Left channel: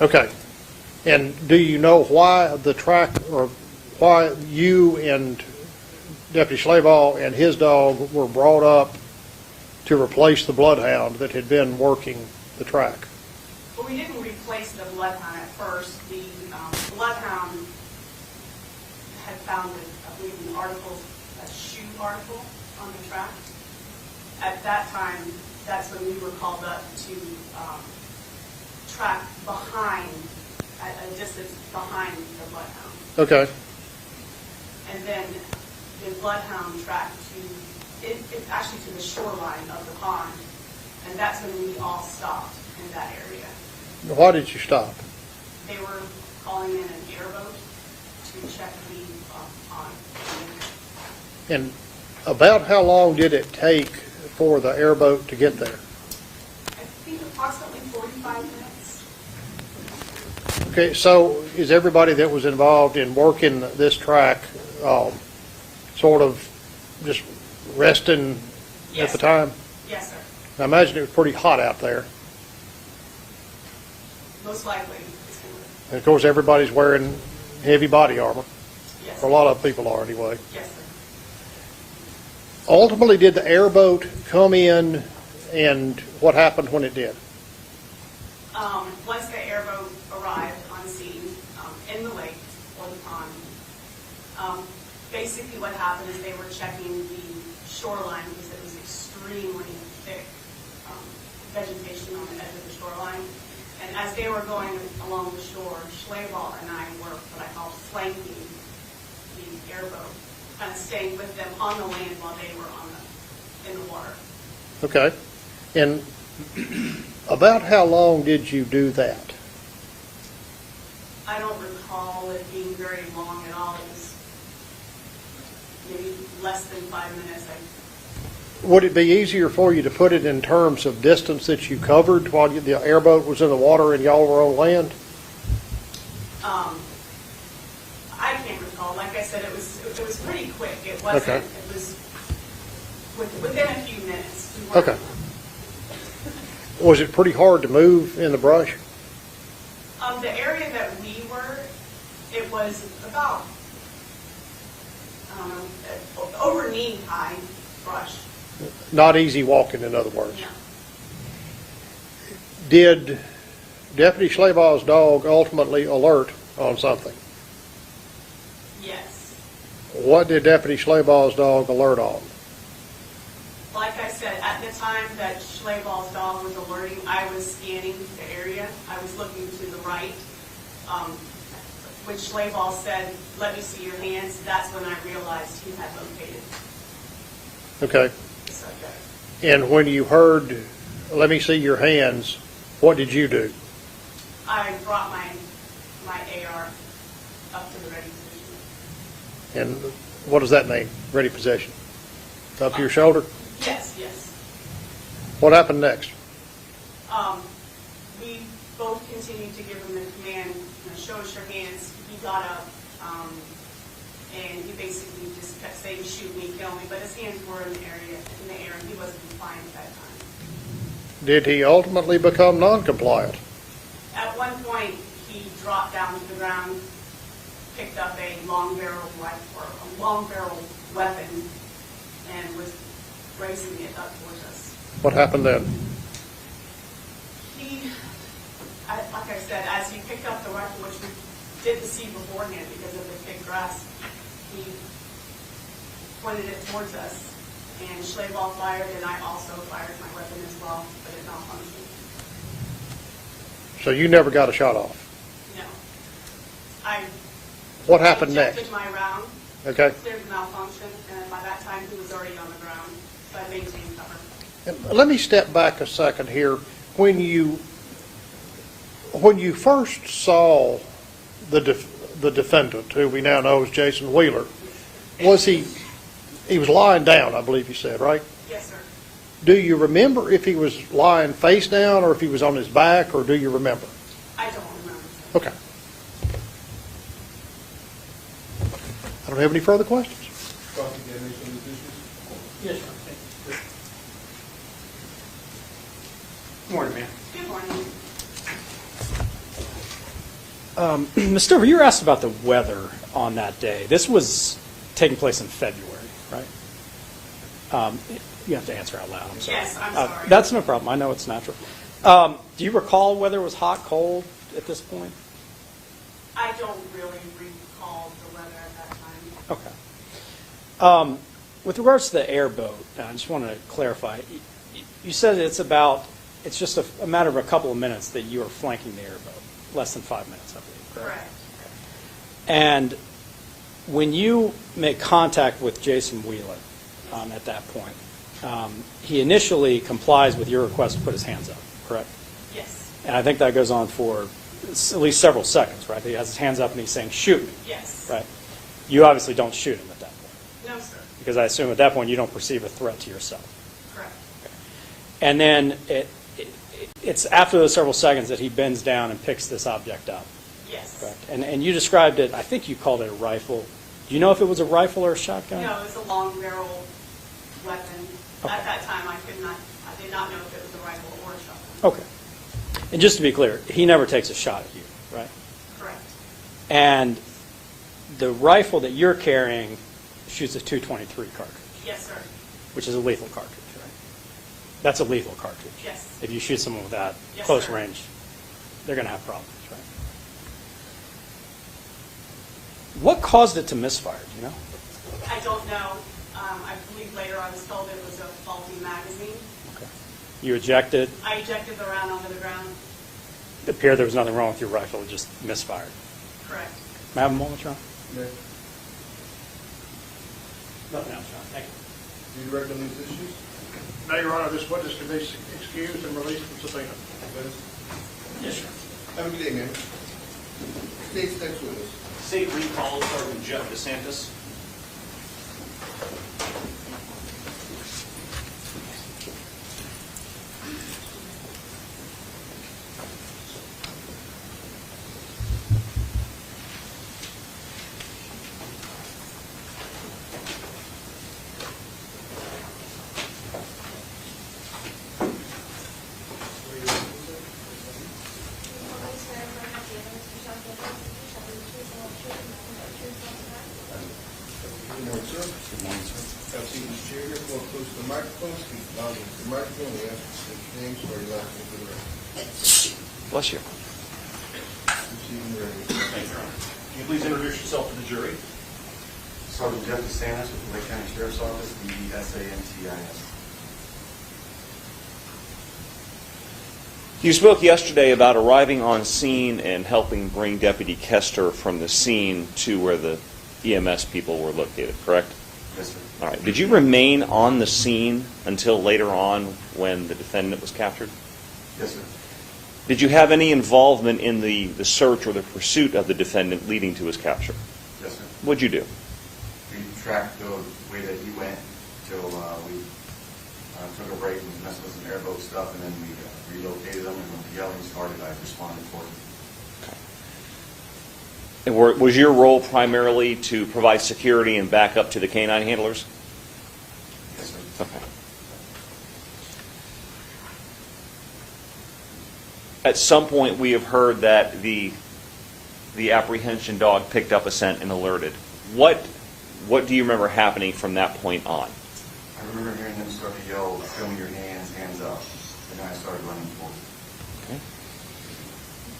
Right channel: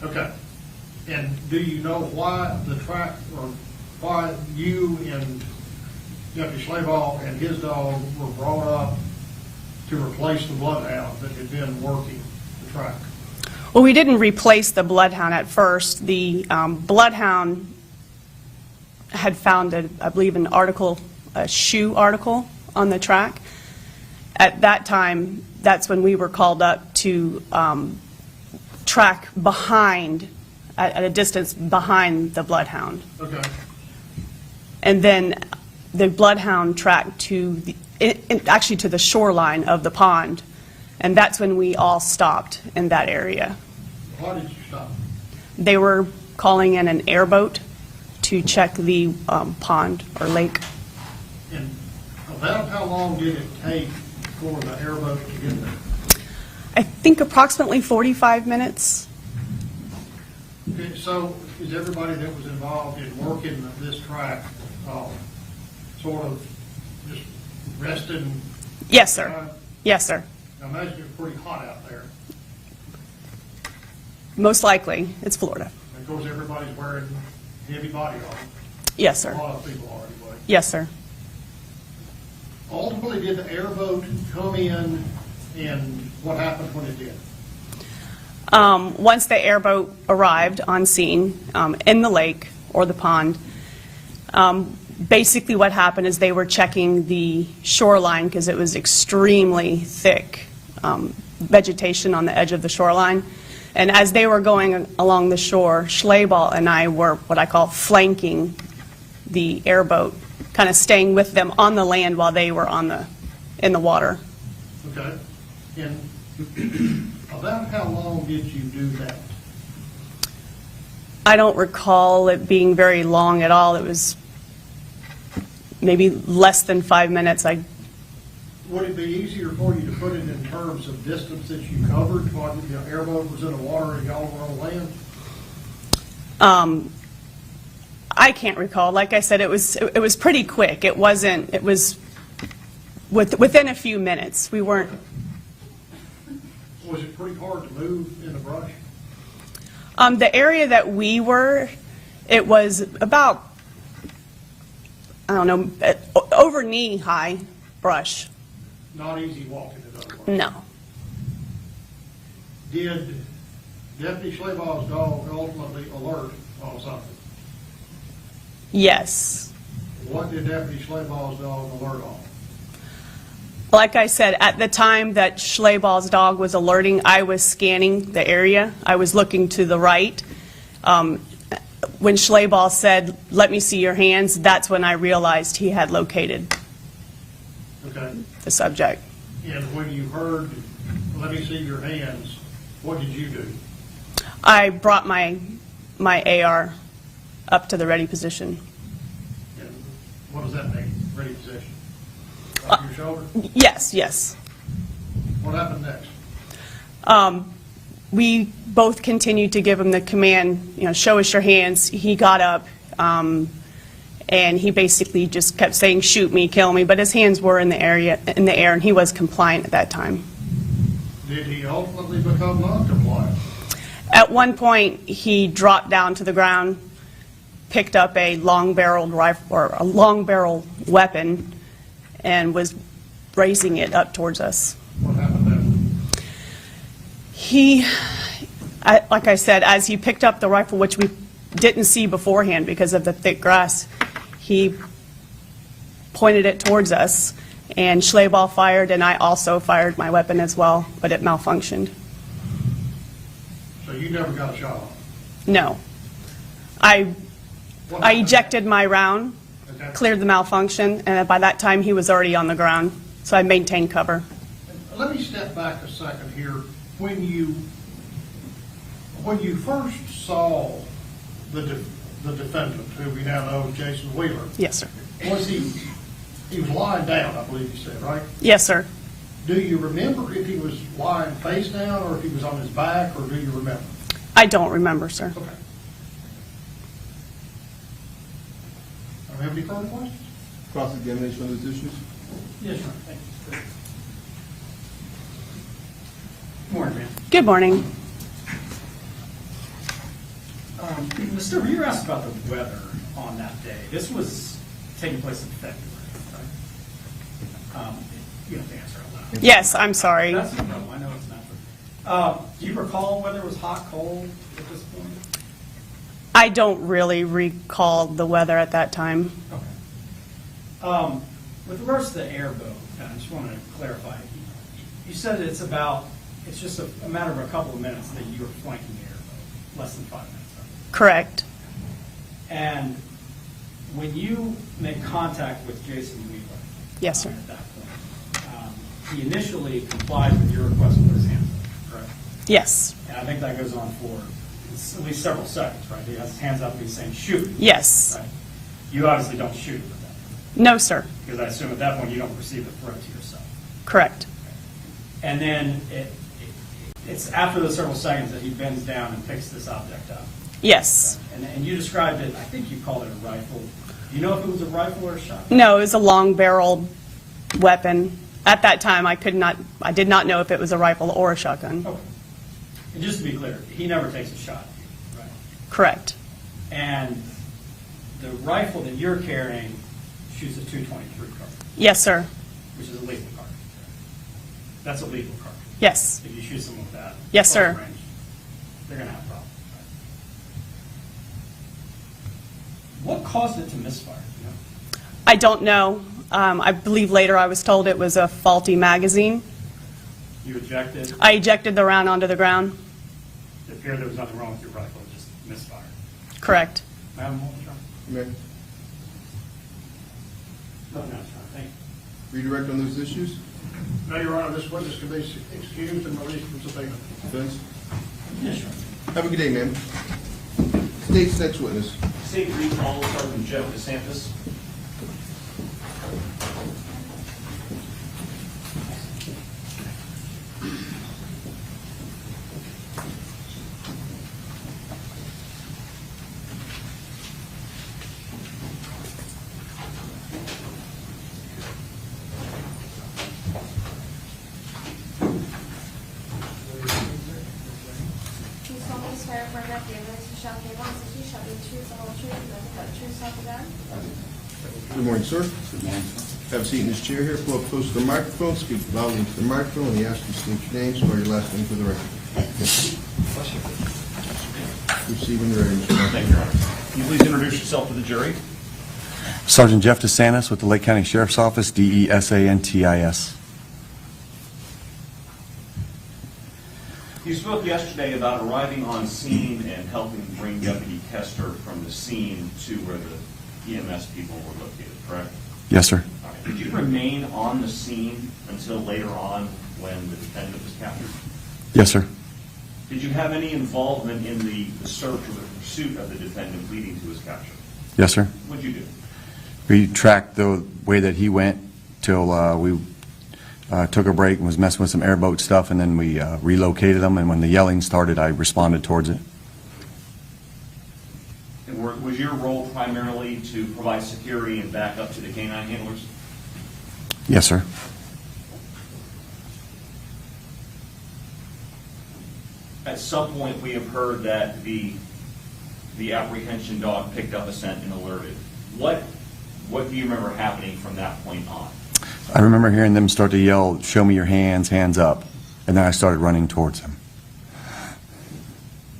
Okay. And do you know why the track, or why you and Deputy Slaval and his dog were brought up to replace the bloodhound that had been working the track? Well, we didn't replace the bloodhound at first. The bloodhound had found, I believe, an article, a shoe article on the track. At that time, that's when we were called up to track behind, at a distance behind the bloodhound. Okay. And then the bloodhound tracked to, actually to the shoreline of the pond. And that's when we all stopped in that area. Why did you stop? They were calling in an airboat to check the pond or lake. And about how long did it take for the airboat to get there? I think approximately 45 minutes. Okay, so is everybody that was involved in working this track sort of just resting Yes, at the sir. time? Yes, sir. I imagine it was pretty hot out there. Most likely. It's Florida. And of course, everybody's wearing heavy body armor. Yes, A sir. lot of people are anyway. Yes, sir. Ultimately, did the airboat come in, and what happened when it did? Once the airboat arrived on scene in the lake or the pond, basically what happened is they were checking the shoreline because it was extremely thick vegetation on the edge of the shoreline. And as they were going along the shore, Slaval and I were what I call flanking the airboat, kind of staying with them on the land while they were in the water. Okay. And about how long did you do that? I don't recall it being very long at all. It was maybe less than 5 minutes. Would it be easier for you to put it in terms of distance that you covered while the airboat was in the water and y'all were on land? I can't recall. Like I said, it was pretty quick. It wasn't. Okay. It was within a few minutes. We weren't. Okay. Was it pretty hard to move in the brush? The area that we were, it was about, I don't know, over knee-high brush. Not easy walking, in other words. No. Did Deputy Slaval's dog ultimately alert on something? Yes. What did Deputy Slaval's dog alert on? Like I said, at the time that Slaval's dog was alerting, I was scanning the area. I was looking to the right. When Slaval said, "Let me see your hands," that's when I realized he had located Okay. the subject. And when you heard, "Let me see your hands," what did you do? I brought my AR up to the ready position. And what does that mean, ready position? Up to your shoulder? Yes, yes. What happened next? We both continued to give him the command, show us your hands. He got up, and he basically just kept saying, "Shoot me, kill me," but his hands were in the air, and he was compliant at that time. Did he ultimately become non-compliant? At one point, he dropped down to the ground, picked up a long-barreled rifle or a long-barrel weapon, and was raising it up towards us. What happened then? Like I said, as he picked up the rifle, which we didn't see beforehand because of the thick grass, he pointed it towards us, and Slaval fired, and I also fired my weapon as well, but it malfunctioned. So you never got a shot off? No. What I happened ejected next? my round, Okay. cleared the malfunction, and by that time he was already on the ground, so I maintained cover. And let me step back a second here. When you first saw the defendant, who we now know as Jason Wheeler, Yes, sir. was he was lying down, I believe you said, right? Yes, sir. Do you remember if he was lying face down or if he was on his back, or do you remember? I don't remember, sir. Okay. I don't have any further questions. Cross-examination on these issues? Yes, sir. Good morning, ma'am. Good morning. Ms. Stover, you were asked about the weather on that day. This was taking place in February, right? You have to answer out loud. Yes, I'm sorry. That's no problem. I know it's natural. Do you recall whether it was hot, cold at this point? I don't really recall the weather at that time. Okay. With regards to the airboat, I just want to clarify. You said it's just a matter of a couple of minutes that you were flanking the airboat, less than 5 minutes, I believe. Correct. And when you make contact with Jason Wheeler Yes, sir. at that point, he initially complies with your request to put his hands up, correct? Yes. And I think that goes on for at least several seconds, right? He has his hands up and he's saying, shoot. Yes. Right. You obviously don't shoot him at that point, No, sir. because I assume at that point you don't perceive a threat to yourself. Correct. And then it's after those several seconds that he bends down and picks this object up. Yes. Right? And you described it, I think you called it a rifle. Do you know if it was a rifle or a shotgun? No, it was a long-barreled weapon. At that time, I did not know if it was a rifle or a shotgun. Okay. And just to be clear, he never takes a shot at you, right? Correct. And the rifle that you're carrying shoots a .223 cartridge, Yes, sir. which is a lethal cartridge, right? That's a lethal cartridge. Yes. If you shoot someone with that Yes, close sir. range, they're going to have problems, right? What caused it to misfire, do you know? I don't know. I believe later I was told it was a faulty magazine. You ejected. I ejected the round onto the ground. It appeared there was nothing wrong with your rifle, it just misfired. Correct. May I have a moment, John? Mayor, Nothing else, John. Thank you. redirect on those issues? No, Your Honor, this witness can be excused and released from subpoena. Defense? Yes, sir. Have a good day, ma'am. State's next witness. State recall, Sergeant Jeff DeSantis. Good morning, sir. Good morning, sir. Have a seat in this chair here. Pull up close to the microphone. Speak loudly into the microphone. And we ask you to state your name, spell your last name for the record. Bless you. Proceed when you're ready, Mr. Martin. Thank you, Your Honor. Can you please introduce yourself to the jury? Sergeant Jeff DeSantis with the Lake County Sheriff's Office, DESANTIS. You spoke yesterday about arriving on scene and helping bring Deputy Koester from the scene to where the EMS people were located, correct? Yes, sir. All right. Did you remain on the scene until later on when the defendant was captured? Yes, sir. Did you have any involvement in the search or the pursuit of the defendant leading to his capture? Yes, sir. What'd you do? We tracked the way that he went till we took a break and was messing with some airboat stuff, and then we relocated them, and when the yelling started, I responded towards it. And was your role primarily to provide security and backup to the canine handlers? Yes, sir. Okay. At some point, we have heard that the apprehension dog picked up a scent and alerted. What do you remember happening from that point on? I remember hearing them start to yell, "Show me your hands, hands up," and then I started running towards them. Okay.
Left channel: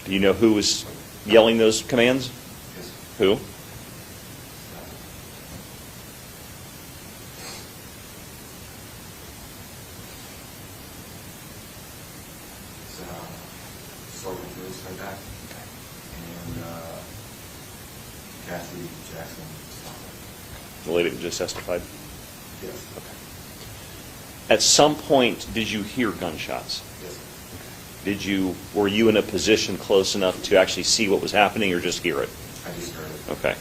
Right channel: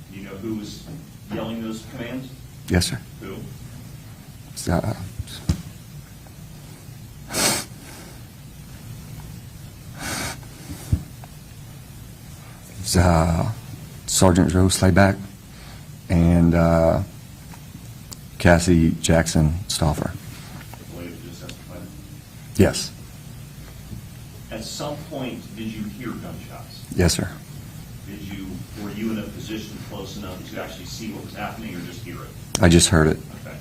Do you know who was yelling those commands? Yes, sir. Who? Sergeant Joe Slayback and Cassie Jackson Stauffer. The lady that just testified? Yes. At some point, did you hear gunshots? Yes, sir. Were you in a position close enough to actually see what was happening or just hear it? I just heard it. Okay.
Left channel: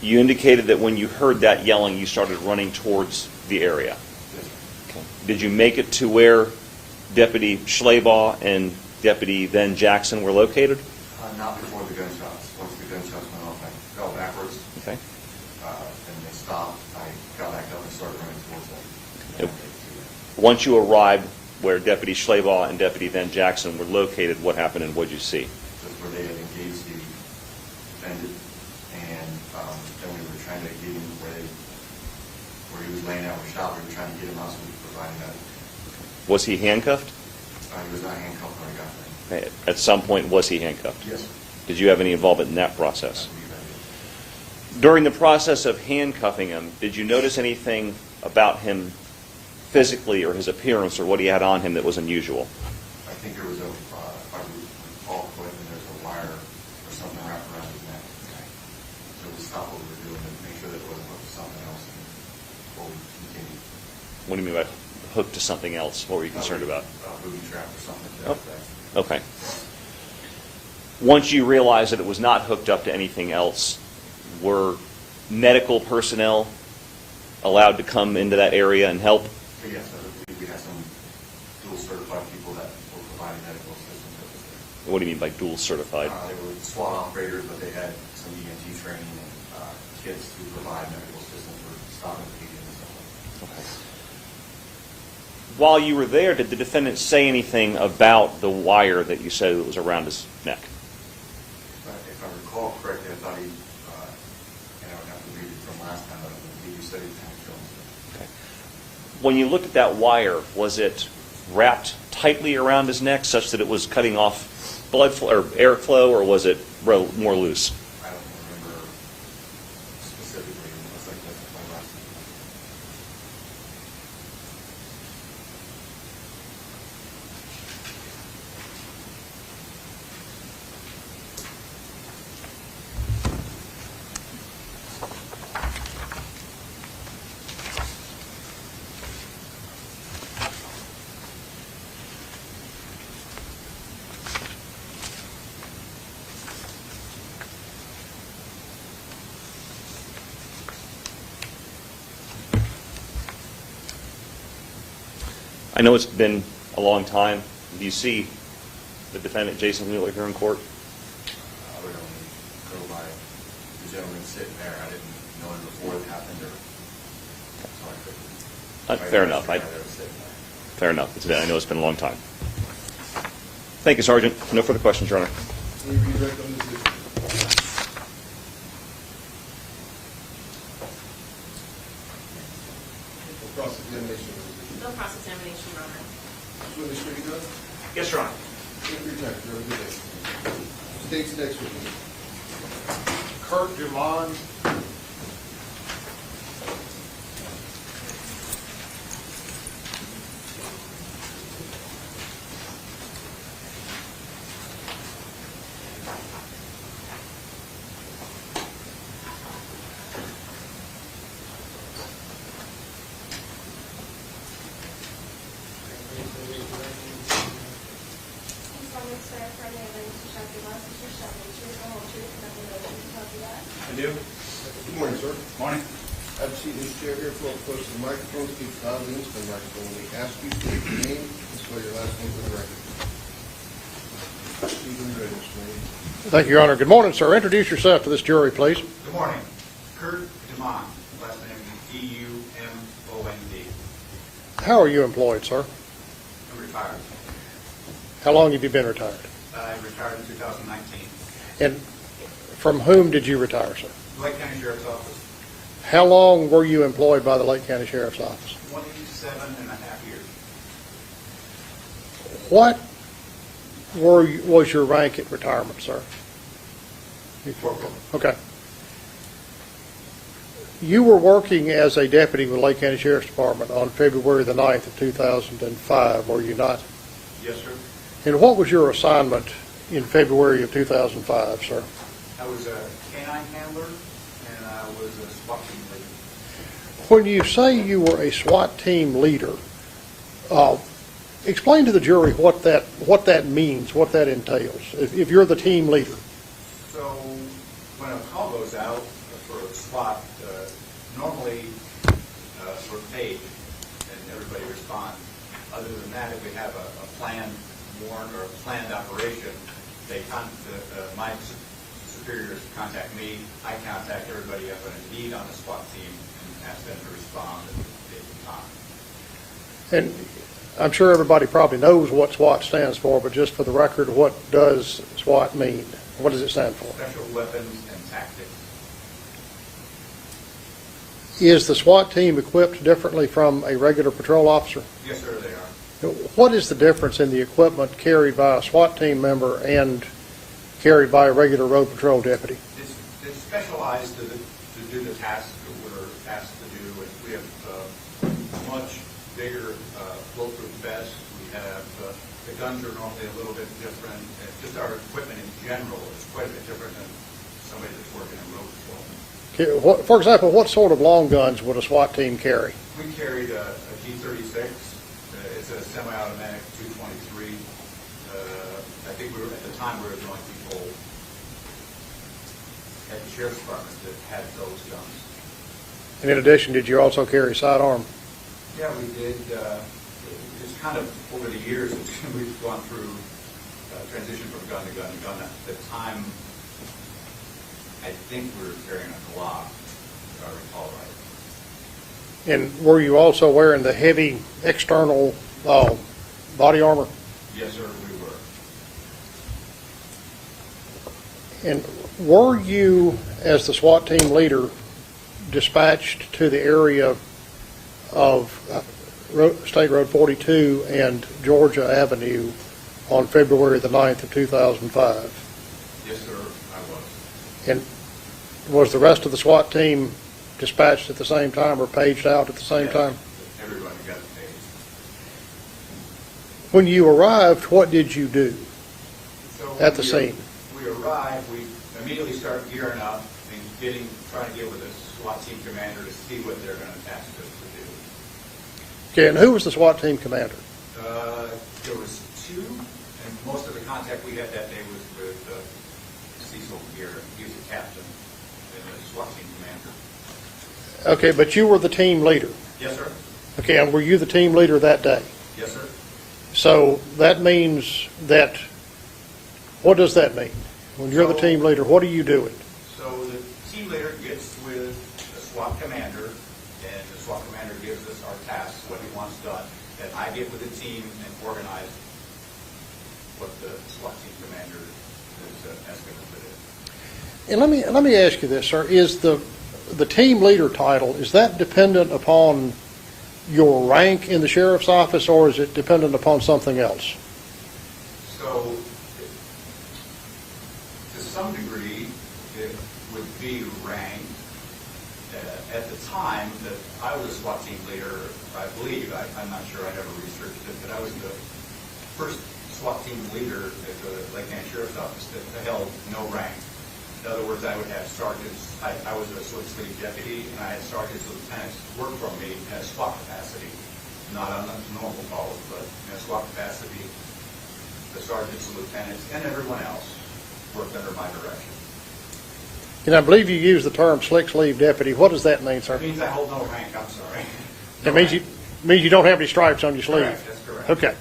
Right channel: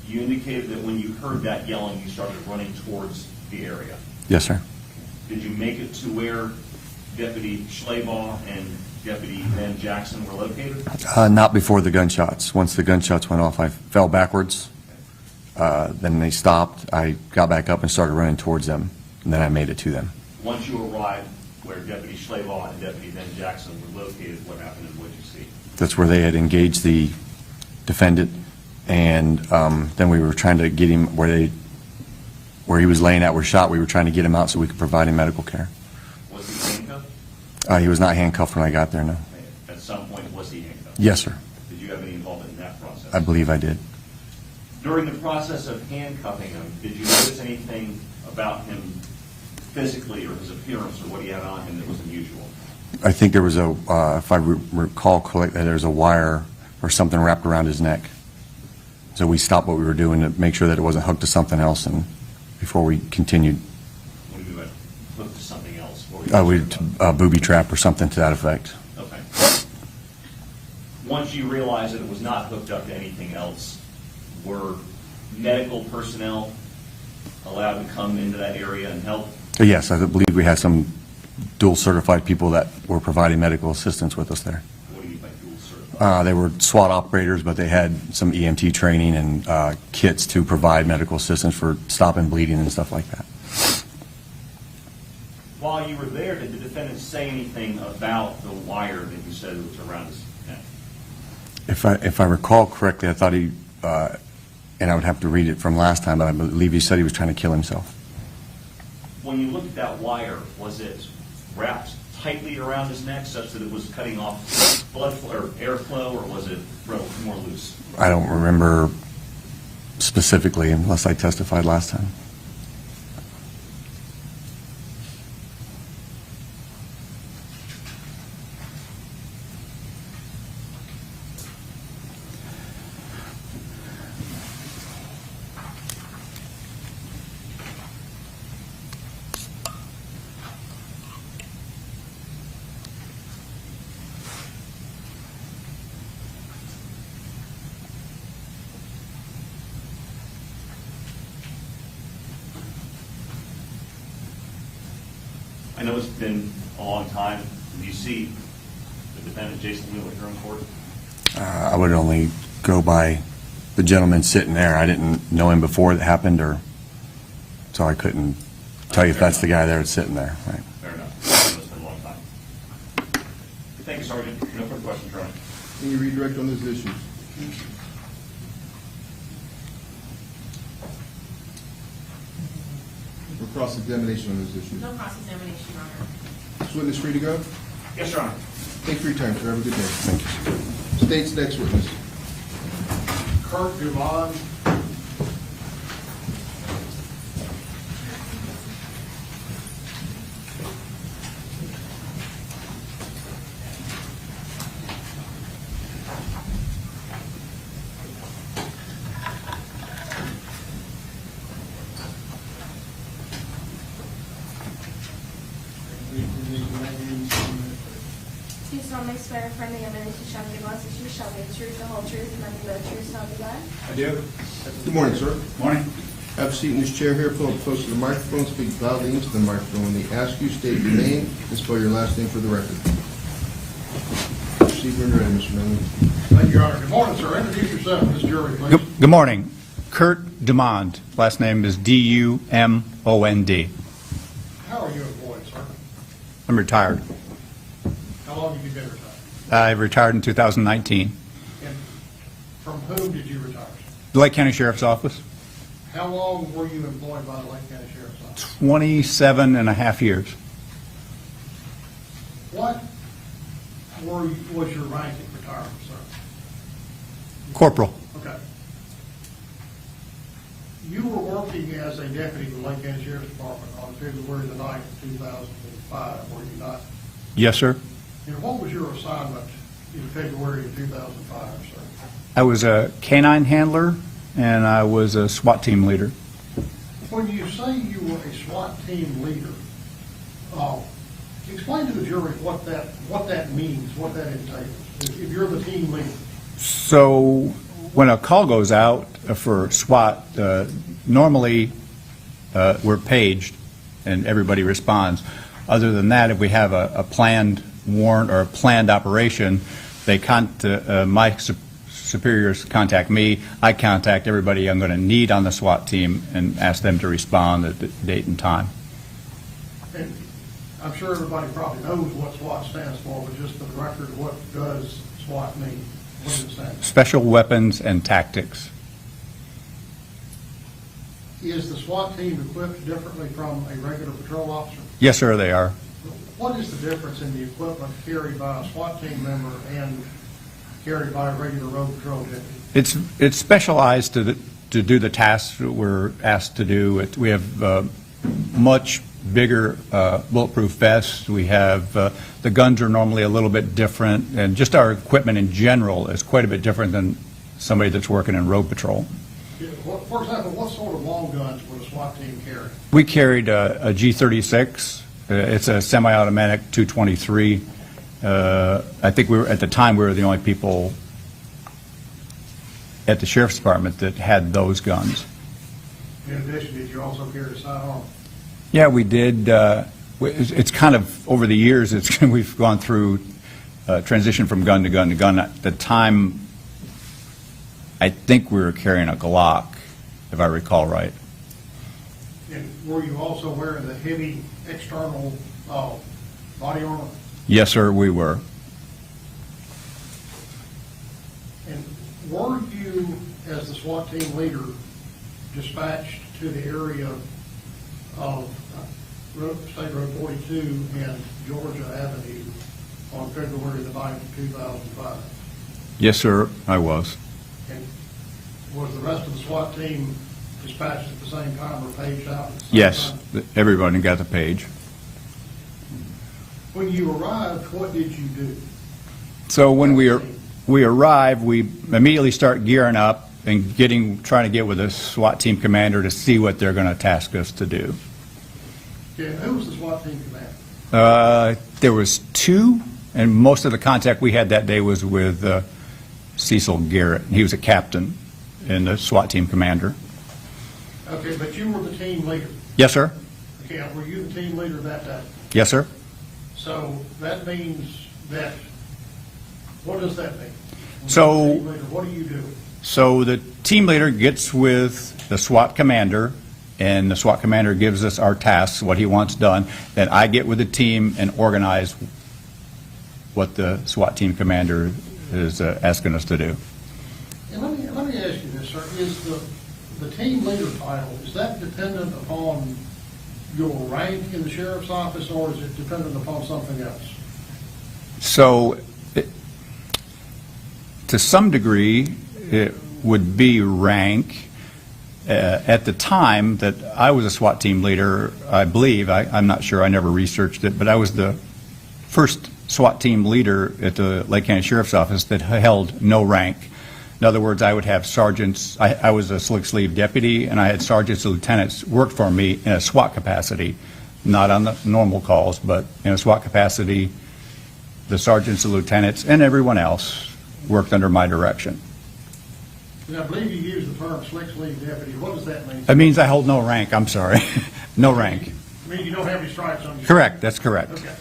You indicated that when you heard that yelling, you started running towards the area. Yes, sir. Okay. Did you make it to where Deputy Slaval and Deputy then Jackson were located? Not before the gunshots. Once the gunshots went off, I fell backwards. Okay. Then they stopped. I got back up and started running towards them, and then I made it to them. Once you arrived, where Deputy Slaval and Deputy Van Jackson were located, what happened and what did you see? That's where they had engaged the defendant, and then we were trying to get him where he was laying out, were shot. We were trying to get him out so we could provide him medical care. Was he handcuffed? He was not handcuffed when I got there, no. At some point, was he handcuffed? Yes, sir. Did you have any involvement in that process? I believe I did. During the process of handcuffing him, did you notice anything about him physically or his appearance or what he had on him that was unusual? I think there was if I recall correctly, there was a wire or something wrapped around his neck. So we stopped what we were doing to make sure that it wasn't hooked to something else, and before we continued. What do you mean by hooked to something else? What were you concerned about? A booby trap or something to that effect. Okay. Once you realized that it was not hooked up to anything else, were medical personnel allowed to come into that area and help? Yes, I believe we had some dual certified people that were providing medical assistance with us there. What do you mean by dual certified? They were SWAT operators, but they had some EMT training and kits to provide medical assistance for stopping bleeding and stuff like that. While you were there, did the defendant say anything about the wire that you said that was around his neck? If I recall correctly, I thought he, and I would have to read it from last time, but I believe he said he was trying to kill himself. Okay. When you looked at that wire, was it wrapped tightly around his neck such that it was cutting off blood flow or airflow, or was it more loose? I don't remember specifically unless I testified last time. I know it's been a long time. Do you see the defendant, Jason Mueller, here in court? I would only go by the gentleman sitting there. I didn't know him before it happened, so I couldn't tell you if Fair that's the enough. guy there that's sitting there. Right. Fair enough. I know it's been a long time. Thank you, Sergeant. No further questions, Your Honor. Can you redirect on this issue? No cross-examination on this issue. No cross-examination, Your Honor. Is witness free to go? Yes, Your Honor. Take your time, sir. Have a good day. Thank you. State's next witness. Kurt Dumont. Please solemnly swear affirm the evidence you shall give us is true, shall be the truth, the whole truth, and nothing but the truth, so help you God. I do. Good morning, sir. Morning. Have a seat in this chair here. Pull up close to the microphone. Speak loudly into the microphone. When they ask you, state your name and spell your last name for the record. Proceed when ready, Mr. Manning. Thank you, Your Honor. Good morning, sir. Introduce yourself to this jury, please. Good morning. Kurt Dumont. Last name is D-U-M-O-N-D. How are you employed, sir? I'm retired. How long have you been retired? I retired in 2019. And from whom did you retire, sir? The Lake County Sheriff's Office, How long were you employed by the Lake County Sheriff's Office? 27 and a half years. What was your rank at retirement, sir? Corporal. Okay. You were working as a deputy with Lake County Sheriff's Department on February the 9th of 2005, were you not? Yes, sir. And what was your assignment in February of 2005, sir? I was a canine handler, and I was a SWAT team leader. When you say you were a SWAT team leader, explain to the jury what that means, what that entails, if you're the team leader. So when a call goes out for SWAT, normally we're paged and everybody responds. Other than that, if we have a planned warrant or a planned operation, my superiors contact me. I contact everybody I'm going to need on the SWAT team and ask them to respond at the date and time. And I'm sure everybody probably knows what SWAT stands for, but just for the record, what does SWAT mean? What does it stand for? Special Weapons and Tactics. Is the SWAT team equipped differently from a regular patrol officer? Yes, sir, they are. What is the difference in the equipment carried by a SWAT team member and carried by a regular road patrol deputy? It's specialized to do the tasks that we're asked to do. We have much bigger bulletproof vests. We have, the guns are normally a little bit different, and just our equipment in general is quite a bit different than somebody that's working in road patrol. For example, what sort of long guns would a SWAT team carry? We carried a G36. It's a semi-automatic 223. I think at the time we were the only people at the Sheriff's Department that had those guns. And in addition, did you also carry sidearm? Yeah, we did. It's kind of, over the years, we've gone through transition from gun to gun to gun. At the time, I think we were carrying a Scalock, if I recall right. And were you also wearing the heavy external body armor? Yes, sir, we were. And were you, as the SWAT team leader, dispatched to the area of State Road 42 and Georgia Avenue on February the 9th of 2005? Yes, sir, I was. And was the rest of the SWAT team dispatched at the same time or paged out at the same time? Yes, everybody got the page. When you arrived, what did you do? So when At the we arrive, we immediately start gearing up and trying to get with the SWAT team commander to see what they're going to task us to do. Okay, and who was the SWAT team commander? There was two, and most of the contact we had that day was with Cecil Garrett. He was a captain and the SWAT team commander. Okay, but you were the team leader. Yes, sir. Okay, and were you the team leader that day? Yes, sir. So that means that, what does that mean? When you're the team leader, what are you doing? So the team leader gets with the SWAT commander, and the SWAT commander gives us our tasks, what he wants done. Then I get with the team and organize what the SWAT team commander is asking us to do. And let me ask you this, sir. Is the team leader title, is that dependent upon your rank in the sheriff's office, or is it dependent upon something else? So to some degree, it would be rank. At the time that I was a SWAT team leader, I believe, I'm not sure, I never researched it, but I was the first SWAT team leader at the Lake County Sheriff's Office that held no rank. In other words, I would have sergeants, I was a slick sleeve deputy, and I had sergeants and lieutenants work for me in a SWAT capacity, not on the normal calls, but in a SWAT capacity. The sergeants and lieutenants and everyone else worked under my direction. And I believe you use the term slick sleeve deputy. What does that mean, sir? That means I hold no rank, I'm sorry. No It rank. means you don't have any stripes on your sleeve? Correct, that's correct. Okay.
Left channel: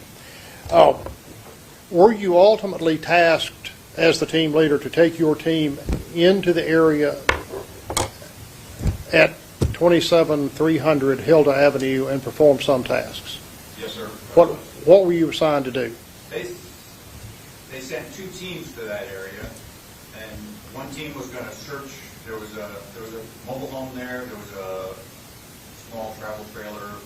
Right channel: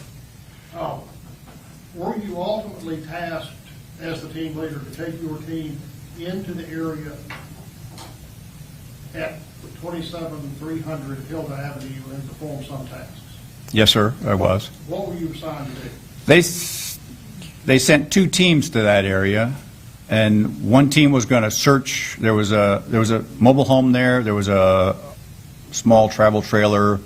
Were you ultimately tasked as the team leader to take your team into the area at 27300 Hilda Avenue and perform some tasks? Yes, sir, I was. What were you assigned to do? They sent two teams to that area, and one team was going to search. There was a mobile home there. There was a small travel trailer.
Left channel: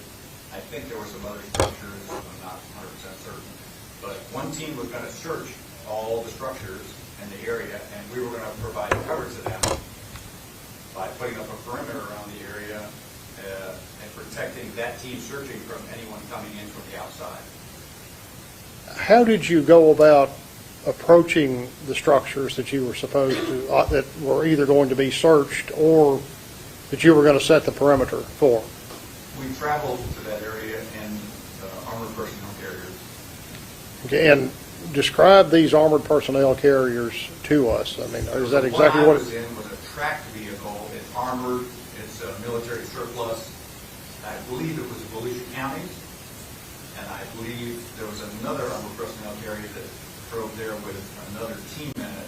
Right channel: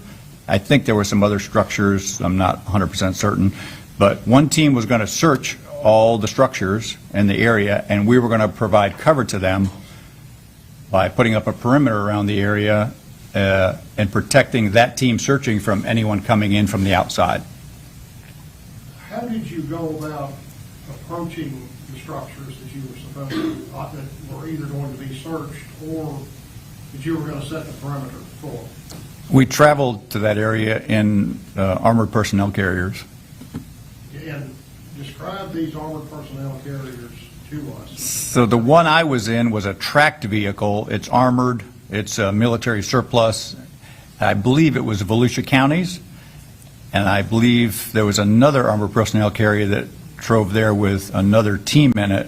I think there were some other structures. I'm not 100% certain. But one team was going to search all the structures in the area, and we were going to provide cover to them by putting up a perimeter around the area and protecting that team searching from anyone coming in from the outside. How did you go about approaching the structures that you were supposed to, that were either going to be searched or that you were going to set the perimeter for? We traveled to that area in armored personnel carriers. Okay, and describe these armored personnel carriers to us. So the one I was in was a tracked vehicle. It's armored. It's a military surplus. I believe it was Volusia County's, and I believe there was another armored personnel carrier that drove there with another team in it.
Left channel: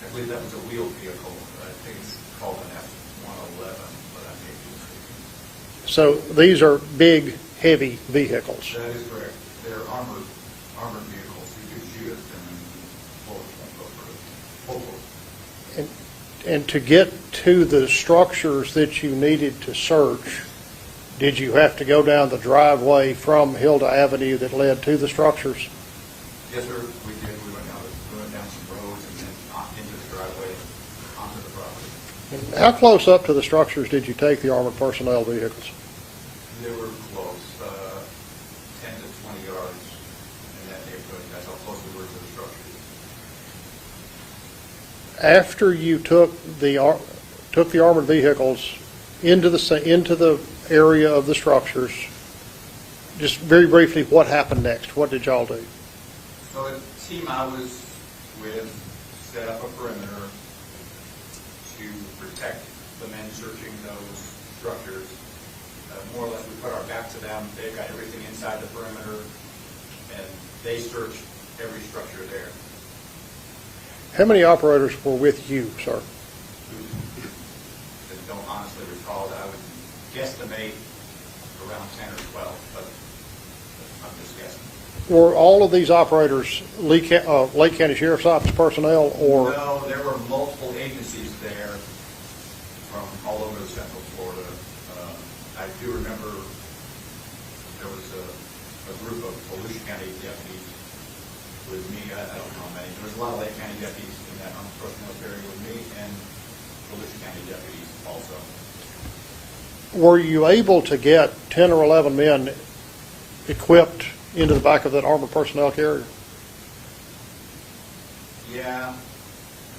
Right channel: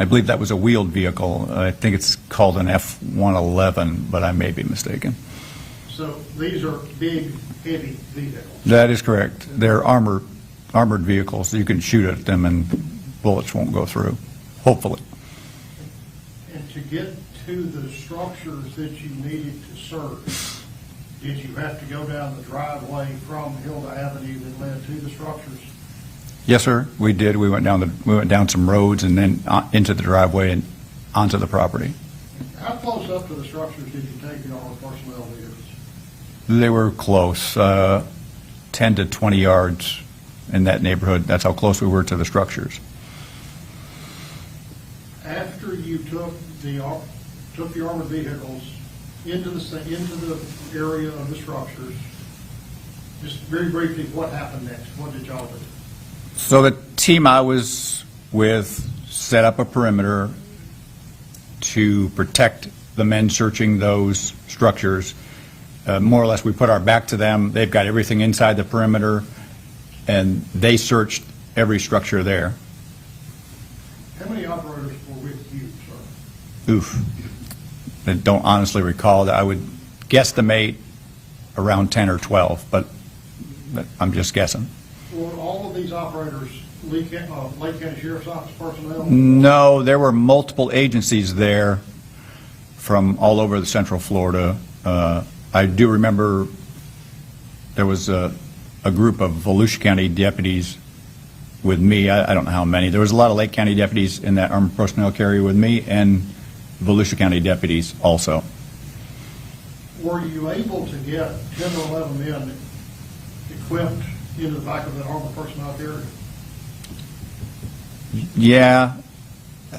I believe that was a wheeled vehicle. I think it's called an F-111, but I may be mistaken. So these are big heavy vehicles. That is correct. They're armored vehicles. You can shoot at them and bullets won't go through, hopefully. And to get to the structures that you needed to search, did you have to go down the driveway from Hilda Avenue that led to the structures? Yes, sir, we did. We went down some roads and then into the driveway and onto the property. And how close up to the structures did you take the armored personnel vehicles? They were close, 10 to 20 yards in that neighborhood. That's how close we were to the structures. After you took the armored vehicles into the area of the structures, just very briefly, what happened next? What did y'all do? So the team I was with set up a perimeter to protect the men searching those structures. More or less, we put our back to them. They've got everything inside the perimeter, and they searched every structure there. How many operators were with you, sir? Oof. I don't honestly recall that. I would guesstimate around 10 or 12, but I'm just guessing. Were all of these operators Lake County Sheriff's Office personnel? Or? No, there were multiple agencies there from all over the Central Florida. I do remember there was a group of Volusia County deputies with me. I don't know how many. There was a lot of Lake County deputies in that armored personnel carrier with me, and Volusia County deputies also. Were you able to get 10 or 11 men equipped into the back of that armored personnel carrier? Yeah.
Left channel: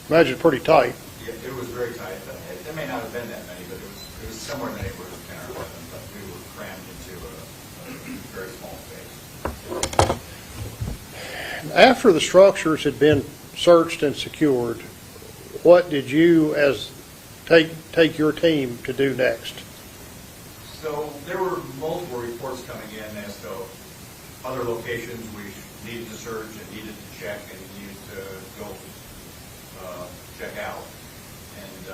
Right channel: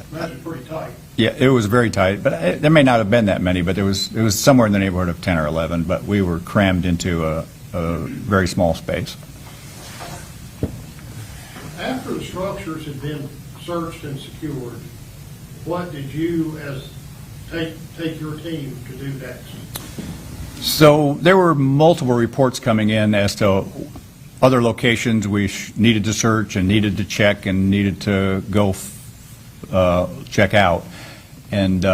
Imagine pretty tight. Yeah, it was very tight, but there may not have been that many, but it was somewhere in the neighborhood of 10 or 11, but we were crammed into a very small space. After the structures had been searched and secured, what did you take your team to do next? So there were multiple reports coming in as to other locations we needed to search and needed to check and needed to go check out. And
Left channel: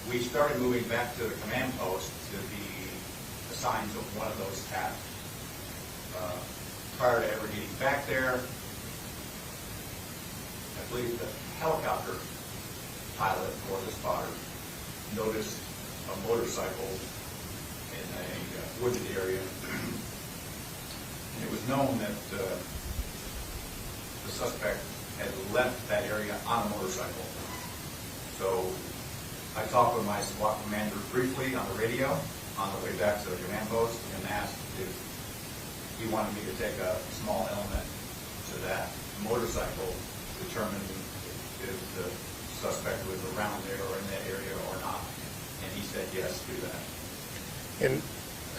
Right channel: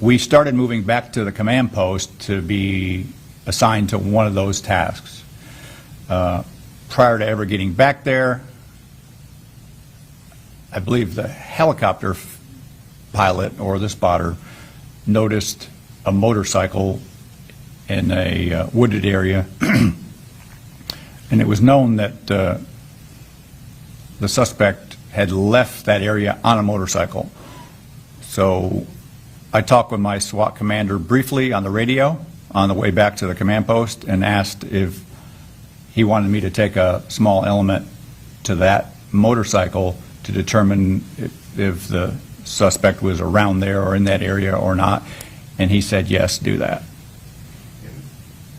we started moving back to the command post to be assigned to one of those tasks. Prior to ever getting back there, I believe the helicopter pilot or the spotter noticed a motorcycle in a wooded area, and it was known that the suspect had left that area on a motorcycle. So I talked with my SWAT commander briefly on the radio on the way back to the command post and asked if he wanted me to take a small element to that motorcycle to determine if the suspect was around there or in that area or not, and he said, yes, do that. And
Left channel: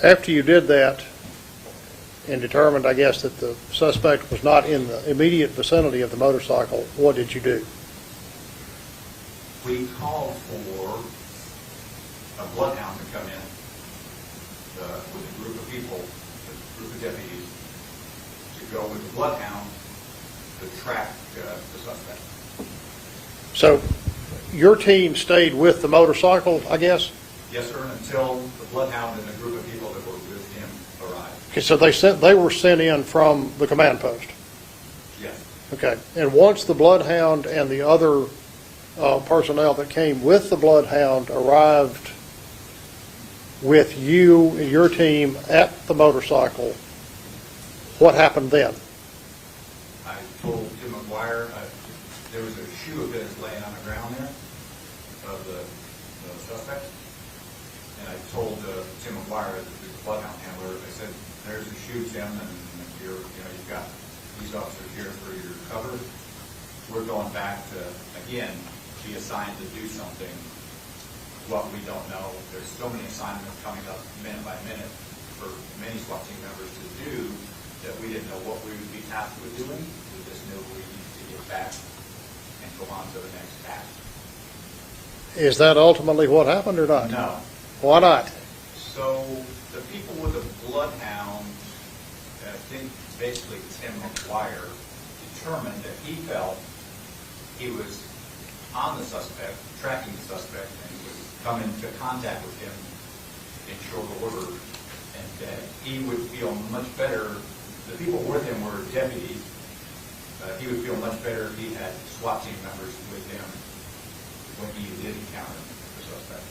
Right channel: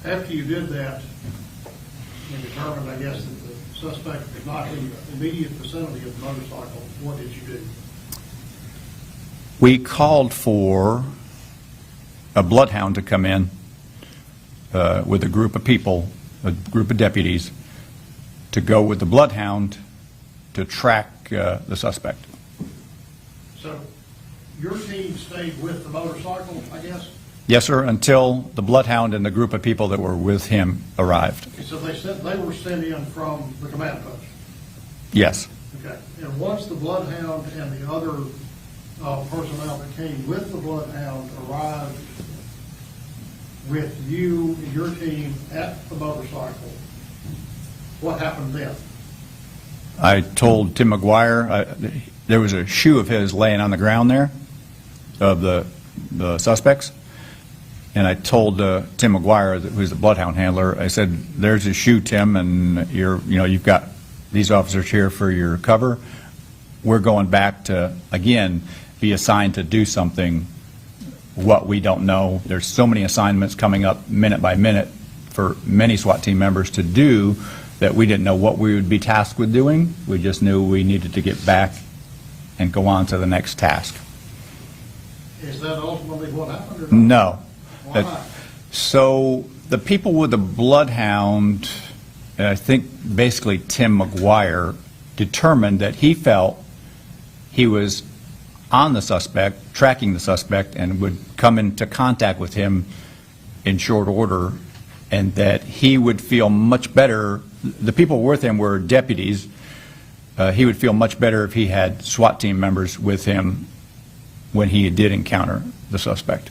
after you did that and determined, I guess, that the suspect was not in the immediate vicinity of the motorcycle, what did you do? We called for a bloodhound to come in with a group of people, a group of deputies, to go with the bloodhound to track the suspect. So your team stayed with the motorcycle, I guess? Yes, sir, until the bloodhound and the group of people that were with him arrived. Okay, so they were sent in from the command post? Yes. Okay, and once the bloodhound and the other personnel that came with the bloodhound arrived with you and your team at the motorcycle, what happened then? I told Tim McGuire, there was a shoe of his laying on the ground there, of the suspects, and I told Tim McGuire, who's the bloodhound handler, I said, there's a shoe, Tim, and you've got these officers here for your cover. We're going back to, again, be assigned to do something, what we don't know. There's so many assignments coming up minute by minute for many SWAT team members to do that we didn't know what we would be tasked with doing. We just knew we needed to get back and go on to the next task. Is that ultimately what happened or not? No. Why not? So the people with the bloodhound, I think basically Tim McGuire, determined that he felt he was on the suspect, tracking the suspect, and would come into contact with him in short order and that he would feel much better. The people with him were deputies. He would feel much better if he had SWAT team members with him when he did encounter the suspect.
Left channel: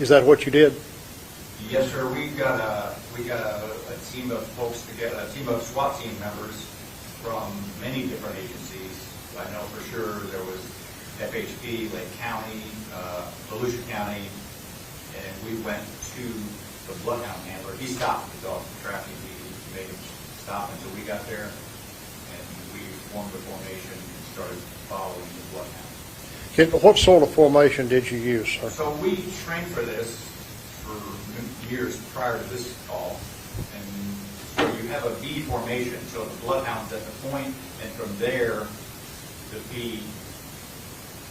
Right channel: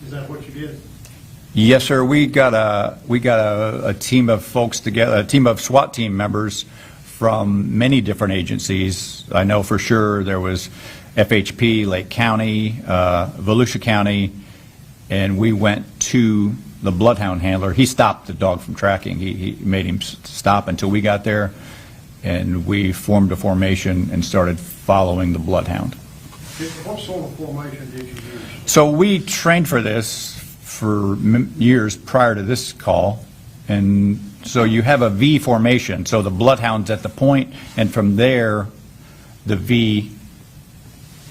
Is that what you did? Yes, sir. We got a team of folks together, a team of SWAT team members from many different agencies. I know for sure there was FHP, Lake County, Volusia County, and we went to the bloodhound handler. He stopped the dog from tracking. He made him stop until we got there, and we formed a formation and started following the bloodhound. What sort of formation did you use? So we trained for this for years prior to this call, and so you have a V formation. So the bloodhound's at the point, and from there, the V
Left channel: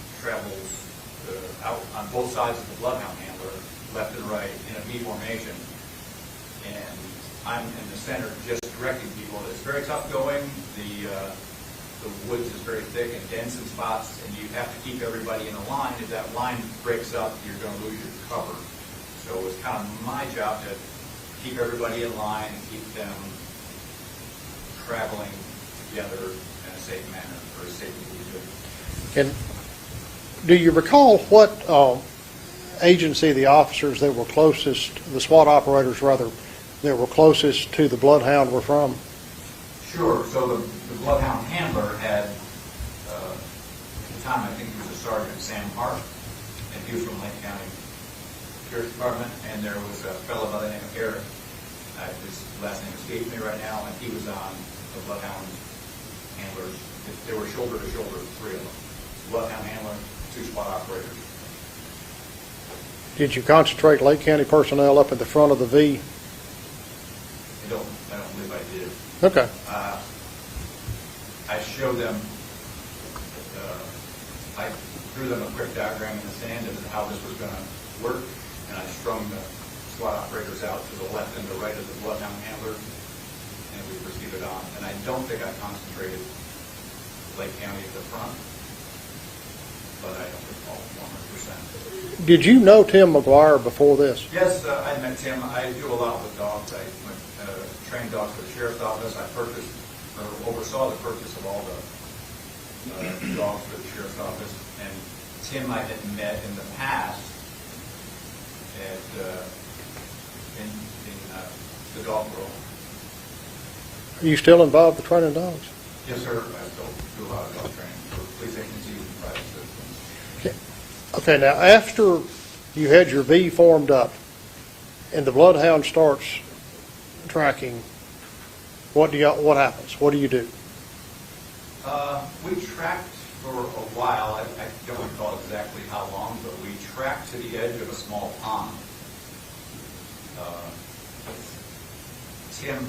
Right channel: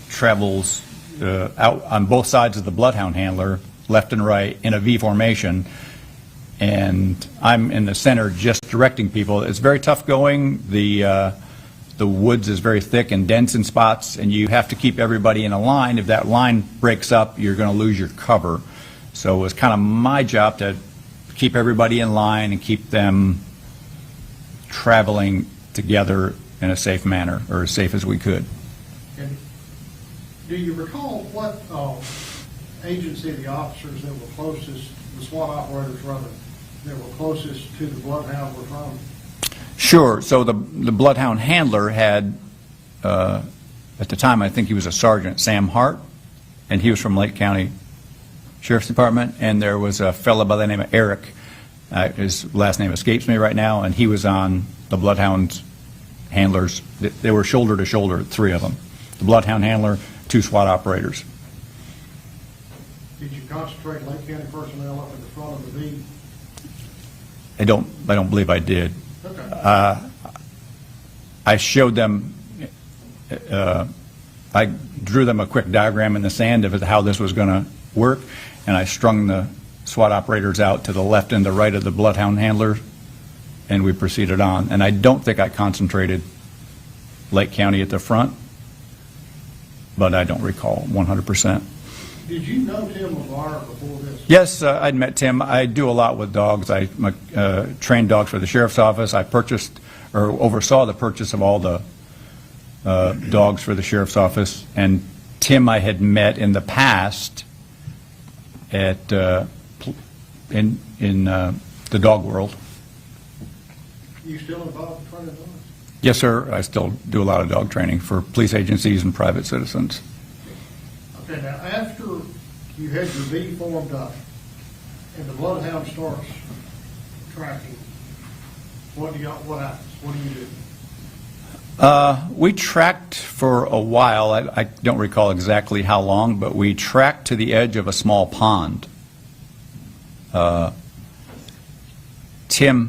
travels out on both sides of the bloodhound handler, left and right, in a V formation, and I'm in the center just directing people. It's very tough going. The woods is very thick and dense in spots, and you have to keep everybody in a line. If that line breaks up, you're going to lose your cover. So it was kind of my job to keep everybody in line and keep them traveling together in a safe manner, or as safe as we could. And do you recall what agency the officers that were closest, the SWAT operators rather, that were closest to the bloodhound were from? Sure. So the bloodhound handler had, at the time, I think he was a sergeant, Sam Hart, and he was from Lake County Sheriff's Department, and there was a fellow by the name of Eric. His last name escapes me right now, and he was on the bloodhound handlers. They were shoulder to shoulder, three of them. The bloodhound handler, two SWAT operators. Did you concentrate Lake County personnel up at the front of the V? I don't believe I did. Okay. I showed them, I drew them a quick diagram in the sand of how this was going to work, and I strung the SWAT operators out to the left and the right of the bloodhound handler, and we proceeded on. And I don't think I concentrated Lake County at the front, but I don't recall 100%. Did you know Tim McGuire before this? Yes, I'd met Tim. I do a lot with dogs. I trained dogs for the sheriff's office. I purchased or oversaw the purchase of all the dogs for the sheriff's office. And Tim I had met in the past at in the dog world. Are you still involved with training dogs? Yes, sir. I still do a lot of dog training for police agencies and private citizens. Okay, now after you had your V formed up and the bloodhound starts tracking, what happens? What do you do? We tracked for a while. I don't recall exactly how long, but we tracked to the edge of a small pond. Tim,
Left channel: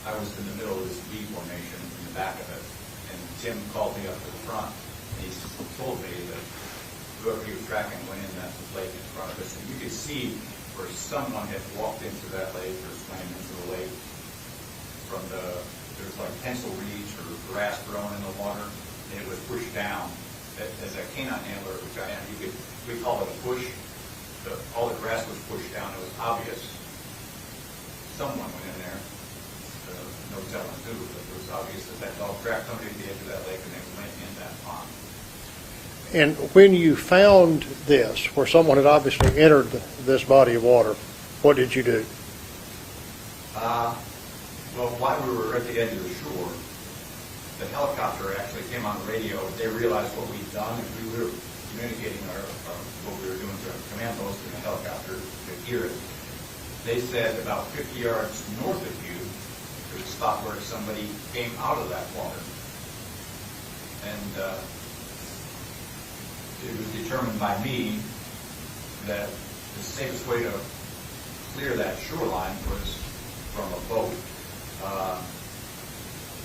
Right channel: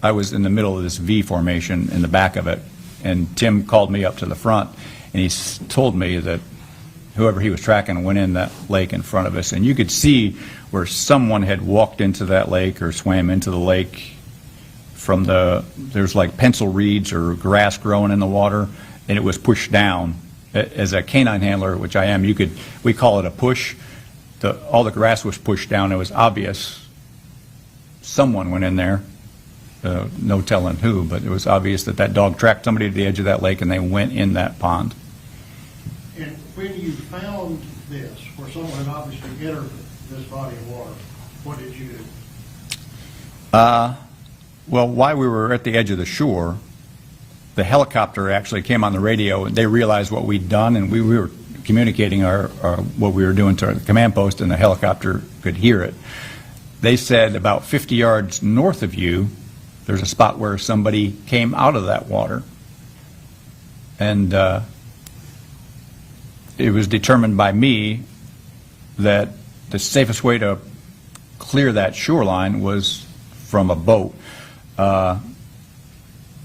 I was in the middle of this V formation in the back of it, and Tim called me up to the front, and he told me that whoever he was tracking went in that lake in front of us, and you could see where someone had walked into that lake or swam into the lake from there's like pencil reeds or grass growing in the water, and it was pushed down. As a canine handler, which I am, we call it a push. All the grass was pushed down. It was obvious someone went in there, no telling who, but it was obvious that dog tracked somebody to the edge of that lake and they went in that pond. And when you found this, where someone had obviously entered this body of water, what did you do? Well, while we were at the edge of the shore, the helicopter actually came on the radio, and they realized what we'd done, and we were communicating what we were doing to our command post, and the helicopter could hear it. They said about 50 yards north of you, there's a spot where somebody came out of that water. And it was determined by me that the safest way to clear that shoreline was from a boat.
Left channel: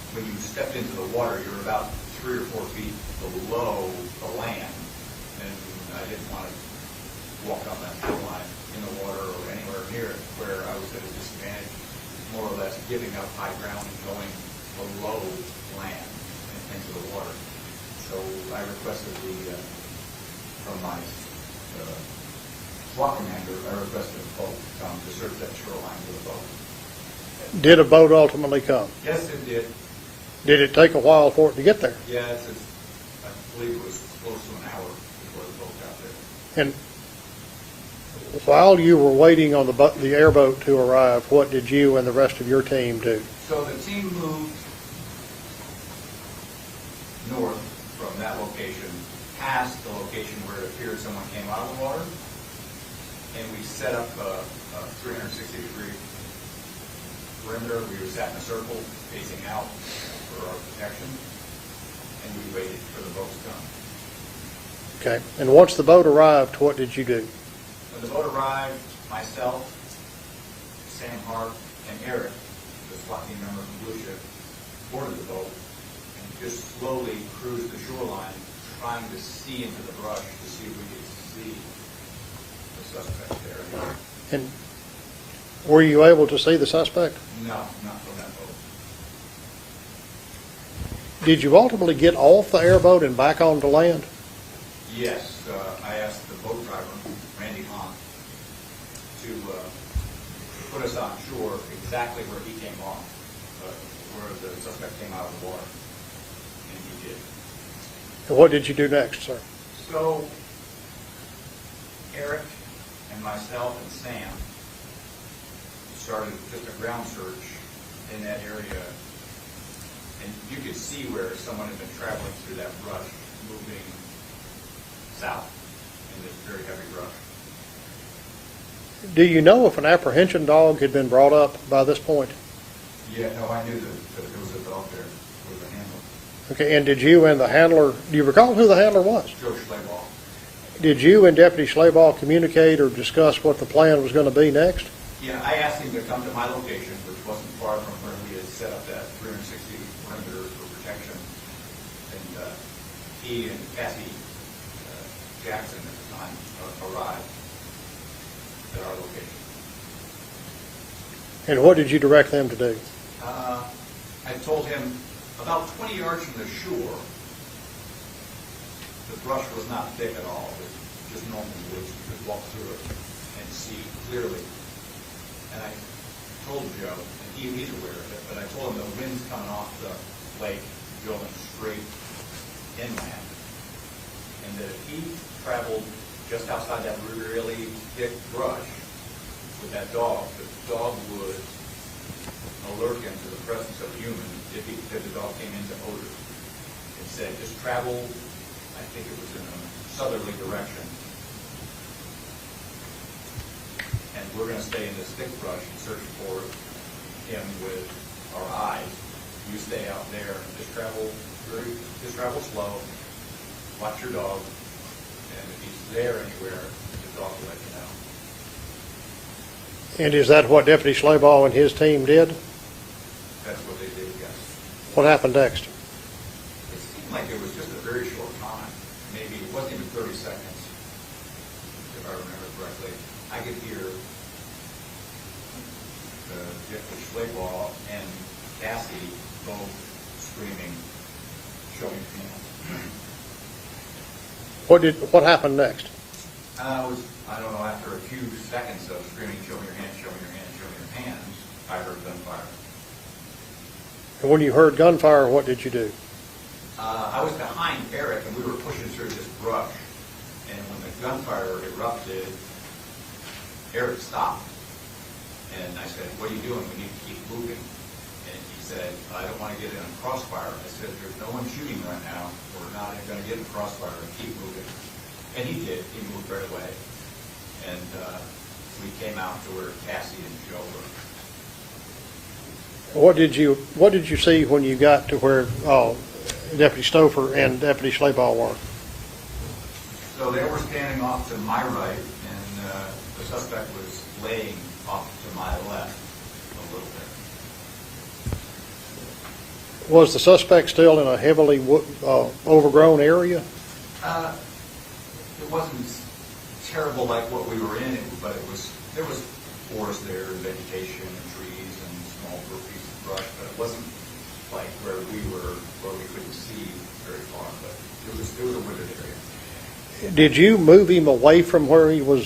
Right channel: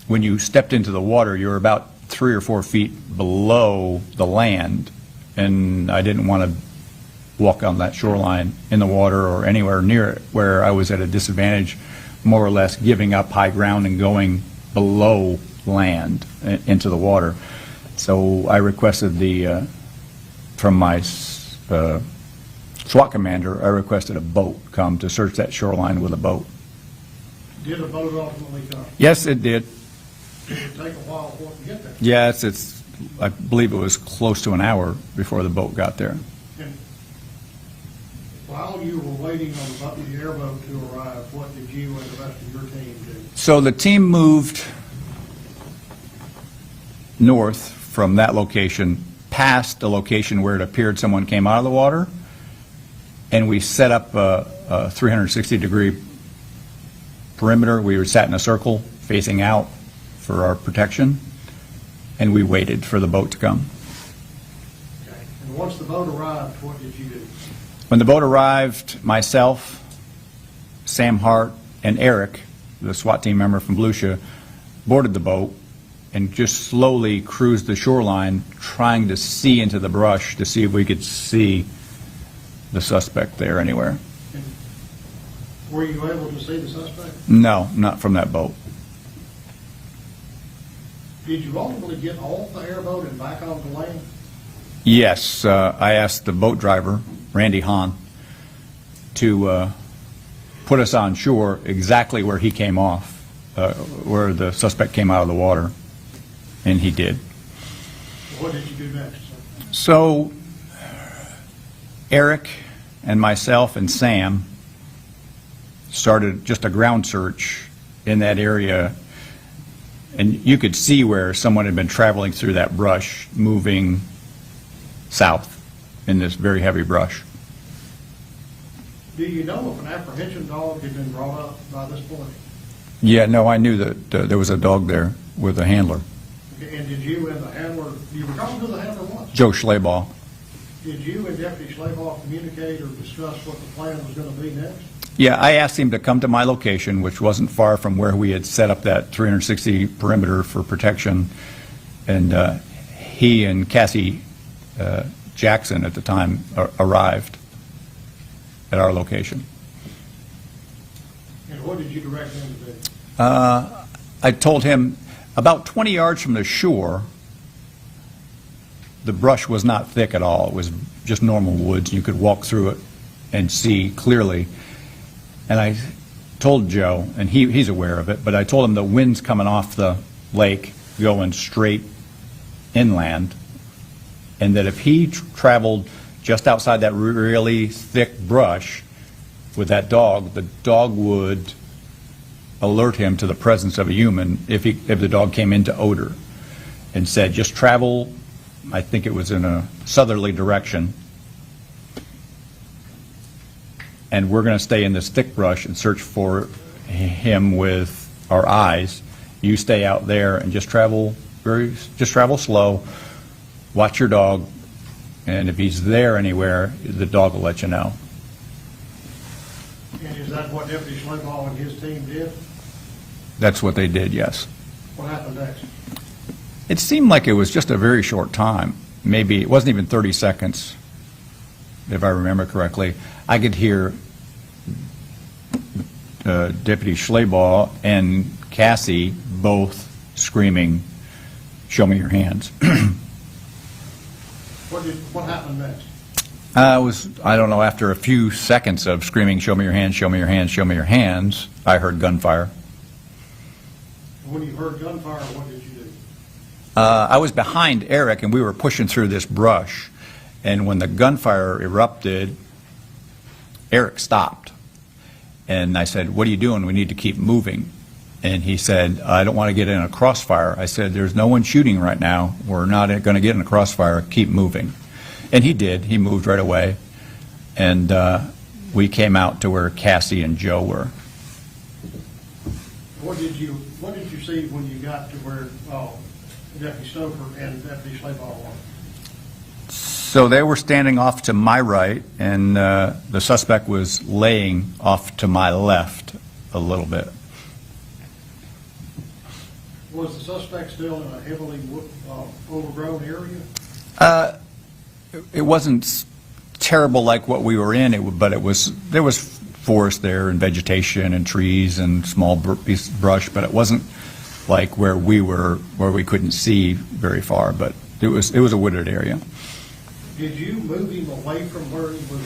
When you stepped into the water, you were about 3 or 4 feet below the land, and I didn't want to walk on that shoreline in the water or anywhere near it where I was at a disadvantage, more or less giving up high ground and going below land into the water. So I requested from my SWAT commander, I requested a boat come to search that shoreline with a boat. Did a boat ultimately come? Yes, it did. Did it take a while for it to get there? Yes, I believe it was close to an hour before the boat got there. And while you were waiting on the airboat to arrive, what did you and the rest of your team do? So the team moved north from that location, past the location where it appeared someone came out of the water, and we set up a 360-degree perimeter. We sat in a circle facing out for our protection, and we waited for the boat to come. Okay. And once the boat arrived, what did you do? When the boat arrived, myself, Sam Hart, and Eric, the SWAT team member from Volusia, boarded the boat and just slowly cruised the shoreline, trying to see into the brush to see if we could see the suspect there anywhere. And were you able to see the suspect? No, not from that boat. Did you ultimately get off the airboat and back onto land? Yes, I asked the boat driver, Randy Hahn, to put us on shore exactly where he came off, where the suspect came out of the water, and he did. And what did you do next, sir? So Eric and myself and Sam started just a ground search in that area, and you could see where someone had been traveling through that brush, moving south in this very heavy brush. Do you know if an apprehension dog had been brought up by this point? Yeah, no, I knew that there was a dog there with a handler, Okay, and did you and the handler, do you recall who the handler was? Joe Slaval. Did you and Deputy Slaval communicate or discuss what the plan was going to be next? Yeah, I asked him to come to my location, which wasn't far from where we had set up that 360 perimeter for protection, and he and Cassie Jackson at the time arrived at our location. And what did you direct them to do? I told him about 20 yards from the shore, the brush was not thick at all. It was just normal woods. You could walk through it and see clearly. And I told Joe, and he's aware of it, but I told him the wind's coming off the lake going straight inland, and that if he traveled just outside that really thick brush with that dog, the dog would alert him to the presence of a human if the dog came into odor, and said just travel, I think it was in a southerly direction, and we're going to stay in this thick brush and search for him with our eyes. You stay out there and just travel slow, watch your dog, and if he's there anywhere, the dog will let you know. And is that what Deputy Slaval and his team did? That's what they did, yes. What happened next? It seemed like it was just a very short time. Maybe it wasn't even 30 seconds, if I remember correctly. I could hear Deputy Schlabaugh and Cassie both screaming, "Show me your hands." What happened next? I don't know, after a few seconds of screaming, "Show me your hands, show me your hands, show me your hands," I heard gunfire. And when you heard gunfire, what did you do? I was behind Eric, and we were pushing through this brush, and when the gunfire erupted, Eric stopped. And I said, "What are you doing? We need to keep moving." And he said, "I don't want to get in a crossfire." I said, "There's no one shooting right now. We're not going to get in a crossfire. Keep moving." And he did. He moved right away. And we came out to where Cassie and Joe were. What did you see when you got to where Deputy Stouffer and Deputy Schlabaugh were? So they were standing off to my right, and the suspect was laying off to my left a little bit. Was the suspect still in a heavily overgrown area? It wasn't terrible like what we were in, but there was forest there and vegetation and trees and small brush, but it wasn't like where we were, where we couldn't see very far, but it was a wooded area. Did you move him away from where he was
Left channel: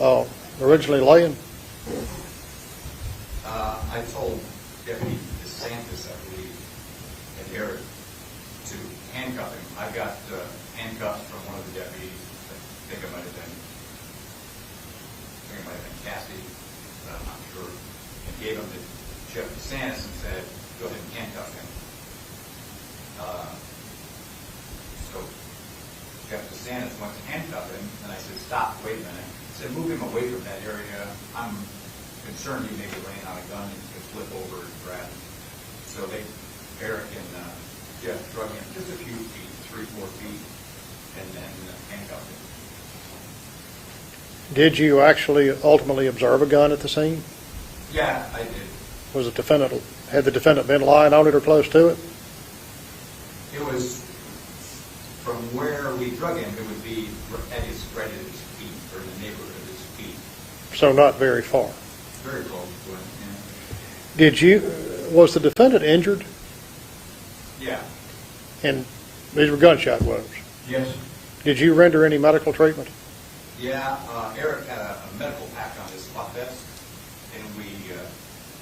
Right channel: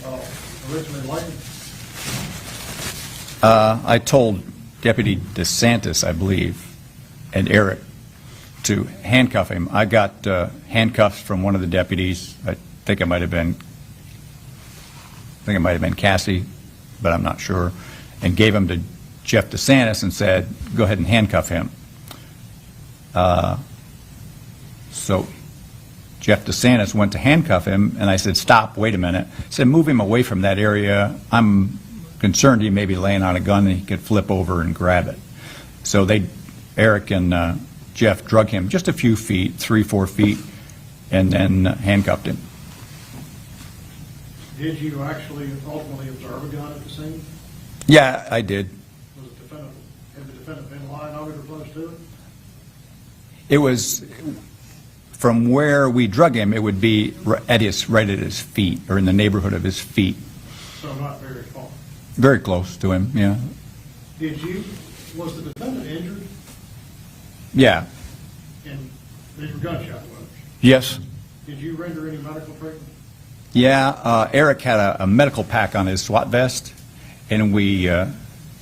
originally laying? I told Deputy DeSantis, I believe, and Eric to handcuff him. I got handcuffs from one of the deputies. I think it might have been Cassie, but I'm not sure, and gave them to Jeff DeSantis and said, go ahead and handcuff him. So Jeff DeSantis went to handcuff him, and I said, stop, wait a minute. I said, move him away from that area. I'm concerned he may be laying on a gun and he could flip over and grab it. So Eric and Jeff drug him just a few feet, 3-4 feet, and then handcuffed him. Did you actually ultimately observe a gun at the scene? Yeah, I did. Had the defendant been lying on it or close to it? It was, from where we drug him, it would be right at his feet, or in the neighborhood of his feet. So not very far. Very close to him, yeah. Was the defendant injured? Yeah. And these were gunshot wounds. Yes. Did you render any medical treatment? Yeah, Eric had a medical pack on his SWAT vest, and we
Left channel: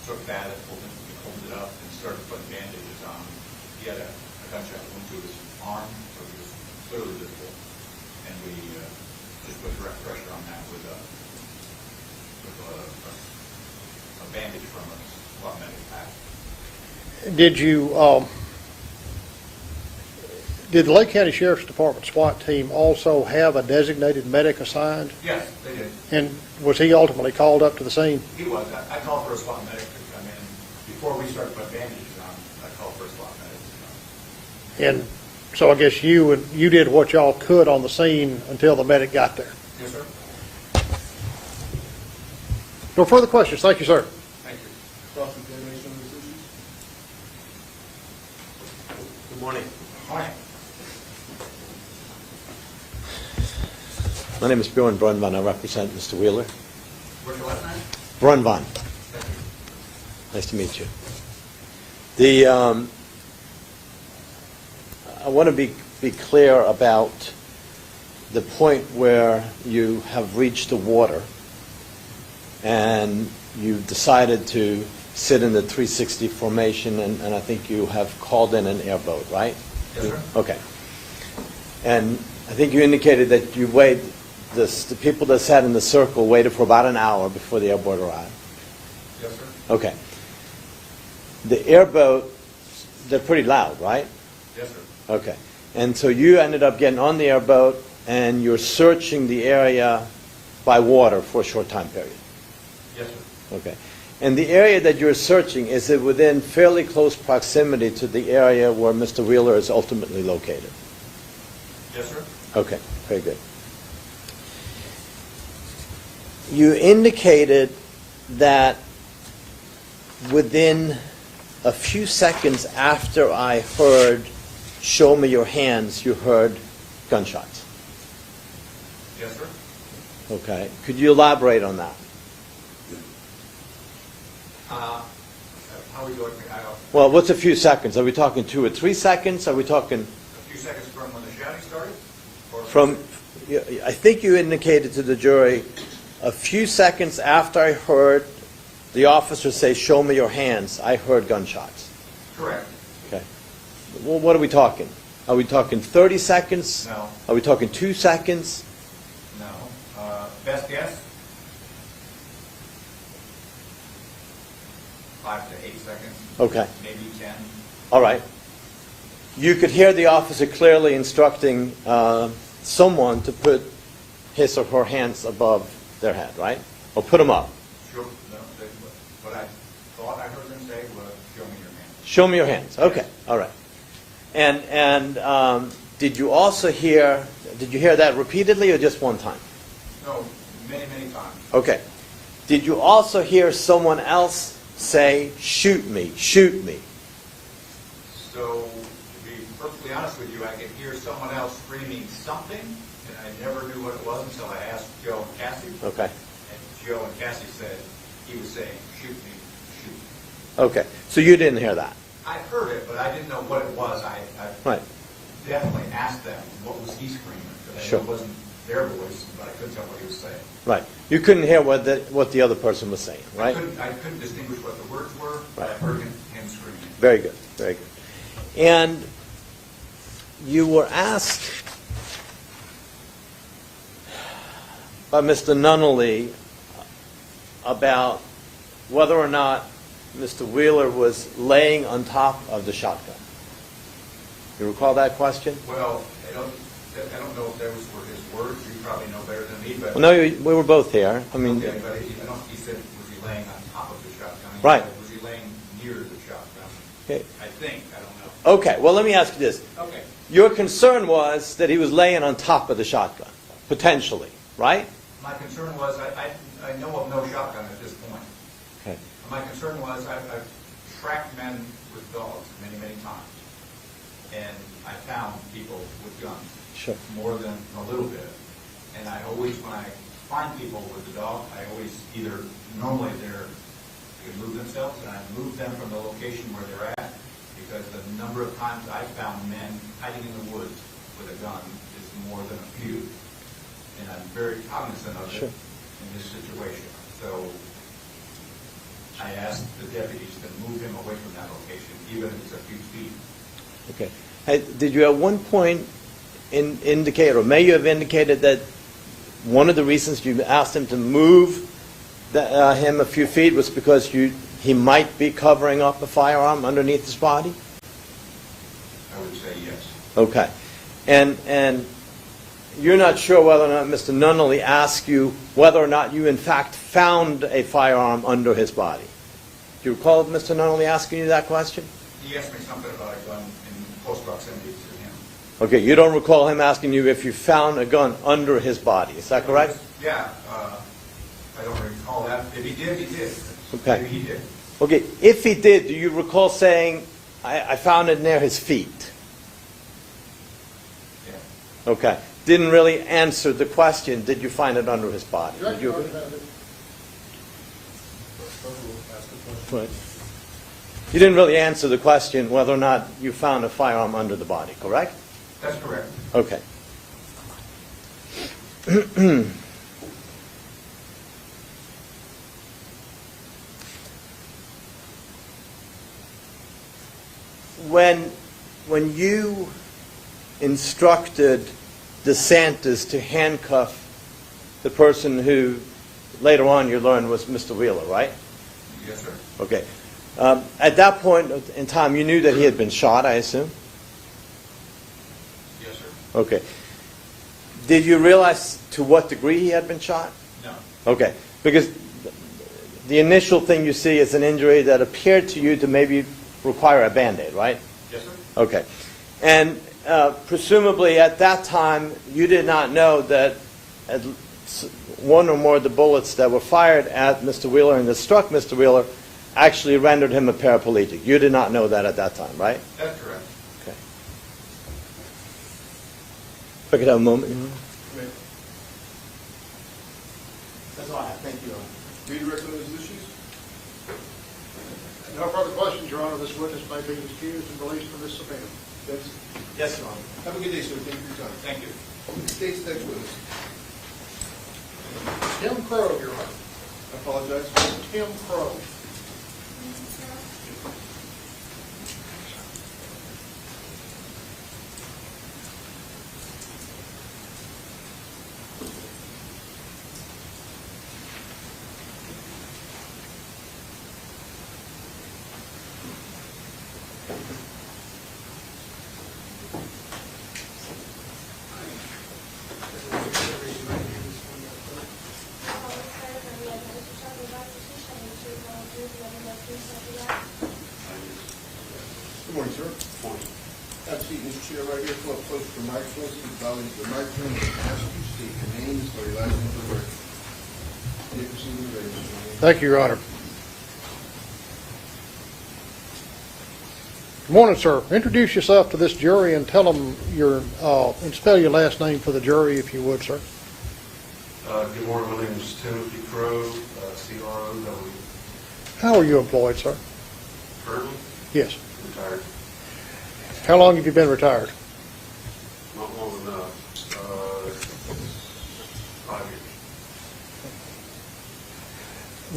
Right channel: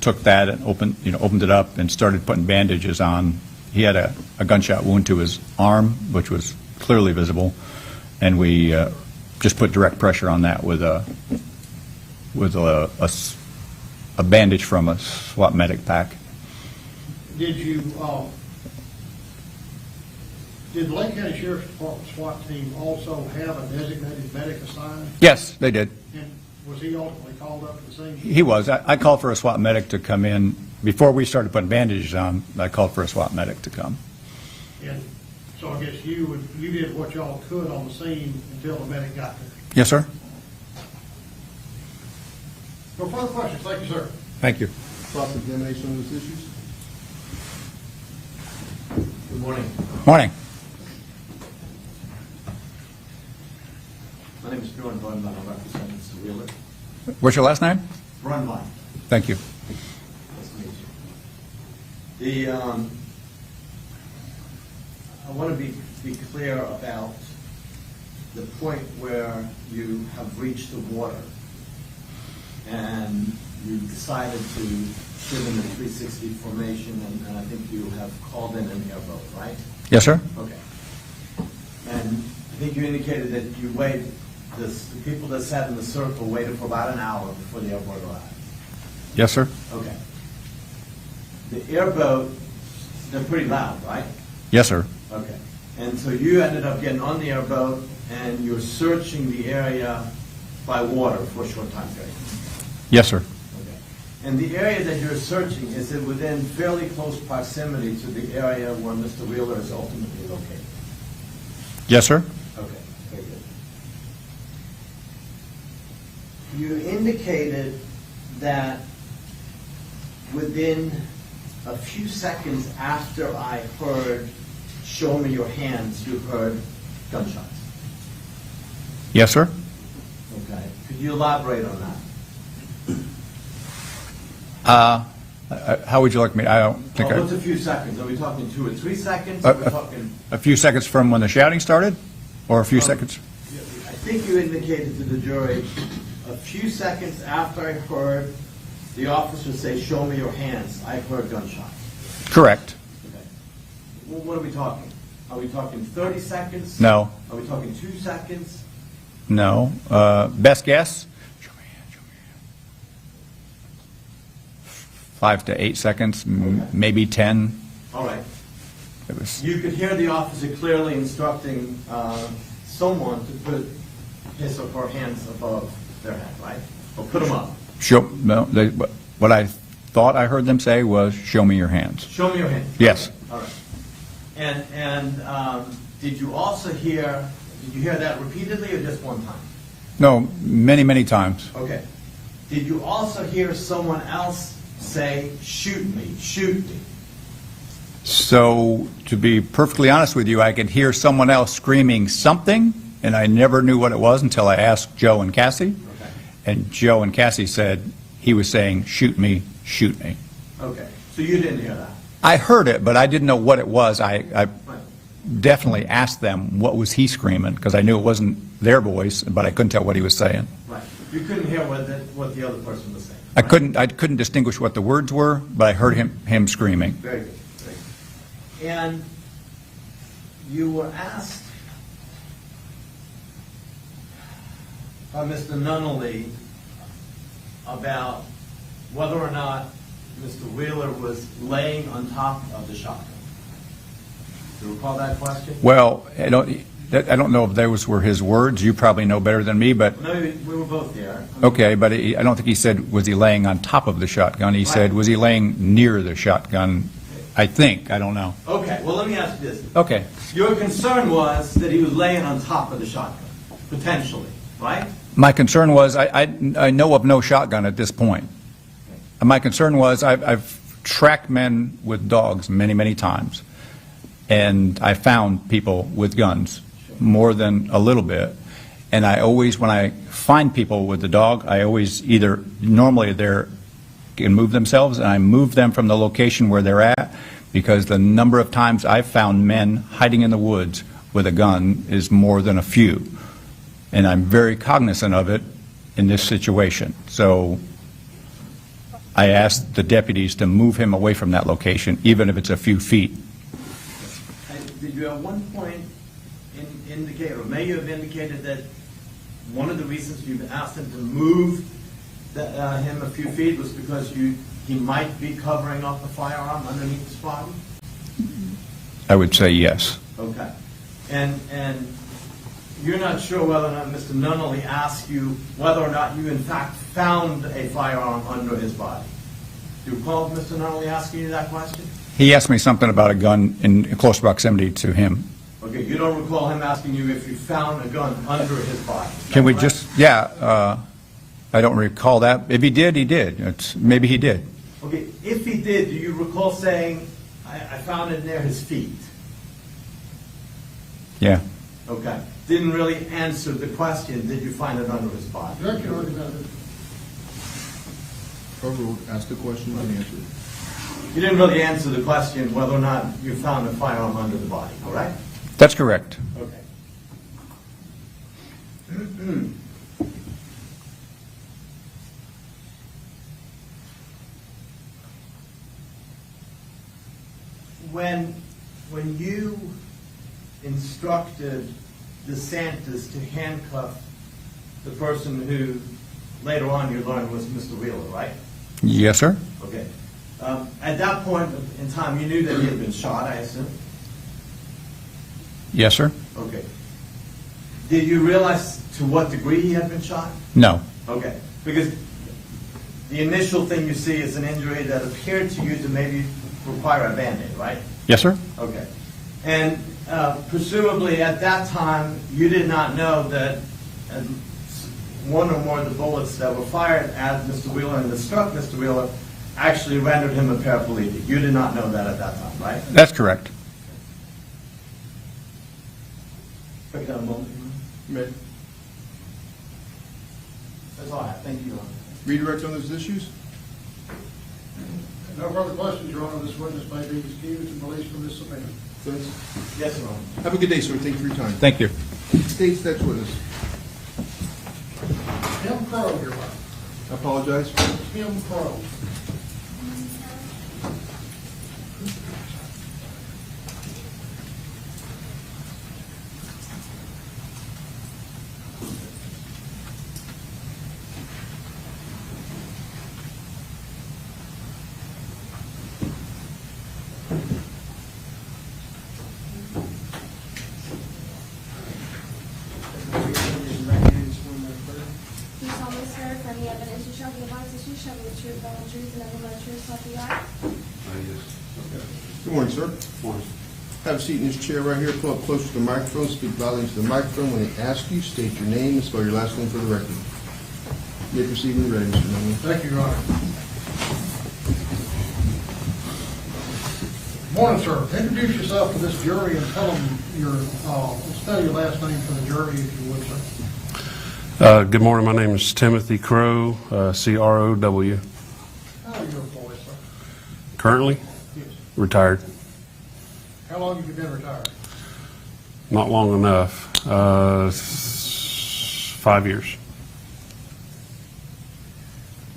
took that and opened it up and started putting bandages on. He had a gunshot wound to his arm, which was clearly visible, and we just put direct pressure on that with a bandage from a SWAT medic pack. Did the Lake County Sheriff's Department SWAT team also have a designated medic assigned? Yes, they did. And was he ultimately called up to the scene? He was. I called for a SWAT medic to come in. Before we started putting bandages on, I called for a SWAT medic to come. And so I guess you did what y'all could on the scene until the medic got there. Yes, sir. No further questions. Thank you, sir. Thank you. Cross-examination on these issues? Good morning. Morning. My name is Bjorn Brunvand. I represent Mr. Wheeler. What's your last name? Brunvand. Thank you. Nice to meet you. I want to be clear about the point where you have reached the water and you decided to sit in the 360 formation, and I think you have called in an airboat, right? Yes, sir. Okay. And I think you indicated that you waited, the people that sat in the circle waited for about an hour before the airboat arrived. Yes, sir. Okay. The airboat, they're pretty loud, right? Yes, sir. Okay. And so you ended up getting on the airboat and you're searching the area by water for a short time period. Yes, sir. Okay. And the area that you're searching, is it within fairly close proximity to the area where Mr. Wheeler is ultimately located? Yes, sir. Okay, very good. You indicated that within a few seconds after I heard, "Show me your hands," you heard gunshots. Yes, sir. Okay. Could you elaborate on that? How would you like me? I don't. Well, think what's a few seconds? Are we talking 2 or 3 seconds? Are we talking? A few seconds from when the shouting started, or a few seconds? I think you indicated to the jury a few seconds after I heard the officer say, "Show me your hands," I heard gunshots. Correct. Okay. Well, what are we talking? Are we talking 30 seconds? No. Are we talking 2 seconds? No. Best guess? 5 to 8 seconds. Okay. Maybe 10. All right. It was. You could hear the officer clearly instructing someone to put his or her hands above their head, right? Or put them up. No. What I thought I heard them say was, "Show me your hands." Show me your hands. Yes. Okay. All right. And did you also hear? Did you hear that repeatedly or just one time? No, many, many times. Okay. Did you also hear someone else say, "Shoot me, shoot me"? So, to be perfectly honest with you, I could hear someone else screaming something, and I never knew what it was until I asked Joe and Cassie. Okay. And Joe and Cassie said he was saying, "Shoot me, shoot me." Okay. So you didn't hear that? I heard it, but I didn't know what it was. I Right. definitely asked them, what was he screaming? Because I knew it wasn't their voice, but I couldn't tell what he was saying. Right. You couldn't hear what the other person was saying, right? I couldn't distinguish what the words were, but I heard him screaming. Very good, very good. And you were asked by Mr. Nunnally about whether or not Mr. Wheeler was laying on top of the shotgun. You recall that question? Well, I don't know if those were his words. You probably know better than me, but... Well, no, we were both there. I mean, Okay, but I don't think he said, was he laying on top of the shotgun? He Right. said, was he laying near the shotgun? Okay. I think. I don't know. Okay, well, let me ask you this. Okay. Your concern was that he was laying on top of the shotgun, potentially, right? My concern was, I know of no shotgun at this point. Okay. And my concern was, I've tracked men with dogs many, many times, and I found people with guns. Sure. More than a little bit. And I always, when I find people with the dog, I always normally they can move themselves, and I move them from the location where they're at, because the number of times I've found men hiding in the woods with a gun is more than a few. And I'm very cognizant of it in this situation. So I asked the deputies to move him away from that location, even if it's a few feet. Okay. Did you at one point indicate, or may you have indicated, that one of the reasons you asked him to move him a few feet was because he might be covering up a firearm underneath his body? I would say yes. Okay. And you're not sure whether or not Mr. Nunnally asked you whether or not you in fact found a firearm under his body. Do you recall Mr. Nunnally asking you that question? He asked me something about a gun in close proximity to him. Okay, you don't recall him asking you if you found a gun under his body, is that Can we correct? I don't recall that. If he did, he did. Maybe he did. Okay, if he did, do you recall saying, I found it near his feet? Yeah. Okay. Didn't really answer the question, did you find it under his body? Did you- Corporal, ask the question and answer it. You didn't really answer the question whether or not you found a firearm under the body, correct? That's correct. Okay. When you instructed DeSantis to handcuff the person who later on you learned was Mr. Wheeler, right? Yes, sir. Okay. At that point in time, you knew that he had been shot, I assume? Yes, sir. Okay. Did you realize to what degree he had been shot? No. Okay. Because the initial thing you see is an injury that appeared to you to maybe require a Band-Aid, right? Yes, sir. Okay. And presumably at that time, you did not know that one or more of the bullets that were fired at Mr. Wheeler and that struck Mr. Wheeler actually rendered him a paraplegic. You did not know that at that time, right? That's correct. Okay. If I could have a moment. That's all I have. Thank you, Your Honor. Redirect on those issues? No further questions, Your Honor. This witness may be excused and released from this subpoena. Vince? Yes, Your Honor. Have a good day, sir. Thank you for your time. Thank you. State's next witness. Tim Crow, Your Honor. I apologize. Tim Crow. Good morning, sir. Have a seat in this chair right here. Pull up closer to the microphone. Speak loudly into the microphone. When I ask you, state your name and spell your last name for the record. You may proceed when you're ready, Mr. Nunnally. Thank you, Your Honor. Good morning, sir. Introduce yourself to this jury and tell them and spell your last name for the jury, if you would, sir. Good morning. My name is Timothy Crow, C-R-O-W. How are you employed, sir? Currently Yes. retired. How long have you been retired? Not long enough. 5 years.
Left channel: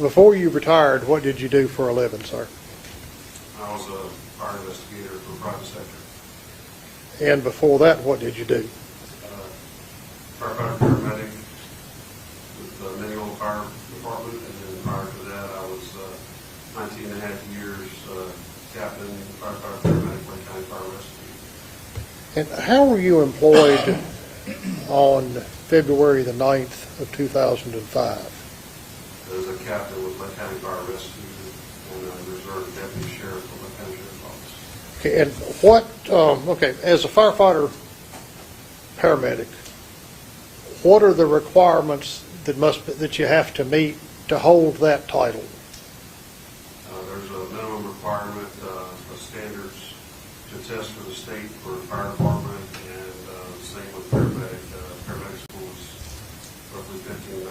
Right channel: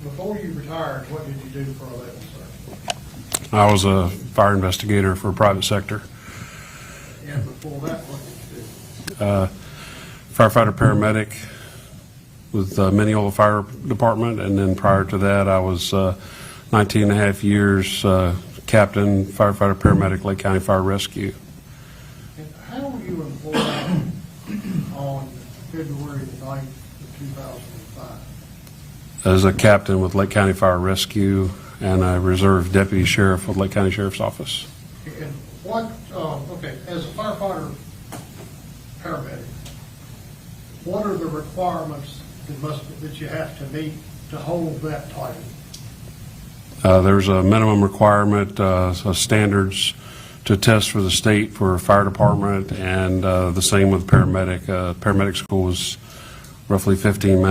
Before you retired, what did you do for a living, sir? I was a fire investigator for private sector. And before that, what did you do? Firefighter paramedic with Mineola Fire Department, and then prior to that, I was 19 and a half years captain, firefighter paramedic, Lake County Fire Rescue. And how were you employed on February the 9th of 2005? As a captain with Lake County Fire Rescue and a reserve deputy sheriff with Lake County Sheriff's Office. Okay, and what, as a firefighter paramedic, what are the requirements that you have to meet to hold that title? There's a minimum requirement, of standards to test for the state for fire department, and the same with paramedic. Paramedic school is roughly 15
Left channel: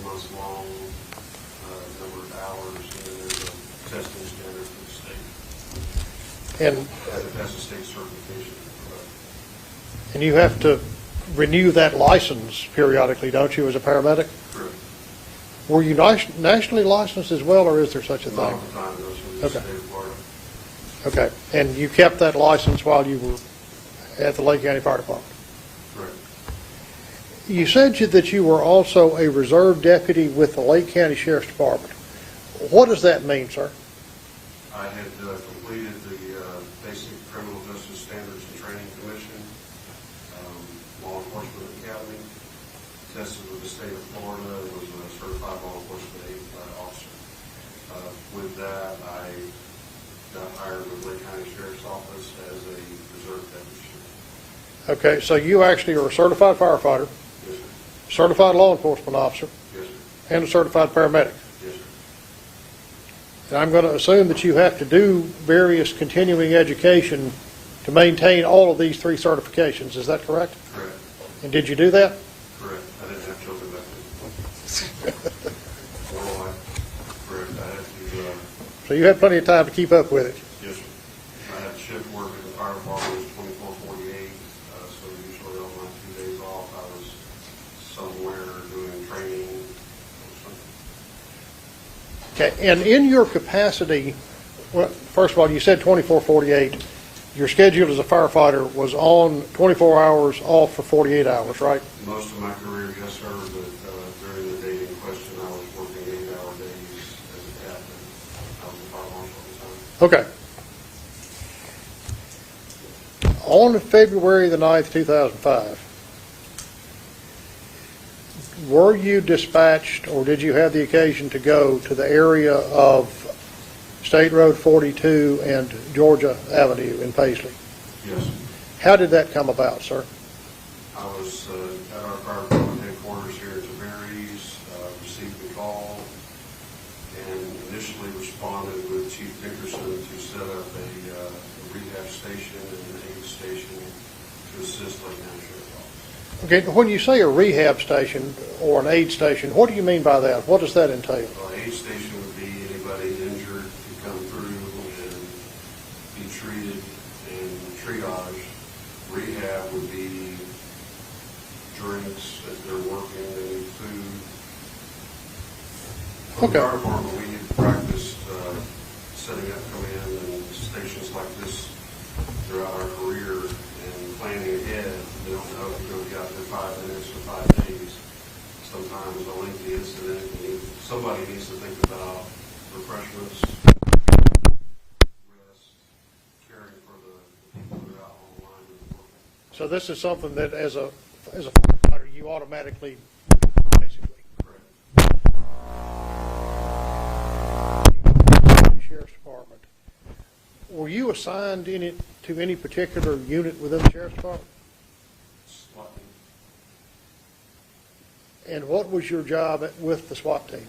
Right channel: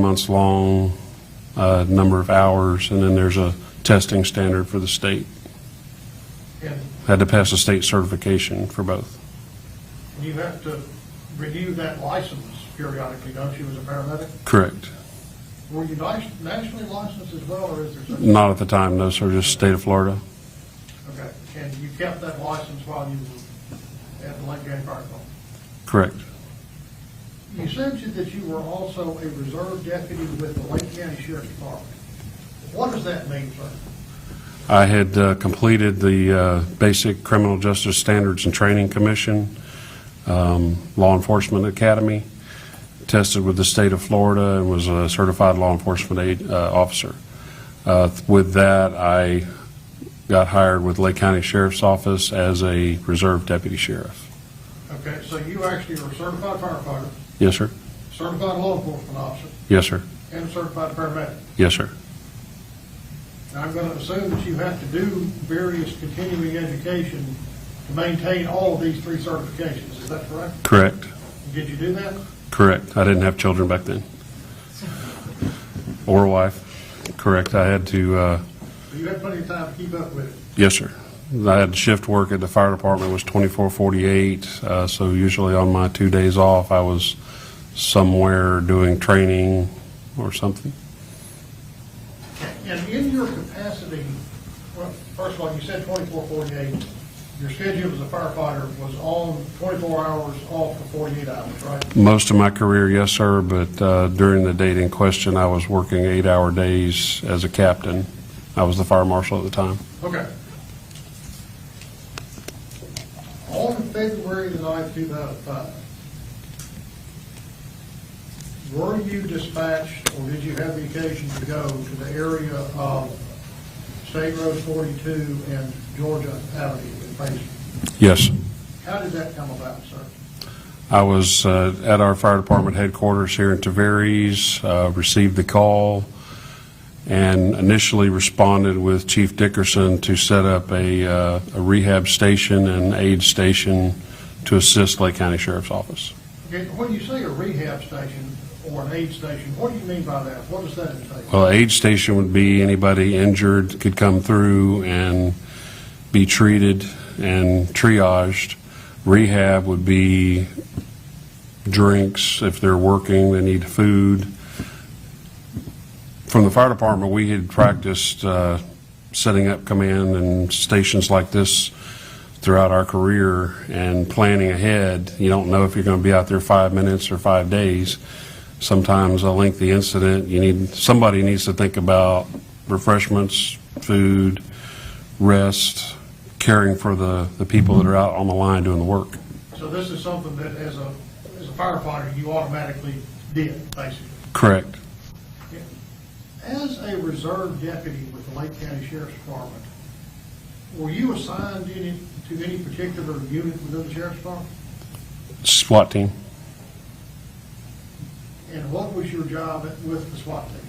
months long, number of hours, and then there's a testing standard for the state. And Had to pass a state certification for both. and you have to renew that license periodically, don't you, as a paramedic? Correct. Were you nationally licensed as well, or is there such a thing? Not at the time, no, sir, just Okay. state of Florida. Okay, and you kept that license while you were at the Lake County Fire Department? Correct. You said that you were also a reserve deputy with the Lake County Sheriff's Department. What does that mean, sir? I had completed the Basic Criminal Justice Standards and Training Commission, Law Enforcement Academy, tested with the state of Florida, and was a certified law enforcement officer. With that, I got hired with Lake County Sheriff's Office as a reserve deputy sheriff. Okay, so you actually are a certified firefighter, Yes, sir. certified law enforcement officer, Yes, sir. and a certified paramedic. Yes, sir. And I'm going to assume that you have to do various continuing education to maintain all of these three certifications. Is that correct? Correct. And did you do that? Correct. I didn't have children back then. Or wife. Correct. I had to, So you had plenty of time to keep up with it. yes, sir. I had shift work at the fire department, was 24/48, so usually on my 2 days off, I was somewhere doing training or something. Okay, and in your capacity, well, first of all, you said 24/48. Your schedule as a firefighter was on 24 hours, off for 48 hours, right? Most of my career, yes, sir, but during the date in question, I was working 8-hour days as a captain. I was the fire marshal at the time. Okay. On February the 9th, 2005, were you dispatched, or did you have the occasion to go to the area of State Road 42 and Georgia Avenue in Paisley? Yes. How did that come about, sir? I was at our fire department headquarters here in Tavares, received the call, and initially responded with Chief Dickerson to set up a rehab station and aid station to assist Lake County Sheriff's Office. Okay, when you say a rehab station or an aid station, what do you mean by that? What does that entail? Well, aid station would be anybody injured could come through and be treated and triaged. Rehab would be drinks. If they're working, they need food. From the Okay. fire department, we had practiced setting up command and stations like this throughout our career and planning ahead. You don't know if you're going to be out there 5 minutes or 5 days. Sometimes a lengthy incident, somebody needs to think about refreshments, food, rest, caring for the people that are out on the line doing the work. So this is something that as a firefighter, you automatically did, basically. Correct. As a reserve deputy with the Lake County Sheriff's Department, were you assigned to any particular unit within the Sheriff's Department? SWAT team. And what was your job with the SWAT team,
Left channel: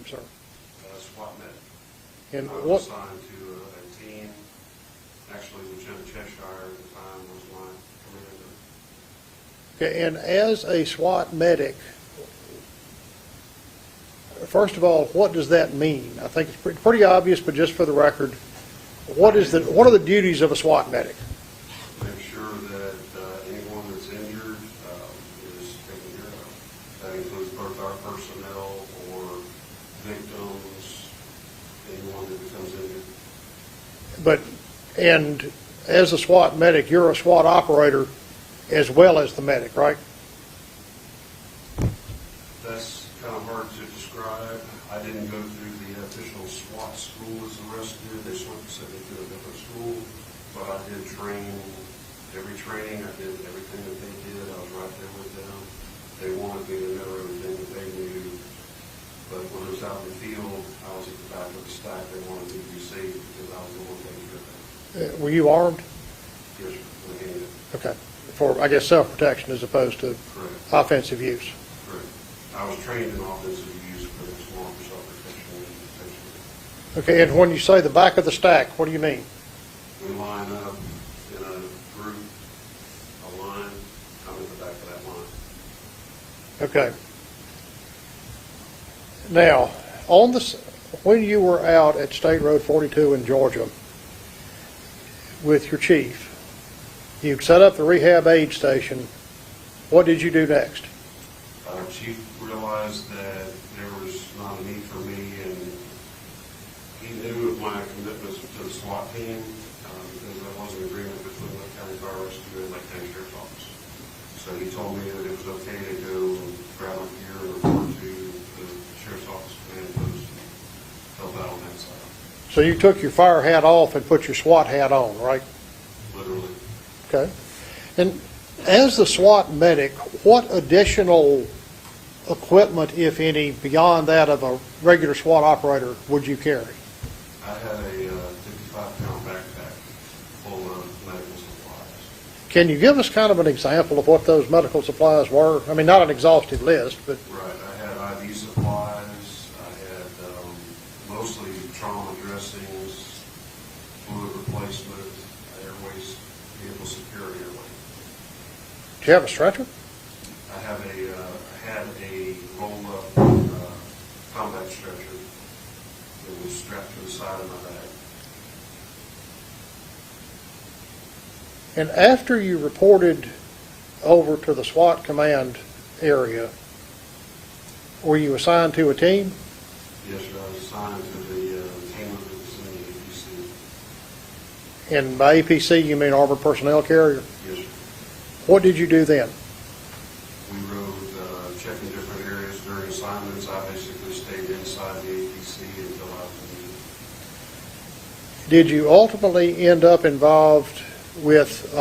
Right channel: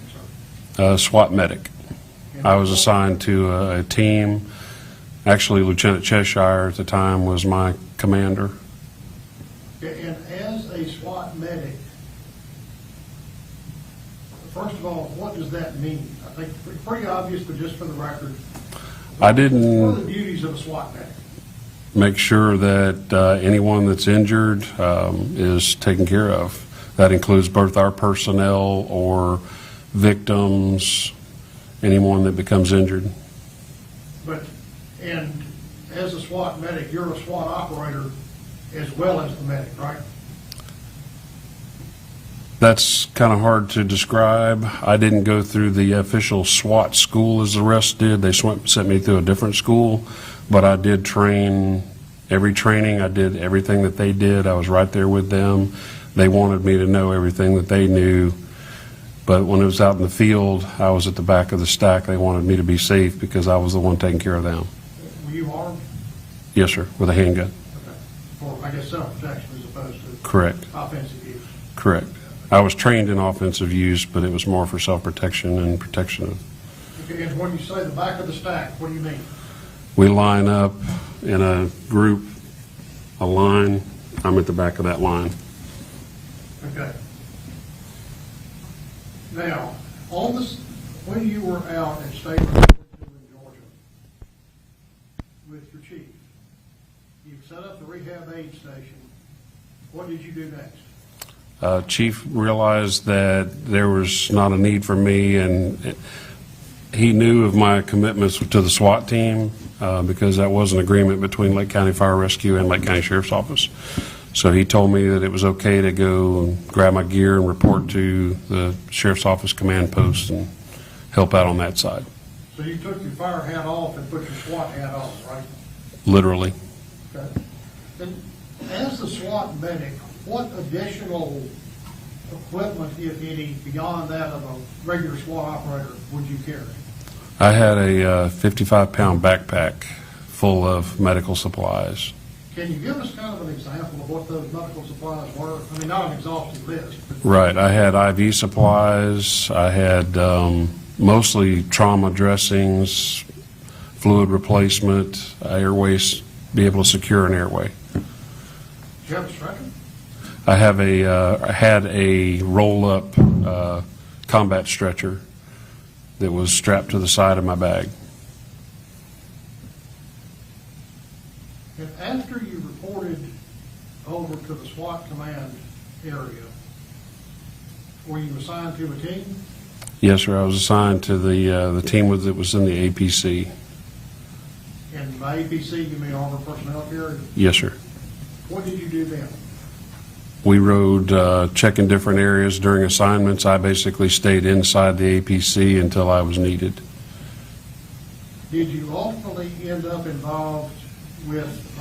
sir? SWAT medic. And I was what- assigned to a team. Actually, Lieutenant Cheshire at the time was my commander. Okay, and as a SWAT medic, first of all, what does that mean? I think it's pretty obvious, but just for the record, what are the duties of a SWAT medic? Make sure that anyone that's injured is taken care of. That includes both our personnel or victims, anyone that becomes injured. But, and as a SWAT medic, you're a SWAT operator as well as the medic, right? That's kind of hard to describe. I didn't go through the official SWAT school as the rest did. They sent me through a different school, but I did train, every training, I did everything that they did. I was right there with them. They wanted me to know everything that they knew. But when it was out in the field, I was at the back of the stack. They wanted me to be safe because I was the one taking care of them. Were you armed? Yes, sir, with a handgun. Okay. For, I guess, self-protection as opposed to Correct. offensive use. Correct. I was trained in offensive use, but it was more for self-protection and protection of. Okay, and when you say the back of the stack, what do you mean? We line up in a group, a line. I'm at the back of that line. Okay. Now, on this, when you were out at State Road 42 in Georgia with your chief, you'd set up the rehab aid station. What did you do next? Chief realized that there was not a need for me, and he knew of my commitments to the SWAT team because that was an agreement between Lake County Fire Rescue and Lake County Sheriff's Office. So he told me that it was okay to go and grab my gear and report to the Sheriff's Office command post and help out on that side. So you took your fire hat off and put your SWAT hat on, right? Literally. Okay. And as the SWAT medic, what additional equipment, if any, beyond that of a regular SWAT operator would you carry? I had a 55-pound backpack full of medical supplies. Can you give us kind of an example of what those medical supplies were? I mean, not an exhaustive list, but... Right. I had IV supplies. I had mostly trauma dressings, fluid replacement, airways, be able to secure an airway. Do you have a stretcher? I had a roll-up combat stretcher that was strapped to the side of my bag. And after you reported over to the SWAT command area, were you assigned to a team? Yes, sir. I was assigned to the team that was in the APC. And by APC, you mean Armored Personnel Carrier? Yes, sir. What did you do then? We rode checking different areas during assignments. I basically stayed inside the APC until I was needed. Did you ultimately end up involved with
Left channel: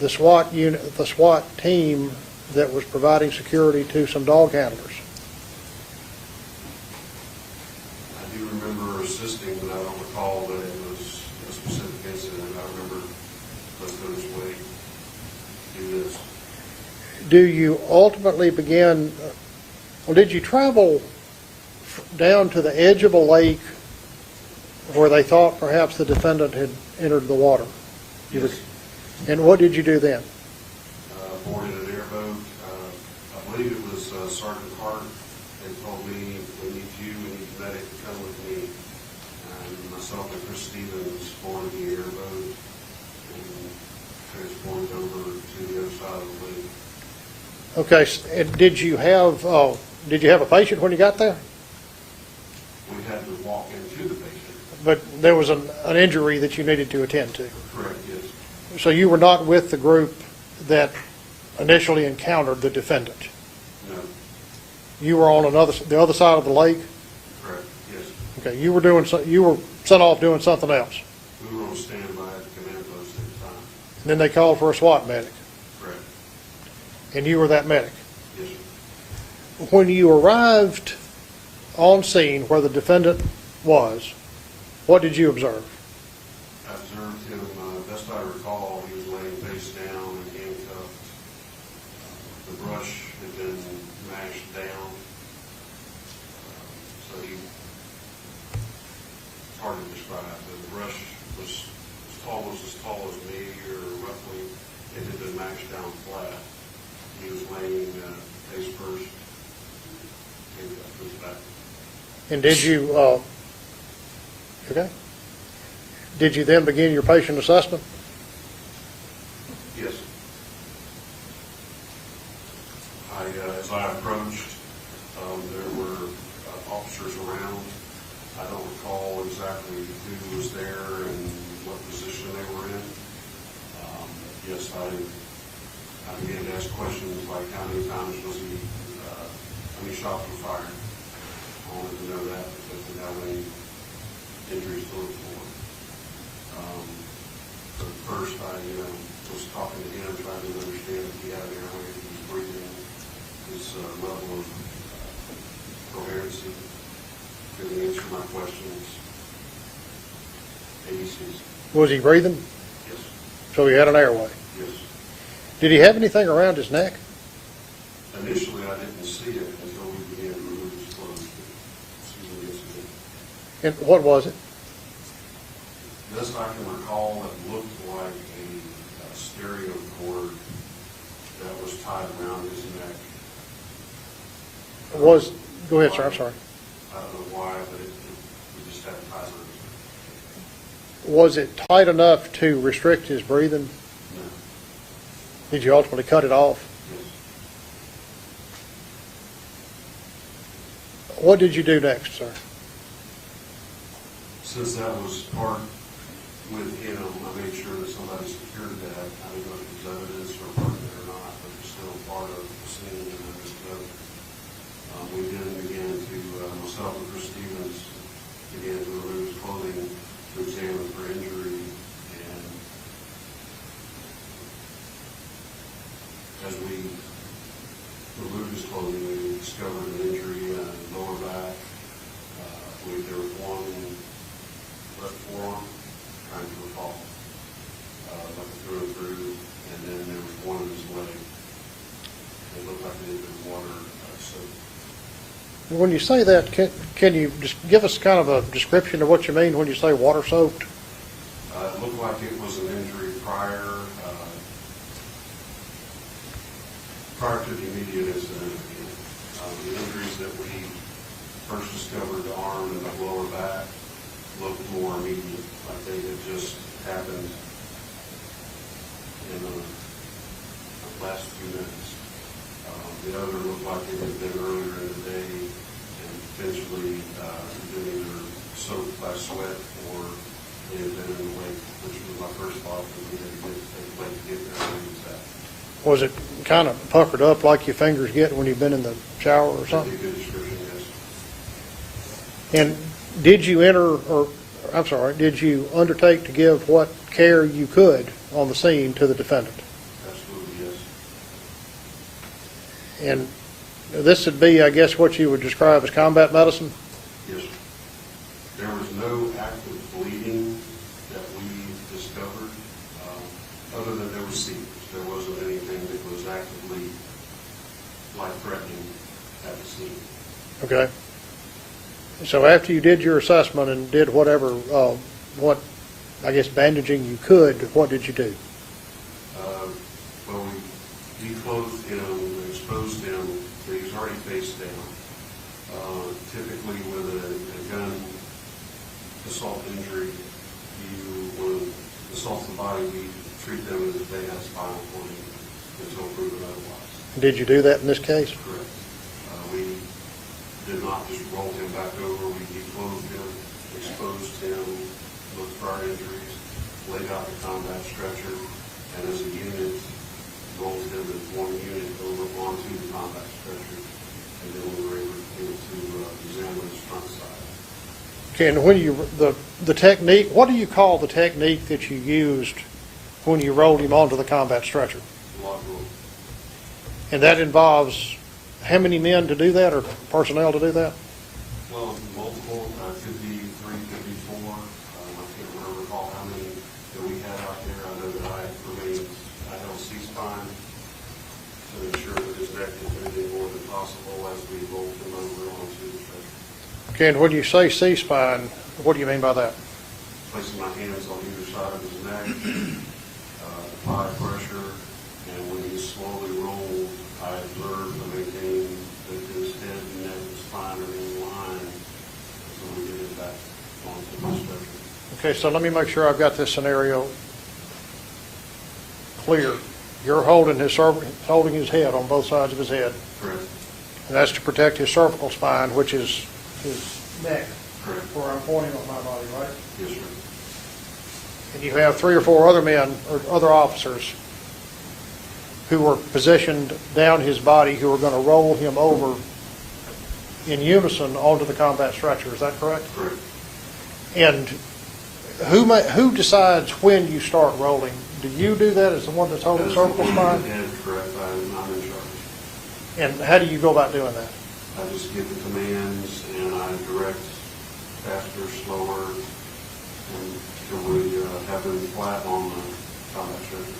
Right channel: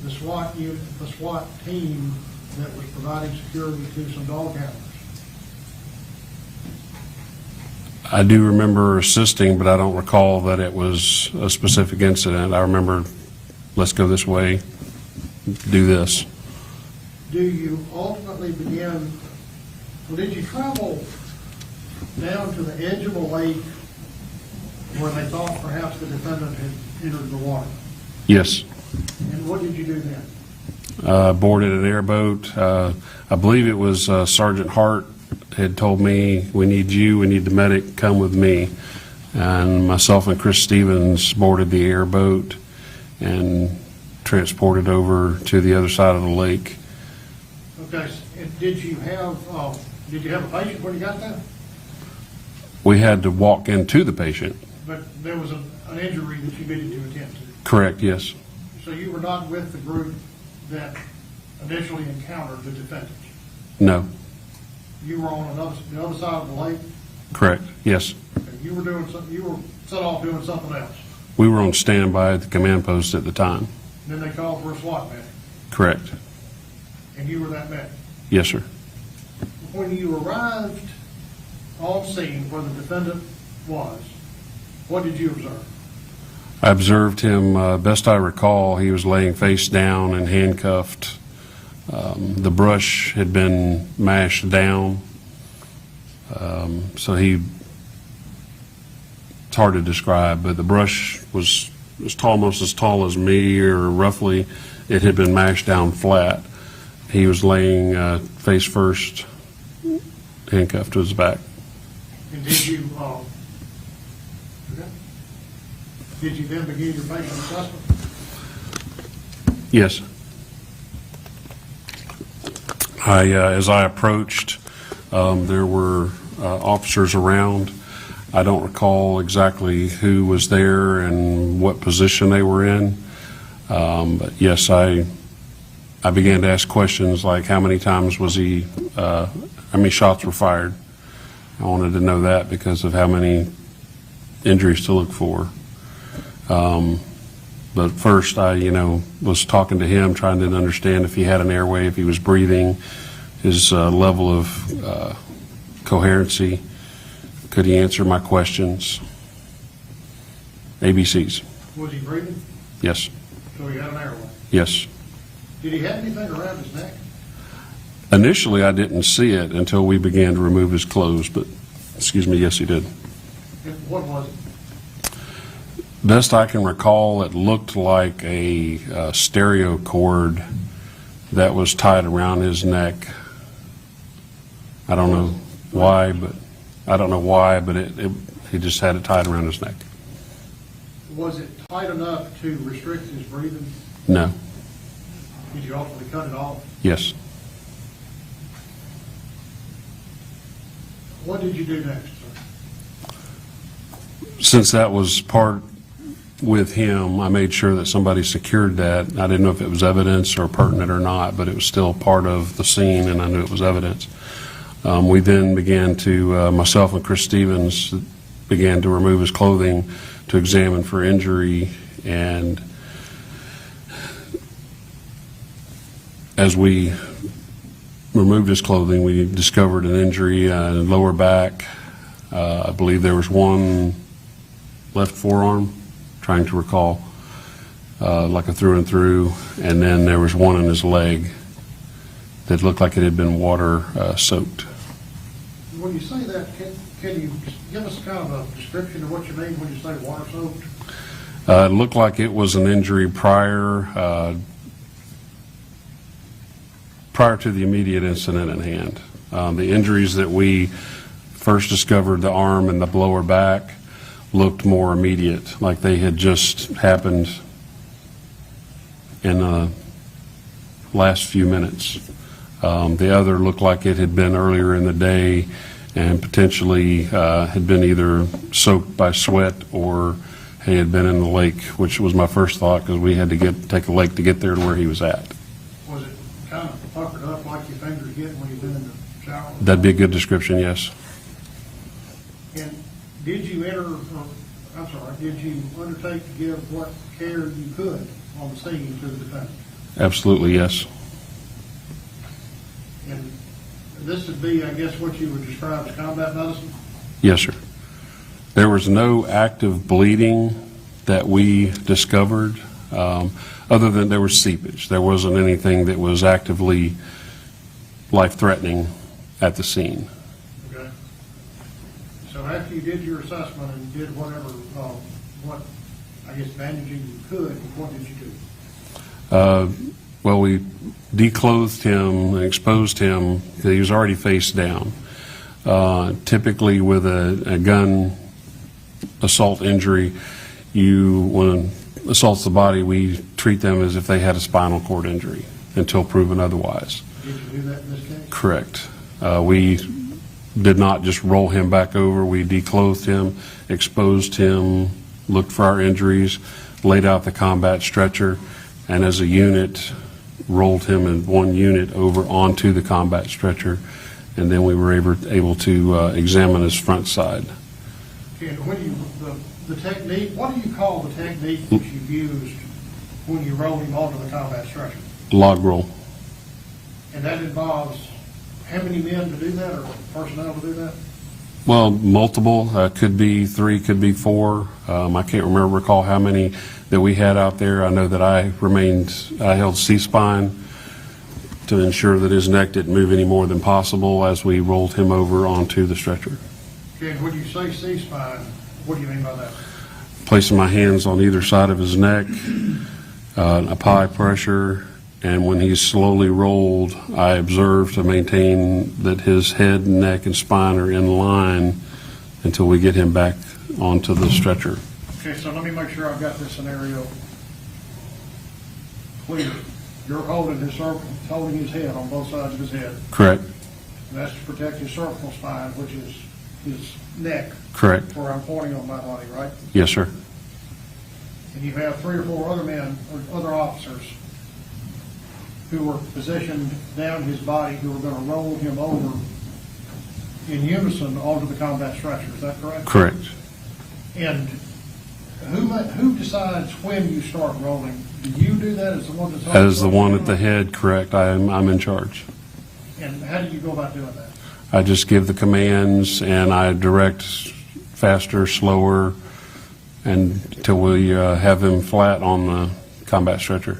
the SWAT unit, the SWAT team that was providing security to some dog handlers? I do remember assisting, but I don't recall that it was a specific incident. I remember, let's go this way, do this. Do you ultimately begin, well, did you travel down to the edge of a lake where they thought perhaps the defendant had entered the water? Yes. And what did you do then? Boarded an airboat. I believe it was Sergeant Hart had told me, we need you, we need the medic, come with me. And myself and Chris Stevens boarded the airboat and transported over to the other side of the lake. Okay, and did you have a patient when you got there? We had to walk into the patient. But there was an injury that you needed to attend to. Correct, yes. So you were not with the group that initially encountered the defendant? No. You were on the other side of the lake? Correct, yes. Okay, you were set off doing something else. We were on standby at the command post at the time. And then they called for a SWAT medic, Correct. and you were that medic. Yes, sir. When you arrived on scene where the defendant was, what did you observe? I observed him, best I recall, he was laying face down and handcuffed. The brush had been mashed down, so it's hard to describe, but the brush was almost as tall as me, or roughly it had been mashed down flat. He was laying face first, handcuffed to his back. And did you, okay. Did you then begin your patient assessment? Yes. As I approached, there were officers around. I don't recall exactly who was there and what position they were in. But yes, I began to ask questions like how many times was he, how many shots were fired. I wanted to know that because of how many injuries to look for. But first I, was talking to him, trying to understand if he had an airway, if he was breathing, his level of coherency. Could he answer my questions? ABCs. Was he breathing? Yes. So he had an airway. Yes. Did he have anything around his neck? Initially, I didn't see it until we began to remove his clothes, but, yes, he did. And what was it? Best I can recall, it looked like a stereo cord that was tied around his neck. I don't know Go ahead, why. sir, sorry. I don't know why, but he just had it tied around his neck. Was it tight enough to restrict his breathing? No. Did you ultimately cut it off? Yes. What did you do next, sir? Since that was part with him, I made sure that somebody secured that. I didn't know if it was evidence or pertinent or not, but it was still part of the scene, and I knew it was evidence. We then began to, myself and Chris Stevens began to remove his clothing to examine for injury, and as we removed his clothing, we discovered an injury in the lower back. I believe there was one left forearm, trying to recall, like a through and through, and then there was one in his leg that looked like it had been water soaked. When you say that, can you just give us kind of a description of what you mean when you say water soaked? It looked like it was an injury prior to the immediate incident at hand. The injuries that we first discovered, the arm and the lower back, looked more immediate, like they had just happened in the last few minutes. The other looked like it had been earlier in the day and potentially had been either soaked by sweat or he had been in the lake, which was my first thought because we had to take a lake to get there to where he was at. Was it kind of puckered up like your fingers get when you've been in the shower or something? That'd be a good description, yes. And did you did you undertake to give what care you could on the scene to the defendant? Absolutely, yes. And this would be, I guess, what you would describe as combat medicine? Yes, sir. There was no active bleeding that we discovered, other than there was seepage. There wasn't anything that was actively life-threatening at the scene. Okay. So after you did your assessment and did whatever, bandaging you could, what did you do? Well, we declothed him and exposed him. He was already face down. Typically with a gun assault injury, when it assaults the body, we treat them as if they had a spinal cord injury until proven otherwise. Did you do that in this case? Correct. We did not just roll him back over. We declothed him, exposed him, looked for our injuries, laid out the combat stretcher, and as a unit, rolled him in one unit over onto the combat stretcher, and then we were able to examine his front side. Okay, and when the technique, what do you call the technique that you used when you rolled him onto the combat stretcher? Log roll. And that involves how many men to do that, or personnel to do that? Well, multiple. Could be 3, could be 4. I can't recall how many that we had out there. I know that I held C-spine to ensure that his neck didn't move any more than possible as we rolled him over onto the stretcher. Okay, and when you say C-spine, what do you mean by that? Placing my hands on either side of his neck, apply pressure, and when he's slowly rolled, I observe to maintain that his head, neck, and spine are in line until we get him back onto the stretcher. Okay, so let me make sure I've got this scenario clear. you're holding his head on both sides of his head, Correct. and that's to protect his cervical spine, which is his neck, Correct. where I'm pointing on my body, right? Yes, sir. And you have 3 or 4 other men, or other officers, who were positioned down his body, who are going to roll him over in unison onto the combat stretcher. Is that correct? Correct. And who decides when you start rolling? Do you do that as the one that's on the As the cervical one at the spine? head, correct, I'm in charge. And how do you go about doing that? I just give the commands and I direct faster, slower, and until we have him flat on the combat stretcher.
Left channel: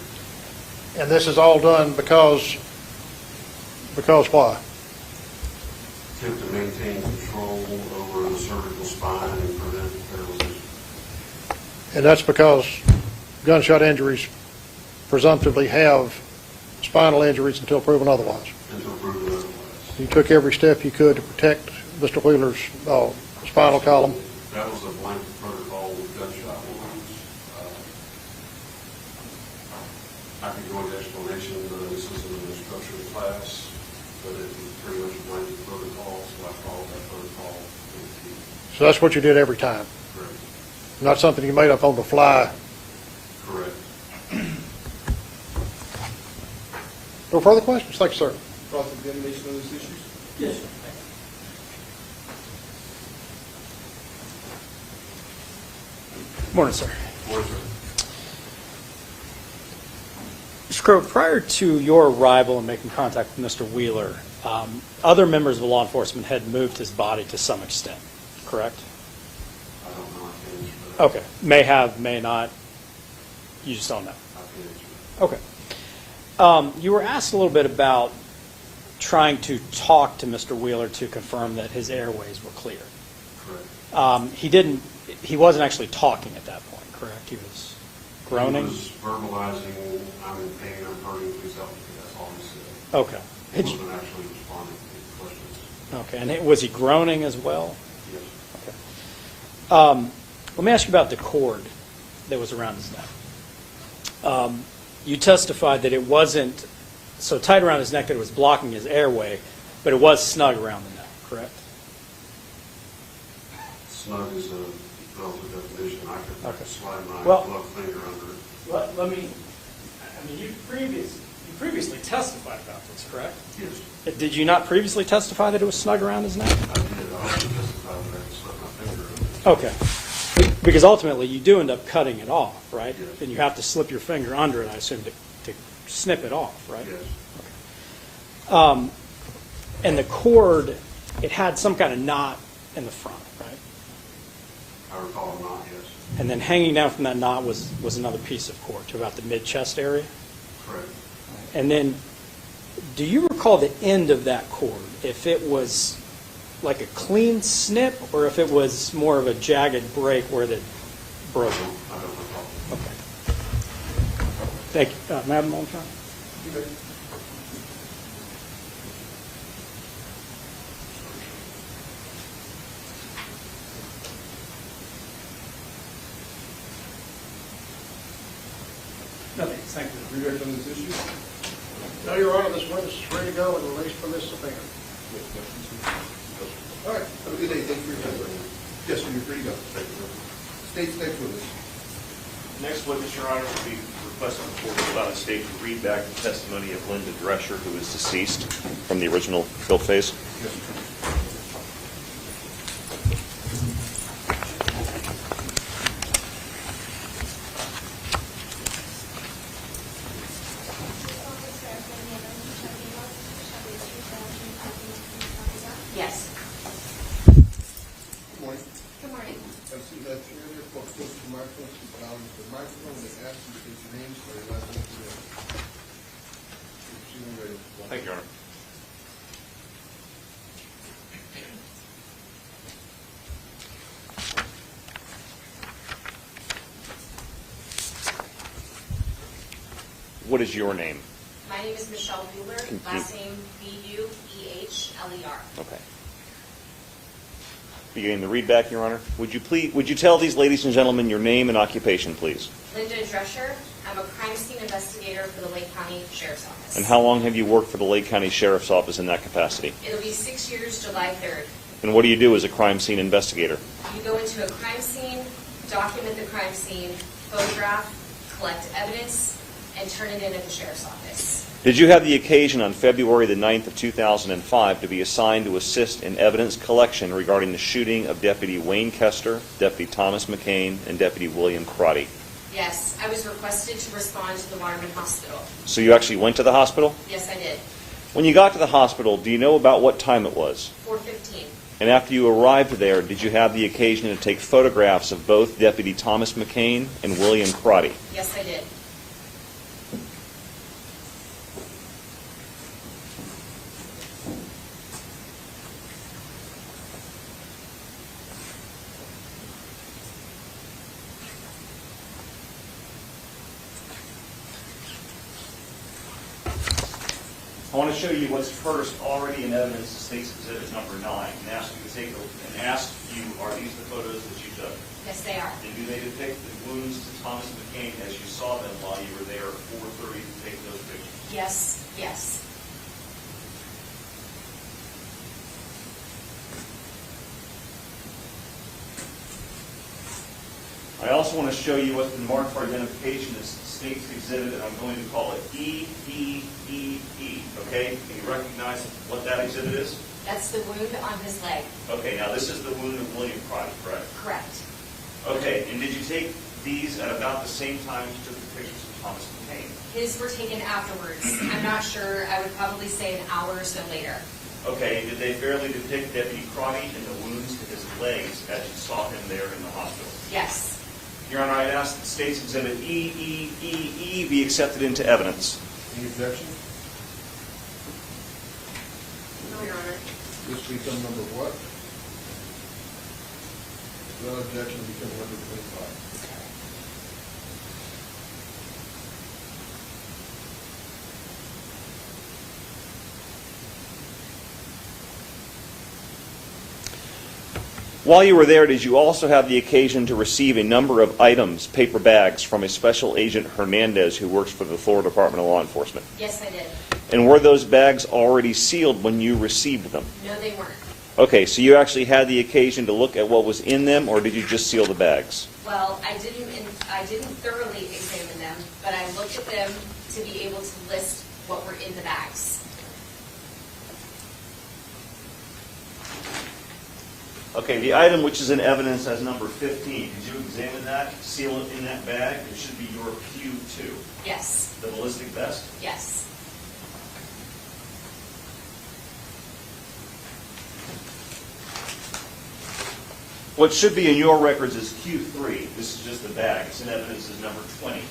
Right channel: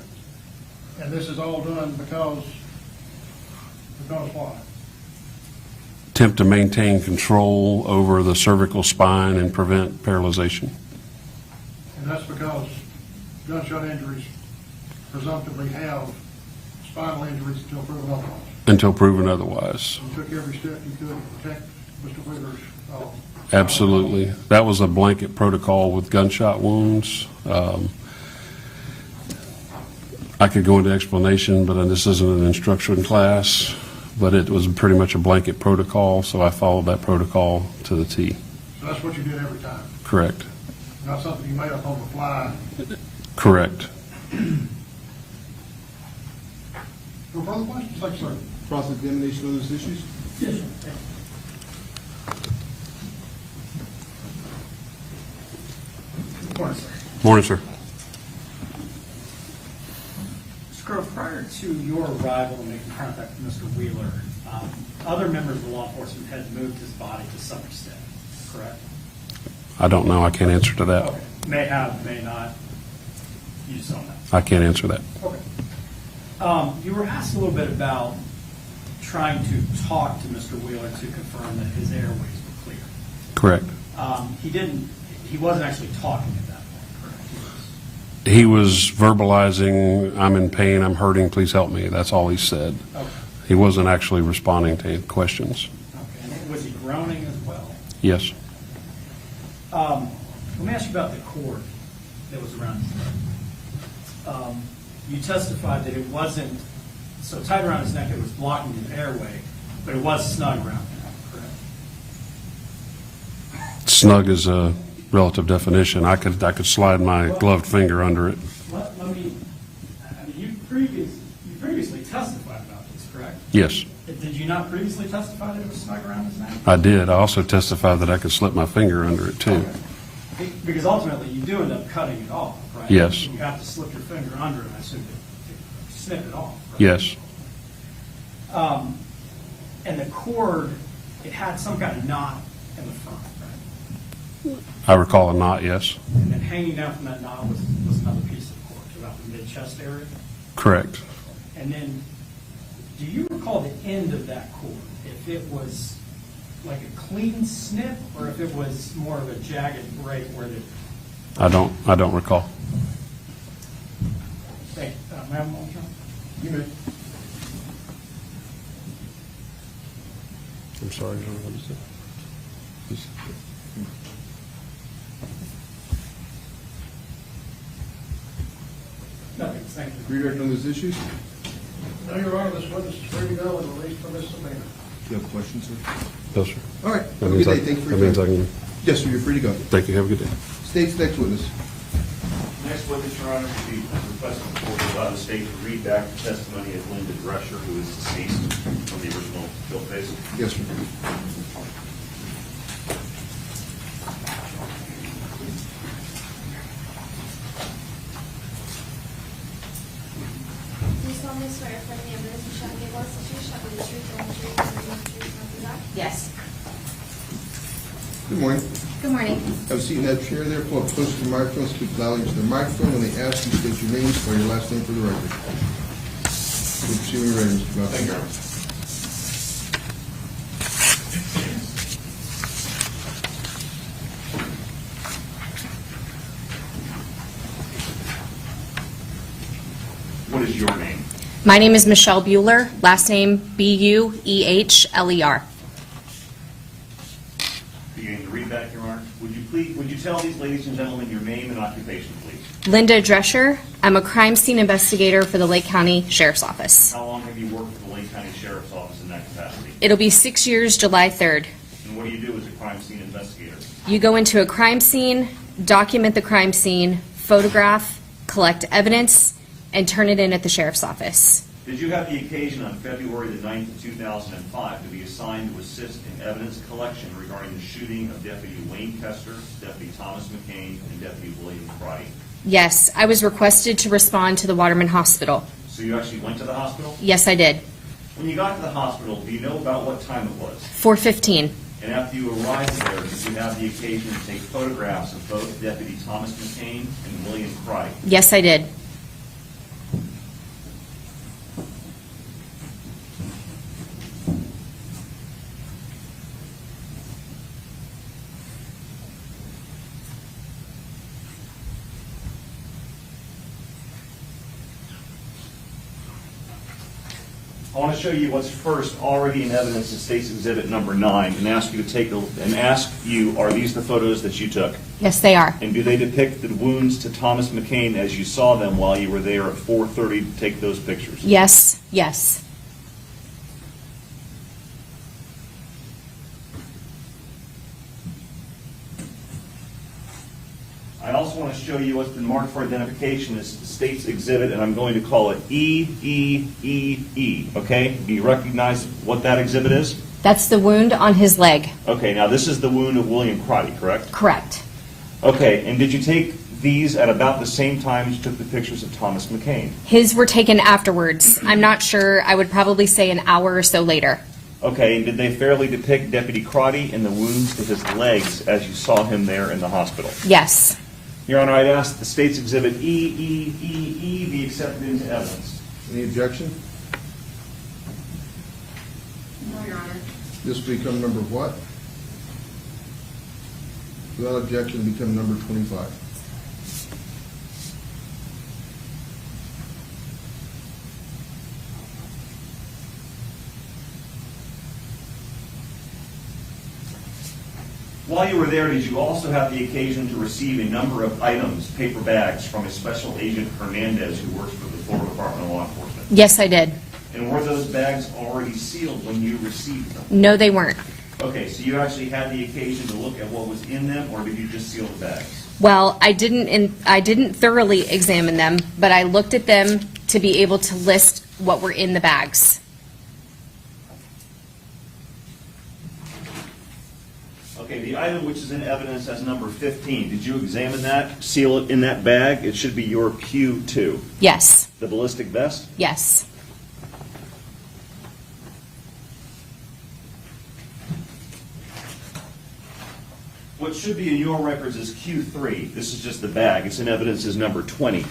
And this is all done because why? Attempt to maintain control over the cervical spine and prevent paralyzation. And that's because gunshot injuries presumptively have spinal injuries until proven otherwise. Until proven otherwise. You took every step you could to protect Mr. Wheeler's spinal column. Absolutely. That was a blanket protocol with gunshot wounds. I could go into explanation, but this isn't an instruction class, but it was pretty much a blanket protocol, so I followed that protocol to the T. So that's what you did every time, Correct. not something you made up on the fly. Correct. No further questions? Thank you, sir. Cross-examination on those issues? Yes, sir. Morning, sir. Morning, sir. Mr. Crowe, prior to your arrival and making contact with Mr. Wheeler, other members of law enforcement had moved his body to some extent, correct? I don't know. I can't answer to that. Okay. May have, may not. You just don't know. I can't answer that. Okay. You were asked a little bit about trying to talk to Mr. Wheeler to confirm that his airways were clear. Correct. He wasn't actually talking at that point, correct? He was verbalizing, I'm in pain, I'm hurting, please help me. That's all he said. Okay. He wasn't actually responding to questions. Okay. And was he groaning as well? Yes. Let me ask you about the cord that was around his neck. You testified that it wasn't so tight around his neck that it was blocking his airway, but it was snug around the neck, correct? Snug is a relative definition. I could slide my Well- gloved finger under it. Let me, you previously testified about this, correct? Yes, Did you not previously testify that it was snug around his neck? I did. I also testified that I could slip my finger under it, too. Okay. Because ultimately, you do end up cutting it off, right? Yes. And you have to slip your finger under it, I assume, to snip it off, right? Yes, And the cord, it had some kind of knot in the front, right? I recall a knot, yes. And then hanging down from that knot was another piece of cord to about the mid-chest area? Correct. And then, do you recall the end of that cord? If it was like a clean snip, or if it was more of a jagged break where the... I don't recall. Okay. Thank you. Madam Alderman? You may. I'm sorry. No, thank you. Redirect on those issues? No, Your Honor, this witness is free to go and released from this subpoena. No questions, sir? Yes, sir. All right. That Have a means good I day. Thank you for that your means I time. can, Yes, sir, you're free to go. thank you. Have a good day. State's next witness. Next witness, Your Honor, we request the court to allow the state to read back the testimony of Linda Drescher, who is deceased from the original guilt phase. Yes, sir. Do you solemnly swear affirming the evidence you shall give us that you shall be the truth and the truth and nothing but the truth, so help you God? Yes. Good morning. Good morning. Have a seat in that chair there. Pull up close to the microphone. Speak loudly into the microphone. When they ask you, state your name, spell your last name for the record. Good to see you ready, Mr. Malcolm. Thank you, Your Honor. What is your name? My name is Michelle Bueller, last name Buehler. Okay. beginning the read back, Your Honor. Would you tell these ladies and gentlemen your name and occupation, please? Linda Drescher. I'm a crime scene investigator for the Lake County Sheriff's Office. And how long have you worked for the Lake County Sheriff's Office in that capacity? It'll be 6 years, July 3rd. And what do you do as a crime scene investigator? You go into a crime scene, document the crime scene, photograph, collect evidence, and turn it in at the Sheriff's Office. Did you have the occasion on February the 9th of 2005 to be assigned to assist in evidence collection regarding the shooting of Deputy Wayne Koester, Deputy Thomas McKane, and Deputy William Crotty? Yes, I was requested to respond to the Waterman Hospital. So you actually went to the hospital? Yes, I did. When you got to the hospital, do you know about what time it was? 4:15. And after you arrived there, did you have the occasion to take photographs of both Deputy Thomas McKane and William Crotty? Yes, I did. I want to show you what's first already in evidence in State's Exhibit number 9 and ask you, are these the photos that you took? Yes, they are. And do they depict the wounds to Thomas McKane as you saw them while you were there at 4:30 to take those pictures? Yes, yes. I also want to show you what's been marked for identification as State's Exhibit, and I'm going to call it E, okay? Do you recognize what that exhibit is? That's the wound on his leg. Okay, now this is the wound of William Crotty, correct? Correct. Okay, and did you take these at about the same time you took the pictures of Thomas McKane? His were taken afterwards. I'm not sure. I would probably say an hour or so later. Okay, and did they fairly depict Deputy Crotty and the wounds to his legs as you saw him there in the hospital? Yes. Your Honor, I'd ask that the State's Exhibit E be accepted into evidence. Any objection? No, Your Honor. This will become number what? Without objection, become number 25. While you were there, did you also have the occasion to receive a number of items, paper bags, from a Special Agent Hernandez who works for the Florida Department of Law Enforcement? Yes, I did. And were those bags already sealed when you received them? No, they weren't. Okay, so you actually had the occasion to look at what was in them, or did you just seal the bags? Well, I didn't thoroughly examine them, but I looked at them to be able to list what were in the bags. Okay, the item which is in evidence as number 15, did you examine that, seal it in that bag? It should be your Q2. Yes. The ballistic vest? Yes. What should be in your records is Q3. This is just the bag. It's in evidence as number 20.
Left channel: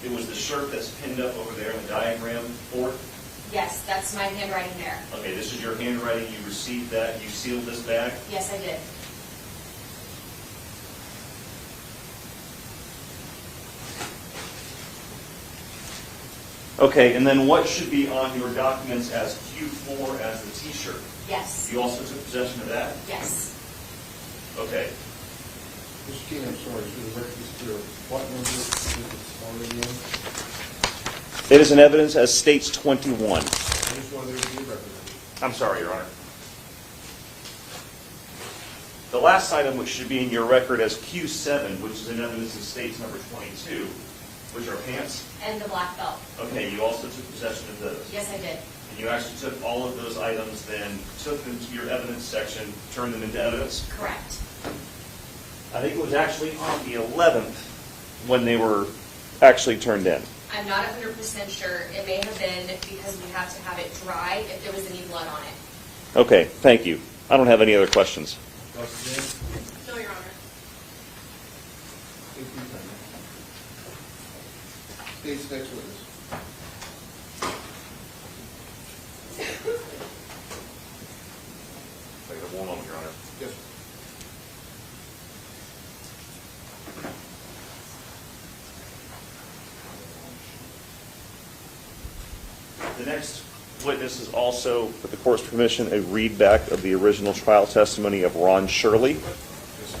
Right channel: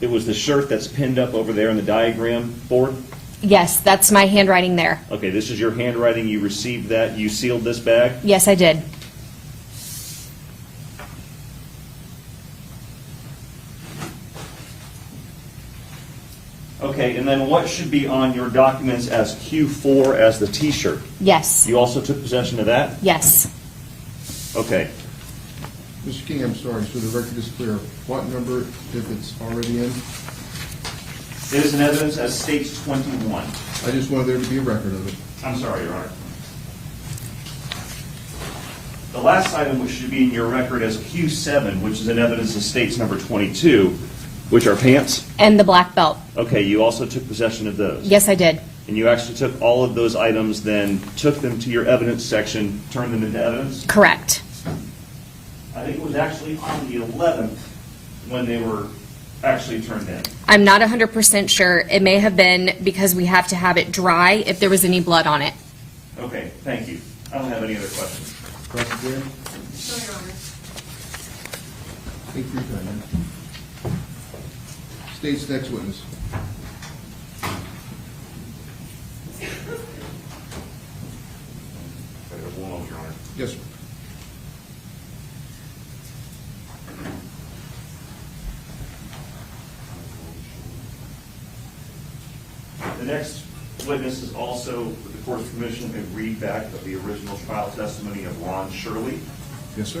It was the shirt that's pinned up over there in the diagram board? Yes, that's my handwriting there. Okay, this is your handwriting. You received that. You sealed this bag? Yes, I did. Okay, and then what should be on your documents as Q4 as the T-shirt? Yes. You also took possession of that? Yes. Okay. Mr. King, I'm sorry, so the record is clear. What number, if it's already in? It is in evidence as states 21. I just wanted there to be a record of it. I'm sorry, Your Honor. The last item which should be in your record as Q7, which is in evidence of states number 22, which are pants. And the black belt. Okay, you also took possession of those. Yes, I did. And you actually took all of those items, then took them to your evidence section, turned them into evidence? Correct. I think it was actually on the 11th when they were actually turned in. I'm not 100% sure. It may have been because we have to have it dry if there was any blood on it. Okay, thank you. I don't have any other questions. Cross exam? No, Your Honor. Take your time, man. State's next witness. One moment, Your Honor. Yes, sir. The next witness is also, with the court's permission, a readback of the original trial testimony of Ron Shirley. Yes, sir.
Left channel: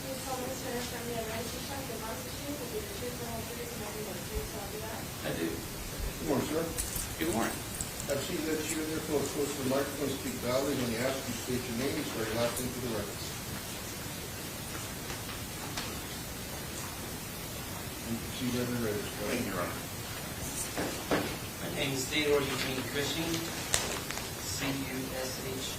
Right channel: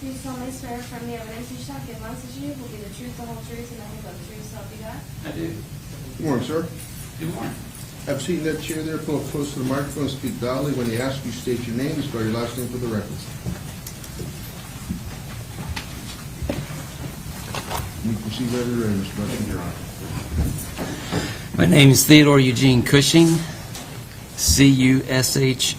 Do you solemnly swear affirm the evidence you shall give us as you will be the truth, the whole truth, and nothing but the truth, so help you God? I do. Good morning, sir. Good morning. Have a seat in that chair there. Pull up close to the microphone. Speak loudly. When they ask you, state your name. Spell your last name for the record. You proceed right away, Mr. President. My name is Theodore Eugene Cushing, C-U-S-H-I-N-G.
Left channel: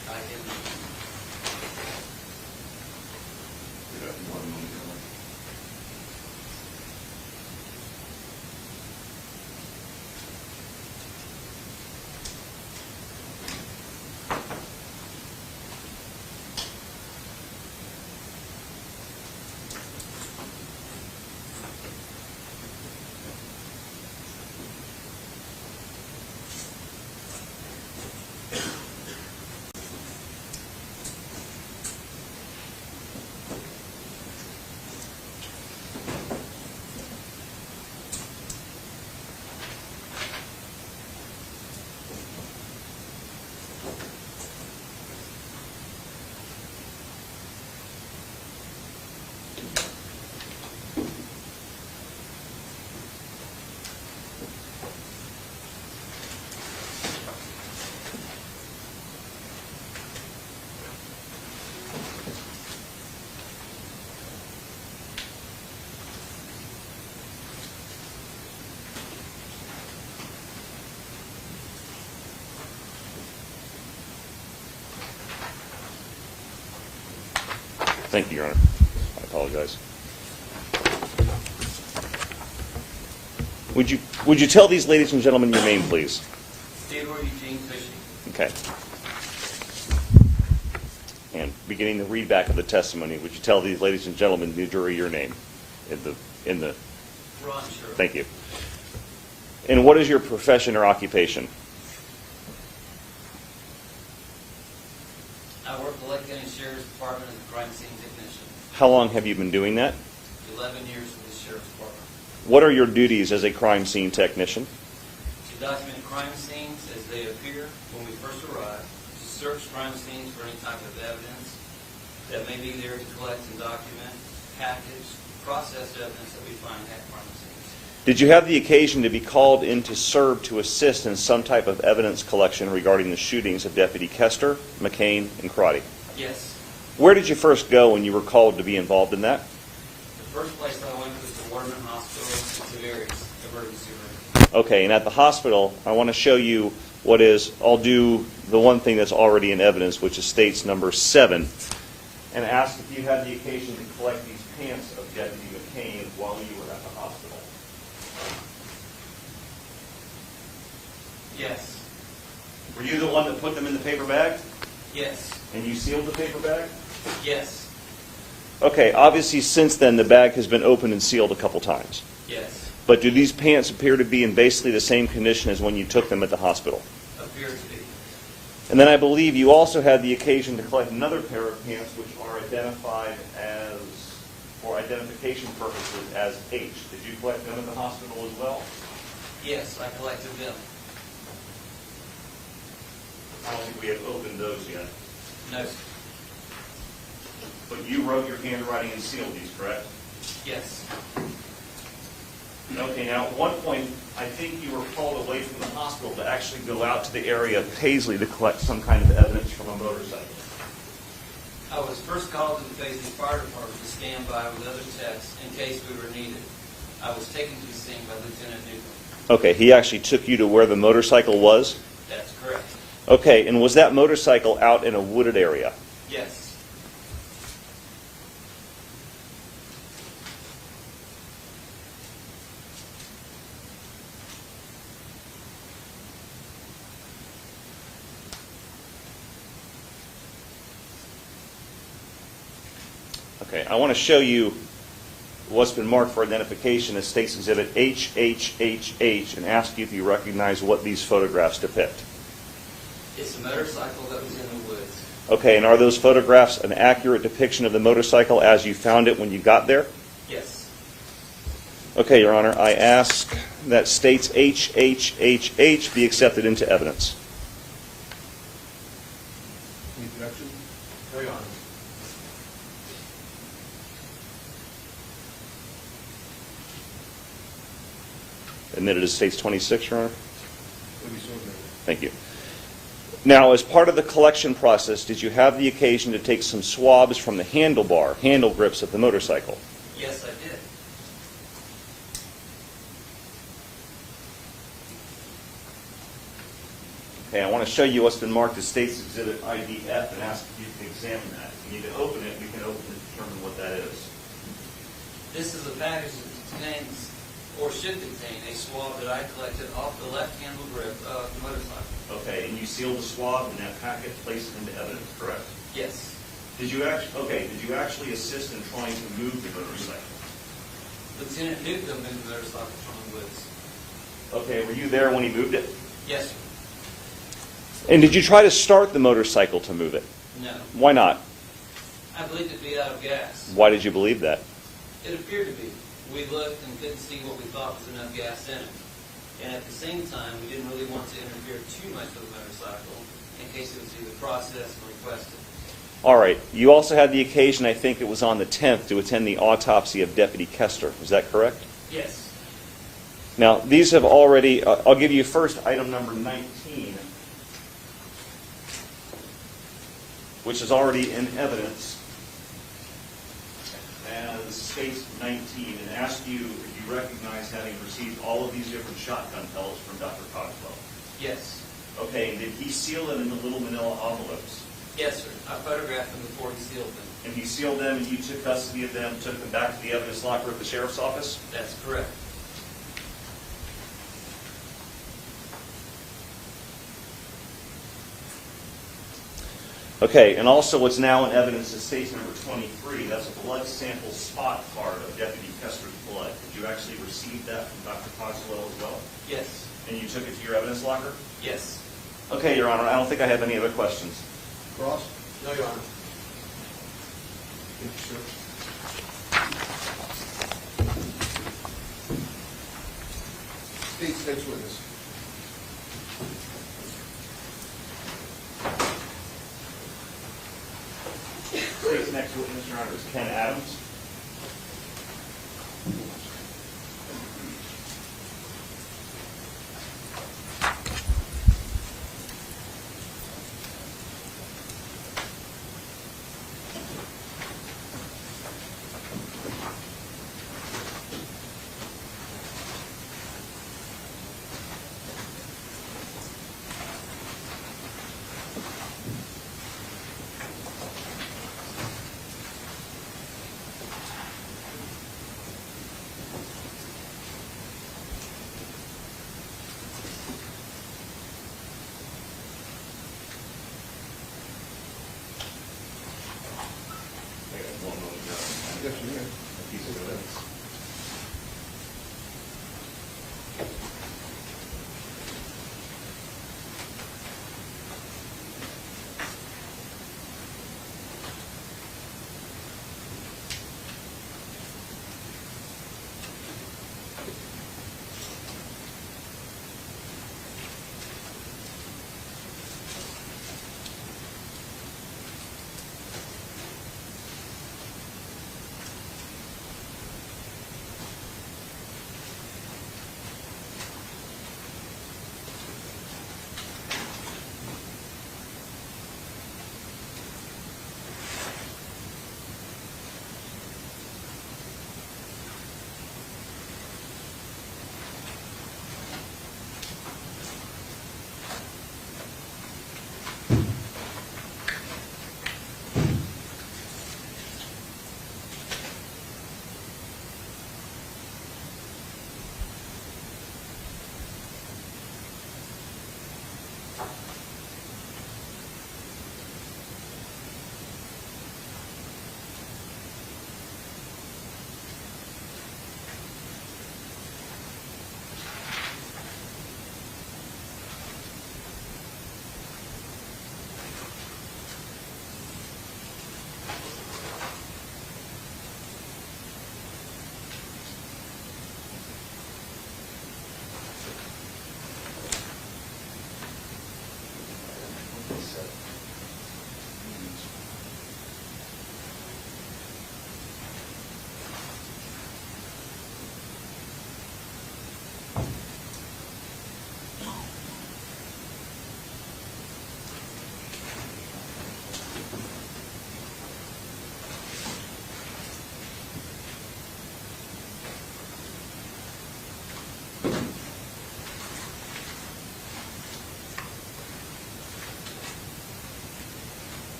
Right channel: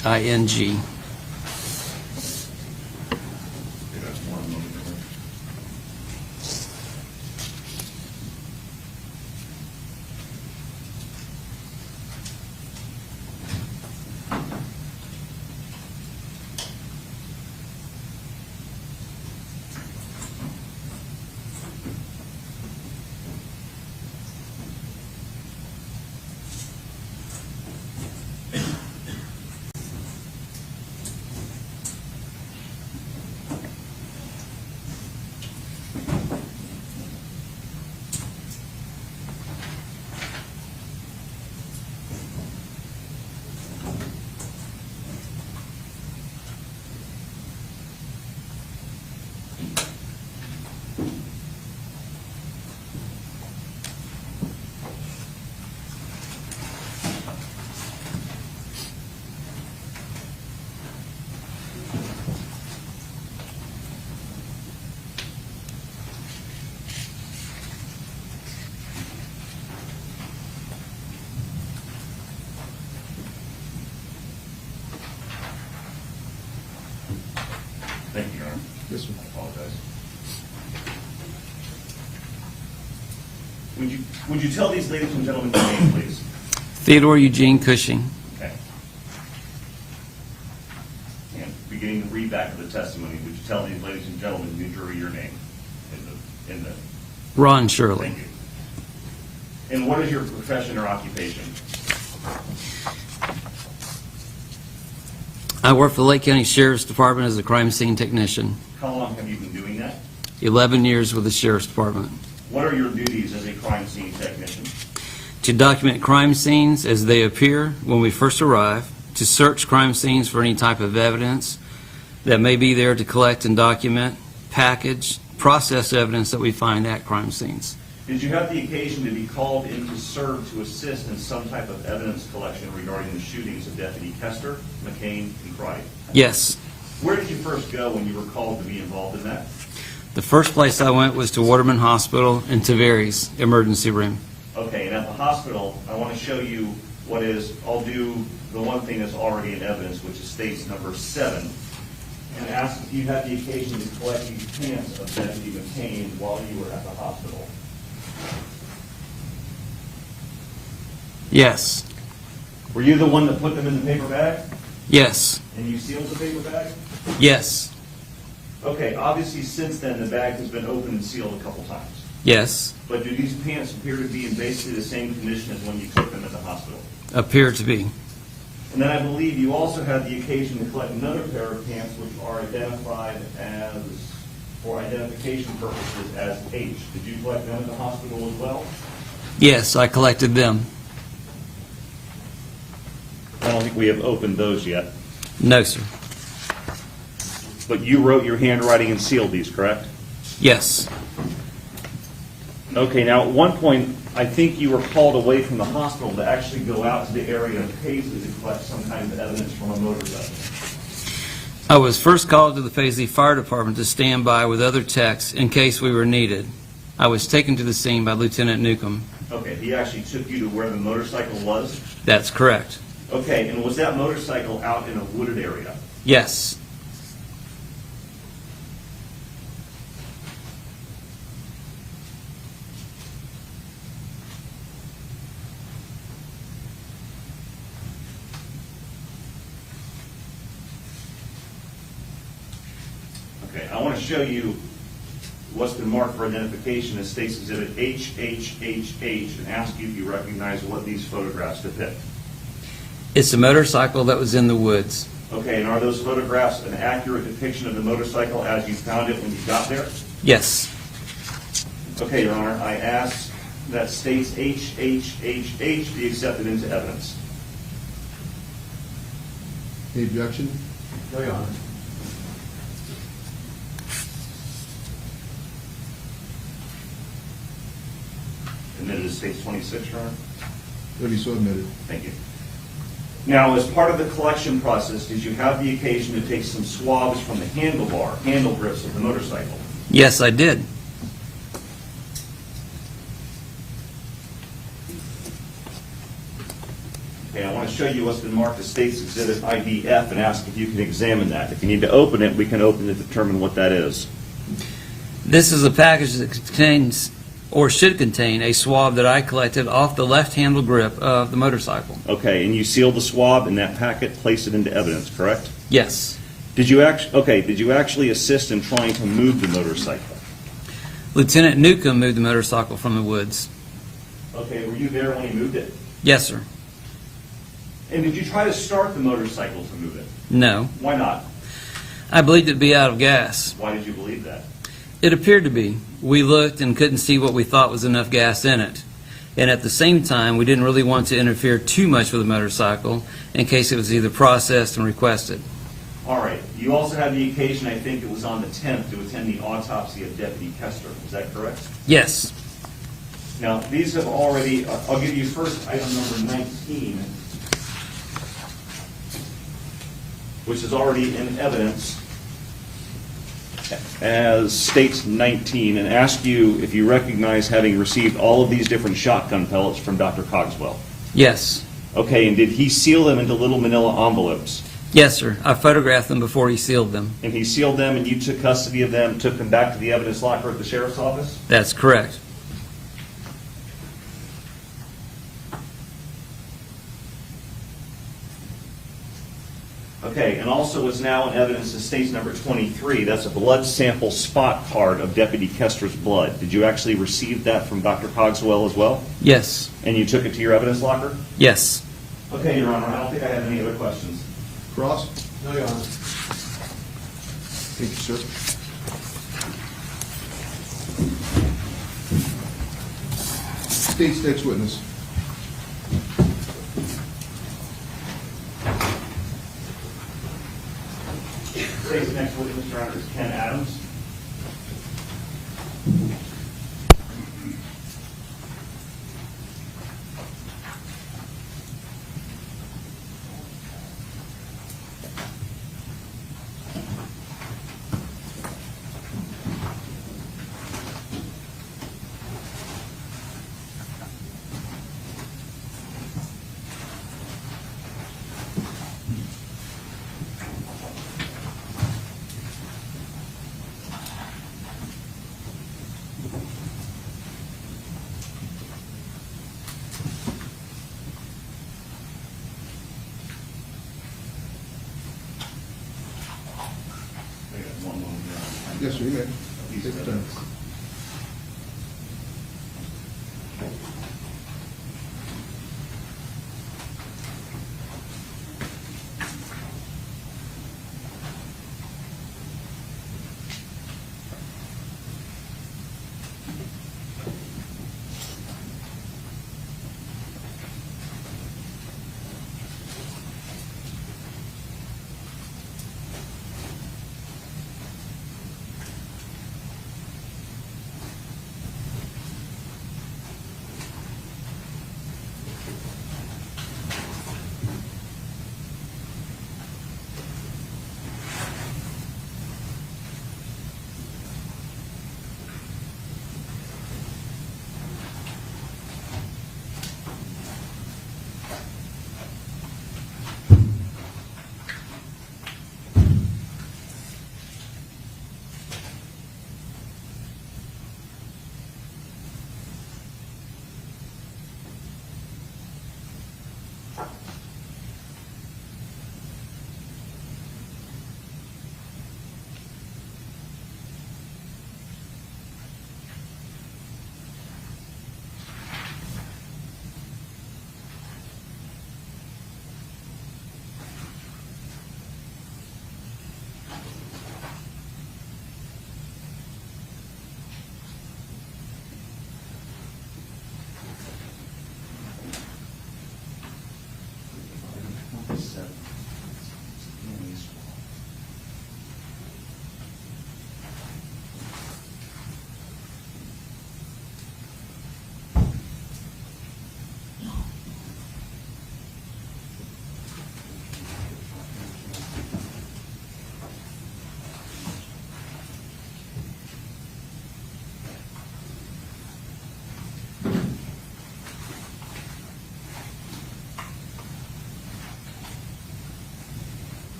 Thank you, Your Honor. Yes, sir. I apologize. Would you tell these ladies and gentlemen your name, please? Theodore Eugene Cushing. Okay. And beginning the readback of the testimony, would you tell these ladies and gentlemen, the jury, your name in the Ron Shirley. Thank you. And what is your profession or occupation? I work for the Lake County Sheriff's Department as a crime scene technician. How long have you been doing that? 11 years with the Sheriff's Department. What are your duties as a crime scene technician? To document crime scenes as they appear when we first arrive, to search crime scenes for any type of evidence that may be there to collect and document, package, process evidence that we find at crime scenes. Did you have the occasion to be called in to serve to assist in some type of evidence collection regarding the shootings of Deputy Koester, McKane, and Crotty? Yes. Where did you first go when you were called to be involved in that? The first place I went was to Waterman Hospital in Tavares emergency room. Okay, and at the hospital, I want to show you what is, I'll do the one thing that's already in evidence, which is states number 7, and ask if you had the occasion to collect these pants of Deputy McKane while you were at the hospital. Yes. Were you the one that put them in the paper bag? Yes. And you sealed the paper bag? Yes. Okay, obviously since then the bag has been opened and sealed a couple times. Yes. But do these pants appear to be in basically the same condition as when you took them at the hospital? Appear to be. And then I believe you also had the occasion to collect another pair of pants which are identified as, for identification purposes, as H. Did you collect them at the hospital as well? Yes, I collected them. I don't think we have opened those yet. No, sir. But you wrote your handwriting and sealed these, correct? Yes. Okay, now at one point, I think you were called away from the hospital to actually go out to the area of Paisley to collect some kind of evidence from a motorcycle. I was first called to the Paisley Fire Department to stand by with other techs in case we were needed. I was taken to the scene by Lieutenant Newcomb. Okay, he actually took you to where the motorcycle was? That's correct. Okay, and was that motorcycle out in a wooded area? Yes. Okay, I want to show you what's been marked for identification as State's Exhibit HHHH and ask you if you recognize what these photographs depict. It's a motorcycle that was in the woods. Okay, and are those photographs an accurate depiction of the motorcycle as you found it when you got there? Yes. Okay, Your Honor, I ask that State's HHHH be accepted into evidence. Any objection? No, Your Honor. Admitted as State's 26, Your Honor. Will be so admitted. Thank you. Now, as part of the collection process, did you have the occasion to take some swabs from the handle grips of the motorcycle? Yes, I did. Okay, I want to show you what's been marked as State's Exhibit IDF and ask if you can examine that. If you need to open it, we can open it to determine what that is. This is a package that contains, or should contain, a swab that I collected off the left handle grip of the motorcycle. Okay, and you sealed the swab in that packet, placed it into evidence, correct? Yes. Did you actually assist in trying to move the motorcycle? Lieutenant Newcomb moved the motorcycle from the woods. Okay, were you there when he moved it? Yes, sir. And did you try to start the motorcycle to move it? No. Why not? I believed it to be out of gas. Why did you believe that? It appeared to be. We looked and couldn't see what we thought was enough gas in it. And at the same time, we didn't really want to interfere too much with the motorcycle in case it was either processed and requested. All right. You also had the occasion, I think it was on the 10th, to attend the autopsy of Deputy Koester. Is that correct? Yes. Now, these have already, I'll give you first item number 19, which is already in evidence as State's 19, and ask you if you recognize having received all of these different shotgun pellets from Dr. Cogswell. Yes. Okay, and did he seal them into little manila envelopes? Yes, sir. I photographed them before he sealed them. And he sealed them, and you took custody of them, took them back to the evidence locker at the sheriff's office? That's correct. Okay, and also what's now in evidence is State's number 23. That's a blood sample spot card of Deputy Koester's blood. Did you actually receive that from Dr. Cogswell as well? Yes. And you took it to your evidence locker? Yes. Okay, Your Honor, I don't think I have any other questions. Cross? No, Your Honor. Thank you, sir. State's next witness. State's next witness, Your Honor, is Ken Adams. Yes, sir, you may.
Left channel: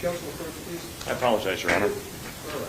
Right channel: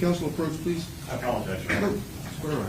Council approach, please. I apologize, Your Honor. All right.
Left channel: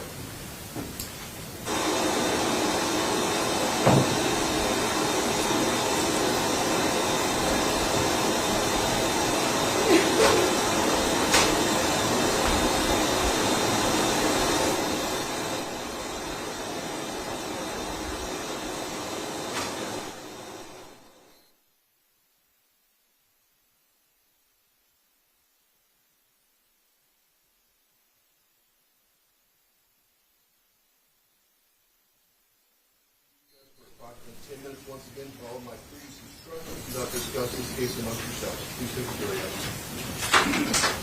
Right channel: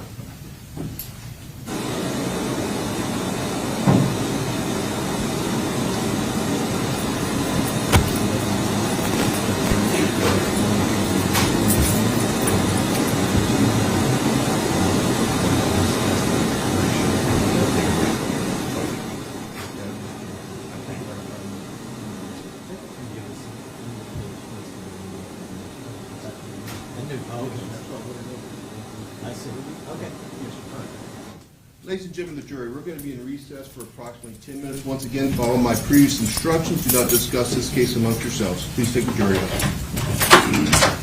Ladies and gentlemen of the jury, we're going to be in recess for approximately 10 minutes. Once again, follow my previous instructions. Do not discuss this case amongst yourselves. Please take the jury out.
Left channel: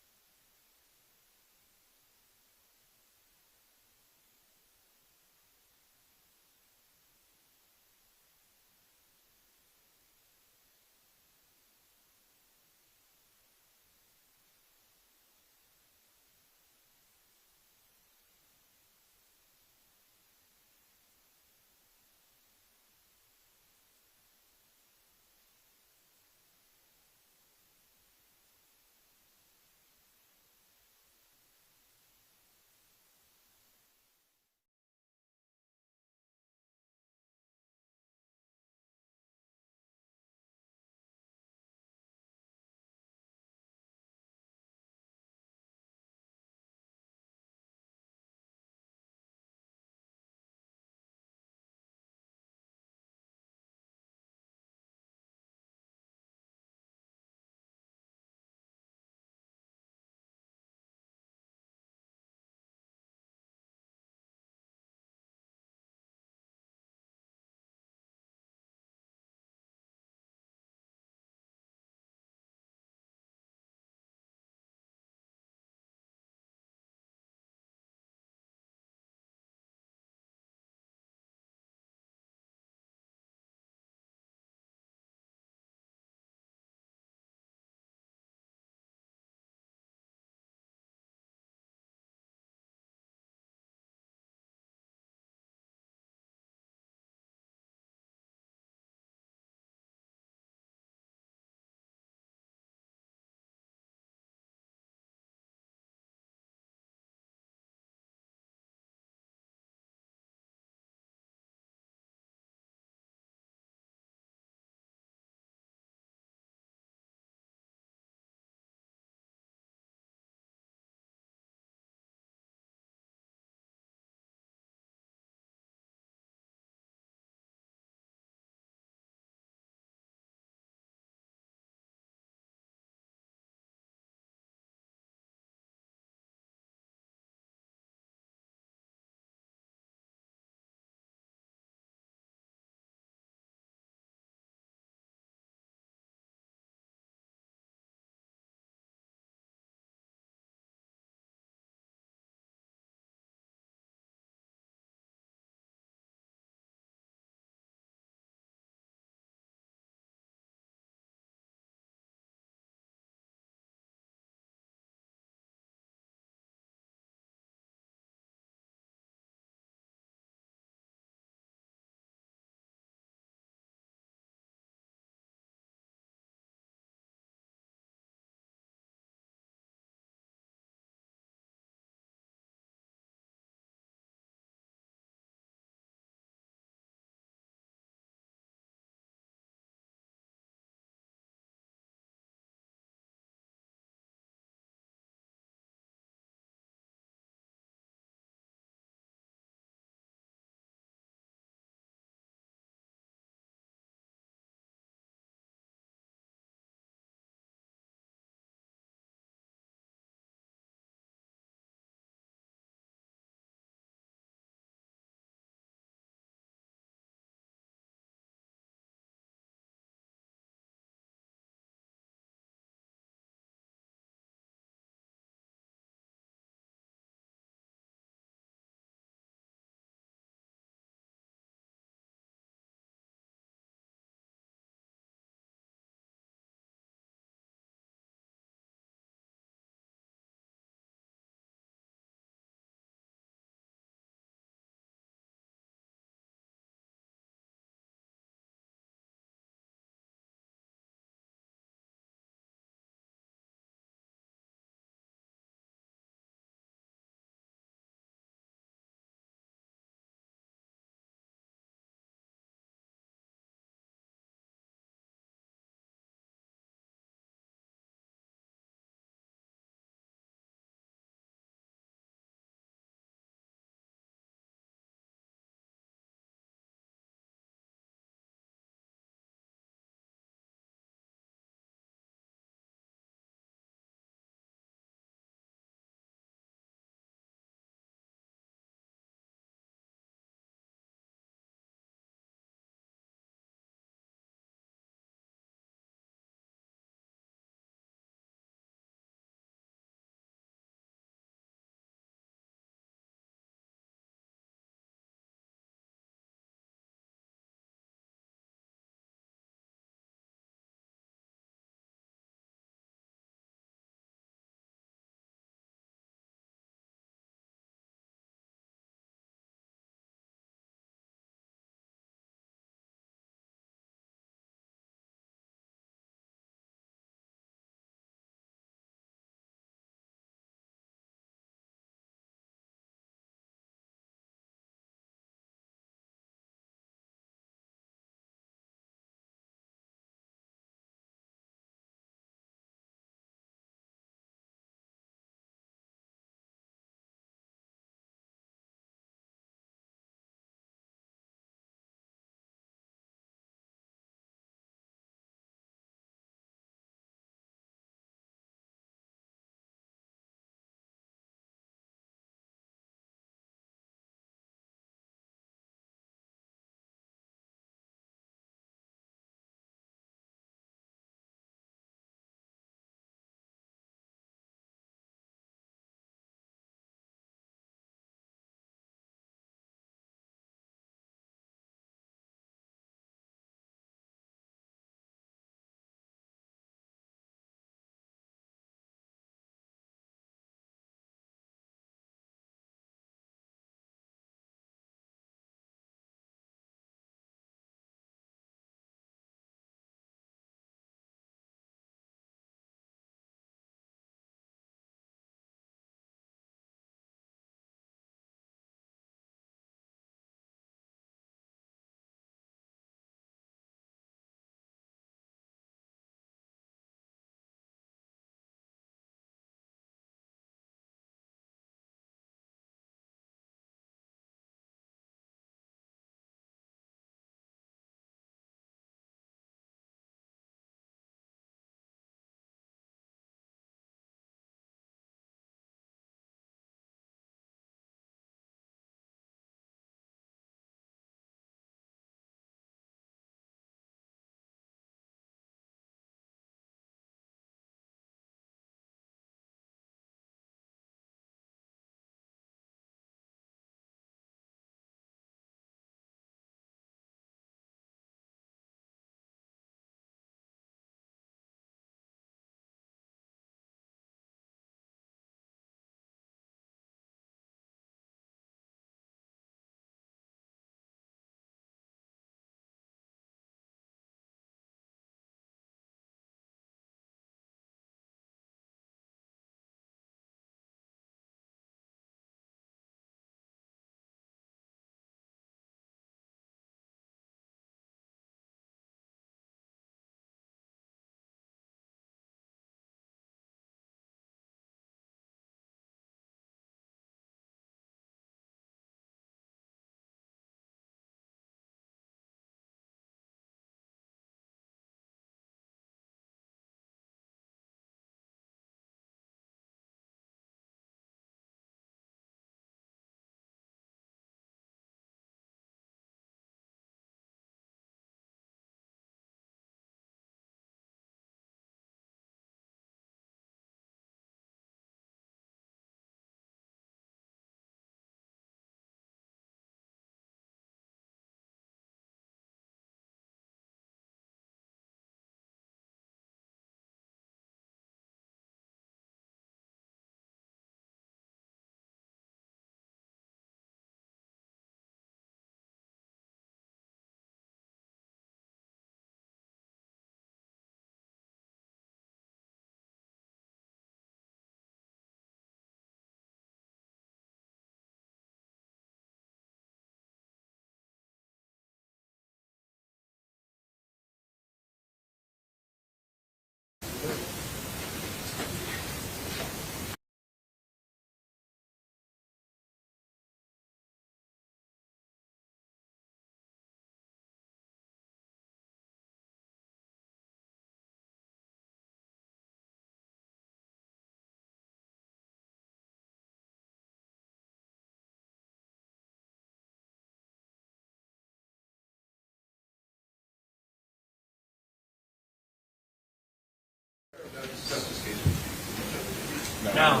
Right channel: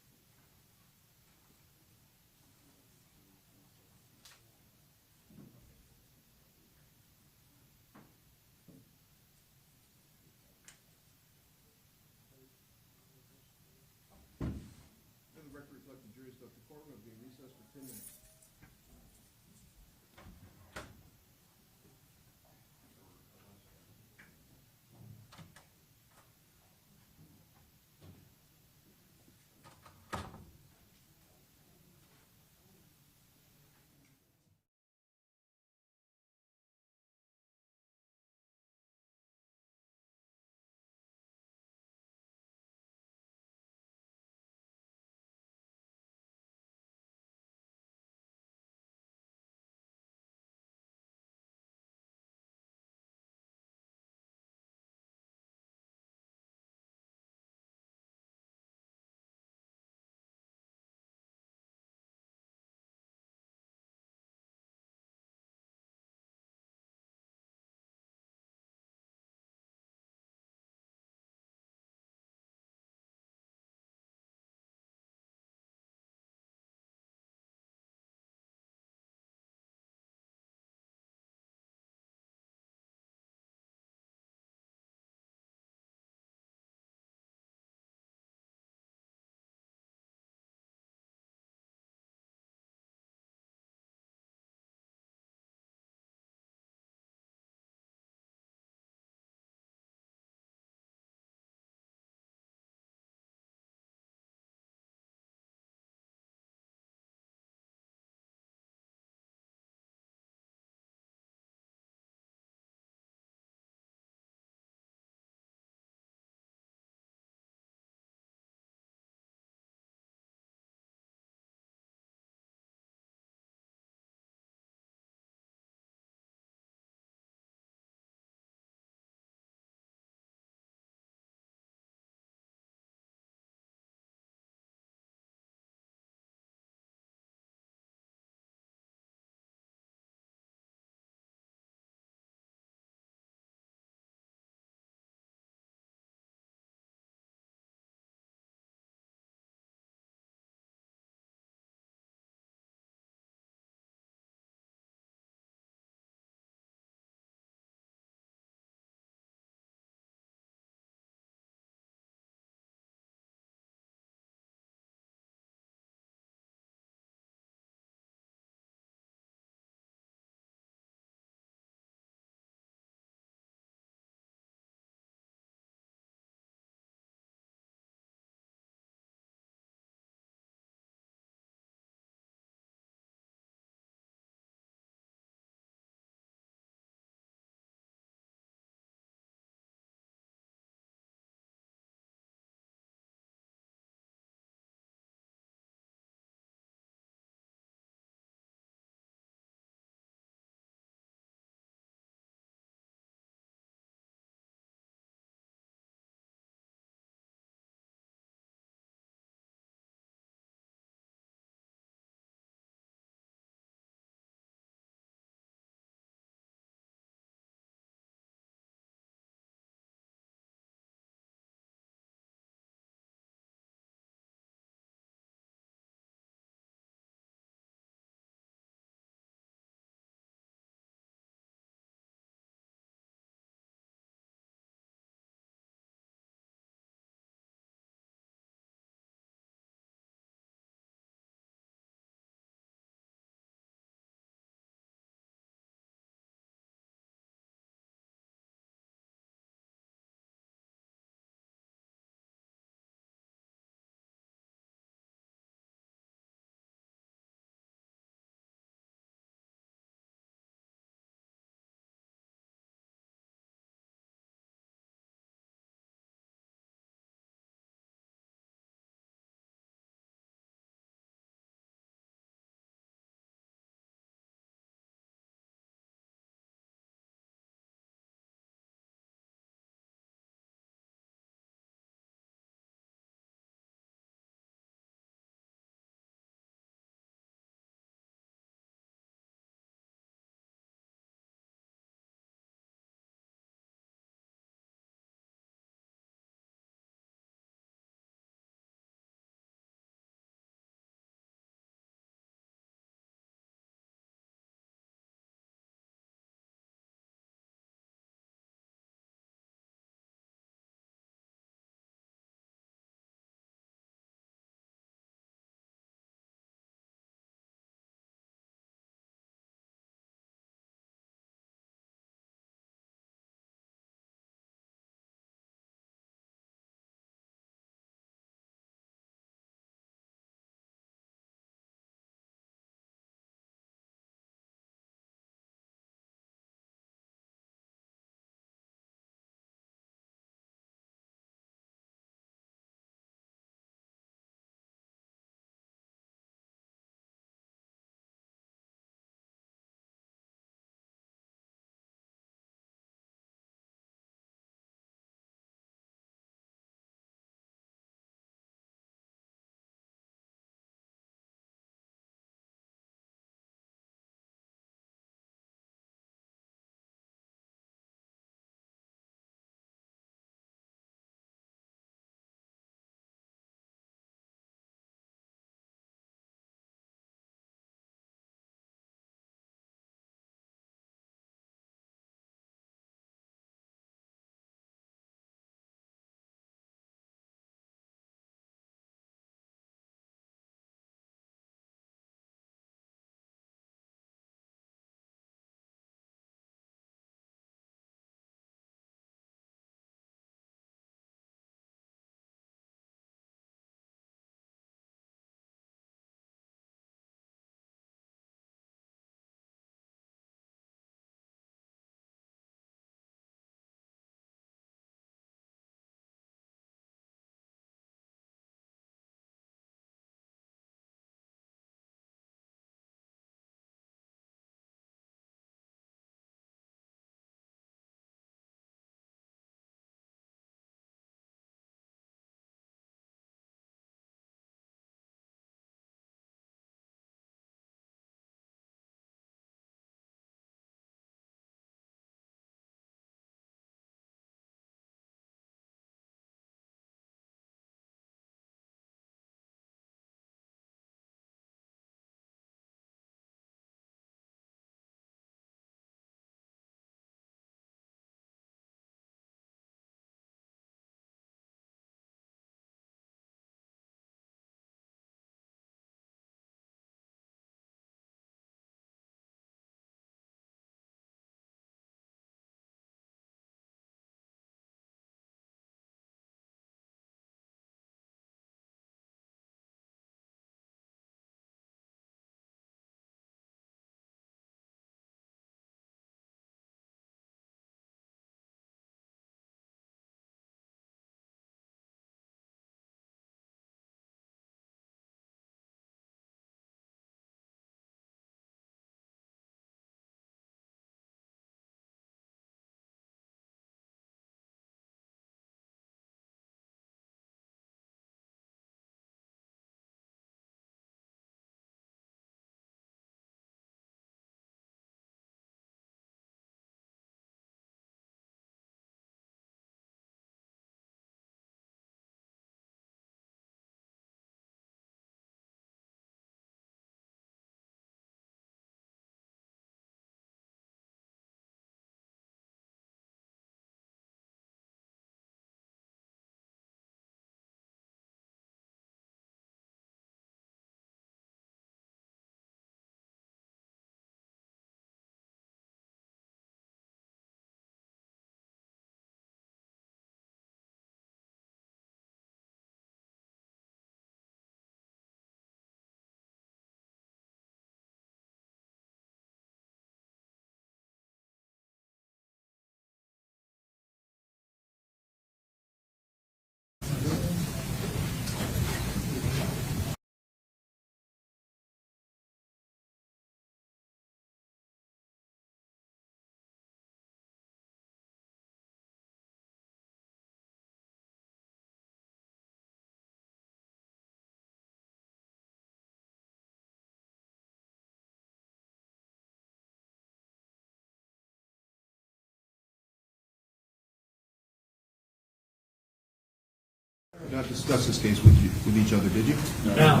Not discuss this case with each other, did you? No.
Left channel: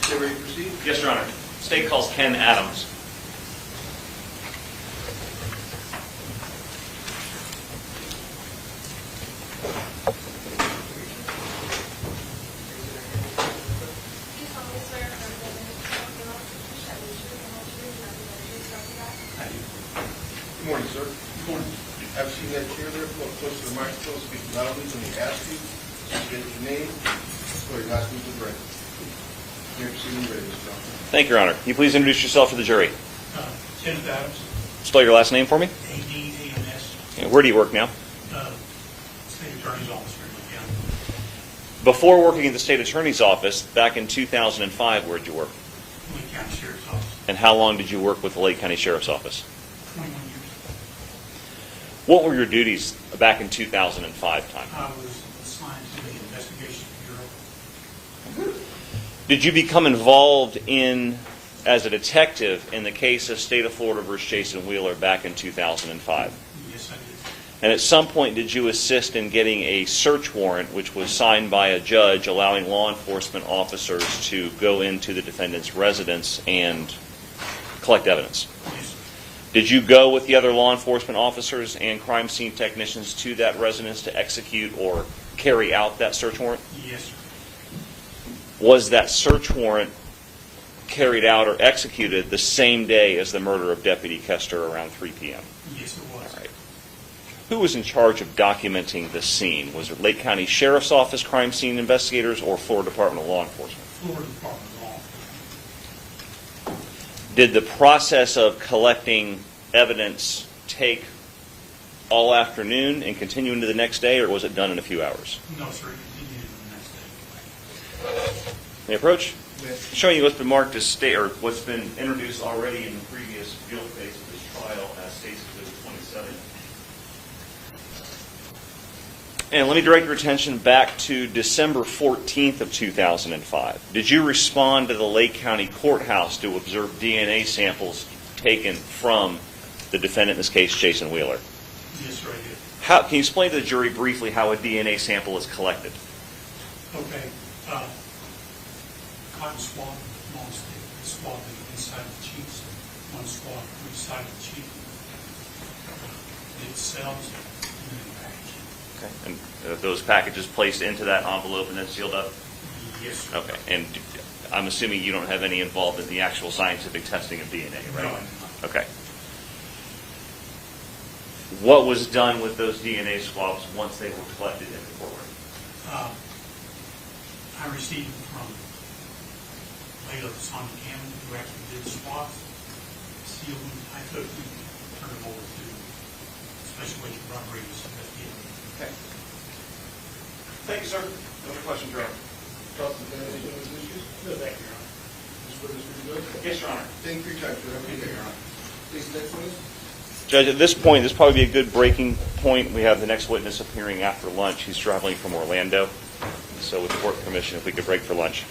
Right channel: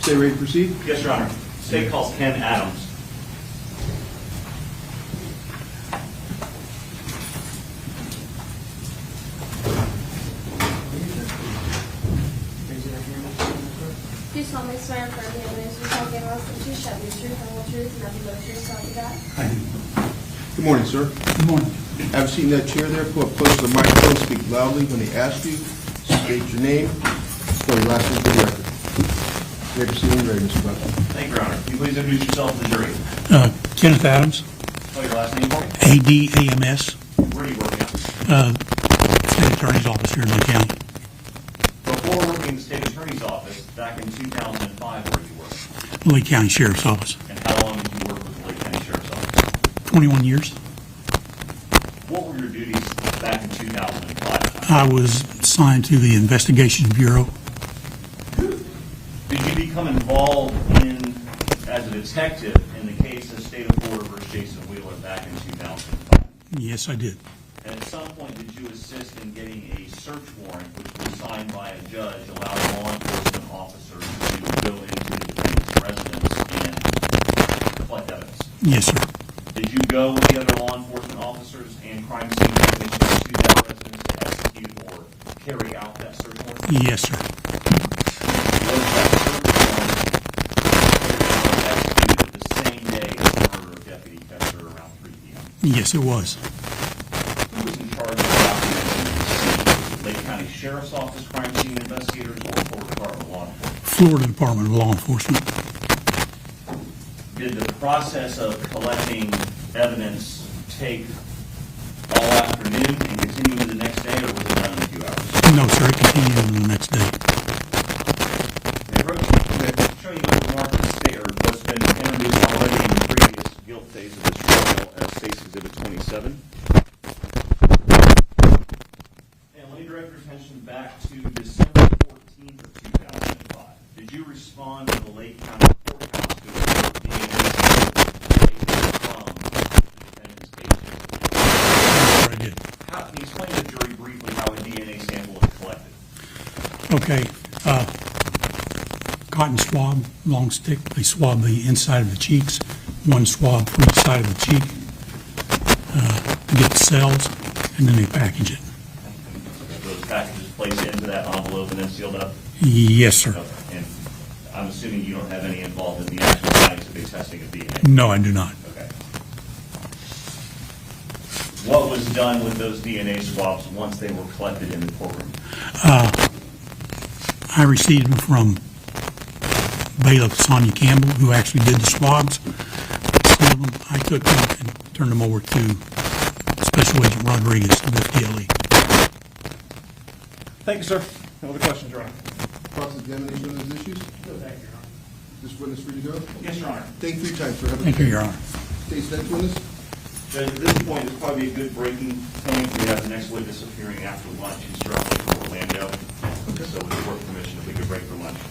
Stay ready to proceed? Yes, Your Honor. State calls Ken Adams. Do solemnly swear affirm the evidence you shall give us that you shall be true, the whole truth, and nothing but the truth, so help you God? I do. Good morning, sir. Good morning. Have a seat in that chair there. Pull up close to the microphone, speak loudly when they ask you. State your name, spell your last name for the record. You may proceed when you're ready, Mr. Drescher. Thank you, Your Honor. Can you please introduce yourself to the jury? Kenneth Adams, Spell your last name for me. ADAMS, Okay, where do you work now? State Attorney's Office here in Lee County. Before working at the state attorney's office, back in 2005, where did you work? Lee County Sheriff's Office, And how long did you work with the Lake County Sheriff's Office? 21 years. What were your duties back in 2005? I was assigned to the Investigation Bureau. Did you become involved as a detective in the case of State of Florida versus Jason Wheeler back in 2005? Yes, I did. And at some point, did you assist in getting a search warrant, which was signed by a judge, allowing law enforcement officers to go into the defendant's residence and collect evidence? Yes, sir. Did you go with the other law enforcement officers and crime scene technicians to that residence to execute or carry out that search warrant? Yes, sir. Was that search warrant carried out or executed the same day as the murder of Deputy Koester around 3 p.m.? Yes, it was. Who was in charge of documenting the scene? Was it Lake County Sheriff's Office crime scene investigators or Florida Department of Law Enforcement? Florida Department of Law Enforcement. Did the process of collecting evidence take all afternoon and continue into the next day, or was it done in a few hours? No, sir, it continued on the next day. May I approach? Showing you what's been marked as state, or what's been introduced already in the previous field phase of this trial as State's Exhibit 27. And let me direct your attention back to December 14th of 2005. Did you respond to the Lake County Courthouse to observe DNA samples taken from the defendant, in this case, Jason Wheeler? Can you explain to the jury briefly how a DNA sample is collected? Okay. Cotton swab, long stick. They swab the inside of the cheeks. One swab for each side of the cheek to get the cells, and then they package it. Okay. And those packages placed into that envelope and then sealed up? Yes, sir. Okay. And I'm assuming you don't have any involvement in the actual scientific testing of DNA? No, I do not. Okay. What was done with those DNA swabs once they were collected in the courtroom? I received them from Bailiff Sonia Campbell, who actually did the swabs. Sealed them. I took them and turned them over to Special Agent Rodriguez of FDLE. Thank you, sir. No other questions, Your Honor? Cross-examination on those issues? No, thank you, Your Honor. This witness ready to go? Yes, Your Honor. Thank you for your time, sir. Have a Thank you, good Your day. Honor. Case next witness? Judge, at this point, this probably be a good breaking point. We have the next witness appearing after lunch. He's traveling from Orlando. So with the court permission, if we could break for lunch.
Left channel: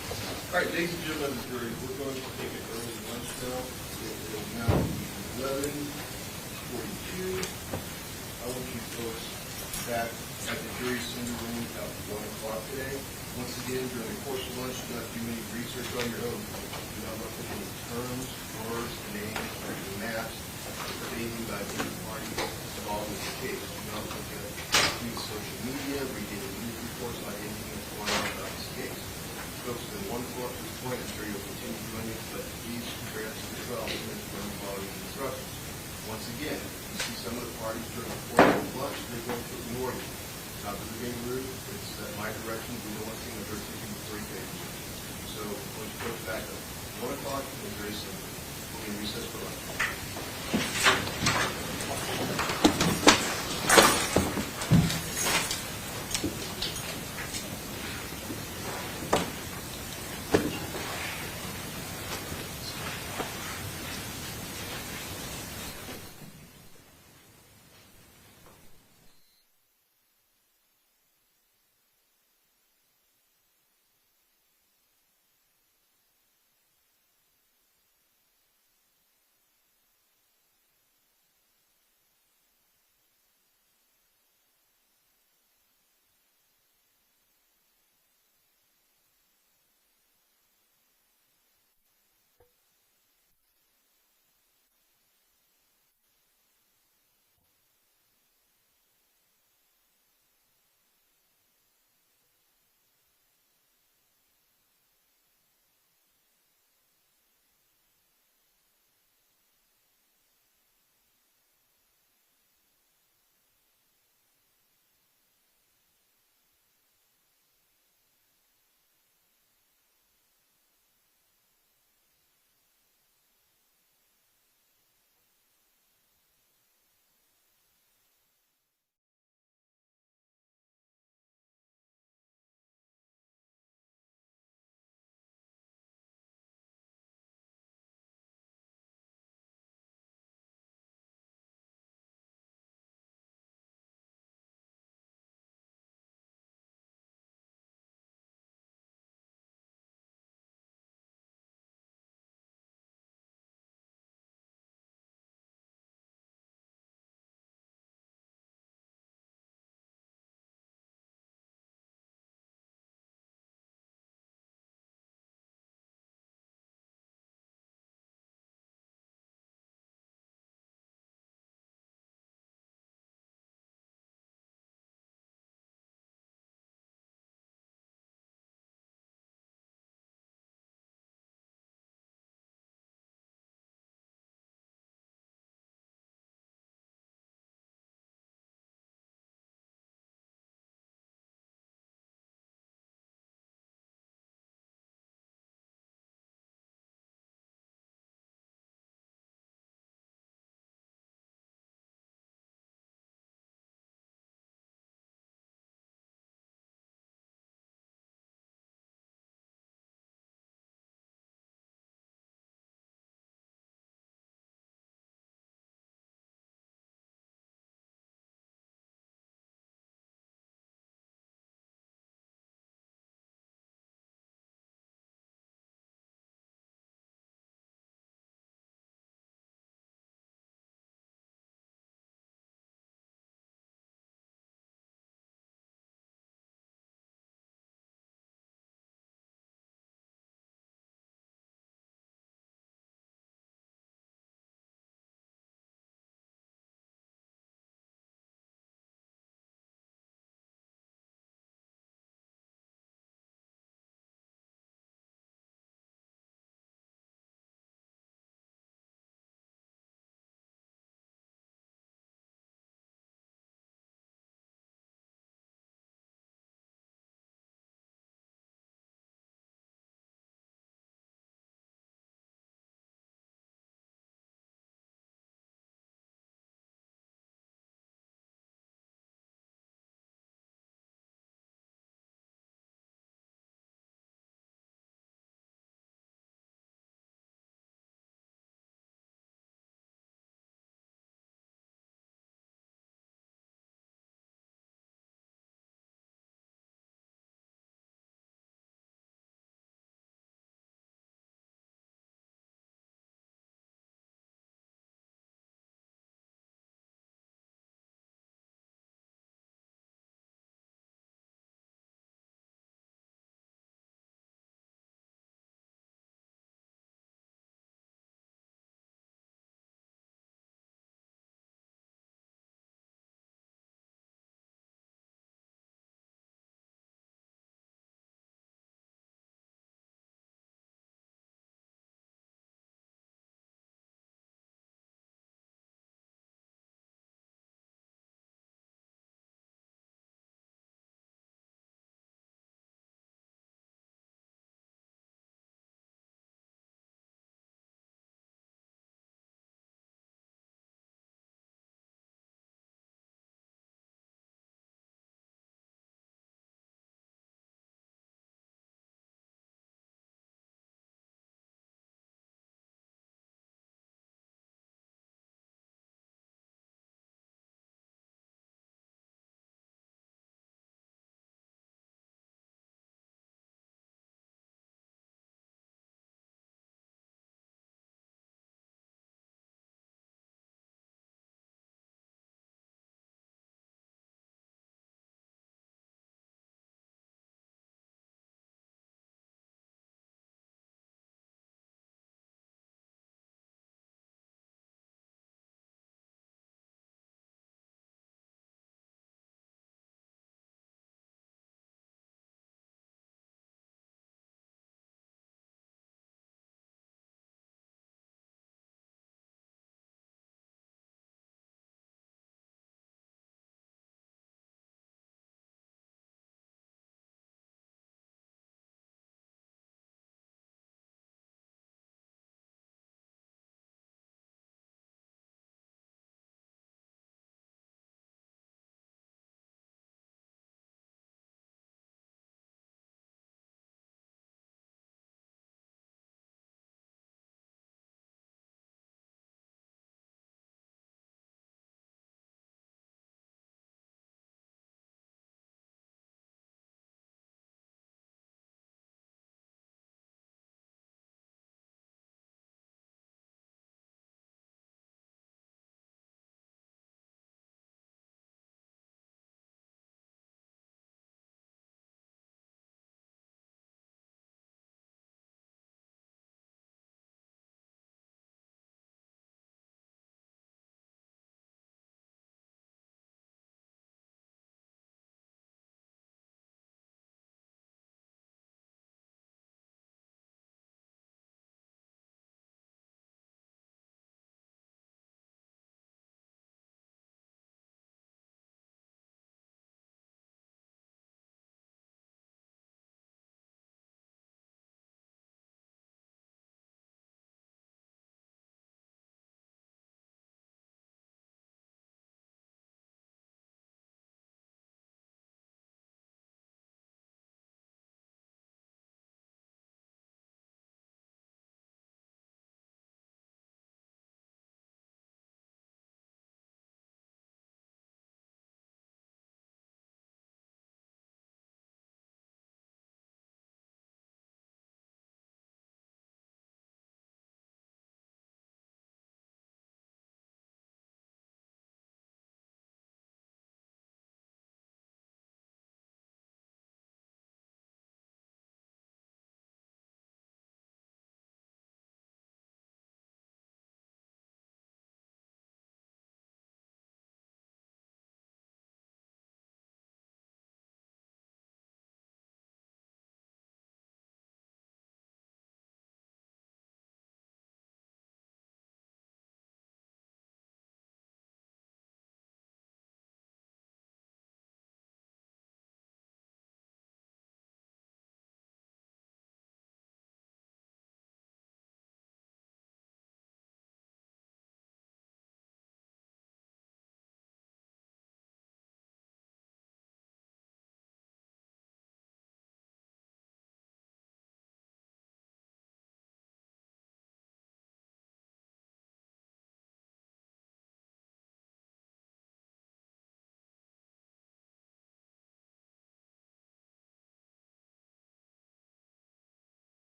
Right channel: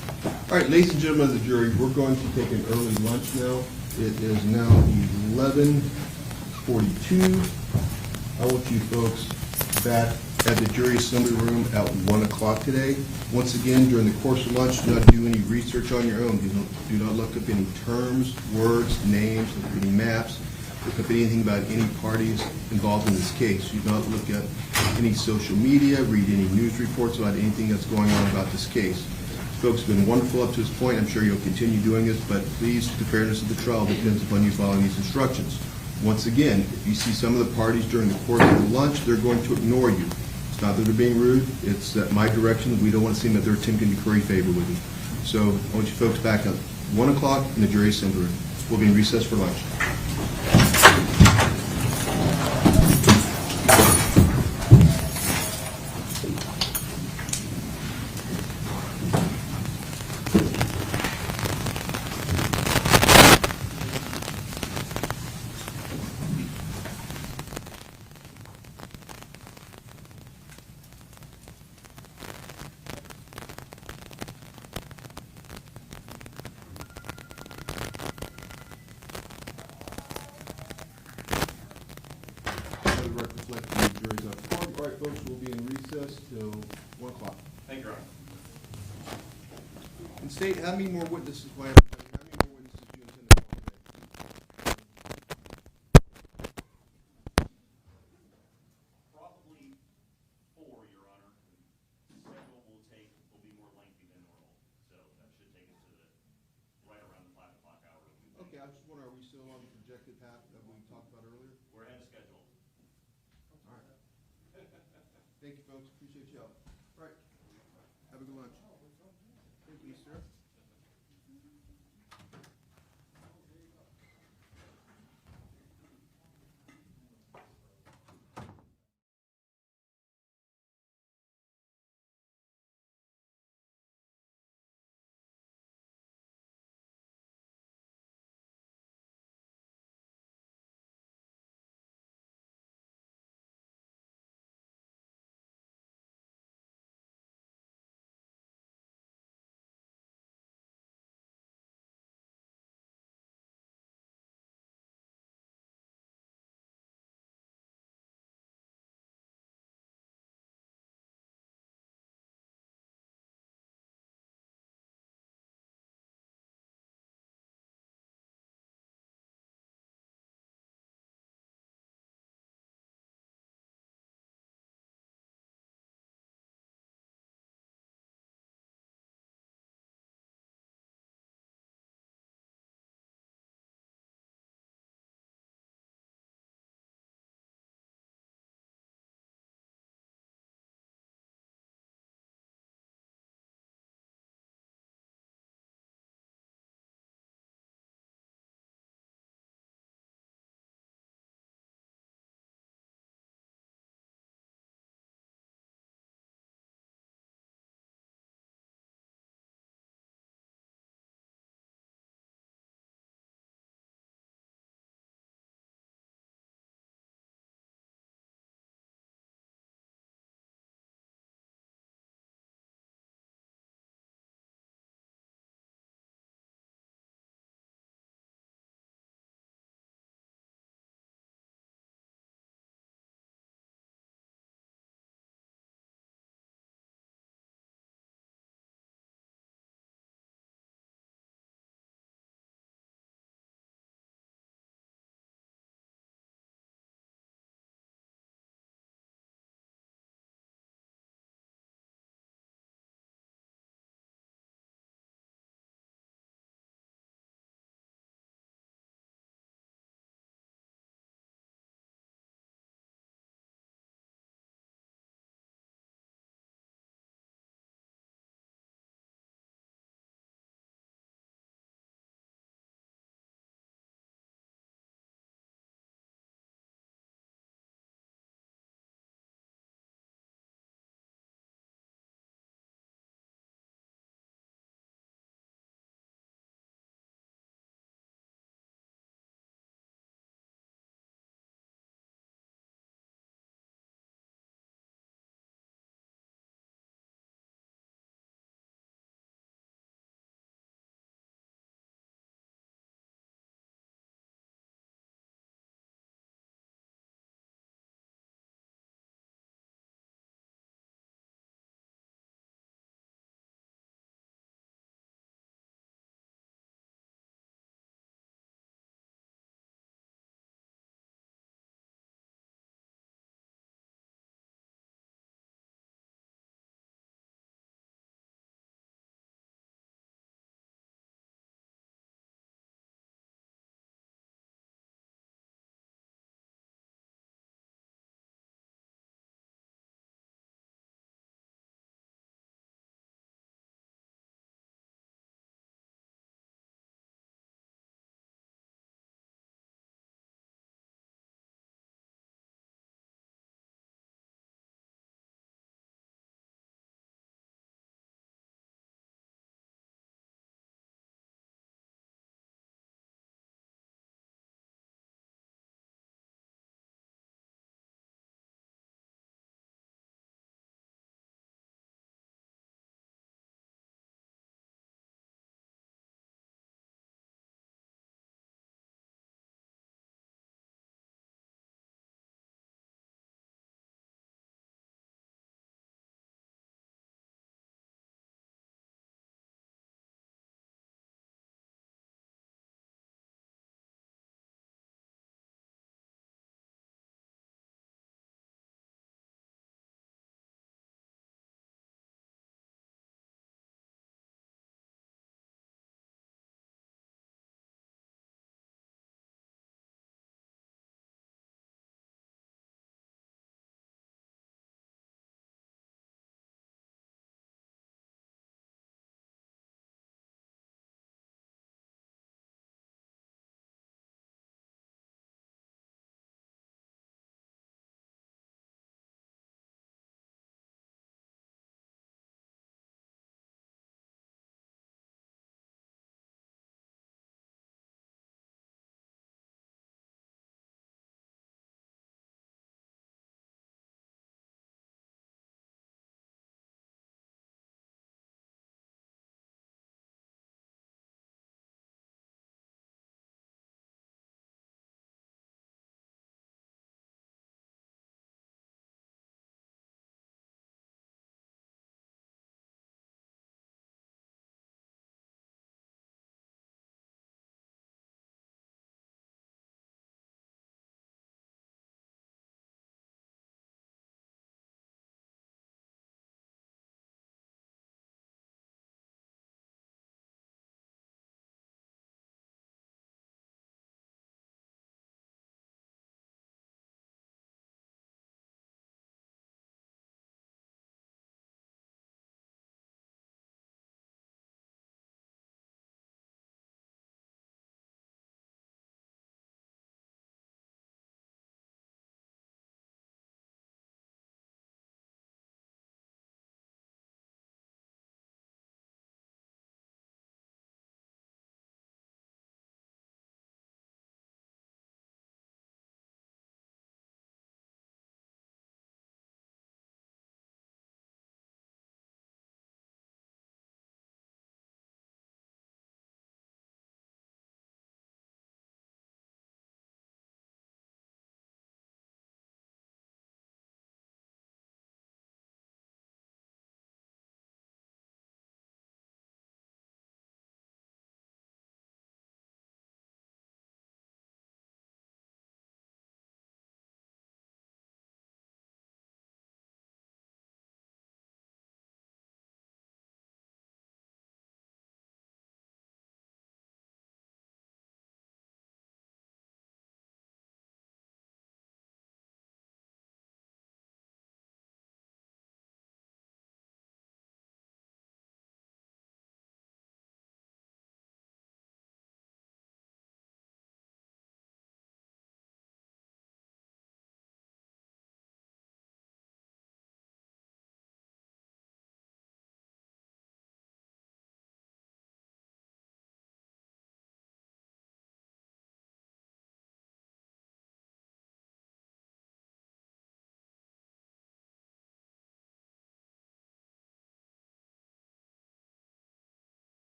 All right, ladies and gentlemen of the jury, we're going to take an early lunch now. It is now 11:42. I want you folks back at the jury assembly room at 1 o'clock today. Once again, during the course of lunch, do not do any research on your own. Do not look up any terms, words, names, look up any maps, look up anything about any parties involved in this case. Do not look at any social media, read any news reports about anything that's going on about this case. Folks have been wonderful up to this point. I'm sure you'll continue doing this, but please, the fairness of the trial depends upon you following these instructions. Once again, if you see some of the parties during the course of the lunch, they're going to ignore you. It's not that they're being rude, it's that my direction, we don't want to seem that they're attempting to curry favor with you. So I want you folks back at 1 o'clock in the jury assembly room. We'll be in recess for lunch. State, how many more witnesses, how many more witnesses do you intend to call today? Probably 4, Your Honor. Several will be more lengthy than normal, so that should take us to right around the 5 o'clock hour. Okay, I just wonder, are we still on the projected path that we talked about earlier? We're ahead of schedule. All right. Thank you, folks. Appreciate you all. All right. Have a good lunch. Thank you, sir.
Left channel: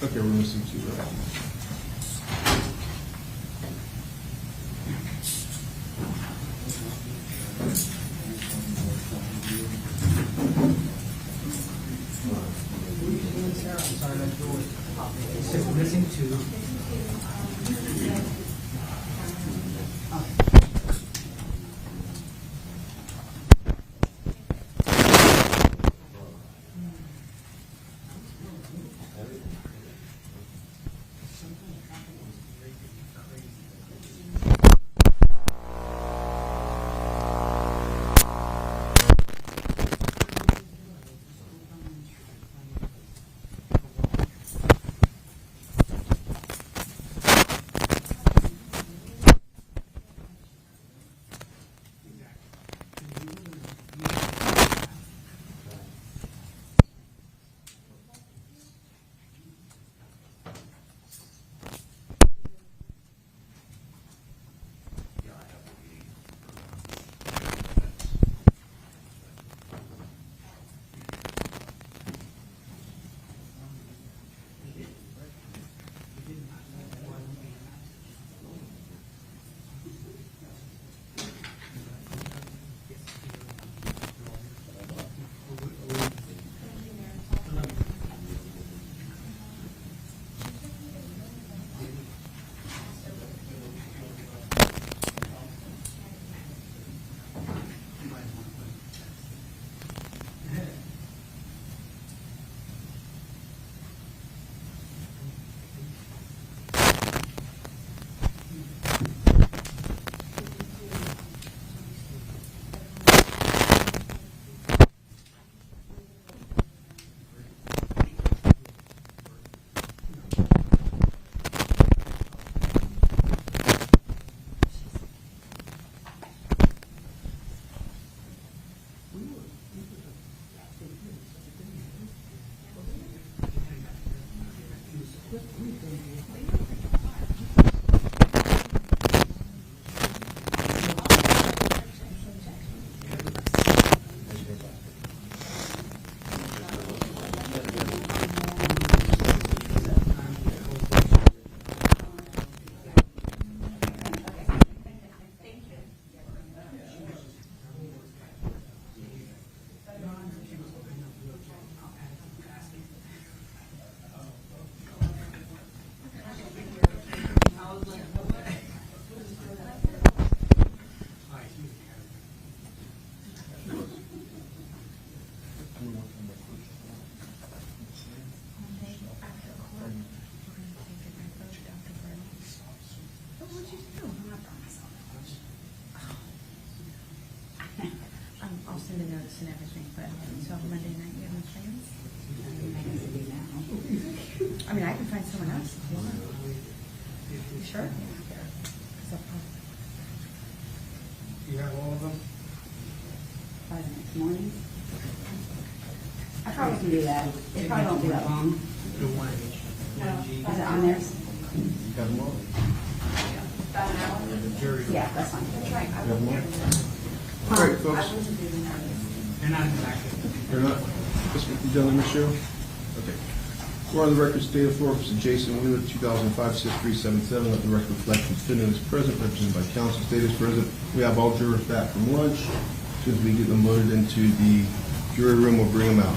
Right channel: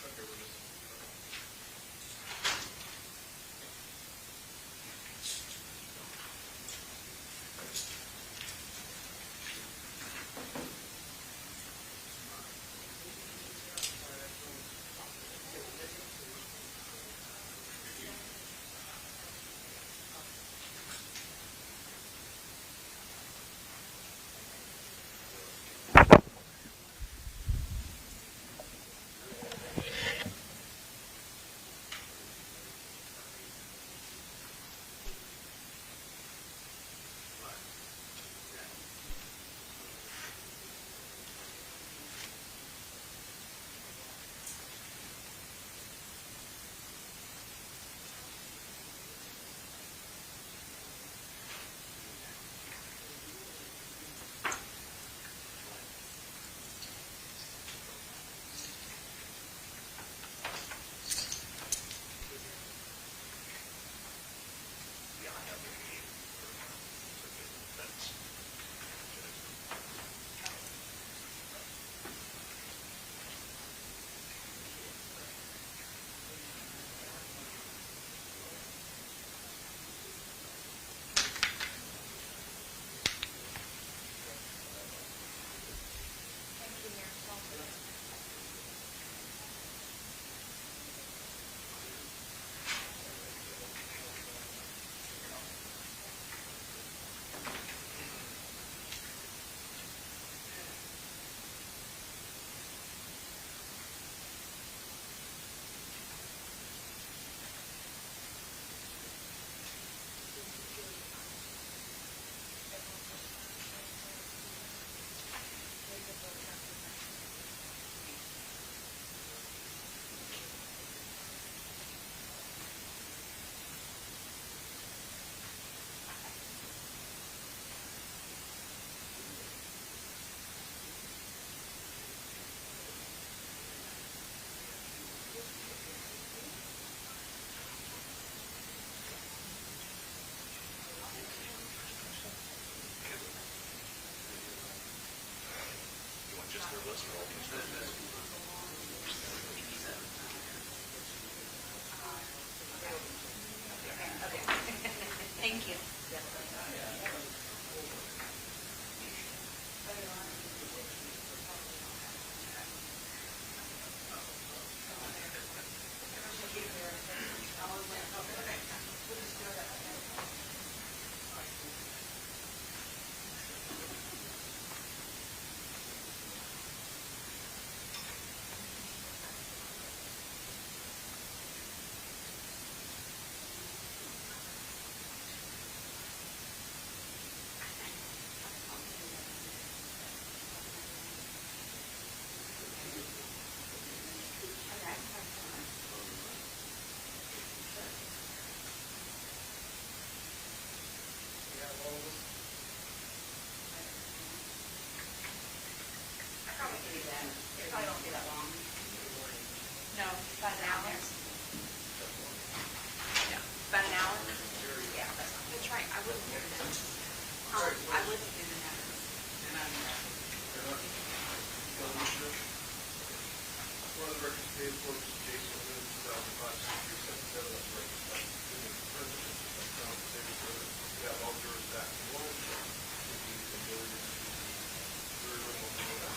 Okay, we're missing two. Missing two. I mean, I can find someone else. Sure. You have all of them? By the next morning. I probably can do that. It probably won't be that long. Do one each. No. Is it on there? About an hour? Yeah, that's fine. That's right. I Got wouldn't more? have All right, I folks. wouldn't have been nervous. They're not exactly. They're not, you done, Ms. Cheryl? Okay. We're on the record, State of Florida, Mr. Jason Wheeler, 2005-6377. Let the record reflect the defendant is present, represented by counsel. State is present. We have all jurors back from lunch. As soon as we get them loaded into the jury room, we'll bring them out.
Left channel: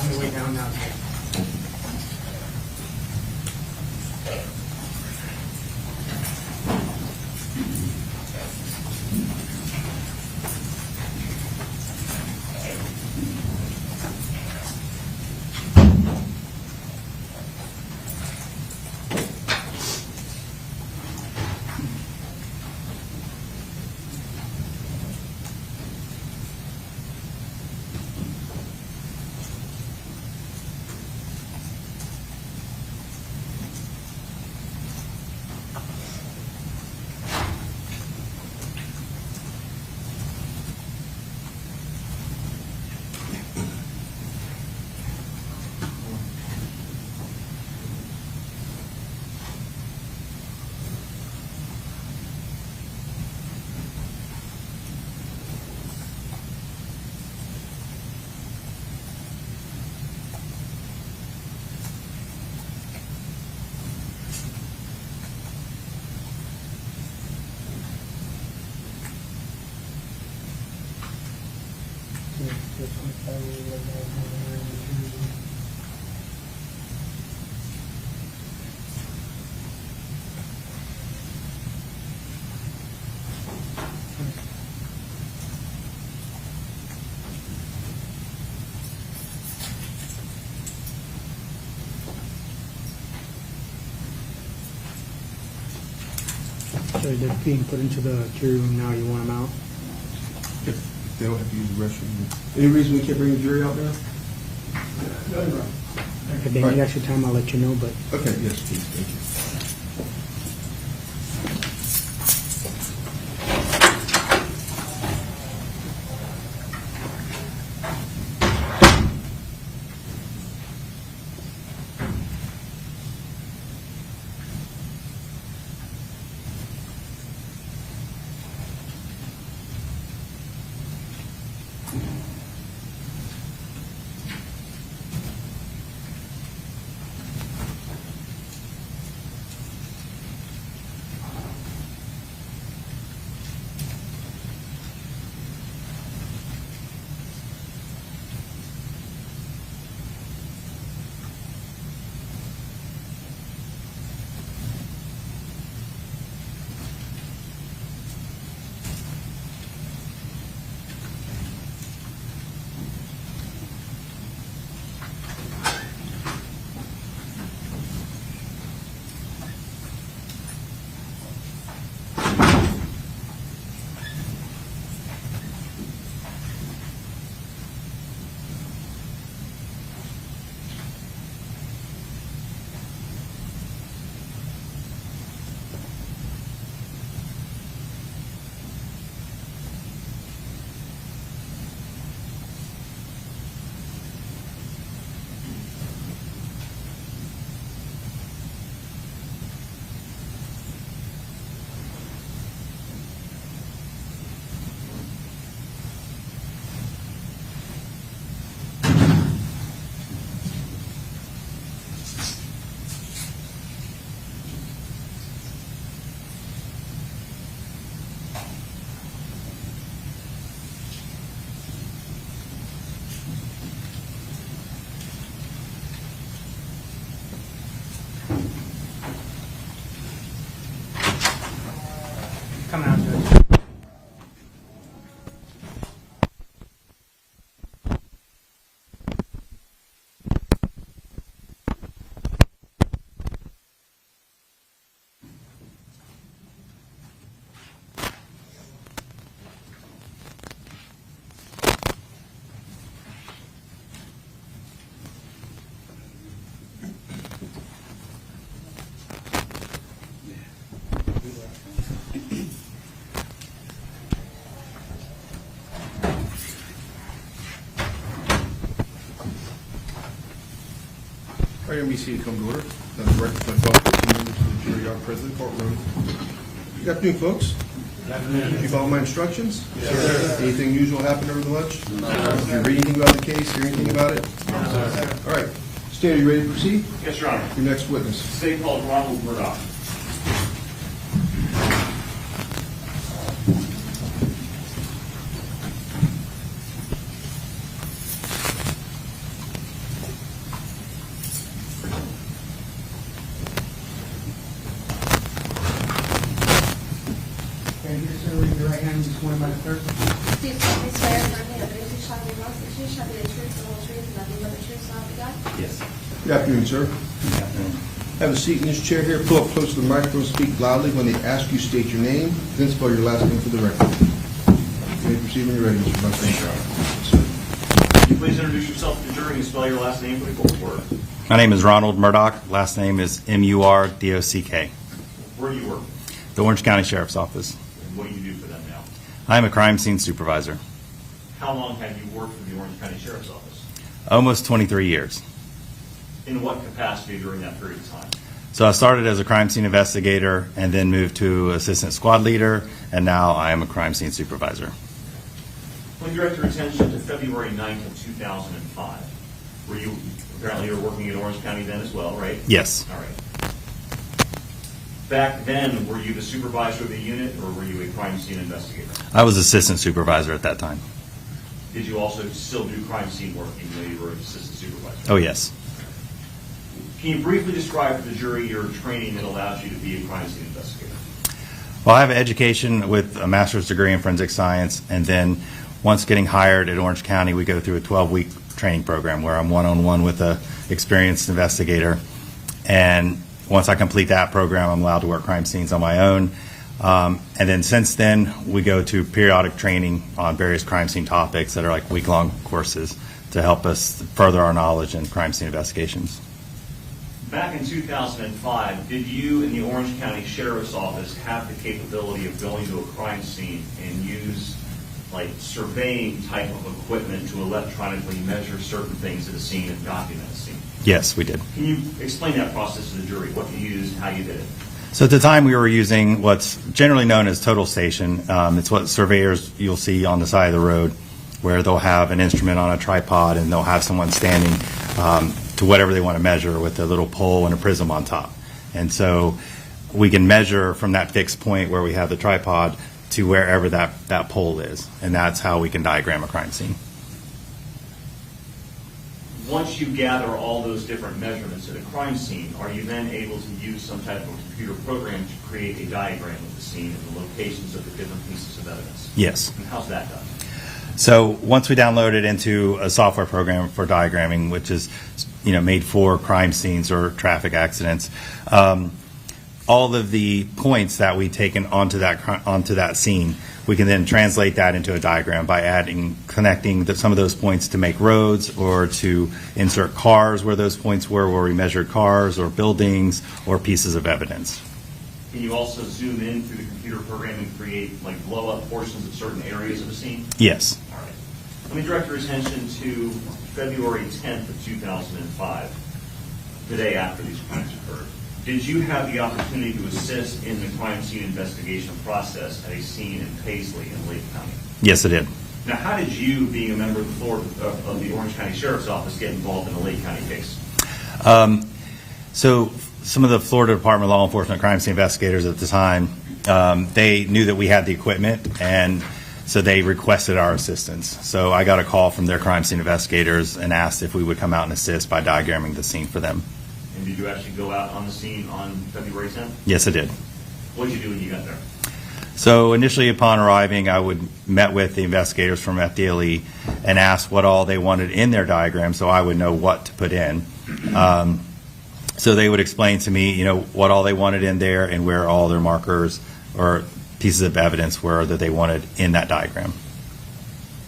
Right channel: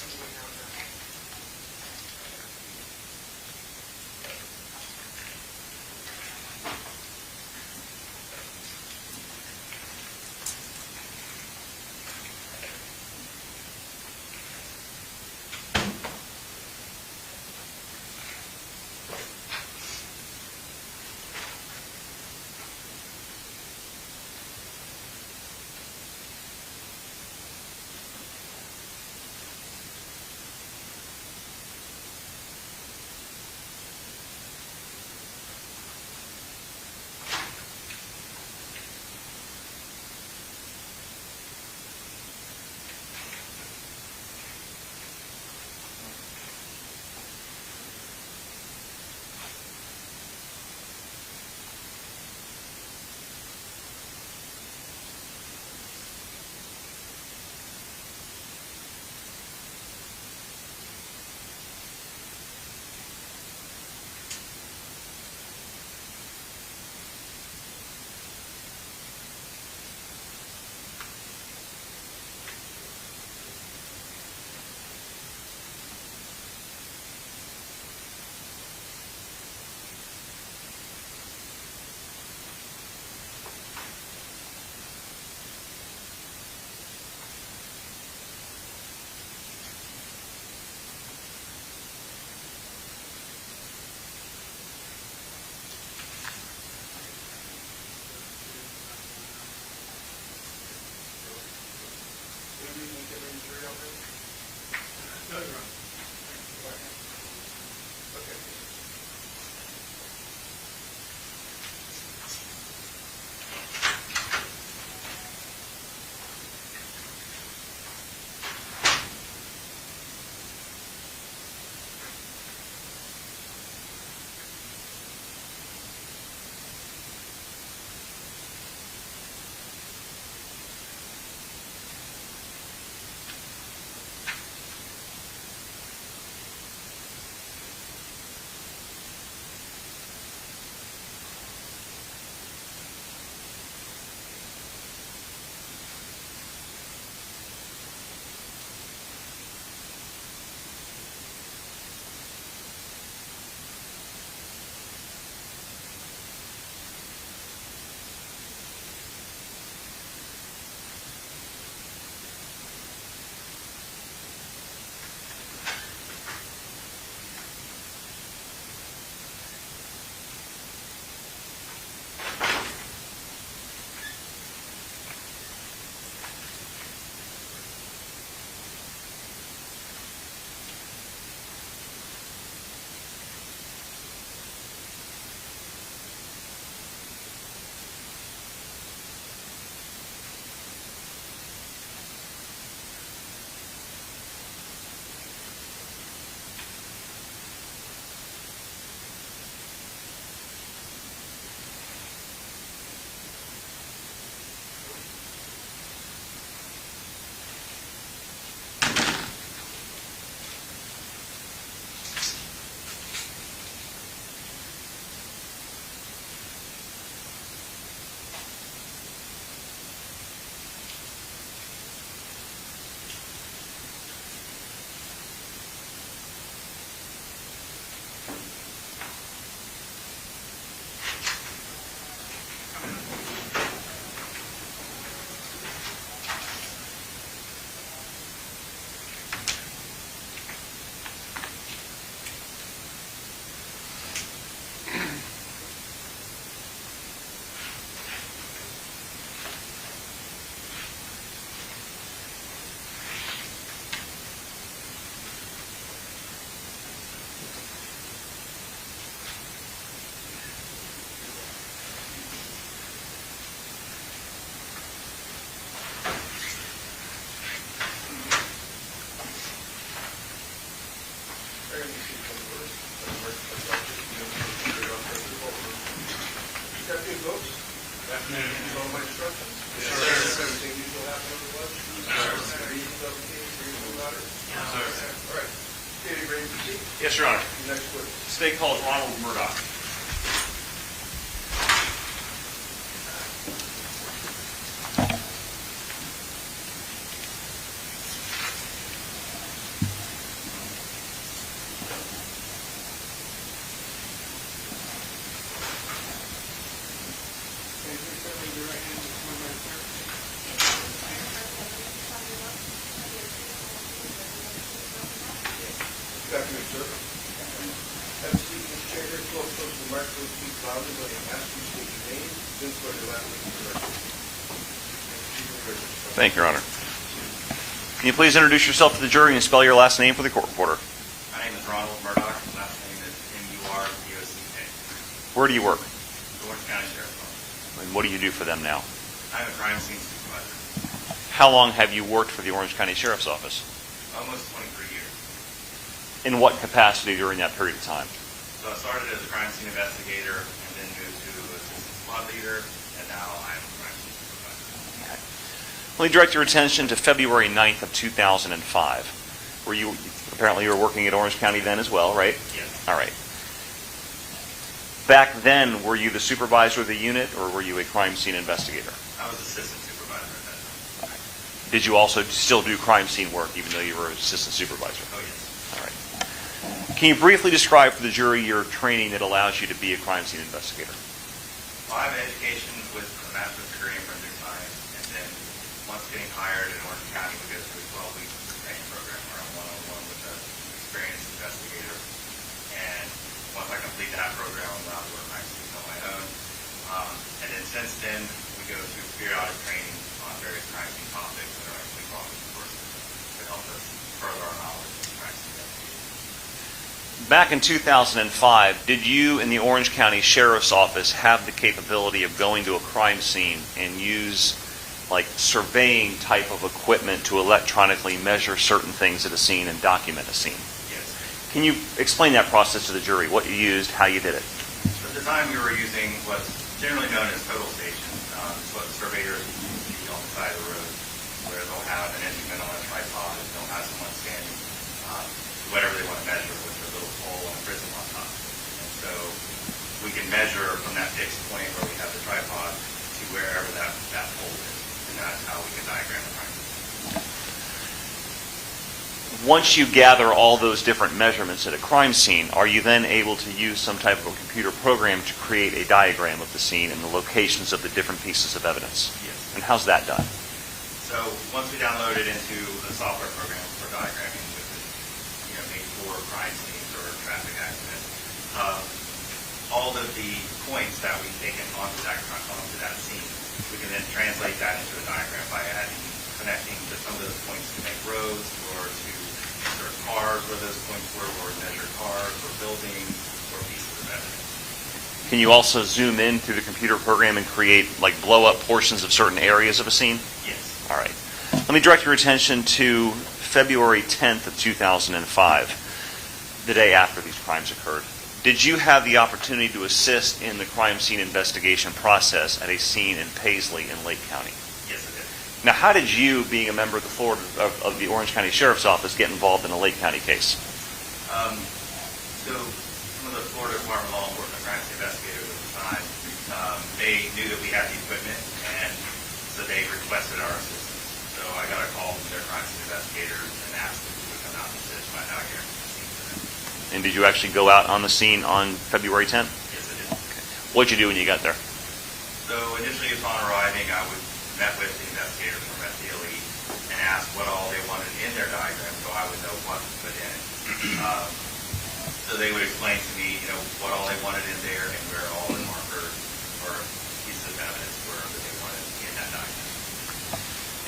On the way down now. So they're being put into the jury room now, you want them out? They don't have to use the restroom. Any reason we can't bring the jury out now? If they need extra time, I'll let you know, but Okay, yes, please, thank you. come out there. All right, let me see it come to order. Director, my thought, jury out present, courtroom. Good afternoon, folks. Good afternoon. You follow my instructions? Yes, sir. Anything unusual happen over the lunch? No, sir. Did you read anything about the case, hear anything about it? No, sir. All right. Stan, are you ready to proceed? Yes, Your Honor. Your next witness. State called Ronald Murdock. Okay, please raise your right hand and swear by the clerk. Do you solemnly swear affirming that the truth shall be the most truth shall be the truth, the whole truth, and nothing but the truth, so help you God? Yes. Good afternoon, sir. Have a seat in this chair here. Pull up close to the microphone, speak loudly. When they ask you, state your name, then spell your last name for the record. You may proceed when you're ready, Mr. Buck. Thank you, Your Honor. Can you please introduce yourself to the jury and spell your last name for the court reporter? My name is Ronald Murdock. Last name is Murdock. Where do you work? The Orange County Sheriff's Office. And what do you do for them now? I am a crime scene supervisor. How long have you worked for the Orange County Sheriff's Office? Almost 23 years. In what capacity during that period of time? So I started as a crime scene investigator and then moved to assistant squad leader, and now I am a crime scene supervisor. Let me direct your attention to February 9th of 2005. Apparently you were working at Orange County then as well, right? Yes. All right. Back then, were you the supervisor of the unit or were you a crime scene investigator? I was assistant supervisor at that time. Did you also still do crime scene work even though you were an assistant supervisor? Oh, yes. All right. Can you briefly describe for the jury your training that allows you to be a crime scene investigator? Well, I have an education with a master's degree in forensic science, and then once getting hired at Orange County, we go through a 12-week training program where I'm one-on-one with an experienced investigator. And once I complete that program, I'm allowed to work crime scenes on my own. And then since then, we go to periodic training on various crime scene topics that are like week-long courses to help us further our knowledge in crime scene investigations. Back in 2005, did you in the Orange County Sheriff's Office have the capability of going to a crime scene and use like surveying type of equipment to electronically measure certain things at a scene and document a scene? Yes, we did. Can you explain that process to the jury, what you used, how you did it? So at the time, we were using what's generally known as total station. It's what surveyors you'll see on the side of the road, where they'll have an instrument on a tripod and they'll have someone standing to whatever they want to measure with a little pole and a prism on top. And so we can measure from that fixed point where we have the tripod to wherever that pole is. And that's how we can diagram a crime scene. Once you gather all those different measurements at a crime scene, are you then able to use some type of a computer program to create a diagram of the scene and the locations of the different pieces of evidence? Yes. And how's that done? So once we download it into a software program for diagramming, which is made for crime scenes or traffic accidents, all of the points that we take onto that scene, we can then translate that into a diagram by connecting some of those points to make roads or to insert cars where those points were, where we measured cars or buildings or pieces of evidence. Can you also zoom in through the computer program and create like blow up portions of certain areas of a scene? Yes. All right. Let me direct your attention to February 10th of 2005, the day after these crimes occurred. Did you have the opportunity to assist in the crime scene investigation process at a scene in Paisley in Lake County? Yes, I did. Now, how did you, being a member of the Orange County Sheriff's Office, get involved in a Lake County case? So some of the Florida Department of Law Enforcement crime scene investigators at the time, they knew that we had the equipment, and so they requested our assistance. So I got a call from their crime scene investigators and asked if we would come out and assist by diagramming the scene for them. And did you actually go out on the scene on February 10th? Yes, I did. Okay. What did you do when you got there? So initially upon arriving, I met with the investigators from FDLE and asked what all they wanted in their diagram so I would know what to put in. So they would explain to me, what all they wanted in there and where all their markers or pieces of evidence were that they wanted in that diagram.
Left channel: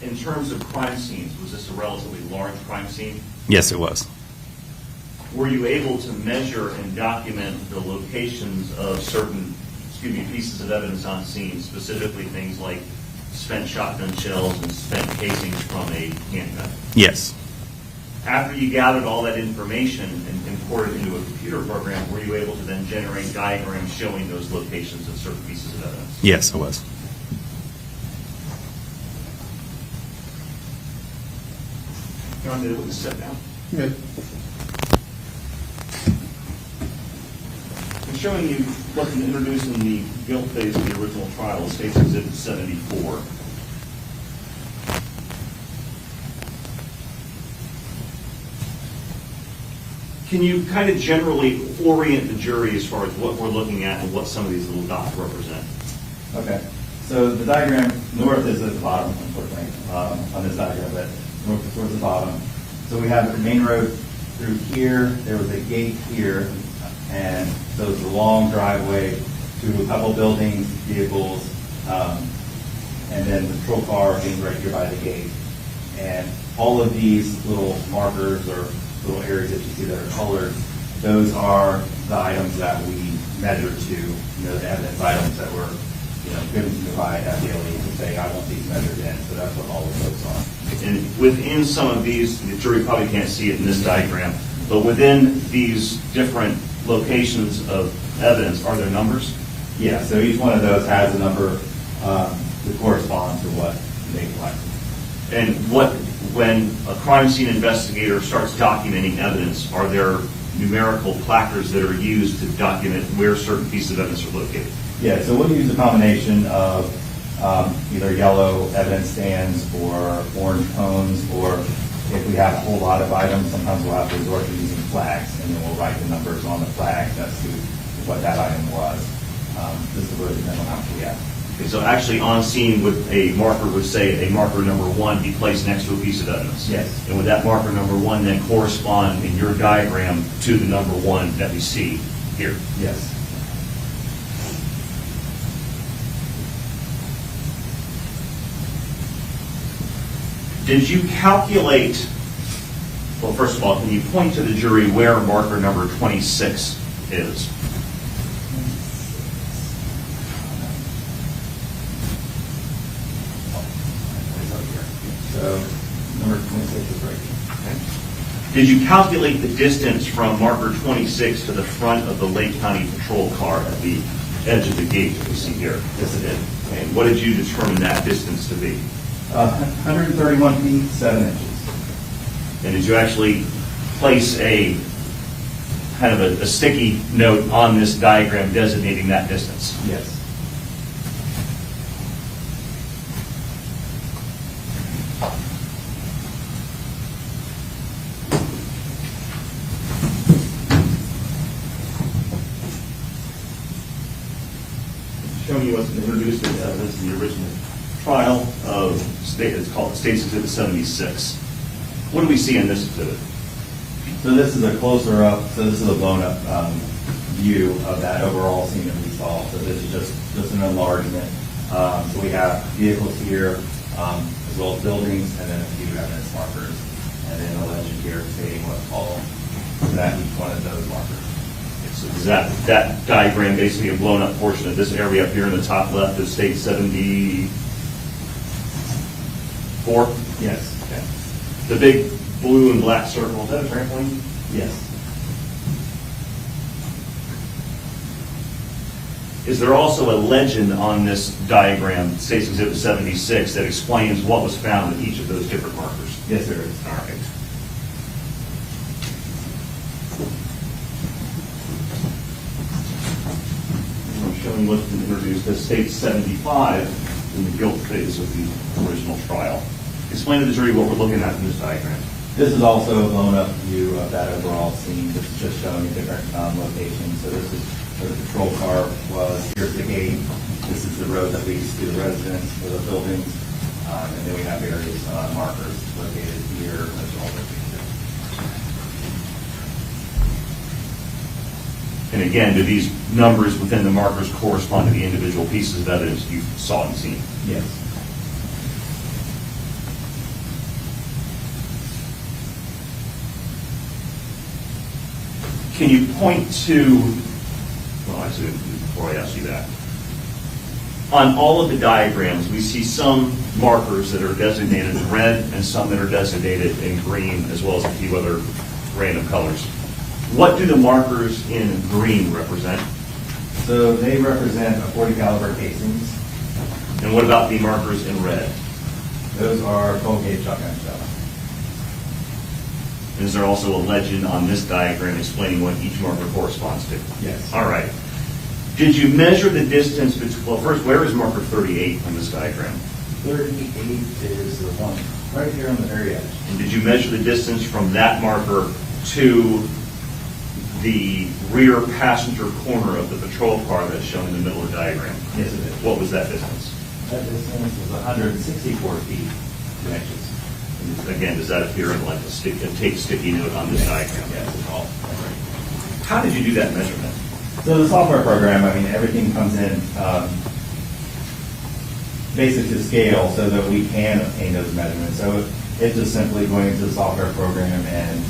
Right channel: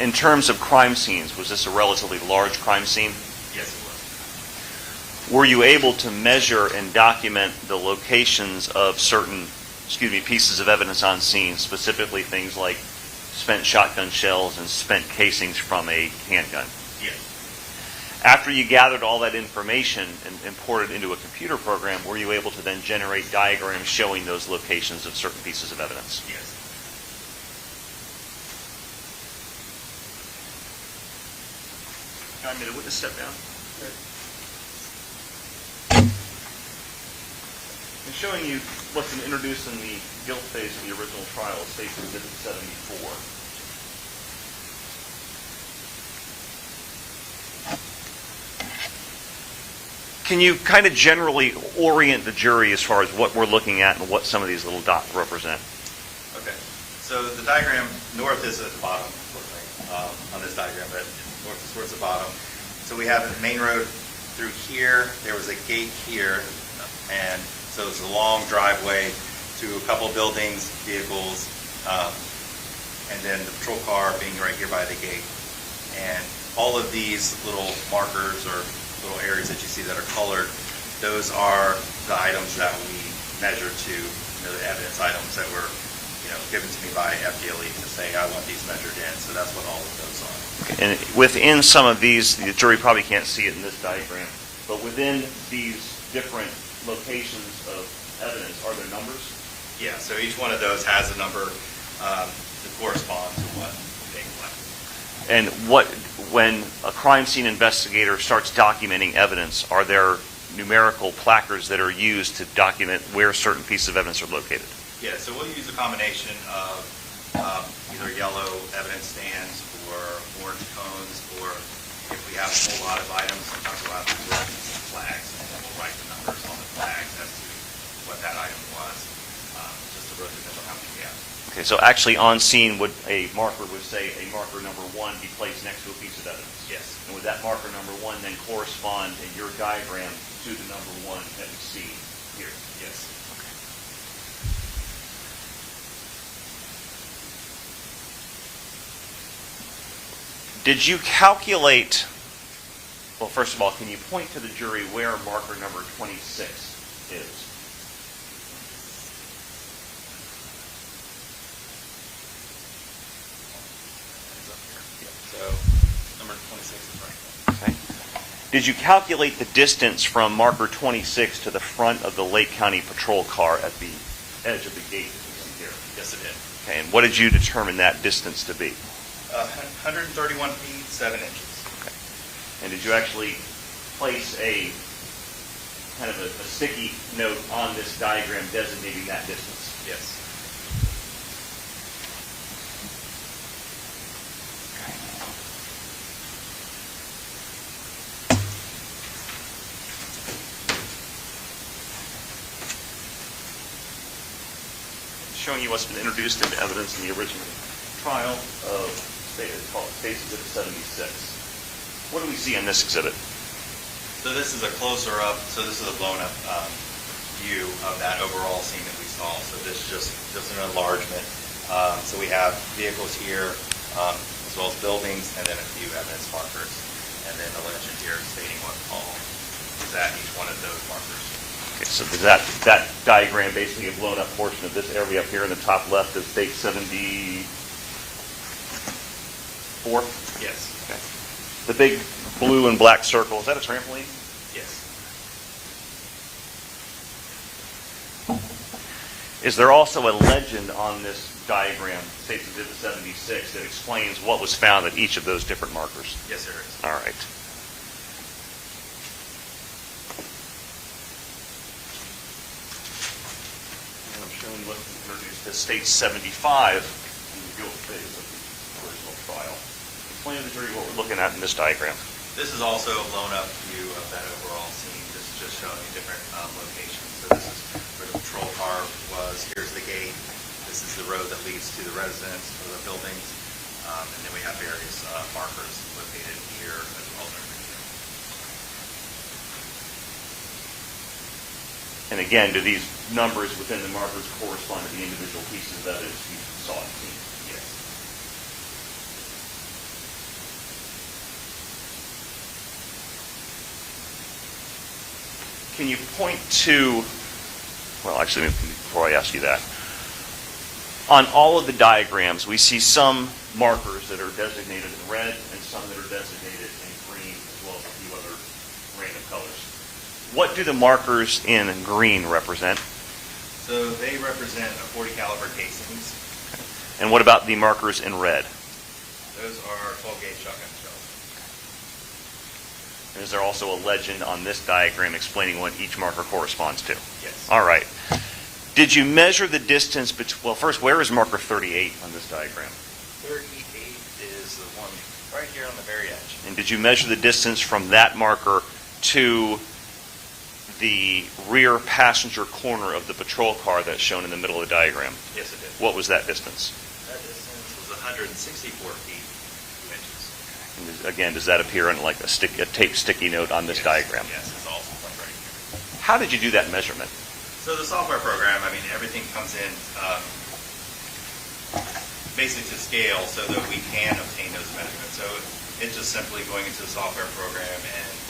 In terms of crime scenes, was this a relatively large crime scene? Yes, it was. Were you able to measure and document the locations of certain, pieces of evidence on scene, specifically things like spent shotgun shells and spent casings from a handgun? Yes. After you gathered all that information and imported it into a computer program, were you able to then generate diagrams showing those locations of certain pieces of evidence? Yes, I was. I'm going to with the step down. Good. I'm showing you what's introduced in the guilt phase of the original trial, State's Exhibit 74. Can you kind of generally orient the jury as far as what we're looking at and what some of these little dots represent? Okay. So the diagram, north is at the bottom, unfortunately, on this diagram, but north is towards the bottom. So we have the main road through here. There was a gate here, and so it's a long driveway to a couple buildings, vehicles, and then the patrol car being right here by the gate. And all of these little markers or little areas that you see that are colored, those are the items that we measure to, the evidence items that were given to me by FDLE to say, I want these measured in. So that's what all of those are. And within some of these, the jury probably can't see it in this diagram, but within these different locations of evidence, are there numbers? Yeah, so each one of those has a number to correspond to what they collect. And when a crime scene investigator starts documenting evidence, are there numerical placards that are used to document where certain pieces of evidence are located? Yeah, so we'll use a combination of either yellow evidence stands or orange cones, or if we have a whole lot of items, sometimes we'll have to resort to using flags, and then we'll write the numbers on the flags as to what that item was. This will really depend on how much we have. Okay, so actually on scene, would a marker would say a marker number 1 be placed next to a piece of evidence? Yes. And would that marker number 1 then correspond in your diagram to the number 1 that we see here? Yes. Did you calculate, well, first of all, can you point to the jury where marker number 26 is? So number 26 is right. Did you calculate the distance from marker 26 to the front of the Lake County patrol car at the edge of the gate that we see here? Yes, it did. And what did you determine that distance to be? 131 feet, 7 inches. And did you actually place a kind of a sticky note on this diagram designating that distance? Yes. Showing you what's been introduced in evidence in the original trial of state, it's called State's Exhibit 76. What do we see in this exhibit? So this is a closer up, so this is a blown up view of that overall scene that we saw. So this is just an enlargement. So we have vehicles here, as well as buildings, and then a few evidence markers. And then the legend here stating what all is at each one of those markers. Okay, so is that diagram basically a blown up portion of this area up here in the top left of State 74? Yes. Okay. The big blue and black circle, is that a trampoline? Yes. Is there also a legend on this diagram, State's Exhibit 76, that explains what was found at each of those different markers? Yes, there is. All right. I'm showing what's been introduced as State 75 in the guilt phase of the original trial. Explain to the jury what we're looking at in this diagram. This is also a blown up view of that overall scene. This is just showing a different location. So this is where the patrol car was. Here's the gate. This is the road that leads to the residence or the buildings. And then we have various markers located here as well as here. And again, do these numbers within the markers correspond to the individual pieces of evidence you saw and seen? Yes. Can you point to, well, actually, before I ask you that, on all of the diagrams, we see some markers that are designated in red and some that are designated in green, as well as a few other random colors. What do the markers in green represent? So they represent a .40 caliber casings. And what about the markers in red? Those are 12-gauge shotgun shells. Is there also a legend on this diagram explaining what each marker corresponds to? Yes. All right. Did you measure the distance between, well, first, where is marker 38 on this diagram? 38 is the one right here on the very edge. And did you measure the distance from that marker to the rear passenger corner of the patrol car that's shown in the middle of the diagram? Yes, it did. What was that distance? That distance is 164 feet, 2 inches. And again, does that appear in like a tape sticky note on this diagram? Yes, it's all. How did you do that measurement? So the software program, I mean, everything comes in basic to scale so that we can obtain those measurements. So it's just simply going into the software program and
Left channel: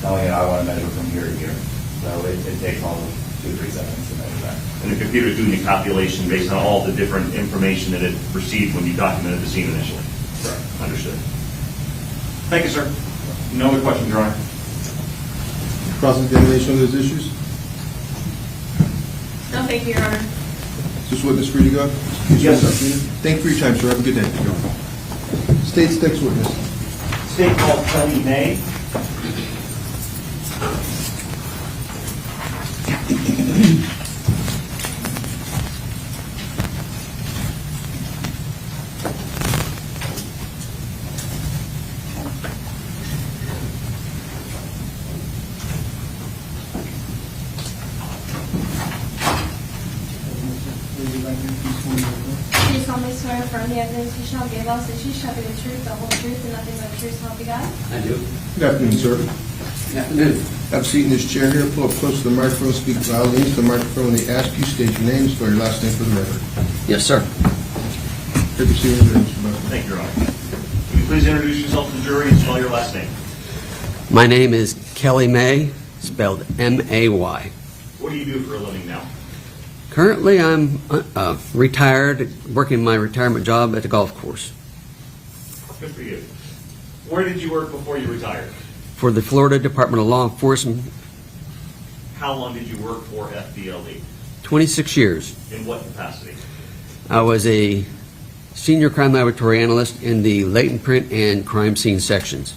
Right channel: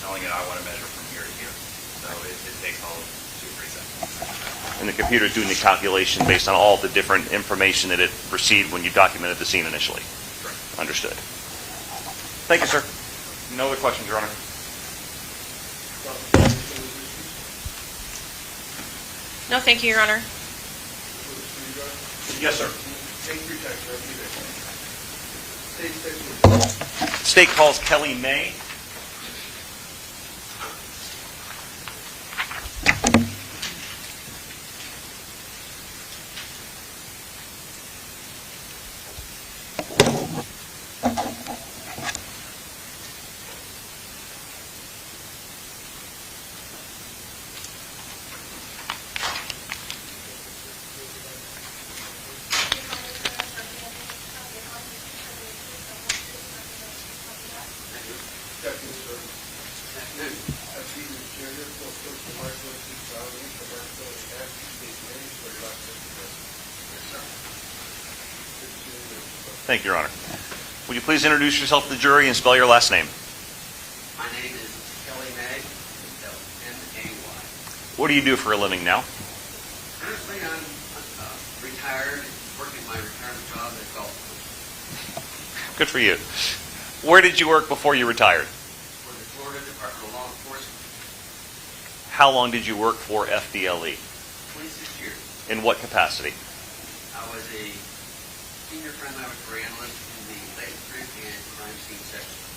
telling it I want to measure from here to here. So it takes all of 2-3 seconds to measure that. And the computer is doing the calculation based on all the different information that it received when you documented the scene initially? Correct. Understood. Thank you, sir. No other questions, Your Honor? Cross-examination on those issues? No, thank you, Your Honor. Is this witness free to go? Yes, sir. Thank you for your time, sir. Have a good day. State's next witness. State calls Kelly May. evidence you shall give us issues shall be the truth, the whole truth, and nothing but the truth, so help you God? I do. Good afternoon, sir. Afternoon. Have a seat in this chair here, pull up close to the microphone, speak loudly into the microphone when they ask you, state your name, spell your last name for the record. Yes, sir. Take your seat, Mr. Buck. Thank you, Your Honor. Will you please introduce yourself to the jury and spell your last name? My name is Kelly May, spelled M-A-Y. What do you do for a living now? Currently, I'm retired, working my retirement job at the golf course Good for you. Where did you work before you retired? for the Florida Department of Law Enforcement, How long did you work for FDLE? 26 years. In what capacity? I was a senior crime laboratory analyst in the latent print and crime scene sections.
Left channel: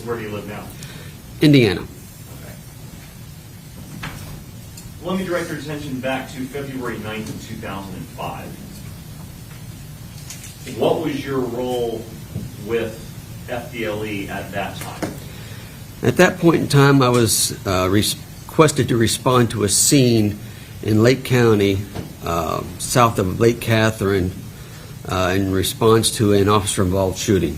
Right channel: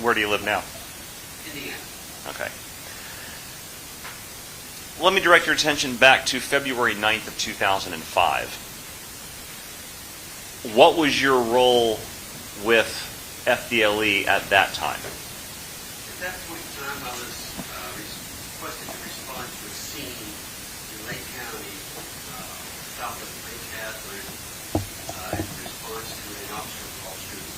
Where do you live now? Indiana. Okay. Let me direct your attention back to February 9th of 2005. What was your role with FDLE at that time? At that point in time, I was requested to respond to a scene in Lake County, south of Lake Catherine, in response to an officer-involved shooting.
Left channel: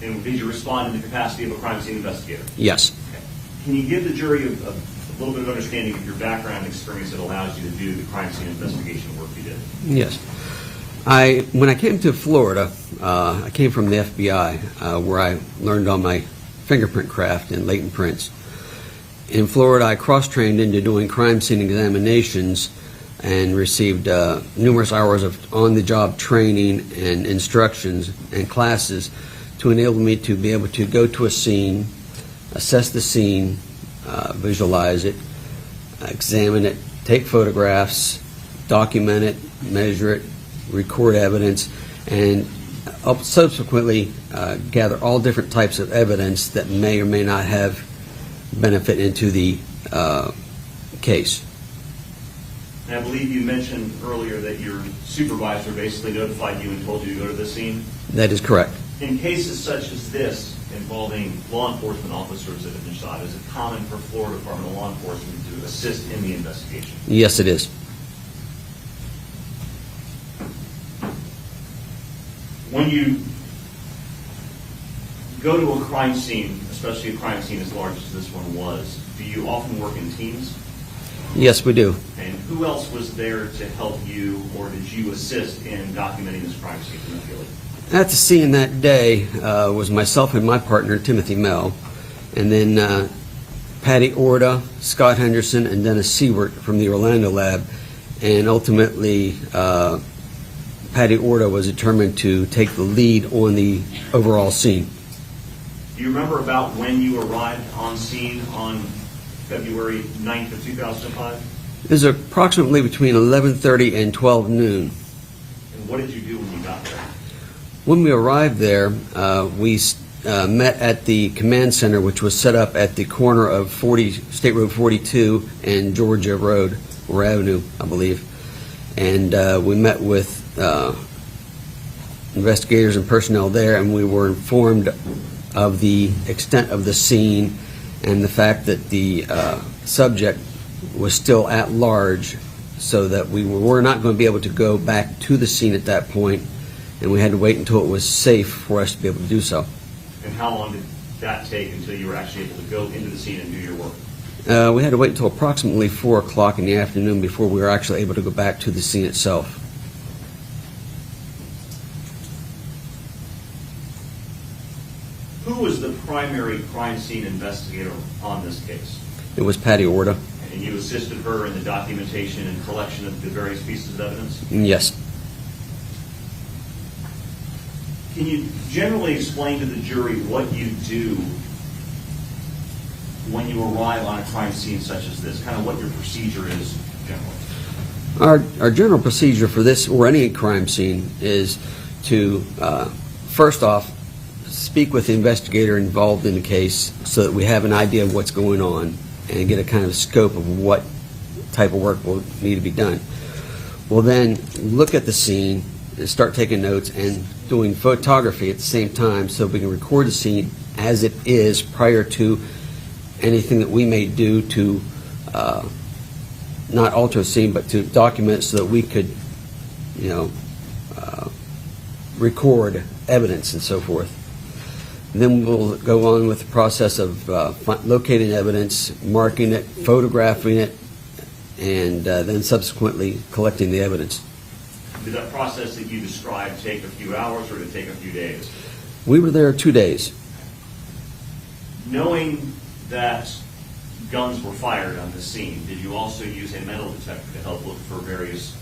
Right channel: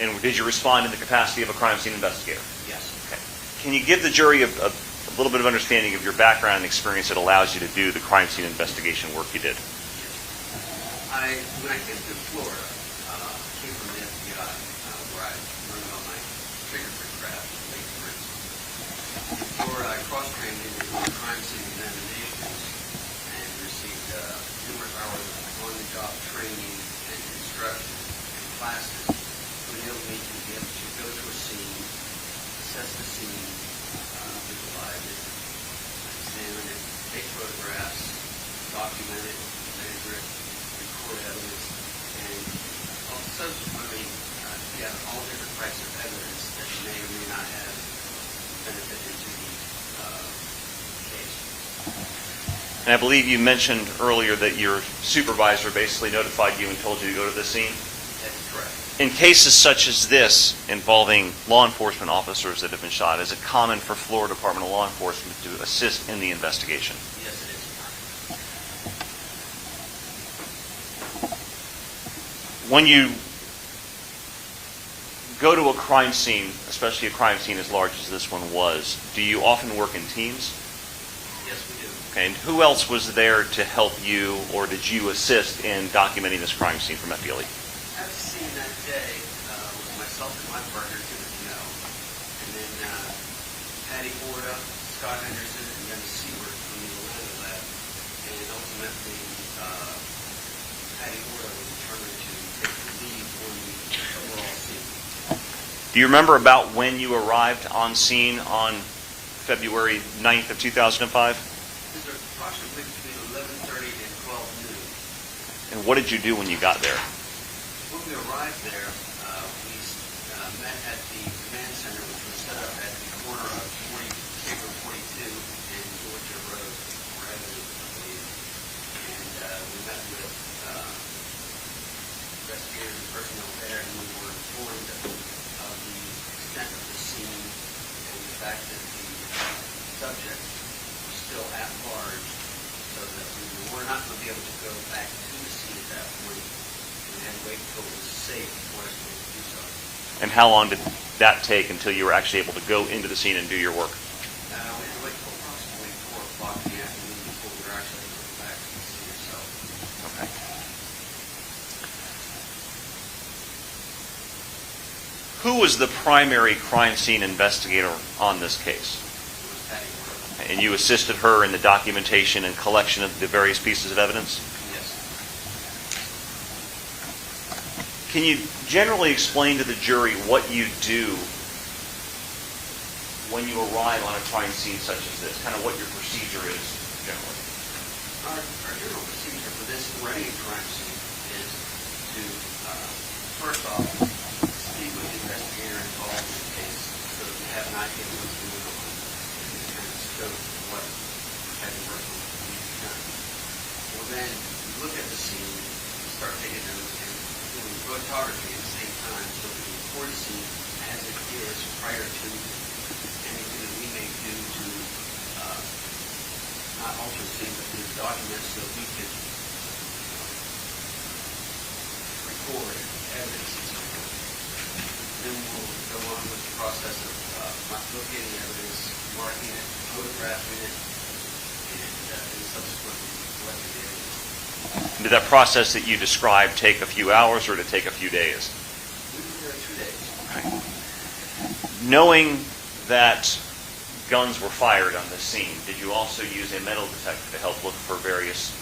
And did you respond in the capacity of a crime scene investigator? Yes. Okay. Can you give the jury a little bit of understanding of your background and experience that allows you to do the crime scene investigation work you did? Yes. When I came to Florida, I came from the FBI, where I learned on my fingerprint craft and latent prints. In Florida, I cross-trained into doing crime scene examinations and received numerous hours of on-the-job training and instructions and classes to enable me to be able to go to a scene, assess the scene, visualize it, examine it, take photographs, document it, measure it, record evidence, and subsequently gather all different types of evidence that may or may not have benefit into the case. And I believe you mentioned earlier that your supervisor basically notified you and told you to go to the scene? That is correct. In cases such as this involving law enforcement officers that have been shot, is it common for Florida Department of Law Enforcement to assist in the investigation? Yes, it is. When you go to a crime scene, especially a crime scene as large as this one was, do you often work in teams? Yes, we do. Okay, and who else was there to help you, or did you assist in documenting this crime scene from FDLE? At the scene that day was myself and my partner, Timothy Mell, and then Patty Orda, Scott Henderson, and Dennis Siewert from the Orlando lab. And ultimately, Patty Orda was determined to take the lead on the overall scene. Do you remember about when you arrived on scene on February 9th of 2005? It was approximately between 11:30 and 12 noon. And what did you do when you got there? When we arrived there, we met at the command center, which was set up at the corner of State Road 42 and Georgia Road, or Avenue, I believe. And we met with investigators and personnel there, and we were informed of the extent of the scene and the fact that the subject was still at large, so that we were not going to be able to go back to the scene at that point, and we had to wait until it was safe for us to be able to do so. And how long did that take until you were actually able to go into the scene and do your work? We had to wait until approximately 4 o'clock in the afternoon before we were actually able to go back to the scene itself. Okay. Who was the primary crime scene investigator on this case? It was Patty Orda. And you assisted her in the documentation and collection of the various pieces of evidence? Yes. Can you generally explain to the jury what you do when you arrive on a crime scene such as this, kind of what your procedure is generally? Our general procedure for this, or any crime scene, is to, first off, speak with the investigator involved in the case so that we have an idea of what's going on and get a kind of scope of what type of work will need to be done. We'll then look at the scene and start taking notes and doing photography at the same time so we can record the scene as it is prior to anything that we may do to not alter the scene, but to document so that we could, record evidence and so forth. Then we'll go on with the process of locating evidence, marking it, photographing it, and then subsequently collecting the evidence. Did that process that you described take a few hours or did it take a few days? We were there 2 days. Knowing that guns were fired on this scene, did you also use a metal detector to help look for various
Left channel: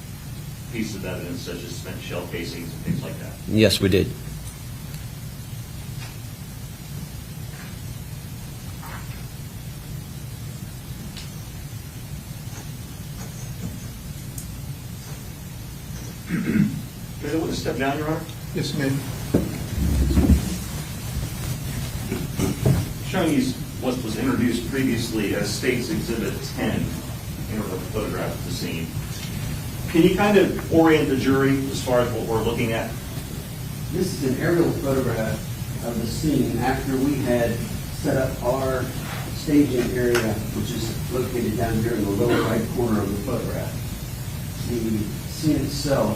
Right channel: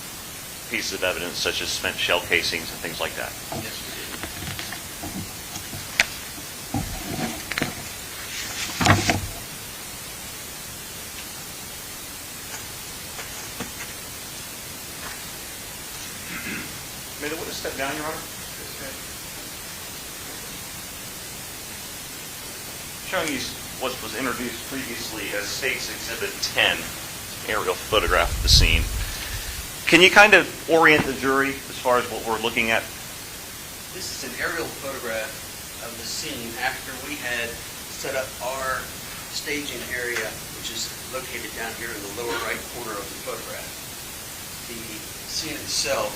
pieces of evidence such as spent shell casings and things like that? Yes, we did. May I want to step down, Your Honor? Yes, ma'am. Showing you what was introduced previously as State's Exhibit 10, aerial photograph of the scene. Can you kind of orient the jury as far as what we're looking at? This is an aerial photograph of the scene after we had set up our staging area, which is located down here in the lower right corner of the photograph. The scene itself,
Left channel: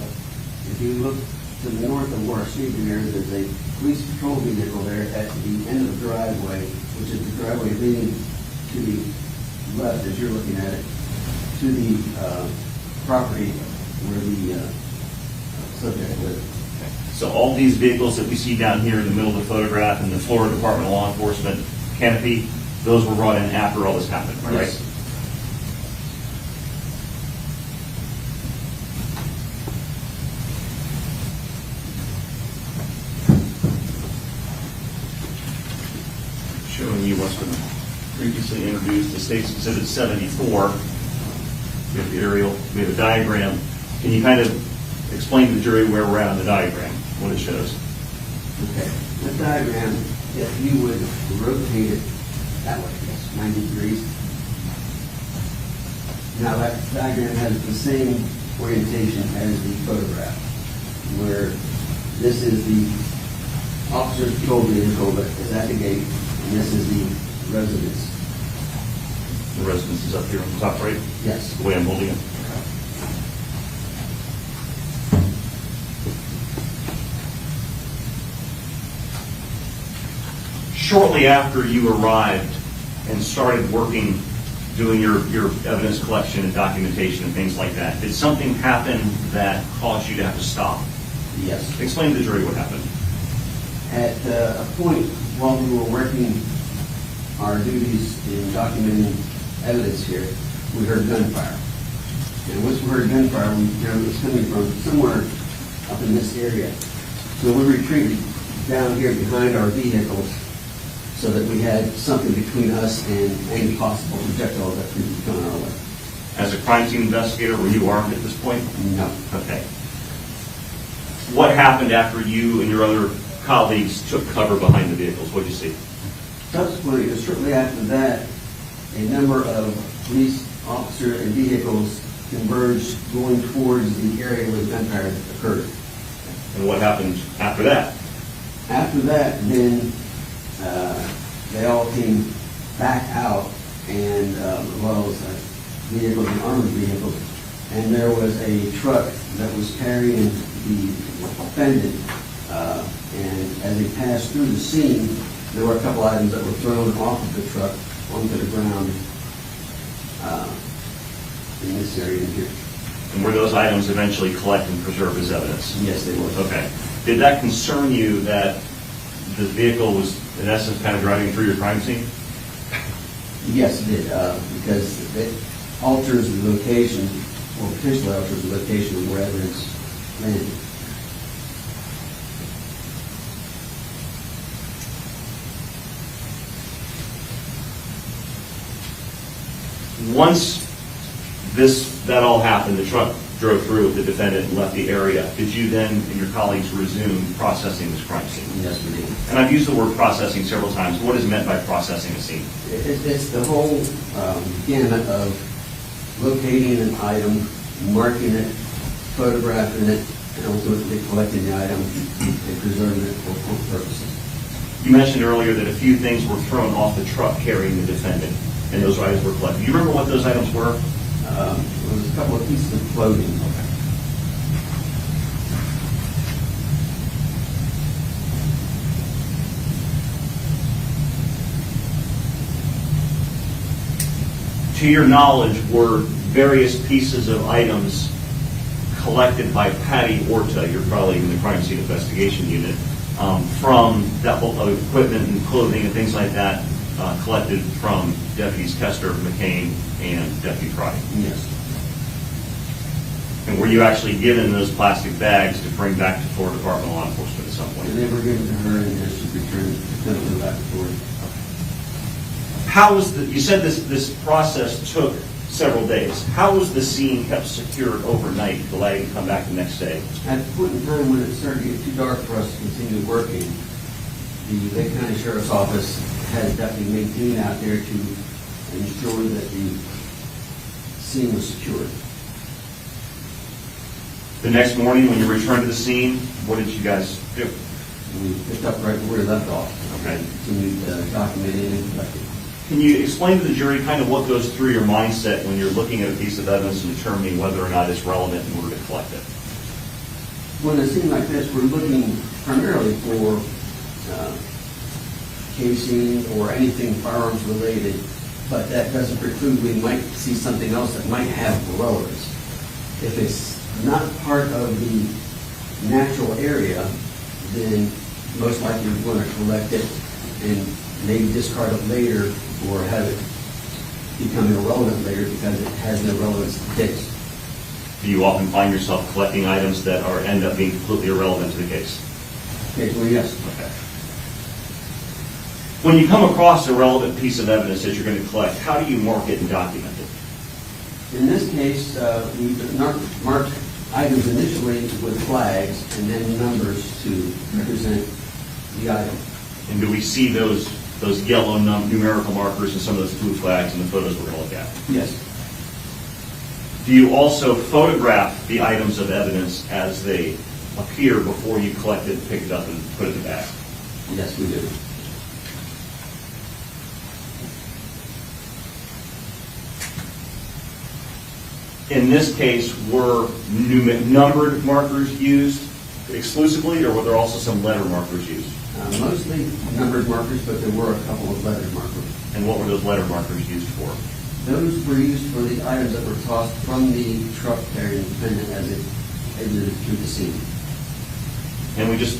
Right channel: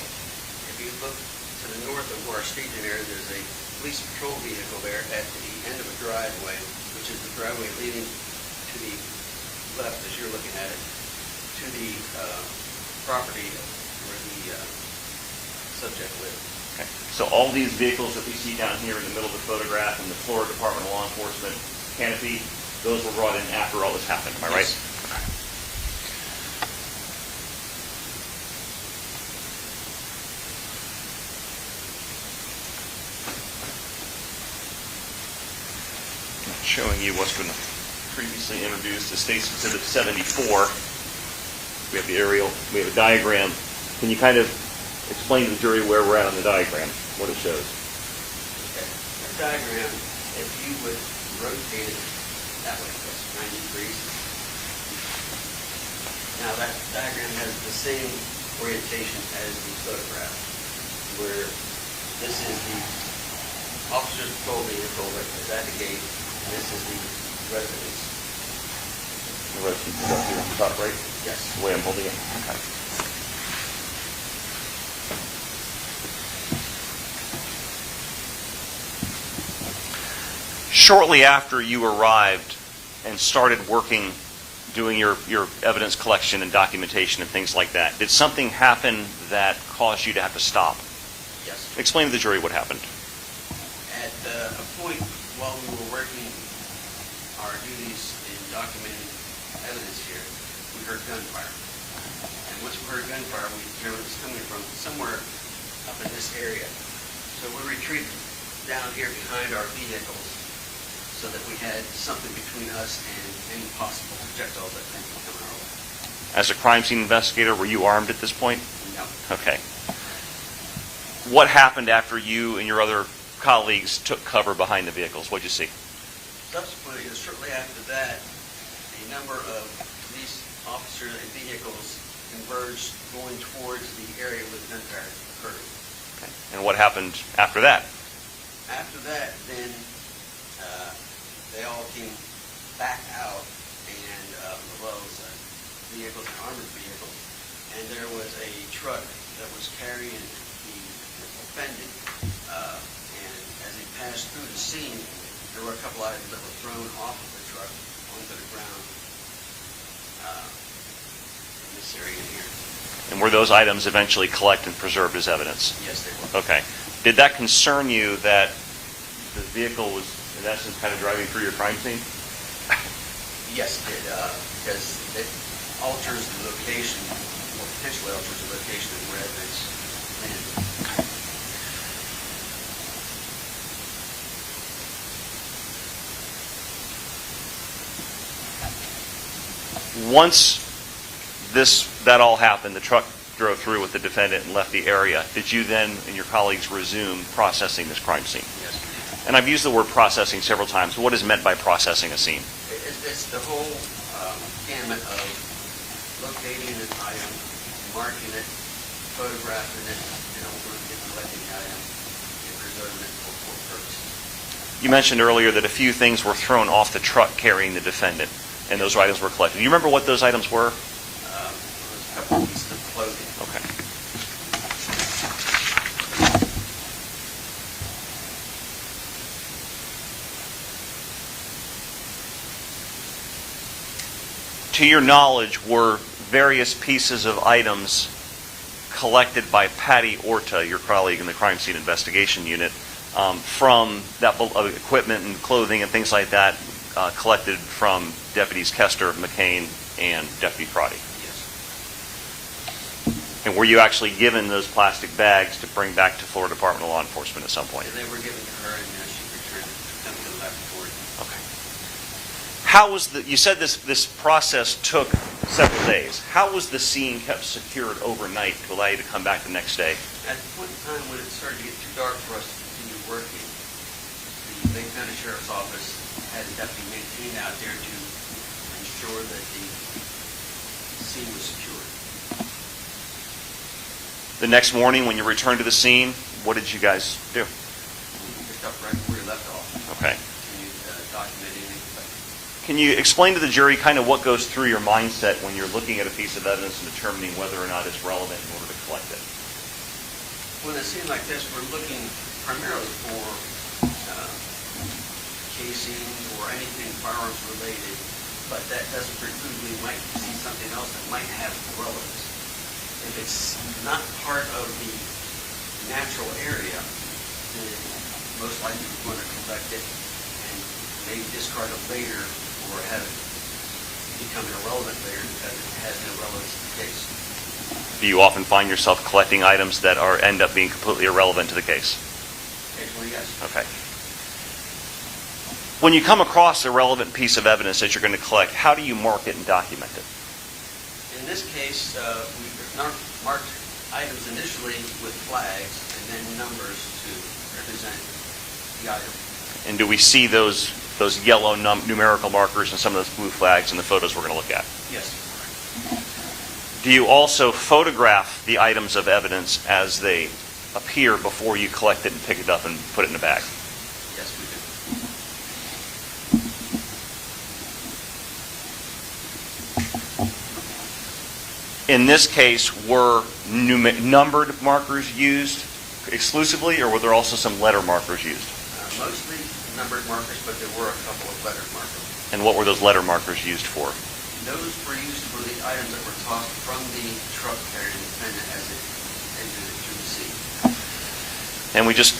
if you look to the north of our staging area, there's a police patrol vehicle there at the end of the driveway, which is the driveway leading to the left as you're looking at it, to the property where the subject lived. Okay. So all these vehicles that we see down here in the middle of the photograph in the Florida Department of Law Enforcement canopy, those were brought in after all this happened, am I right? Yes. Showing you what's been previously introduced, the State's Exhibit 74. We have the aerial, we have a diagram. Can you kind of explain to the jury where we're at on the diagram, what it shows? Okay. The diagram, if you would rotate it that way, 90 degrees. Now that diagram has the same orientation as the photograph, where this is the officer's patrol vehicle that is at the gate, and this is the residence. The residence is up here at the top right? Yes. The way I'm holding it? Okay. Shortly after you arrived and started working, doing your evidence collection and documentation and things like that, did something happen that caused you to have to stop? Yes. Explain to the jury what happened. At a point while we were working our duties in documenting evidence here, we heard gunfire. And once we heard gunfire, we determined it was coming from somewhere up in this area. So we retreated down here behind our vehicles so that we had something between us and any possible projectile that could be coming our way. As a crime scene investigator, were you armed at this point? No. Okay. What happened after you and your other colleagues took cover behind the vehicles? What did you see? Subsequently, or shortly after that, a number of police officers and vehicles converged going towards the area where the gunfire occurred. And what happened after that? After that, then they all came back out, and well, vehicles and armored vehicles, and there was a truck that was carrying the defendant, and as they passed through the scene, there were a couple items that were thrown off of the truck onto the ground in this area in here. And were those items eventually collected and preserved as evidence? Yes, they were. Okay. Did that concern you that the vehicle was, in essence, kind of driving through your crime scene? Yes, it did, because it alters the location, or potentially alters the location of where evidence landed. Once that all happened, the truck drove through with the defendant and left the area, did you then and your colleagues resume processing this crime scene? Yes, we did. And I've used the word processing several times. What is meant by processing a scene? It's the whole gamut of locating an item, marking it, photographing it, and ultimately collecting the item and preserving it for court purposes. You mentioned earlier that a few things were thrown off the truck carrying the defendant, and those items were collected. Do you remember what those items were? There was a couple of pieces of clothing. Okay. to your knowledge, were various pieces of items collected by Patty Orta, your colleague in the crime scene investigation unit, from that equipment and clothing and things like that, collected from Deputies Koester, McKane, and Deputy Crotty? Yes. And were you actually given those plastic bags to bring back to Florida Department of Law Enforcement at some point? And they were given to her, and she returned them to the laboratory. How was you said this process took several days. How was the scene kept secured overnight to allow you to come back the next day? At the point in time when it started to get too dark for us to continue working, the Lake County Sheriff's Office had a deputy maintained out there to ensure that the scene was secured. The next morning, when you returned to the scene, what did you guys do? We picked up right where we left off. Okay. Continued documenting and collecting. Can you explain to the jury kind of what goes through your mindset when you're looking at a piece of evidence and determining whether or not it's relevant in order to collect it? When a scene like this, we're looking primarily for casing or anything firearms related, but that doesn't preclude we might see something else that might have relevance. If it's not part of the natural area, then most likely we're going to collect it and maybe discard it later or have it become irrelevant later because it has no relevance to the case. Do you often find yourself collecting items that end up being completely irrelevant to the case? Occasionally, yes. Okay. When you come across a relevant piece of evidence that you're going to collect, how do you mark it and document it? In this case, we marked items initially with flags and then numbers to represent the item. And do we see those yellow numerical markers and some of those blue flags in the photos we're going to look at? Yes. Do you also photograph the items of evidence as they appear before you collect it and pick it up and put it in the bag? Yes, we do. In this case, were numbered markers used exclusively, or were there also some letter markers used? Mostly numbered markers, but there were a couple of lettered markers. And what were those letter markers used for? Those were used for the items that were tossed from the truck carrying the defendant as it exited through the scene. And we just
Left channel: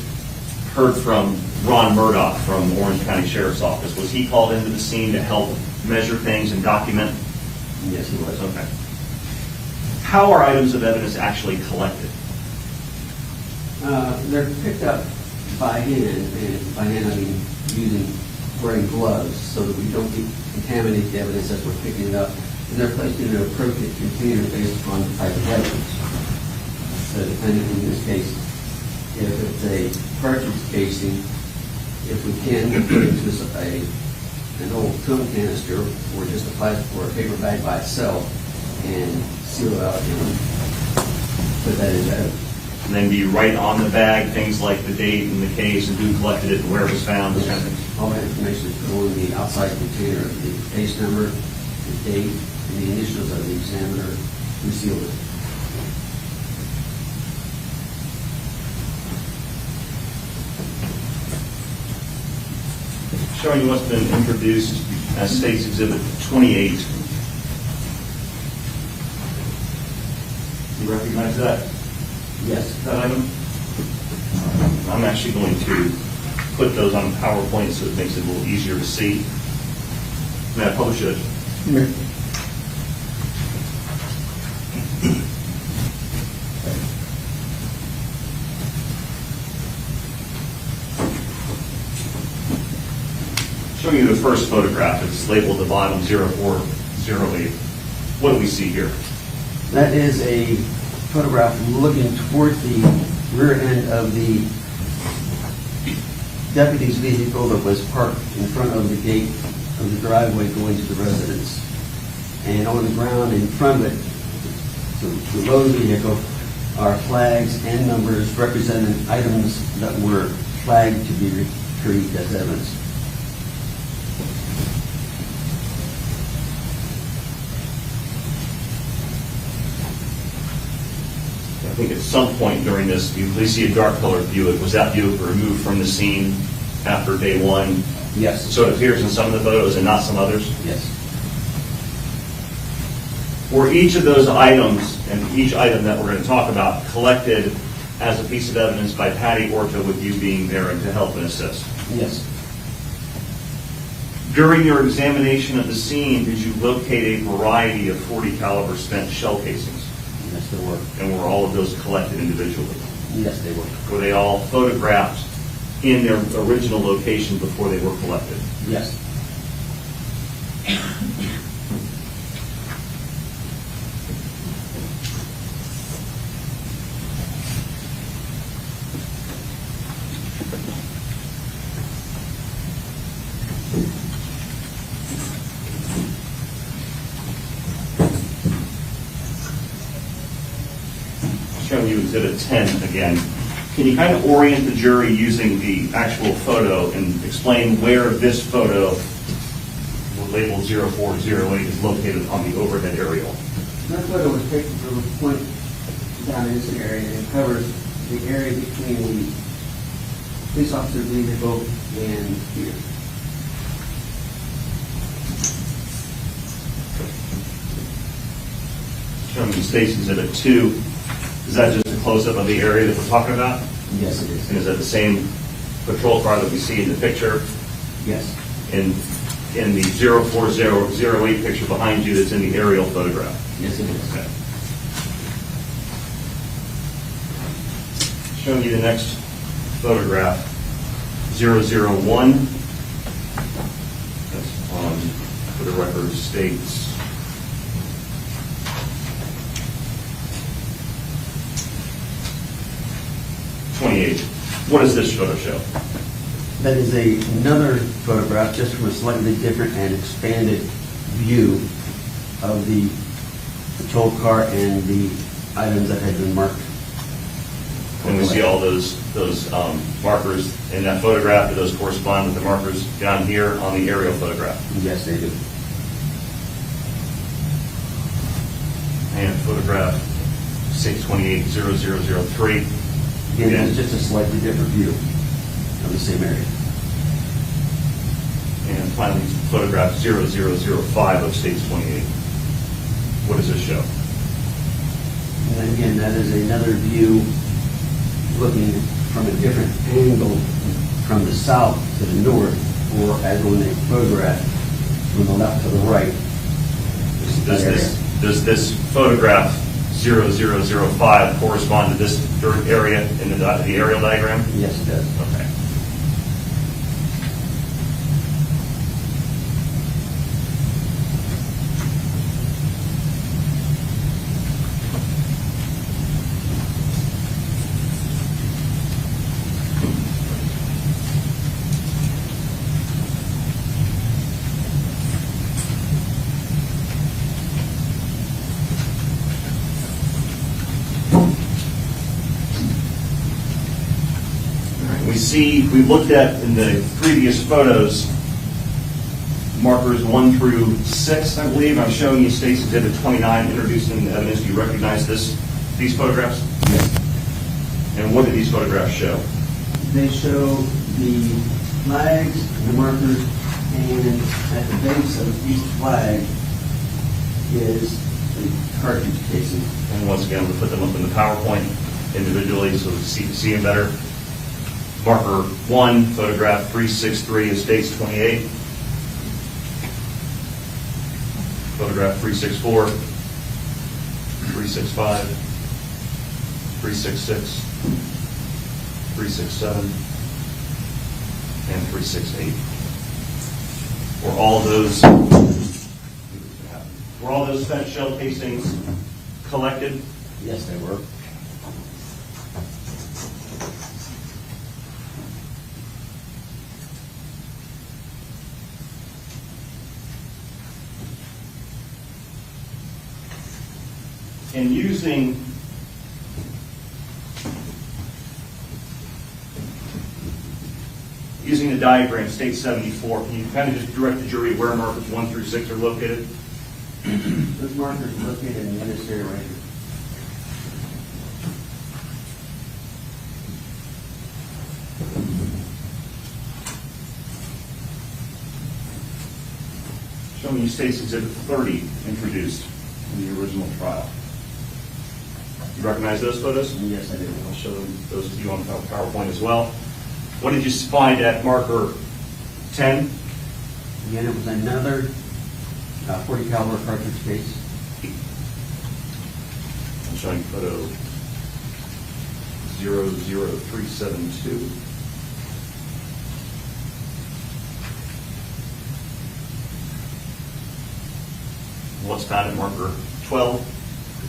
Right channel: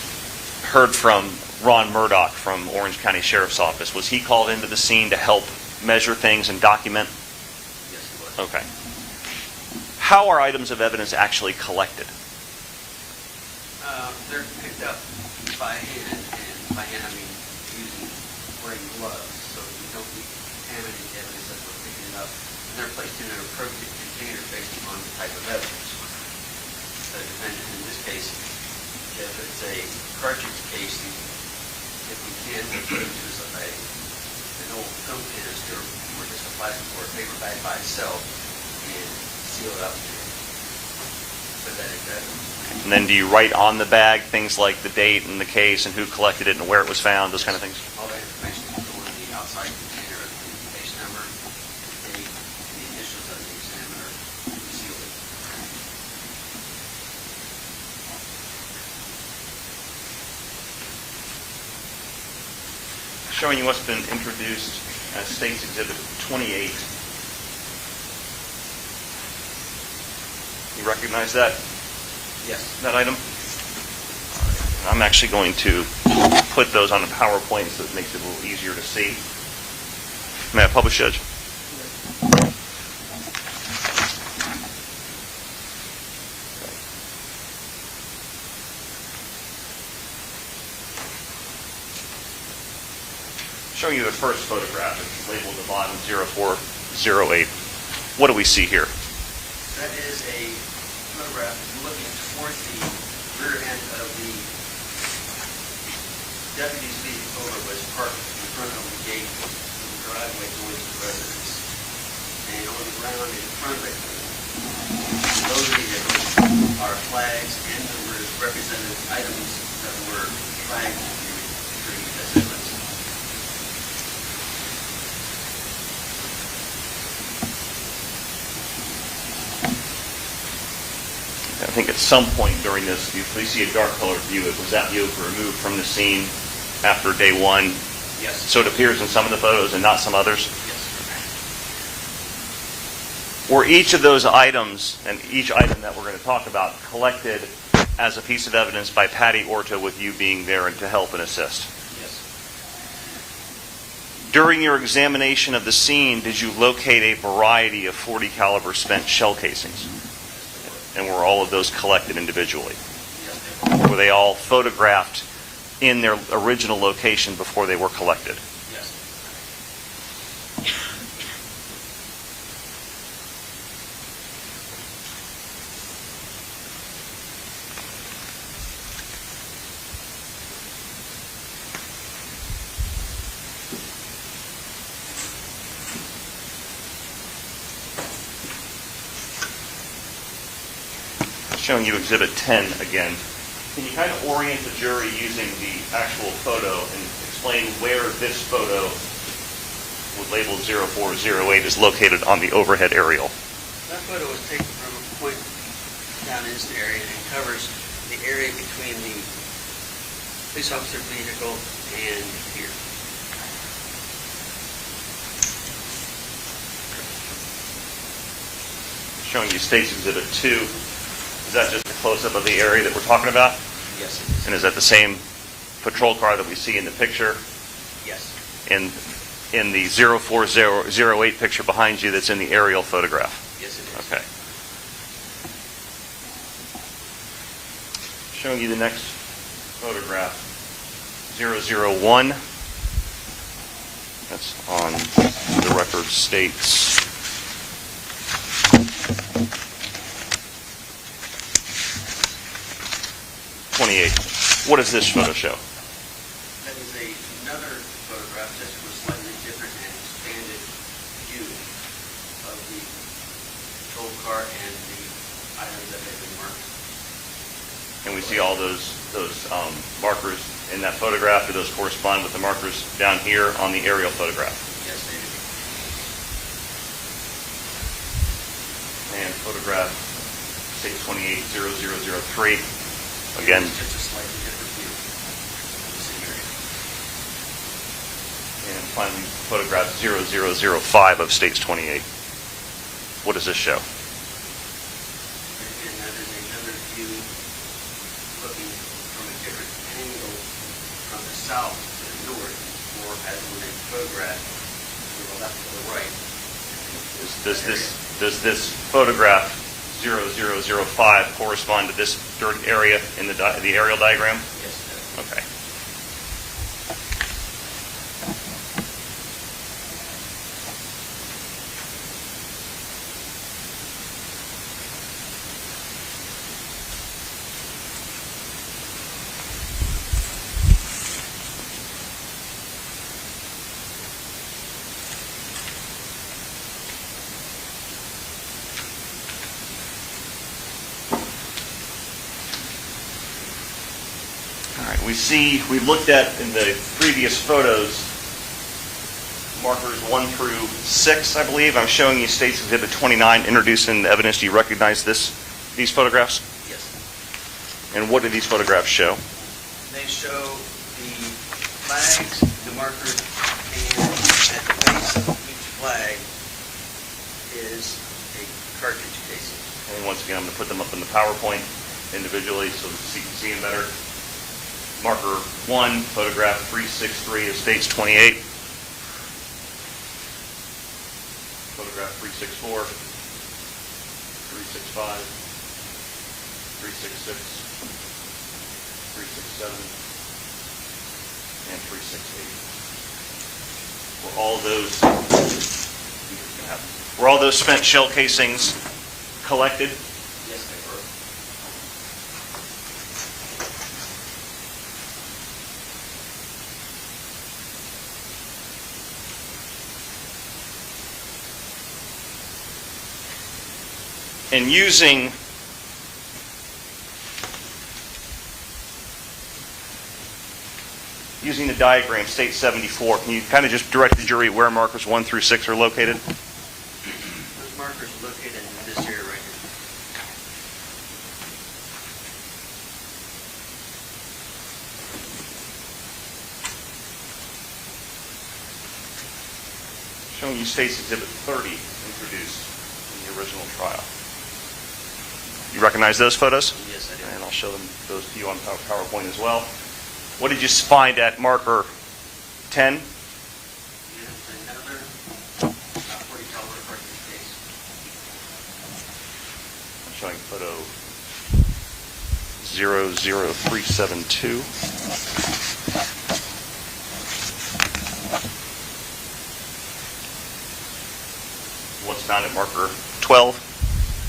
heard from Ron Murdock from Orange County Sheriff's Office. Was he called into the scene to help measure things and document? Yes, he was. Okay. How are items of evidence actually collected? They're picked up by hand, and by hand I mean wearing gloves so that we don't contaminate the evidence as we're picking it up. And they're placed in an appropriate container based upon the type of evidence. The defendant, in this case, if it's a cartridge casing, if we can, we put it into an old film canister or just a plastic or a paper bag by itself and seal it out and put that in there. And then do you write on the bag things like the date and the case and who collected it and where it was found, those kind of things? All that information is put on the outside container, the case number, the date, and the initials of the examiner who sealed it. Showing you must have been introduced as State's Exhibit 28. You recognize that? Yes. That item? I'm actually going to put those on a PowerPoint so it makes it a little easier to see. May I publish it? Showing you the first photograph. It's labeled at the bottom 0408. What do we see here? That is a photograph looking toward the rear end of the deputy's vehicle that was parked in front of the gate of the driveway going to the residence. And on the ground in front of it, below the vehicle, are flags and numbers representing items that were flagged to be retrieved as evidence. I think at some point during this, we see a dark colored Buick. Was that Buick removed from the scene after day one? Yes. So it appears in some of the photos and not some others? Yes. were each of those items, and each item that we're going to talk about, collected as a piece of evidence by Patty Orta with you being there and to help and assist? Yes. During your examination of the scene, did you locate a variety of .40 caliber spent shell casings? Yes, there were. And were all of those collected individually? Yes, they were. Were they all photographed in their original location before they were collected? Yes. Showing you Exhibit 10 again. Can you kind of orient the jury using the actual photo and explain where this photo with label 0408 is located on the overhead aerial? That photo was taken from a point down in this area, and it covers the area between the police officer vehicle and here. Showing you State's Exhibit 2. Is that just a close-up of the area that we're talking about? Yes, it is. And is that the same patrol car that we see in the picture? Yes. In the 04008 picture behind you that's in the aerial photograph? Yes, it is. Okay. Showing you the next photograph, 001. That's on the record states. What does this photo show? That is another photograph, just from a slightly different and expanded view of the patrol car and the items that had been marked. And we see all those markers in that photograph. Do those correspond with the markers down here on the aerial photograph? Yes, they do. And photograph 628-0003. And Again, it's just a slightly different view of the same area. and finally, photograph 0005 of States 28. What does this show? And again, that is another view looking from a different angle from the south to the north, or as when they photograph from the left to the right. Does this photograph 0005 correspond to this dirt area in the aerial diagram? Yes, it does. Okay. We looked at in the previous photos, markers 1 through 6, I believe. I'm showing you State's Exhibit 29, introduced in the evidence. Do you recognize these photographs? Yes. And what do these photographs show? They show the flags, the markers, and at the base of each flag is a cartridge casing. And once again, I'm going to put them up in the PowerPoint individually so we see them better. Marker 1, photograph 363 of States 28. Photograph 364, 365, 366, 367, and 368. Were all those spent shell casings collected? Yes, they were. And using the diagram, State 74, can you kind of just direct the jury where markers 1 through 6 are located? Those markers are located in this area right here. Showing you State's Exhibit 30 introduced. in the original trial. You recognize those photos? Yes, I do. And I'll show those to you on PowerPoint as well. What did you find at marker 10? Again, it was another 40 caliber cartridge case. I'm showing photo 00372. What's found at marker 12?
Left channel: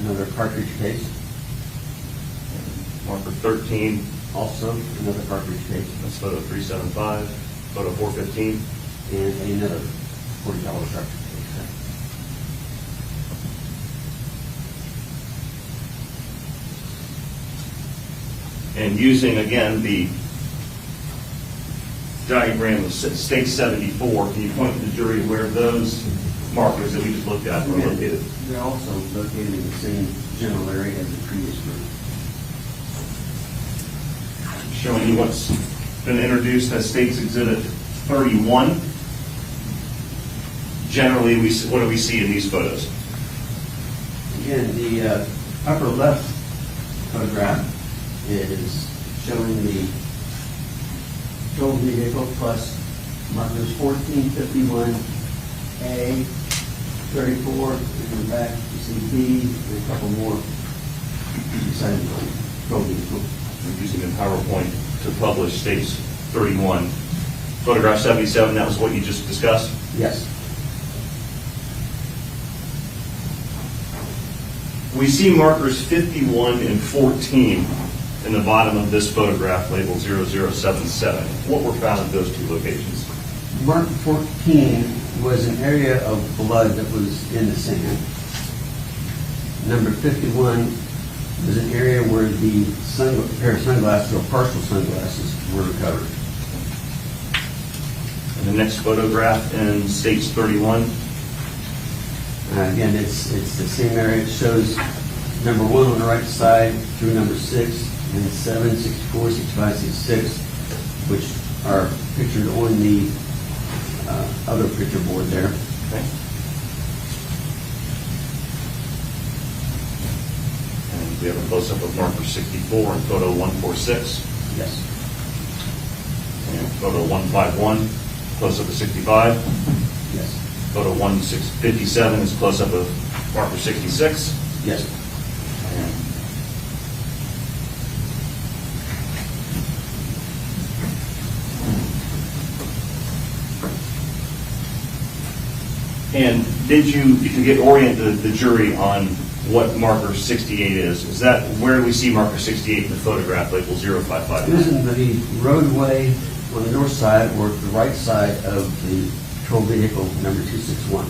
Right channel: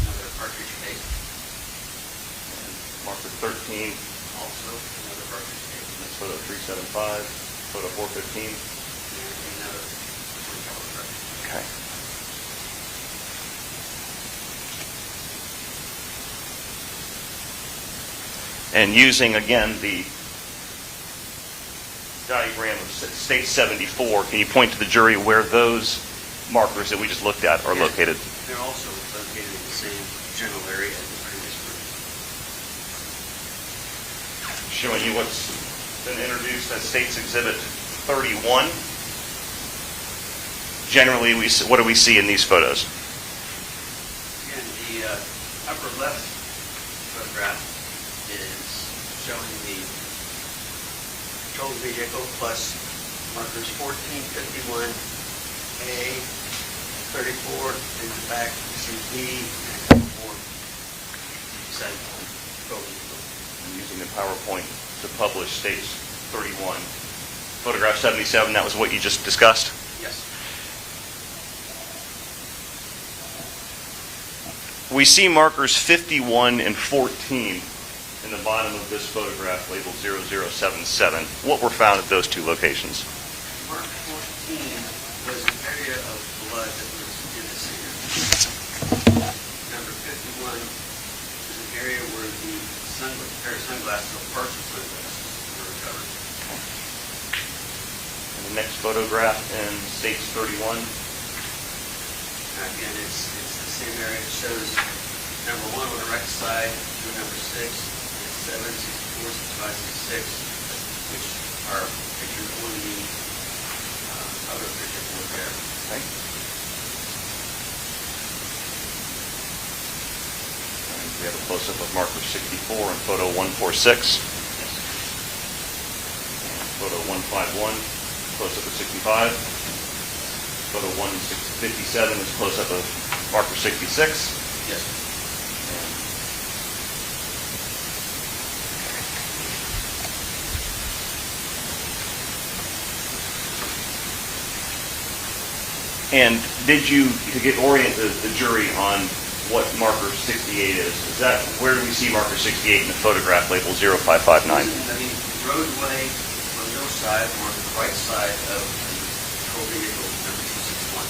Another cartridge case. Marker 13. Also another cartridge case. That's photo 375. Photo 415. And another 40 caliber cartridge. Okay. And using, again, the diagram of State 74, can you point to the jury where those markers that we just looked at are located? They're also located in the same general area as the previous group. Showing you what's been introduced as State's Exhibit 31. Generally, what do we see in these photos? Again, the upper left photograph is showing the patrol vehicle plus markers 1451A, 34, and in back you see B, and a couple more beside the patrol vehicle. I'm using the PowerPoint to publish State's 31. Photograph 77, that was what you just discussed? Yes. We see markers 51 and 14 in the bottom of this photograph labeled 0077. What were found at those two locations? Mark 14 was an area of blood that was in the sand. Number 51 was an area where the pair of sunglasses or partial sunglasses were recovered. And the next photograph in State's 31? Again, it's the same area. It shows number 1 on the right side through number 6, and it's 7, 64, 65, 66, which are pictured on the other picture board there. Okay. And we have a close-up of marker 64 and photo 146. Yes. And photo 151, close-up of 65. Yes. Photo 157 is close-up of marker 66. Yes. And did you get orient the jury on what marker 68 is? Is that, where do we see marker 68 in the photograph labeled 0559? Using the roadway on the north side or the right side of the patrol vehicle number 261.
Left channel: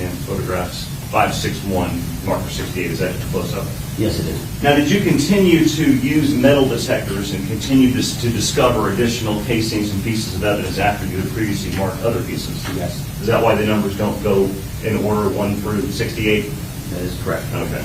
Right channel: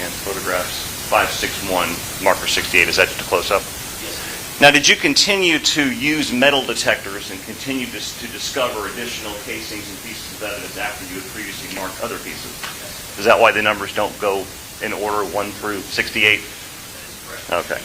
And photographs 561, marker 68, is that just a close-up? Yes, it is. Now, did you continue to use metal detectors and continue to discover additional casings and pieces of evidence after you had previously marked other pieces? Yes. Is that why the numbers don't go in order 1 through 68? That is correct. Okay.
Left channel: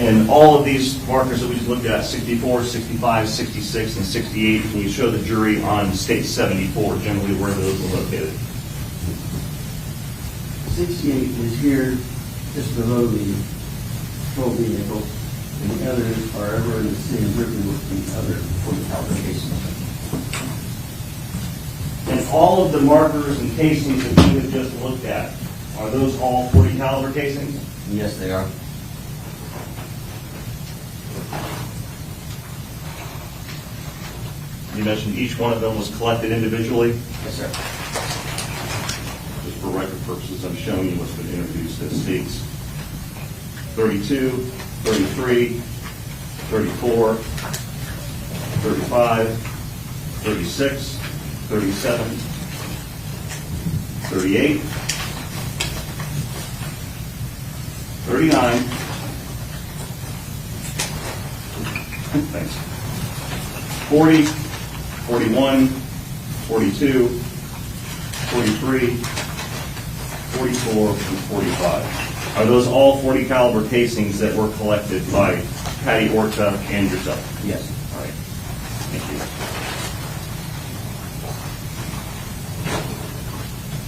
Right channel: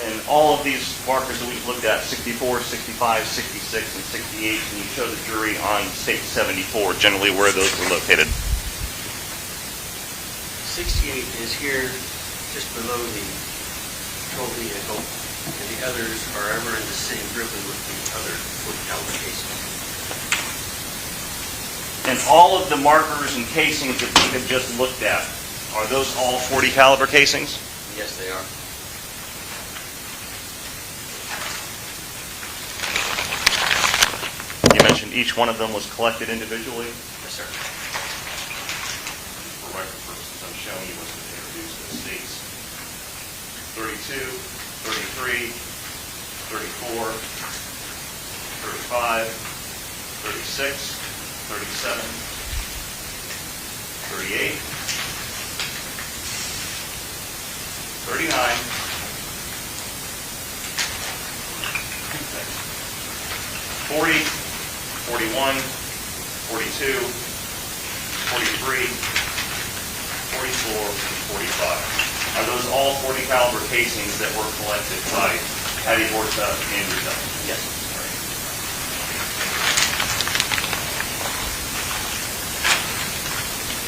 And all of these markers that we've looked at, 64, 65, 66, and 68, when you show the jury on State 74, generally where those are located? 68 is here just below the patrol vehicle, and the others are ever in the same grouping with the other 40 caliber casings. And all of the markers and casings that we have just looked at, are those all 40 caliber casings? Yes, they are. You mentioned each one of them was collected individually? Yes, sir. Just for record purposes, I'm showing you what's been introduced as States 32, 33, 34, 35, 36, 37, 38, 39, Thanks. 40, 41, 42, 43, 44, and 45. Are those all 40 caliber casings that were collected by Patty Orta and yourself? Yes. All right. Thank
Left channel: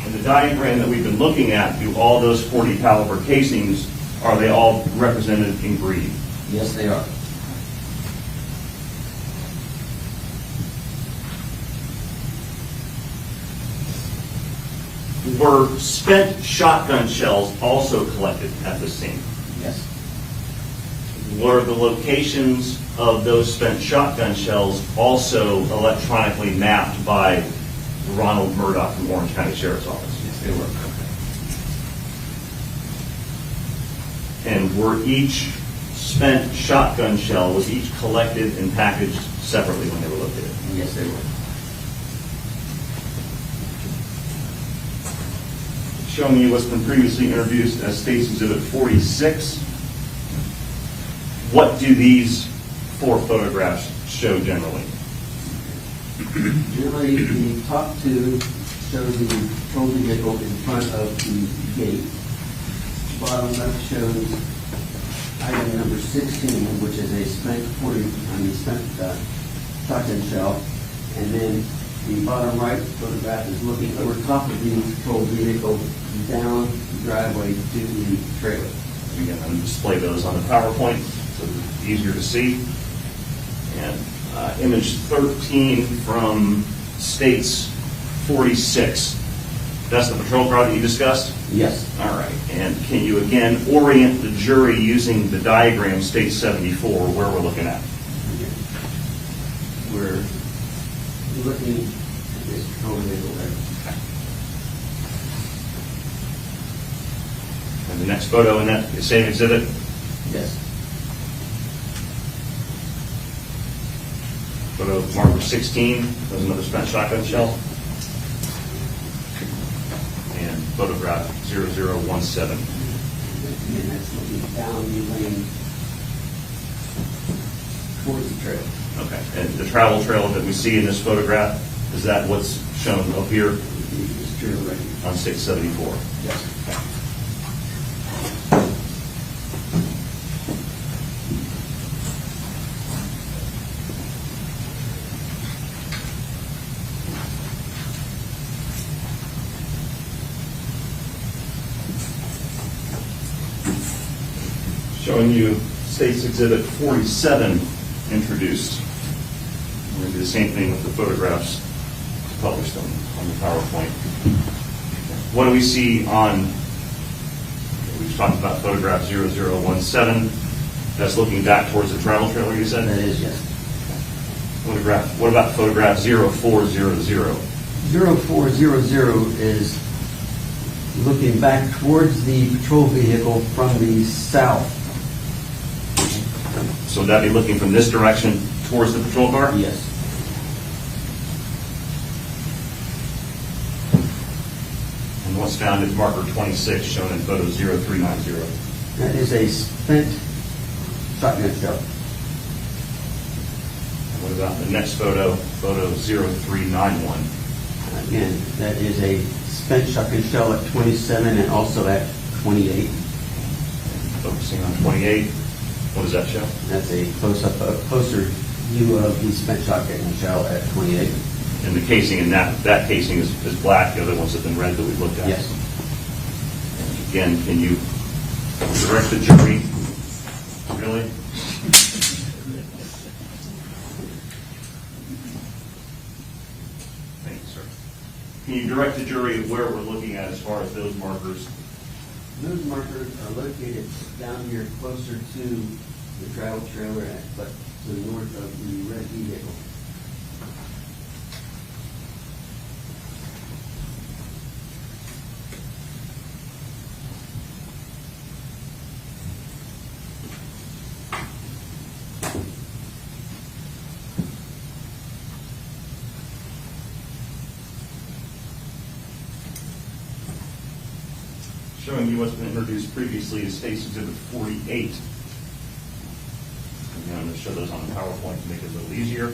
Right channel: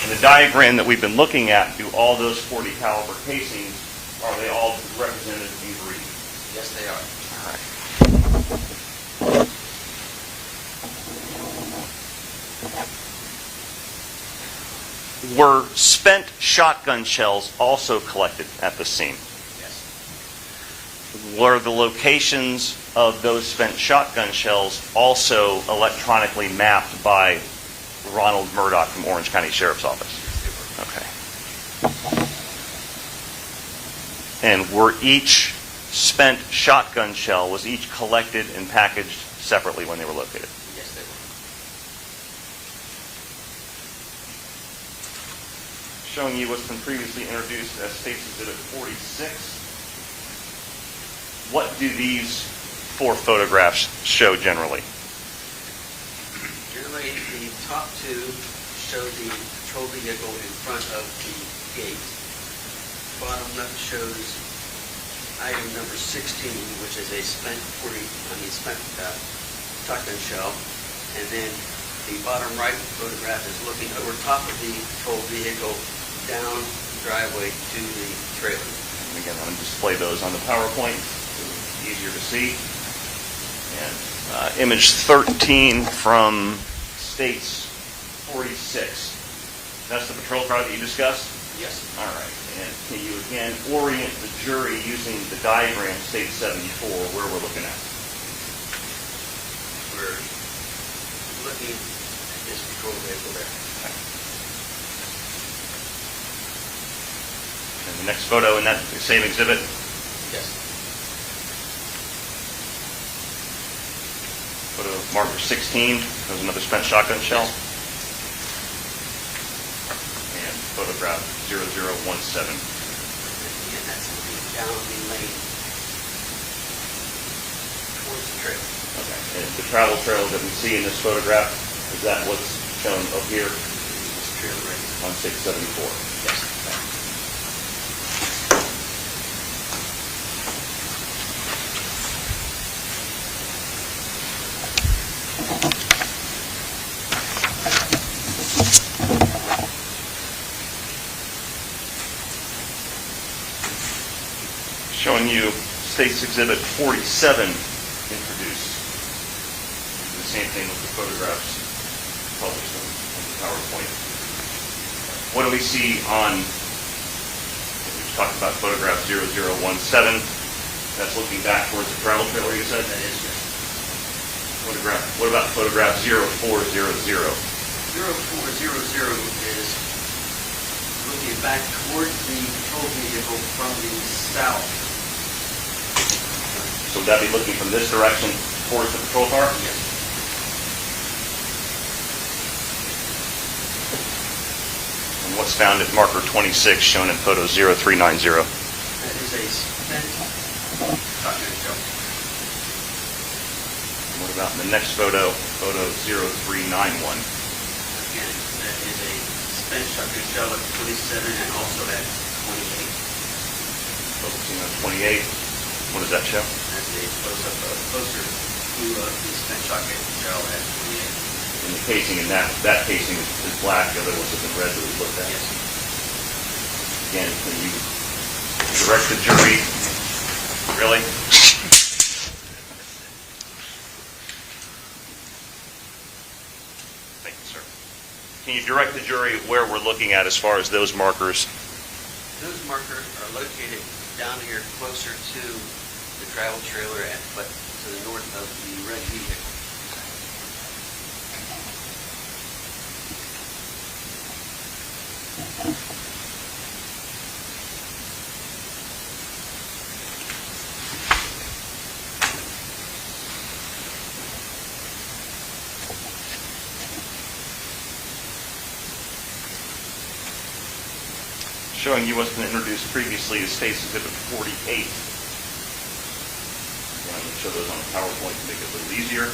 you. In the diagram that we've been looking at, do all those 40 caliber casings, are they all represented in green? Yes, they are. Were spent shotgun shells also collected at the scene? Yes. Were the locations of those spent shotgun shells also electronically mapped by Ronald Murdock from Orange County Sheriff's Office? Yes, they were. Okay. And were each spent shotgun shell, was each collected and packaged separately when they were located? Yes, they were. Showing you what's been previously introduced as State's Exhibit 46. What do these 4 photographs show generally? Generally, the top 2 show the patrol vehicle in front of the gate. Bottom left shows item number 16, which is a spent shotgun shell. And then the bottom right photograph is looking over top of the patrol vehicle down the driveway to the trailer. Again, I'll display those on the PowerPoint so it's easier to see. And image 13 from State's 46. That's the patrol car that you discussed? Yes. All right. And can you again orient the jury using the diagram, State 74, where we're looking at? We're looking at this patrol vehicle there. And the next photo in that same exhibit? Yes. Photo marker 16, there's another spent shotgun shell. And photograph 0017. Again, that's looking down the lane towards the trailer. Okay. And the travel trail that we see in this photograph, is that what's shown up here This trailer right here. on State 74? Yes. Showing you State's Exhibit 47 introduced. We do the same thing with the photographs published on the PowerPoint. What do we see on, we just talked about photograph 0017. That's looking back towards the travel trailer, you said? That is right. What about photograph 0400? 0400 is looking back towards the patrol vehicle from the south. So would that be looking from this direction towards the patrol car? Yes. And what's found at marker 26 shown in photo 0390? That is a spent shotgun shell. What about the next photo, photo 0391? Again, that is a spent shotgun shell at 27 and also at 28. Focusing on 28. What does that show? That's a closer view of the spent shotgun shell at 28. And the casing in that casing is black, the other ones have been red that we looked at. Yes. Again, can you direct the jury? Really? Thank you, sir. Can you direct the jury where we're looking at as far as those markers? Those markers are located down here closer to the travel trailer but to the north of the red vehicle. Showing you what's been introduced previously to State's Exhibit 48. I'm going to show those on PowerPoint to make it a little easier.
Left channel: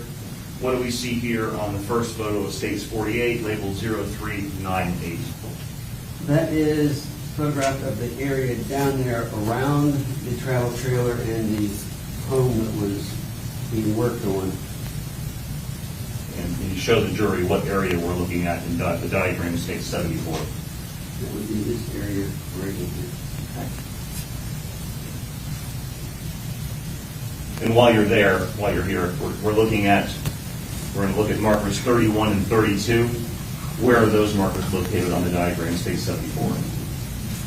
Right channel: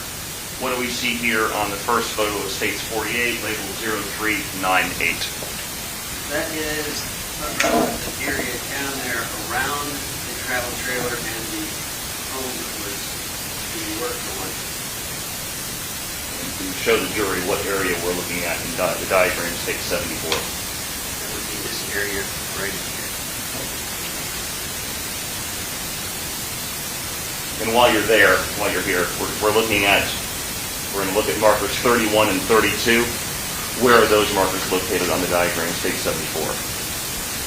What do we see here on the first photo of States 48, labeled 0398? That is photograph of the area down there around the travel trailer and the home that was being worked on. And you show the jury what area we're looking at in the diagram, State 74. It would be this area right in here. And while you're here, we're looking at, we're going to look at markers 31 and 32. Where are those markers located on the diagram, State 74?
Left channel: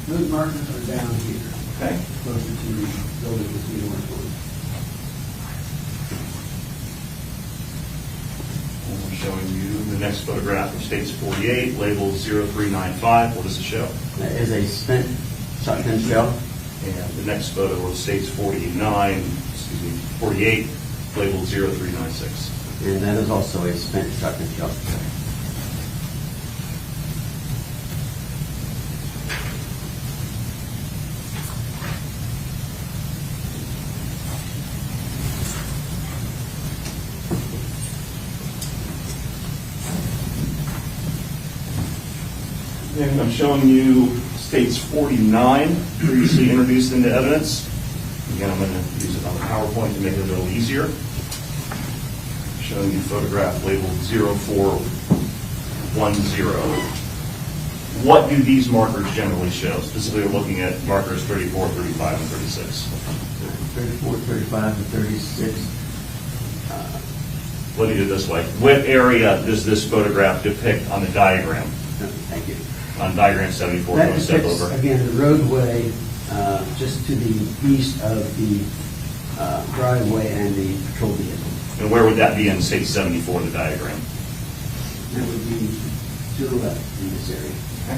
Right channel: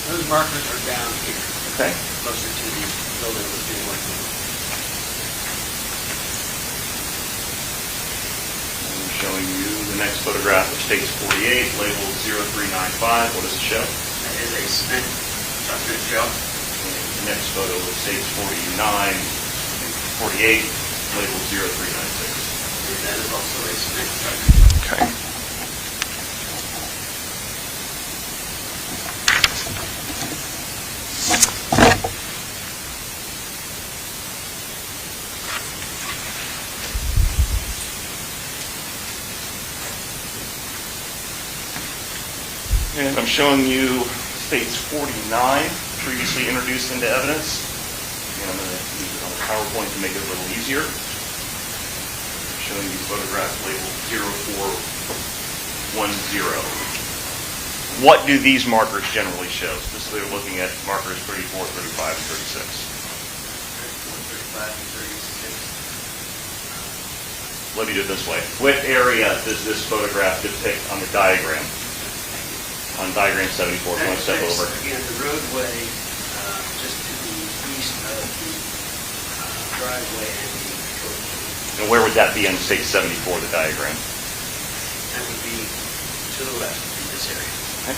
Those markers are down here. Okay. Closer to the building that was being worked on. I'm showing you the next photograph of States 48, labeled 0395. What does it show? That is a spent shotgun shell. And the next photo of States 48, labeled 0396. And that is also a spent shotgun shell. Okay. And I'm showing you States 49, previously introduced into evidence. Again, I'm going to use it on the PowerPoint to make it a little easier. Showing you photograph labeled 0410. What do these markers generally show? Specifically looking at markers 34, 35, and 36. 34, 35, and 36. Let me do it this way. What area does this photograph depict on the diagram? Thank you. On diagram 74, That one step depicts, over. again, the roadway just to the east of the driveway and the patrol vehicle. And where would that be in State 74, the diagram? That would be to the left in this area. Okay.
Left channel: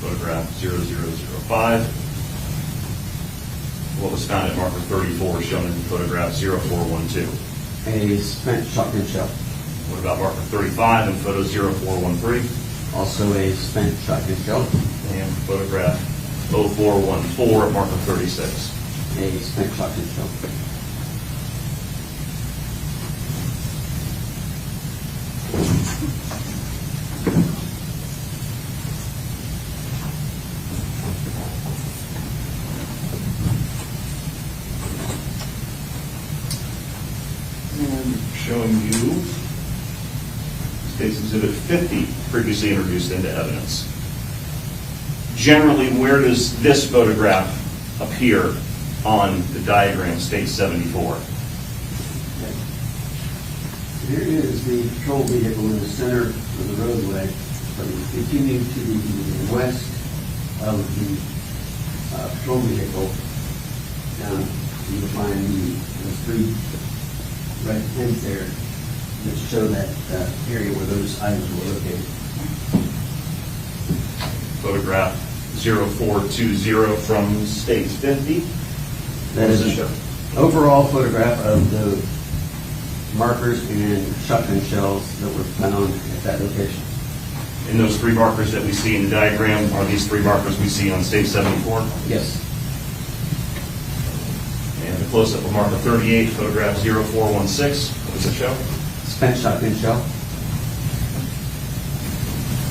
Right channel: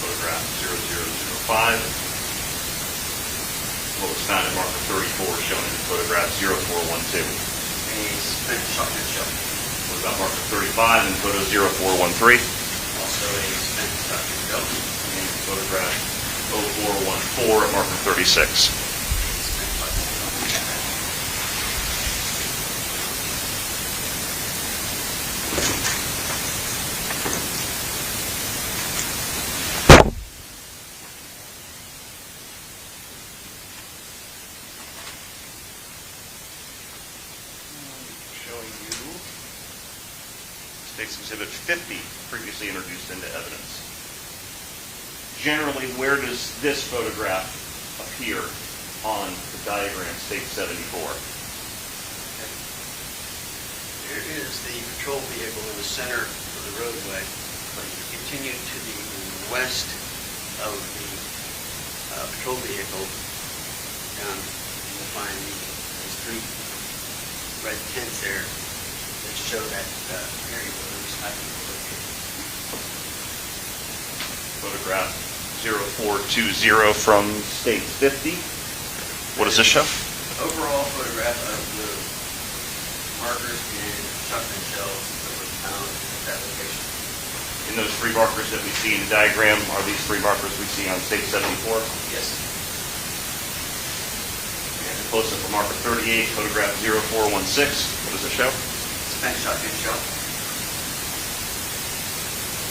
Photograph 0005. What was found at marker 34 shown in photograph 0412? A spent shotgun shell. What about marker 35 and photo 0413? Also a spent shotgun shell. And photograph 0414 at marker 36. A spent shotgun shell. Showing you State's Exhibit 50, previously introduced into evidence. Generally, where does this photograph appear on the diagram, State 74? Here is the patrol vehicle in the center of the roadway. So you continue to the west of the patrol vehicle. You'll find the three red pins there that show that area where those items were located. Photograph 0420 from State 50. What does this show? Overall photograph of the markers and shotgun shells that were found at that location. And those three markers that we see in the diagram, are these three markers we see on State 74? Yes. And a close-up of marker 38, photograph 0416. What does it show? Spent shotgun shell.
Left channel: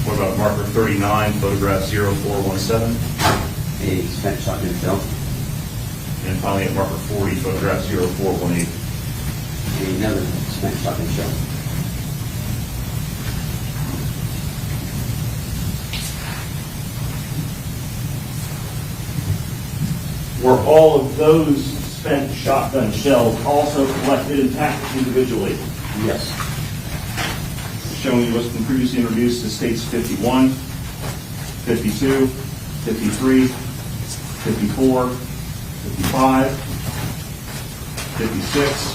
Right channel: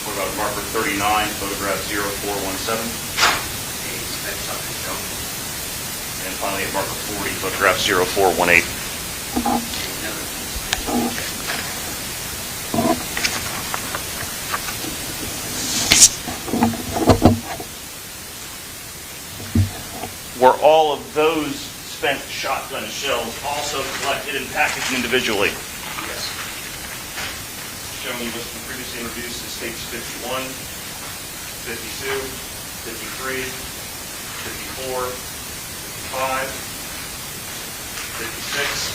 What about marker 39, photograph 0417? A spent shotgun shell. And finally at marker 40, photograph 0418. And another spent shotgun shell. Were all of those spent shotgun shells also collected and packaged individually? Yes. Showing you what's been previously introduced to States 51, 52, 53, 54, 55, 56,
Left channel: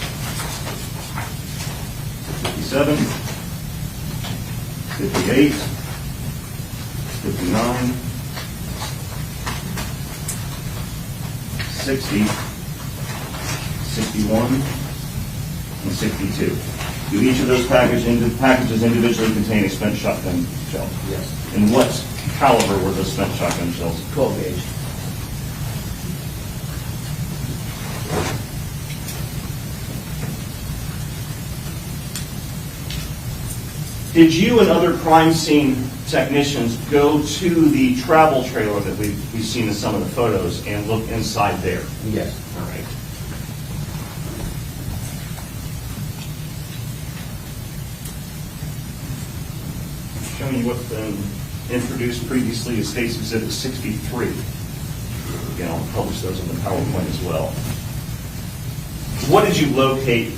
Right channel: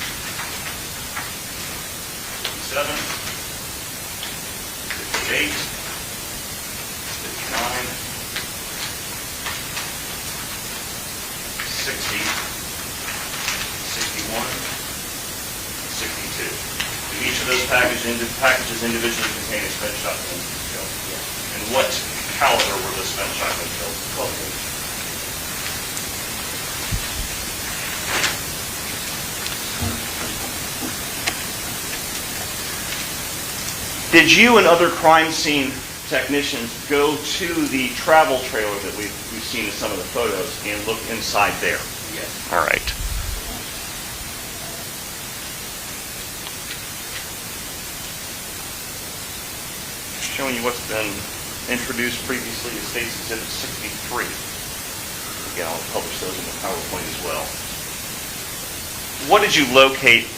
57, 58, 59, 60, 61, and 62. Do each of those packages individually contain a spent shotgun shell? Yes. And what caliber were the spent shotgun shells? 12 gauge. Did you and other crime scene technicians go to the travel trailer that we've seen in some of the photos and look inside there? Yes. All right. Showing you what's been introduced previously as State's Exhibit 63. Again, I'll publish those in the PowerPoint as well. What did you locate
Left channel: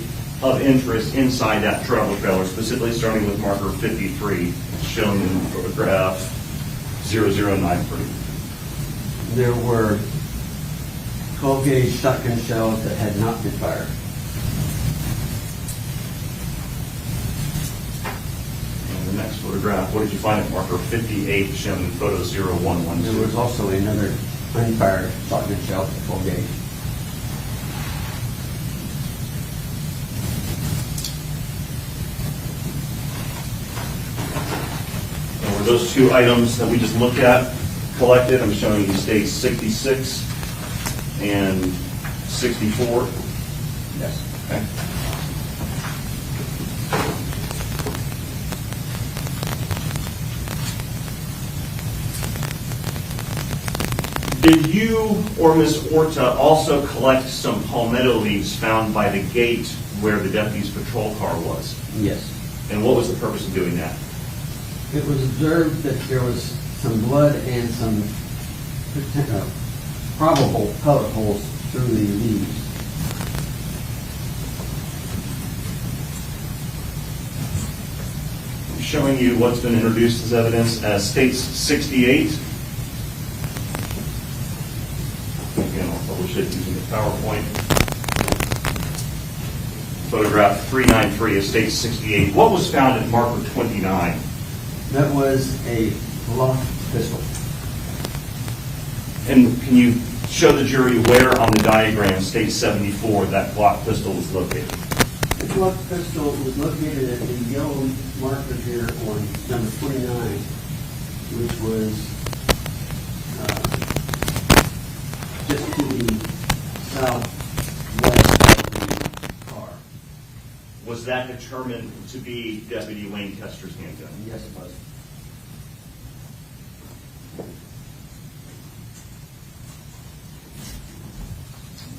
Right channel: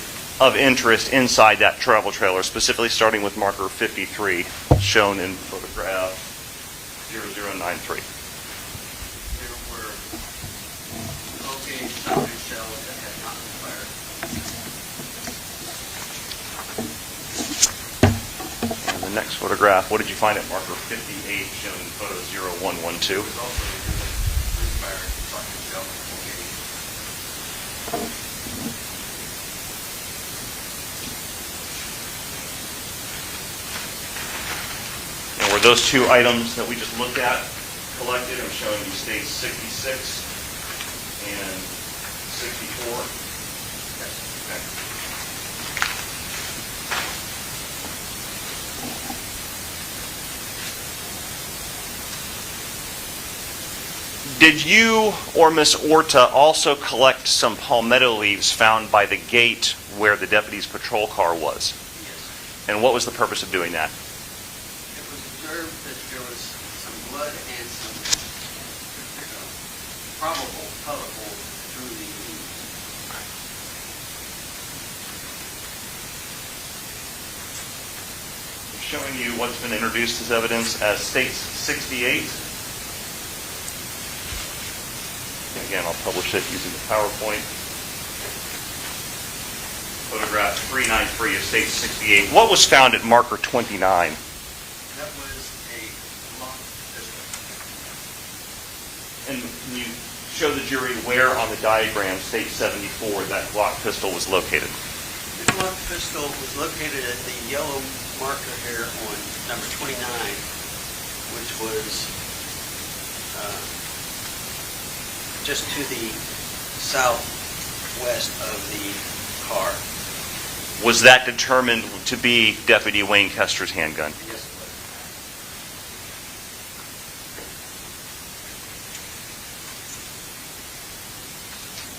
of interest inside that travel trailer, specifically starting with marker 53, shown in photograph 0093? There were 12-gauge shotgun shells that had not been fired. The next photograph, what did you find at marker 58, shown in photo 0112? There was also another unfired shotgun shell, 12-gauge. And were those two items that we just looked at collected? I'm showing you states 66 and 64. Yes. Okay. Did you or Ms. Orta also collect some palmetto leaves found by the gate where the deputy's patrol car was? Yes. And what was the purpose of doing that? It was observed that there was some blood and some probable pellet holes through the leaves. I'm showing you what's been introduced as evidence as states 68. Again, I'll publish it using the PowerPoint. Photograph 393 of state 68. What was found at marker 29? That was a locked pistol. And can you show the jury where on the diagram, state 74, that Glock pistol was located? The Glock pistol was located at the yellow marker here on number 29, which was just to the southwest of the car. Was that determined to be Deputy Wayne Koester's handgun? Yes, it was.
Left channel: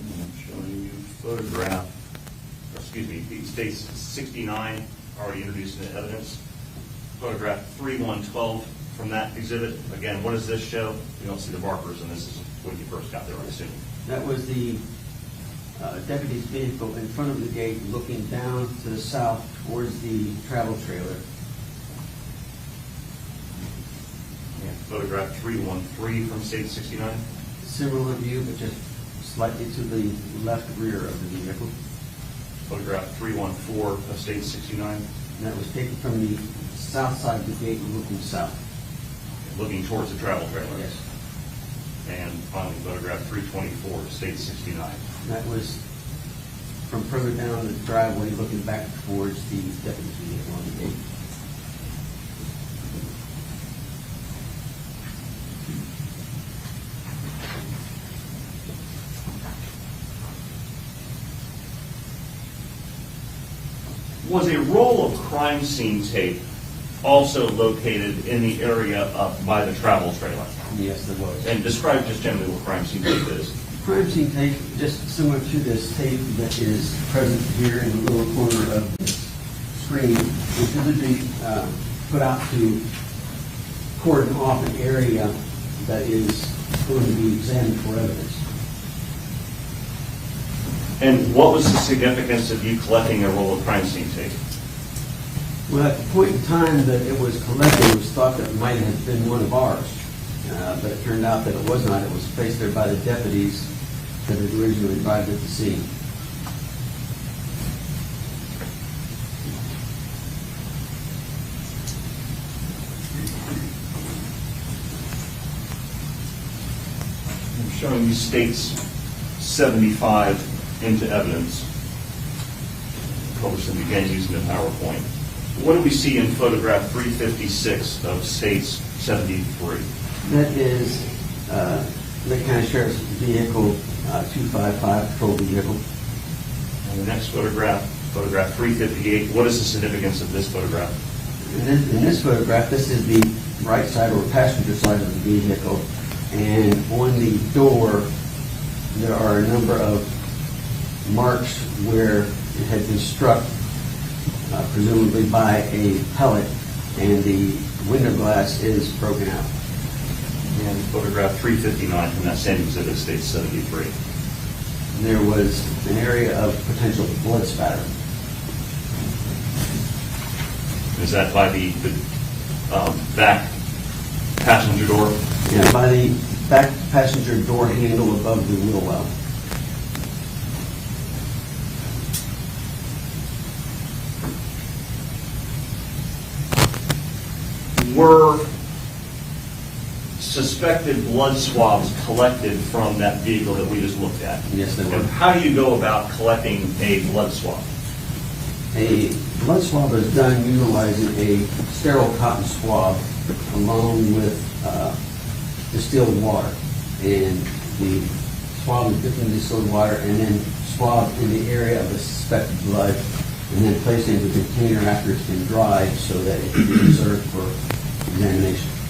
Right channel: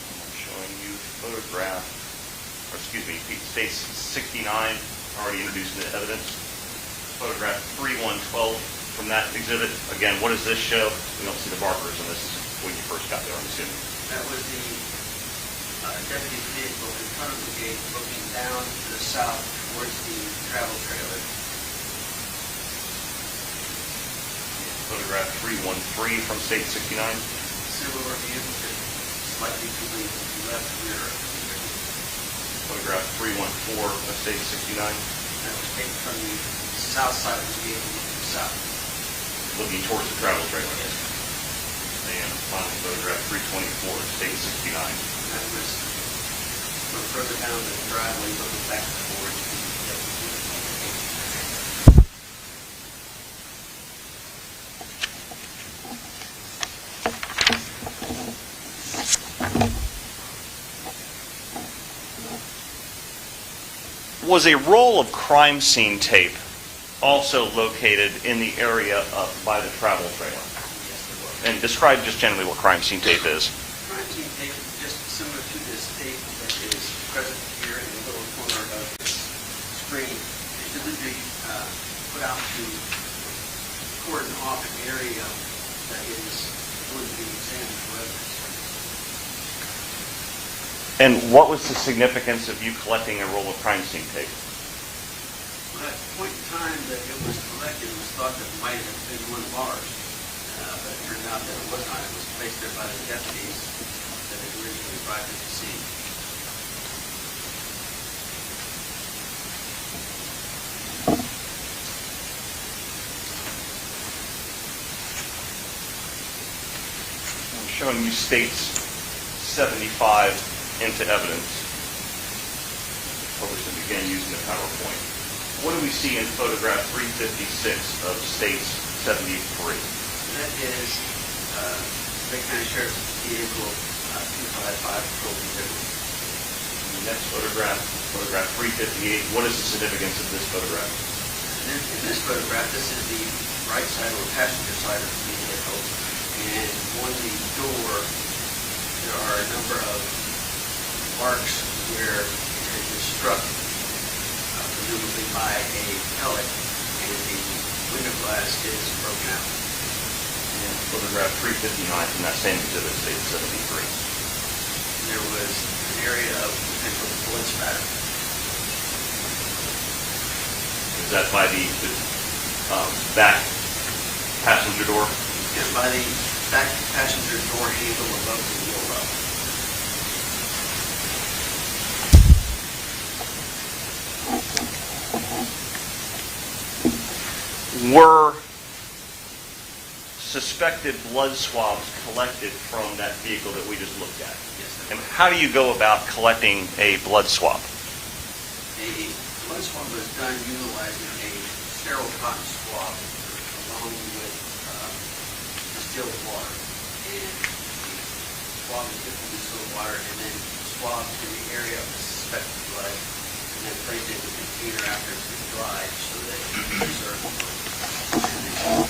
I'm showing you photograph, or excuse me, state 69, already introduced into evidence. Photograph 3112 from that exhibit. Again, what does this show? We don't see the markers, and this is when you first got there, I'm assuming. That was the deputy's vehicle in front of the gate looking down to the south towards the travel trailer. And photograph 313 from state 69. Silver vehicle just slightly to the left rear of the vehicle. Photograph 314 from state 69. And that was taken from the south side of the gate looking south. Looking towards the travel trailer. Yes. And finally, photograph 324 of state 69. And that was from further down the driveway looking back towards the deputy's vehicle on the gate. Was a roll of crime scene tape also located in the area up by the travel trailer? Yes, there was. And describe just generally what crime scene tape is. Crime scene tape, just similar to this tape that is present here in the lower corner of the screen, is to be put out to cordon off an area that is going to be examined for evidence. And what was the significance of you collecting a roll of crime scene tape? Well, at the point in time that it was collected, it was thought that it might have been one of ours. But it turned out that it was not. It was placed there by the deputies that had originally arrived at the scene. I'm showing you states 75 into evidence. Published and began using the PowerPoint. What do we see in photograph 356 of states 73? That is Lake County Sheriff's Vehicle 255 patrol vehicle. And the next photograph, photograph 358. What is the significance of this photograph? And then in this photograph, this is the right side or passenger side of the vehicle. And on the door, there are a number of marks where it had been struck, presumably by a pellet, and the window glass is broken out. And photograph 359 from that same exhibit states 73. There was an area of potential blood spatter. Is that by the back passenger door? Yeah, by the back passenger door handle above the wheel well. Were suspected blood swabs collected from that vehicle that we just looked at? Yes, there were. And how do you go about collecting a blood swab? A blood swab is done utilizing a sterile cotton swab along with distilled water. And the swab is dipped in distilled water and then swabbed in the area of the suspected blood and then placed in the container after it's been dried so that it can be preserved for examination.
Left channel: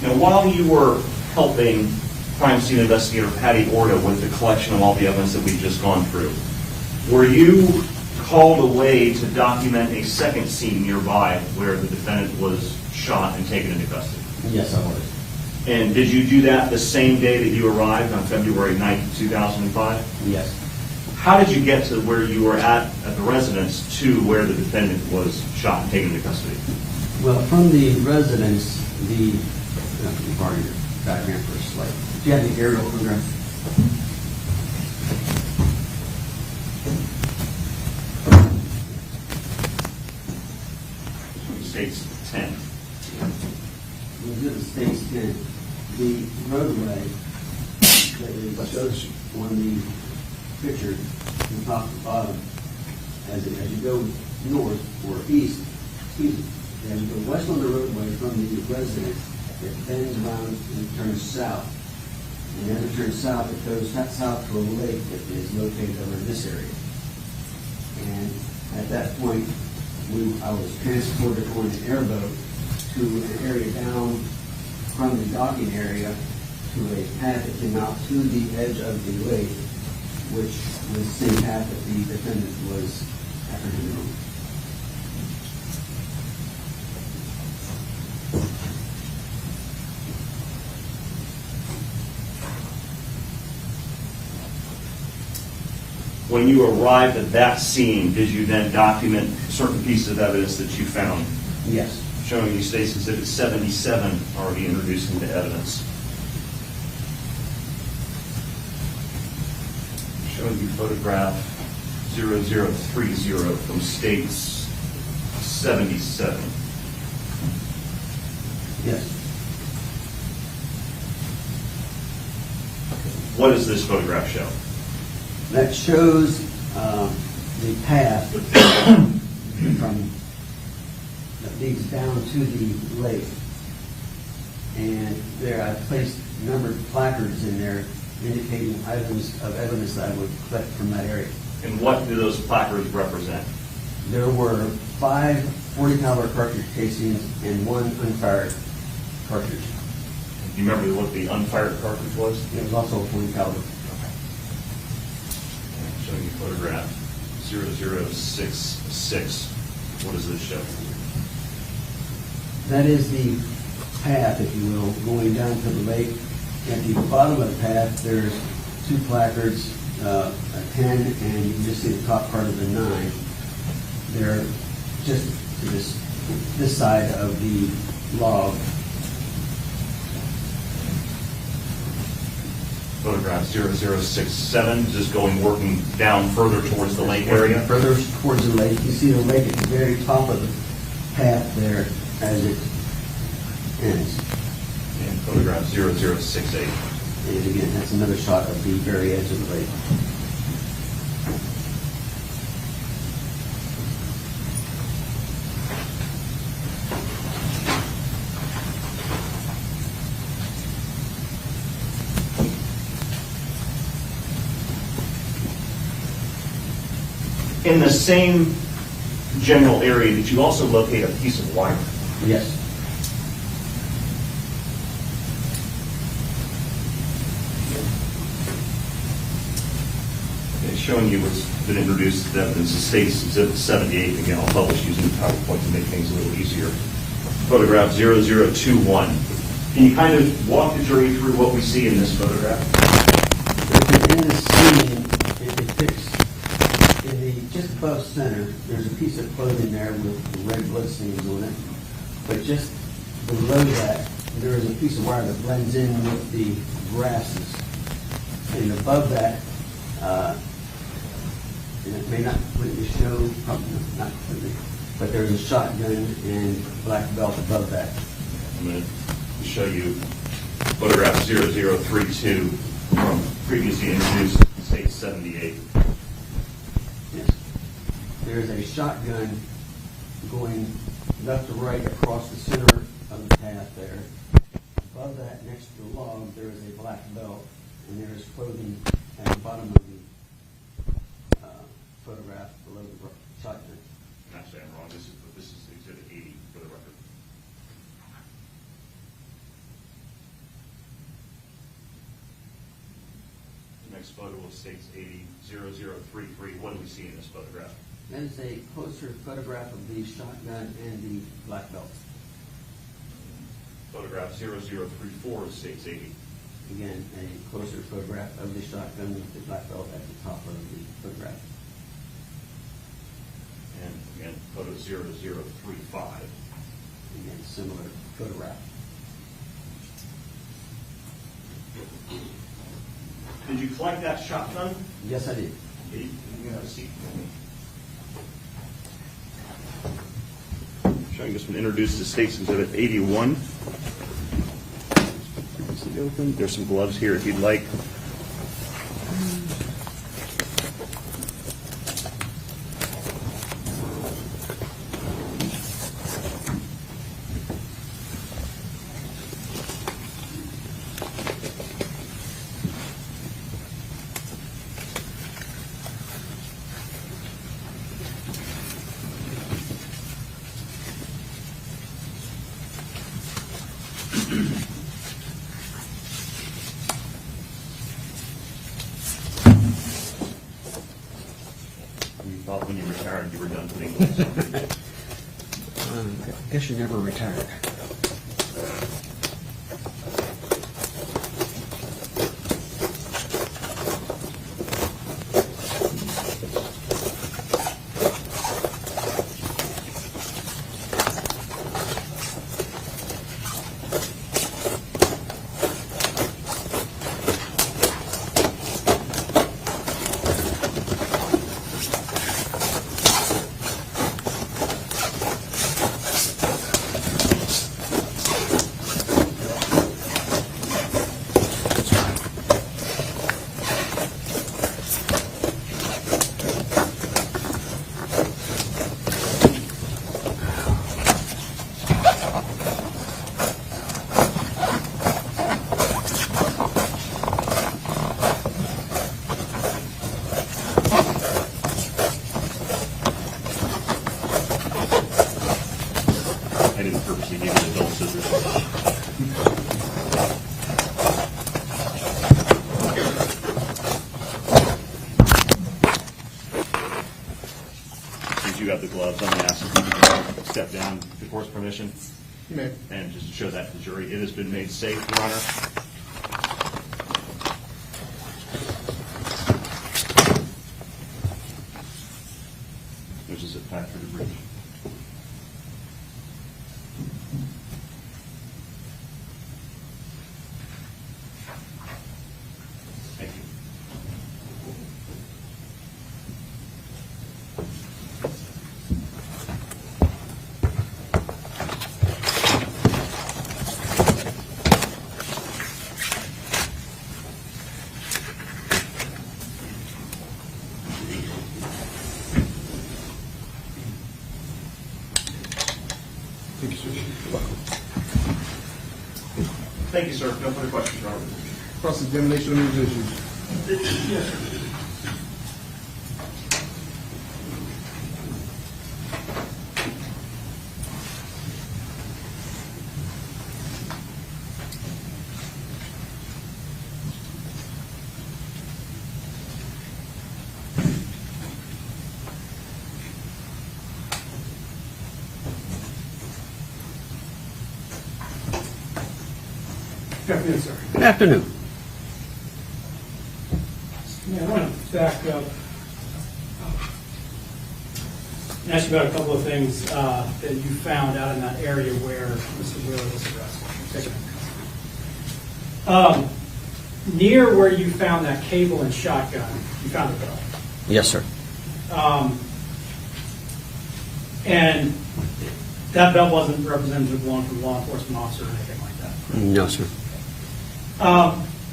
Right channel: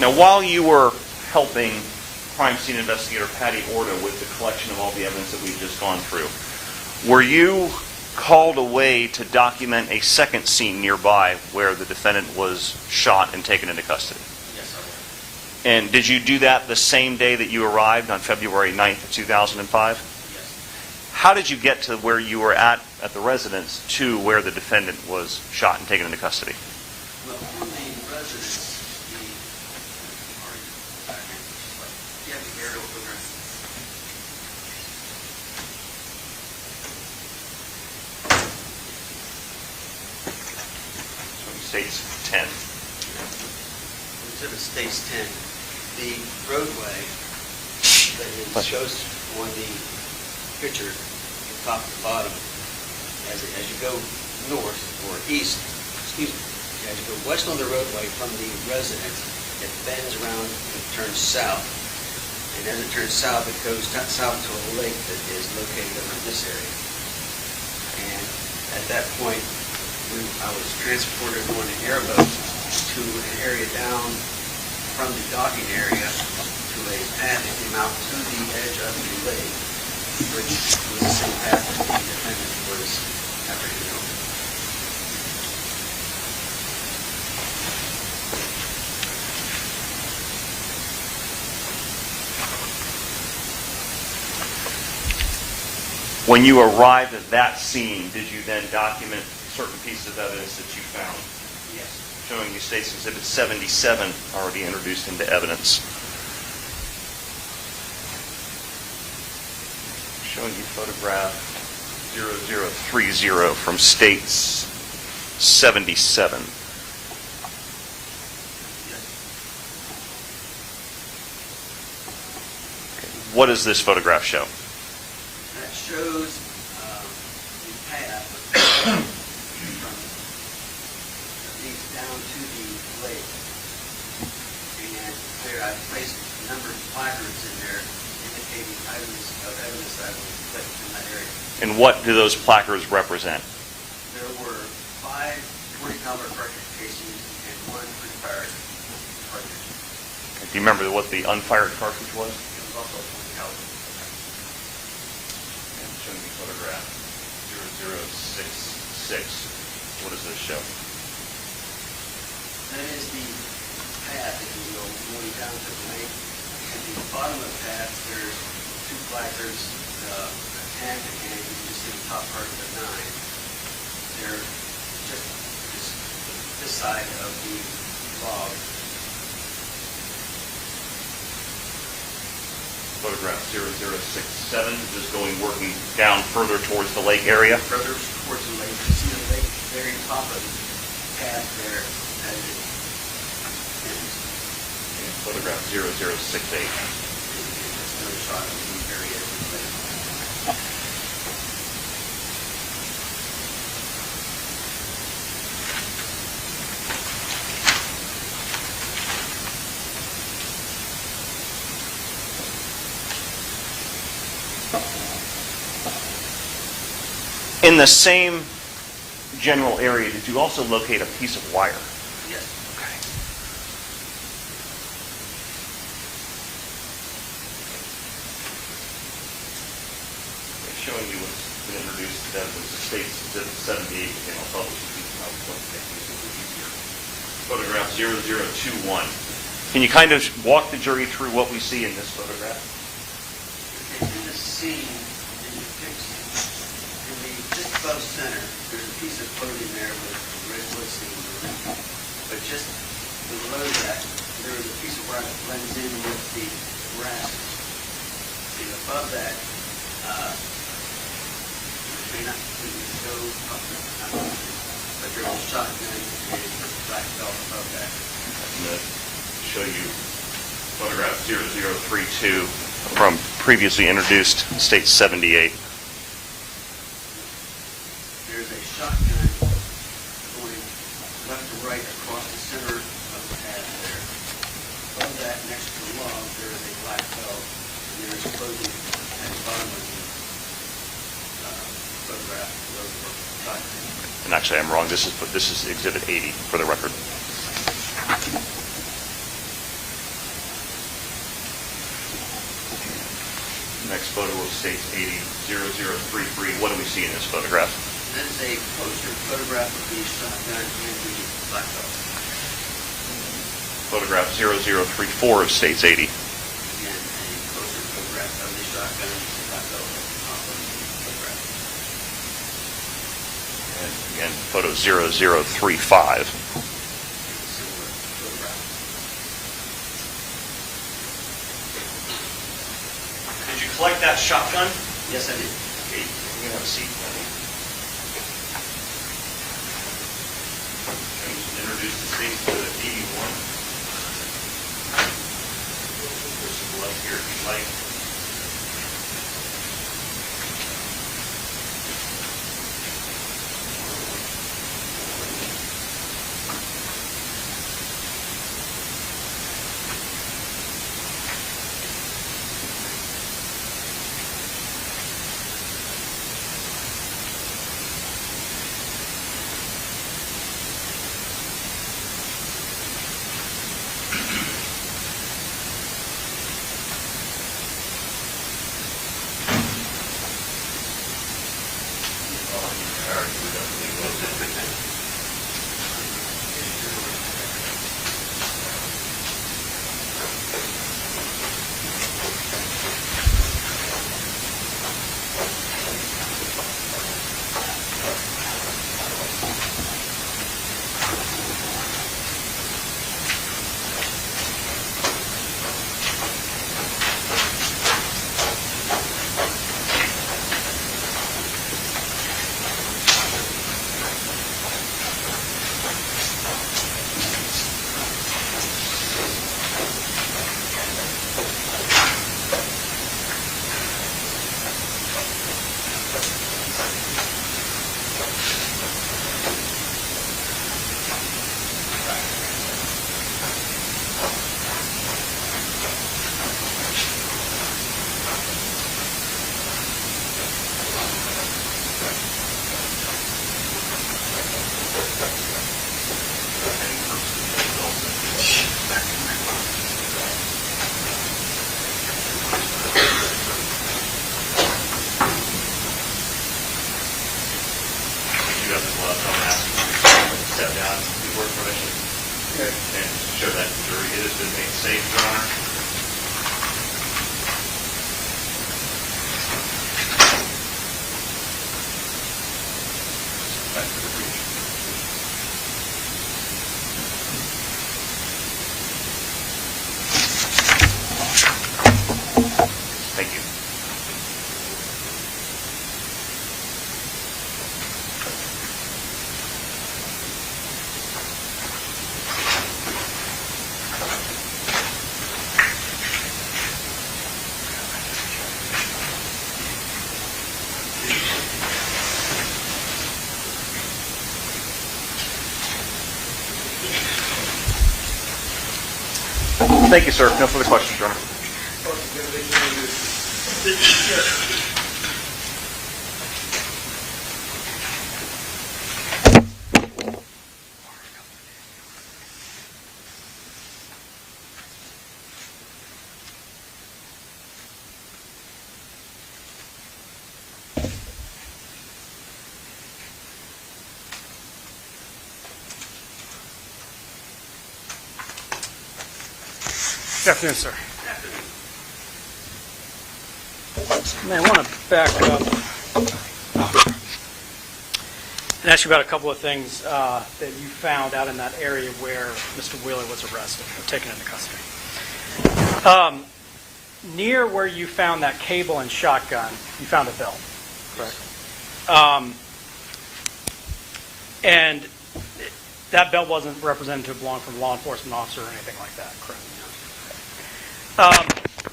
Now, while you were helping crime scene investigator Patty Orta with the collection of all the evidence that we've just gone through, were you called away to document a second scene nearby where the defendant was shot and taken into custody? Yes, I was. And did you do that the same day that you arrived on February 9th, 2005? Yes. How did you get to where you were at the residence to where the defendant was shot and taken into custody? Well, from the residence, the party diagram for a slide. Do you have the aerial photograph? States 10. Exhibit states 10. The roadway that is shows on the picture from top to bottom, as you go north or east, excuse me, as you go west on the roadway from the residence, it bends around and turns south. And as it turns south, it goes south to a lake that is located over in this area. And at that point, I was transported on an airboat to an area down from the docking area to a path that came out to the edge of the lake, which was the same path that the defendant was apprehended on. When you arrived at that scene, did you then document certain pieces of evidence that you found? Yes. Showing you State's Exhibit 77 already introduced into evidence. Showing you photograph 0030 from State's 77. Yes. What does this photograph show? That shows the path from that leads down to the lake. And there I placed numbered placards in there indicating items of evidence that I would collect from that area. And what do those placards represent? There were 5 .40 caliber cartridge casings and 1 unfired cartridge. Do you remember what the unfired cartridge was? It was also a .40 caliber. Showing you photograph 0066. What does this show? That is the path, if you will, going down to the lake. At the bottom of the path, there's 2 placards, a 10, and you can just see the top part of the 9. They're just this side of the log. photograph 0067, just working down further towards the lake area. Further towards the lake, you see the lake at the very top of the path there as it ends. And photograph 0068. And again, that's another shot of the very edge of the lake. In the same general area, did you also locate a piece of wire? Yes. Okay, showing you what's been introduced to evidence, the state's exhibit 78, again, I'll publish using PowerPoint to make things a little easier. Photograph 0021. Can you kind of walk the jury through what we see in this photograph? In the scene, it depicts, just above center, there's a piece of clothing there with the red bloodstains on it. But just below that, there is a piece of wire that blends in with the grasses. And above that, it may not completely show, not completely, but there's a shotgun and black belt above that. To show you photograph 0032 from previously introduced state 78. There's a shotgun going left to right across the center of the path there. Above that, next to the log, there is a black belt, and there is clothing at the bottom of the photograph below the shotgun. And actually, I'm wrong. This is exhibit 80 for the record. Next photo of states 80, 0033. What do we see in this photograph? This is a closer photograph of the shotgun and the black belt. Photograph 0034 of states 80. Again, a closer photograph of the shotgun and the black belt at the top of the photograph. And again, photo 0035. Similar photograph. Did you collect that shotgun? Yes, I did. Okay, you can have a seat. I just introduce the state's exhibit 81. There's some gloves here if you'd like. Thank you, sir. No further questions, Your Honor. Cross-examination on these issues. Good afternoon, sir. Good afternoon. Man, I want to back up and ask you about a couple of things that you found out in that area where Mr. Wheeler was arrested or taken into custody. Near where you found that cable and shotgun, you found a belt. Yes, sir. And that belt wasn't representative of one from a law enforcement officer or anything like that, correct? No, sir.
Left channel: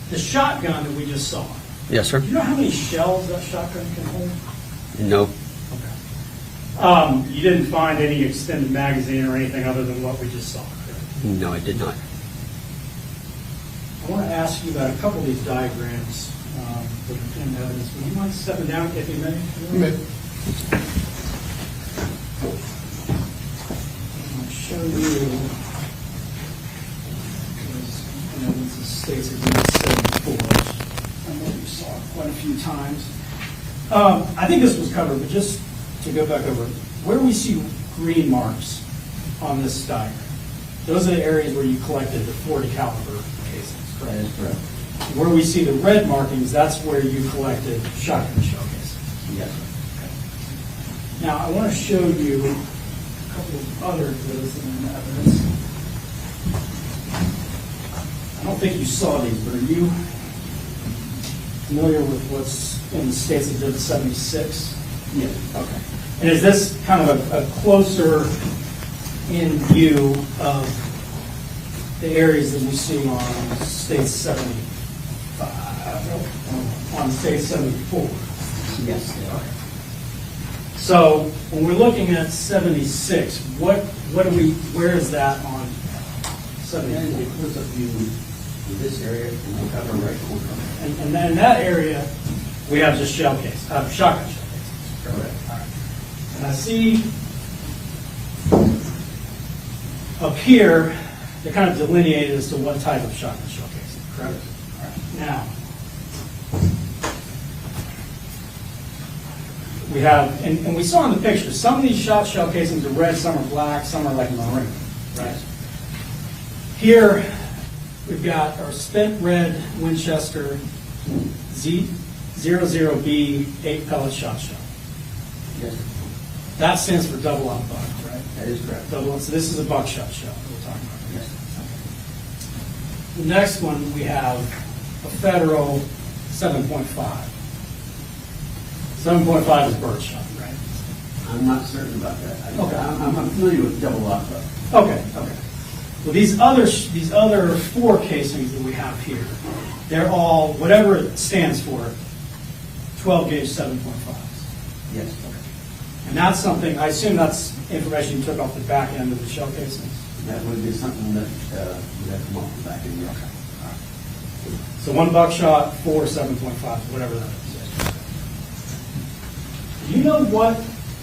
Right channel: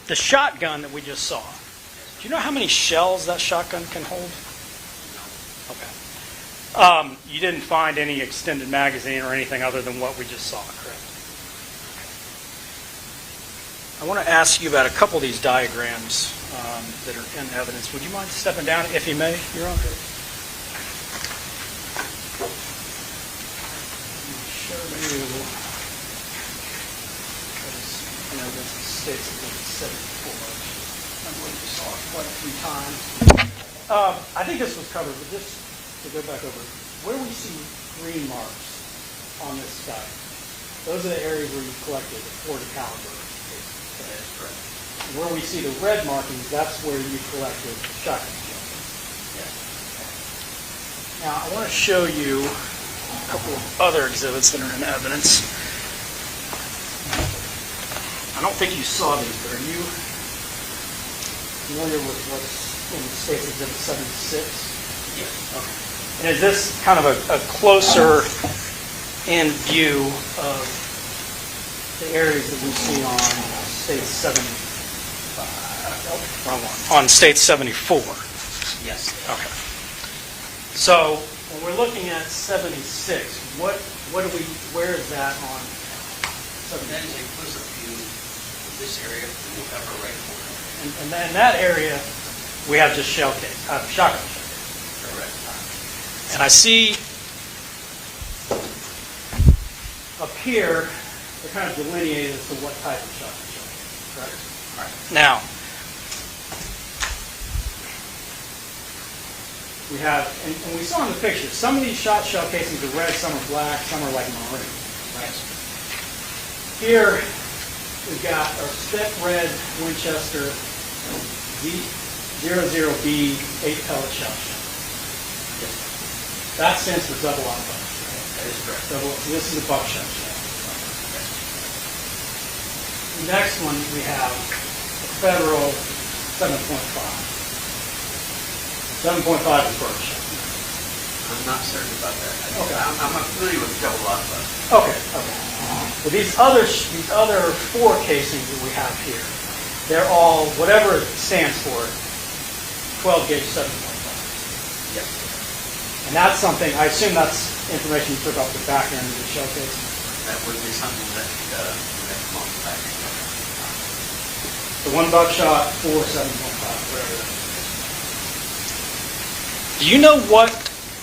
The shotgun that we just saw, Yes, sir. do you know how many shells that shotgun can hold? No. Okay. You didn't find any extended magazine or anything other than what we just saw, correct? No, I did not. I want to ask you about a couple of these diagrams that are in evidence. Would you mind stepping down, if you may, Your Honor? I'll show you, because evidence states it's in 74, and what you saw quite a few times. I think this was covered, but just to go back over, where we see green marks on this diagram, those are the areas where you collected the .40 caliber cases. That is correct. Where we see the red markings, that's where you collected shotgun shell cases. Yes. Now, I want to show you a couple of other exhibits that are in evidence. I don't think you saw these, but are you familiar with what's in the State's Exhibit 76? Yes. Okay. And is this kind of a closer in view of the areas that we see on State 74? Yes. Okay. So when we're looking at 76, where is that on 76? That is a close-up view of this area in the upper right corner. And then in that area, we have just shotgun shell case. Correct. And I see up here, they're kind of delineated as to what type of shotgun shell case, correct? All right. Now, we have, and we saw in the picture, some of these shot shell casings are red, some are black, some are like maroon. Right. Here, we've got our spent red Winchester Z00B 8-pellet shot shell. Yes. That stands for double auto buck, right? That is correct. So this is a buckshot shell. Yes. The next one, we have a Federal 7.5. 7.5 is bird shot. I'm not certain about that. Okay. I'm familiar with double auto buck. Okay. Well, these other four casings that we have here, they're all, whatever it stands for, 12 gauge 7.5. Yes. And that's something, I assume that's information you took off the back end of the shell casing. That would be something that would have come off the back end. So one buckshot, 4 7.5, whatever that is. Do you know what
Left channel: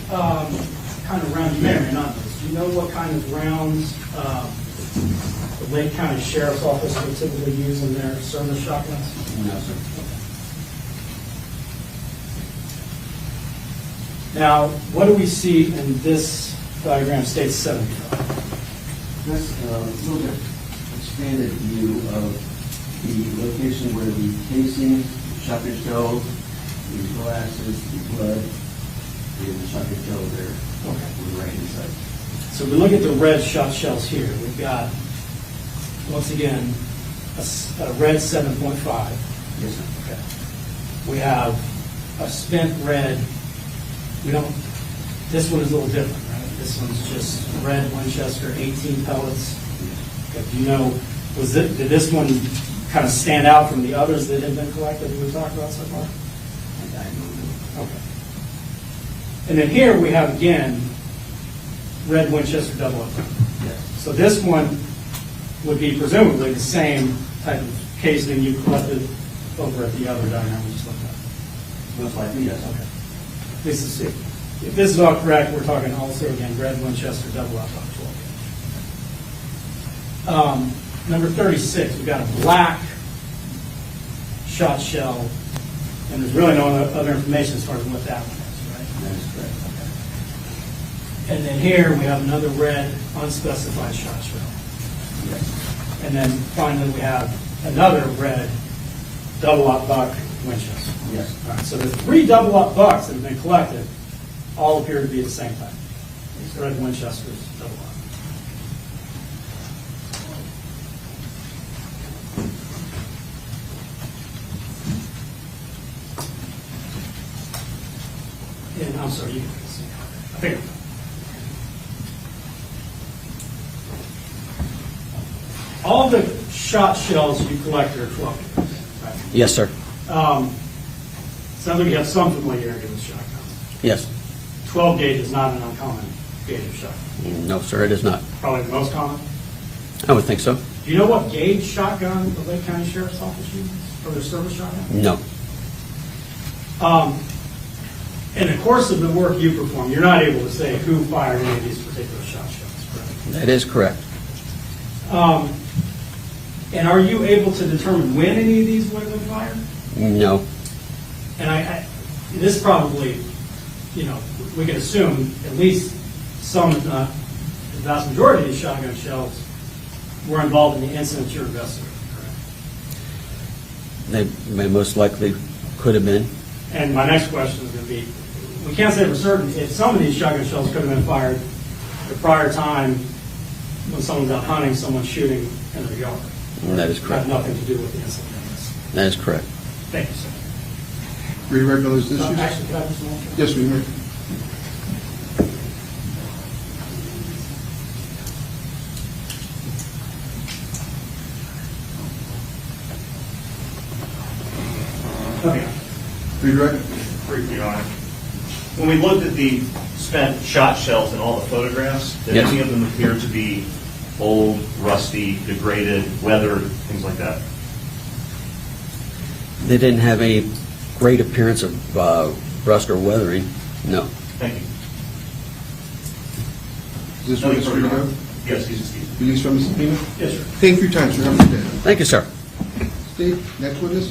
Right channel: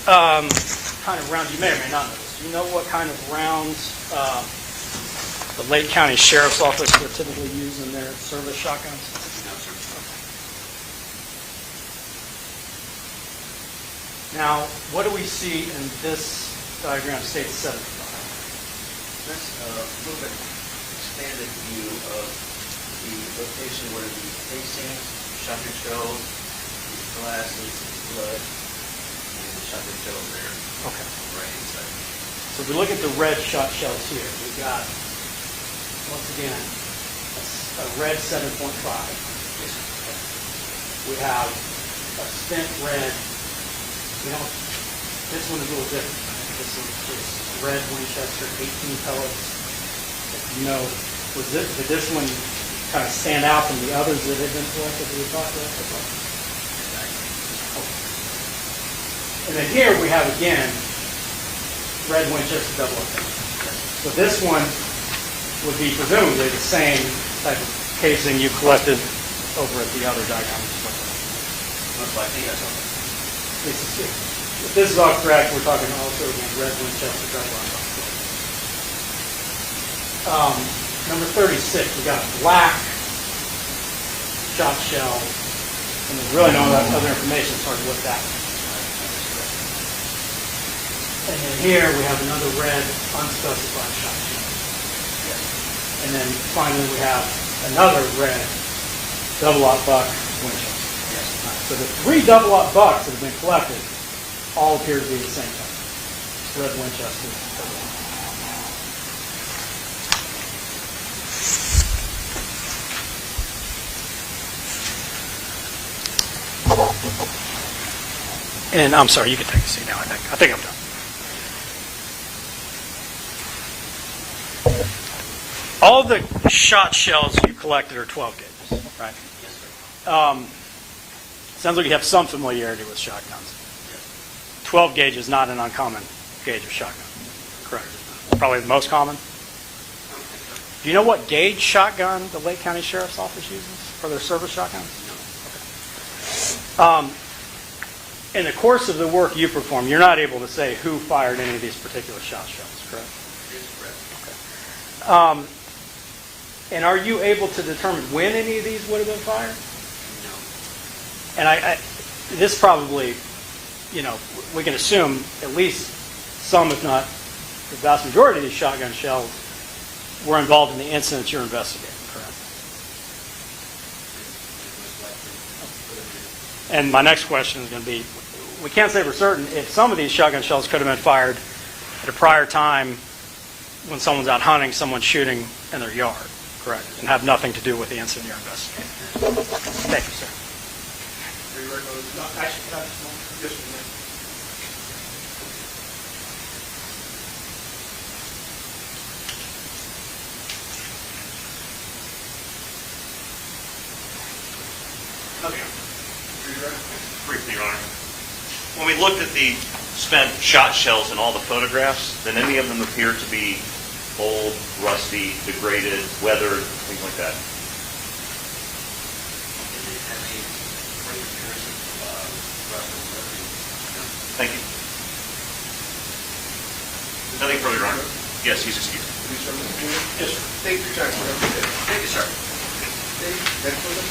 kind of rounds, you may or may not know this, do you know what kind of rounds the Lake County Sheriff's Office would typically use in their service shotguns? No, sir. Now, what do we see in this diagram, State 75? That's a little bit expanded view of the location where the casings, the shotgun shells, the glasses, the blood, and the shotgun shells there. Okay. On the right-hand side. So we look at the red shot shells here. We've got, once again, a red 7.5. Yes, sir. Okay. We have a spent red. We don't, this one is a little different, right? This one's just red Winchester, 18 pellets. If you know, did this one kind of stand out from the others that had been collected that we talked about so far? Okay. And then here we have, again, red Winchester double. So this one would be presumably the same type of casing you collected over at the other diagram. Most likely, yes. This is all correct. We're talking also in red Winchester double-lock. Number 36, we got a black shot shell, and there's really no other information, so I looked at it. And then here we have another red unspecified shot shell. And then finally we have another red double-lock buck Winchester. Yes. So the 3 double-lock bucks that have been collected all appear to be at the same time. It's red Winchester double-lock. And I'm sorry, you can take a seat now, I think I'm done. All the shot shells you collected are 12 gauges, right? Yes, sir. Sounds like you have some familiarity with shotguns. Yes. 12 gauge is not an uncommon gauge of shotgun. No, sir, it is not. Probably the most common. I would think so. Do you know what gauge shotgun the Lake County Sheriff's Office uses for their service shotgun? No. In the course of the work you perform, you're not able to say who fired any of these particular shot shells, correct? That is correct. And are you able to determine when any of these would have been fired? No. And this probably, we can assume at least some, if not the vast majority of these shotgun shells were involved in the incidents you're investigating, correct? They most likely could have been. And my next question is going to be, we can't say for certain if some of these shotgun shells could have been fired at a prior time when someone's out hunting, someone's shooting in their yard. That is correct. Have nothing to do with the incident you're investigating. That is correct. Thank you, sir. Re-read those issues? Yes, we may. Okay. Re-read? Briefly, Your Honor. When we looked at the spent shot shells and all the photographs, did any of them appear to be old, rusty, degraded, weathered, things like that? They didn't have any great appearance of rust or weathering. No. Thank you. Is this Nothing Mr. further, Your Honor. Rose? Yes, he's excused. Release from Mr. Pena? Yes, sir. Thank you for your time, sir. Have a good day. Thank you, sir. Dave, next witness?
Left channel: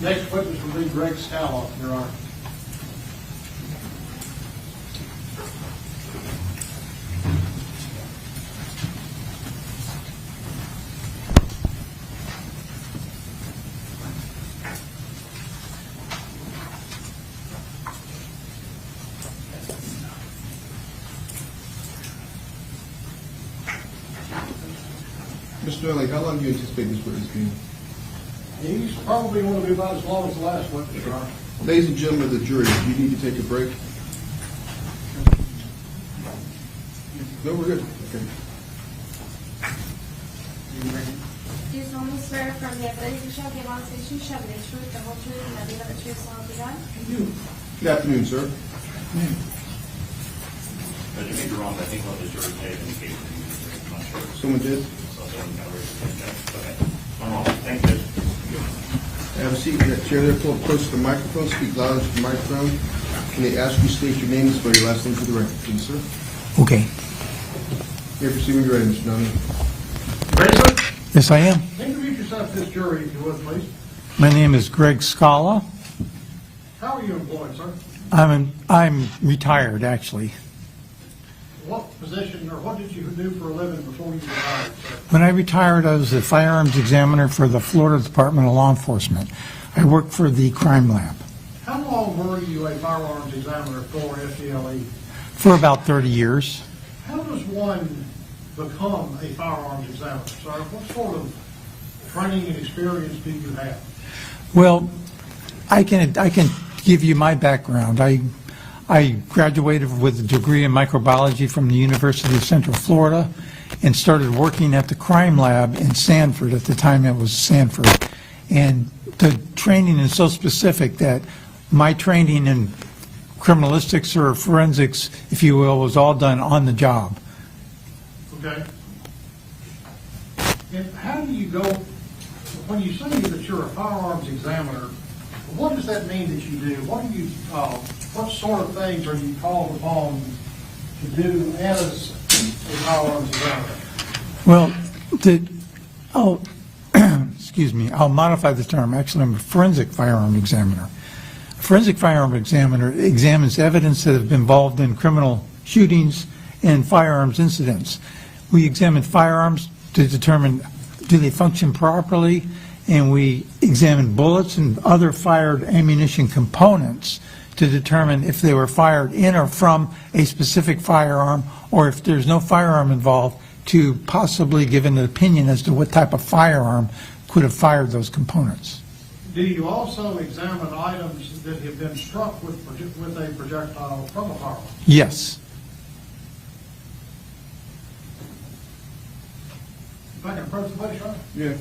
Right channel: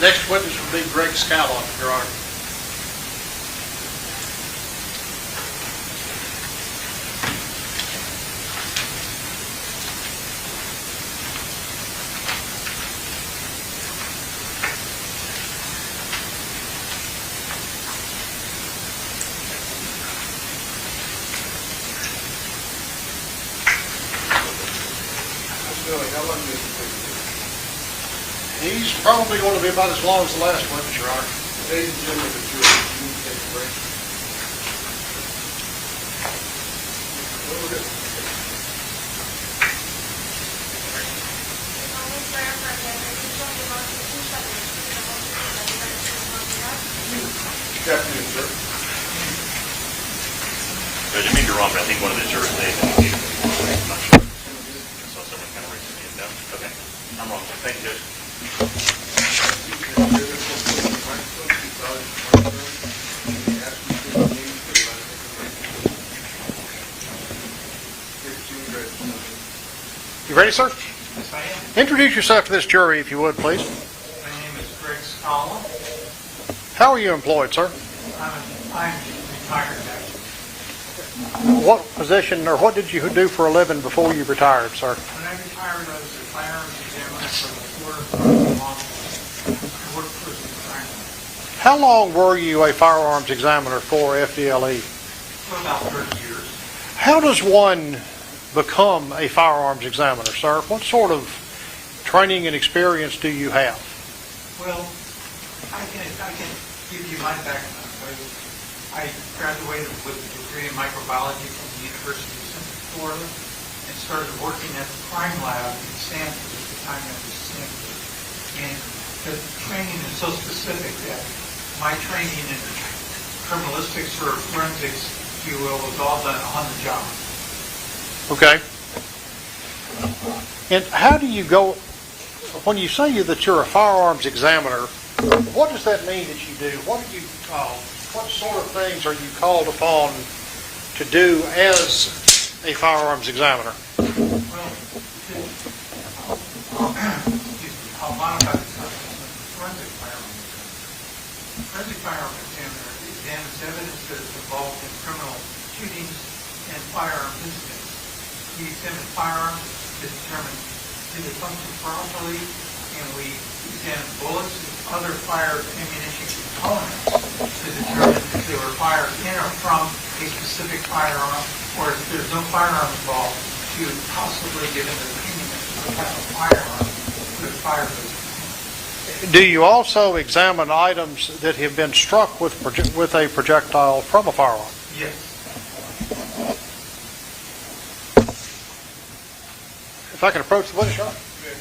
Next witness will be Greg Scalock, Your Honor. Mr. Murdock, how long do you think you can? He's probably going to be about as long as the last witness, Your Honor. Ladies and gentlemen of the jury, you need to take a break. Go to this. You solemnly swear upon the evidence you shall give out to the truth, the truth, the whole truth, and nothing but the truth, so help you God? Good afternoon, sir. I didn't mean to be wrong, but I think one of the jurors they indicated. I'm not sure. Someone did? So someone kind of raised their hand. No? Okay. I'm wrong. Thank you, Judge. Have a seat. The chair close to the microphone. Speak loud into the microphone. May I ask you to state your name and spell your last name for the record, please, sir? Okay. You proceed when you're ready, Mr. Nominee. You ready, sir? Yes, I am. Introduce yourself to this jury, if you would, please. My name is Greg Scala. How are you employed, sir? I'm retired, actually. What position, or what did you do for a living before you retired, sir? When I retired, I was the firearms examiner for the Florida Department of Law Enforcement. I worked for the crime lab How long were you a firearms examiner for FDLE? for about 30 years. How does one become a firearms examiner, sir? What sort of training and experience do you have? Well, I can give you my background. I graduated with a degree in microbiology from the University of Central Florida and started working at the crime lab in Sanford. At the time, that was Sanford. And the training is so specific that my training in criminalistics or forensics, if you will, was all done on the job. Okay? And how do you go, when you say that you're a firearms examiner, what does that mean that you do? What sort of things are you called upon to do as a firearms examiner? Well, excuse me, I'll modify the term. Actually, I'm a forensic firearm examiner. A forensic firearm examiner examines evidence that has been involved in criminal shootings and firearms incidents. We examine firearms to determine do they function properly, and we examine bullets and other fired ammunition components to determine if they were fired in or from a specific firearm, or if there's no firearm involved, to possibly give an opinion as to what type of firearm could have fired those components. Do you also examine items that have been struck with a projectile from a firearm? Yes. If I can approach the witness, Sean? Yeah.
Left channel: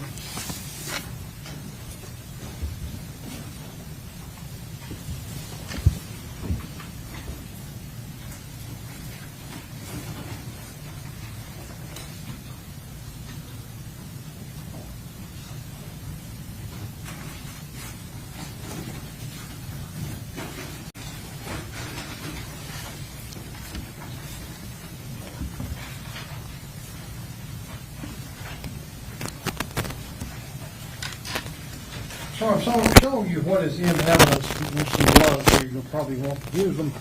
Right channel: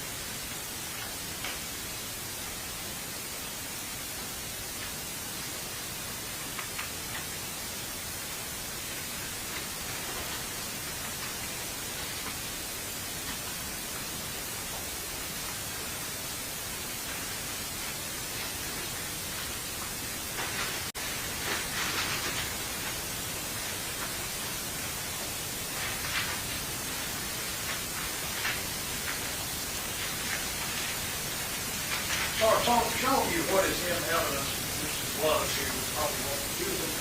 So I'm showing you what is in evidence, which you love to, you probably want to use them.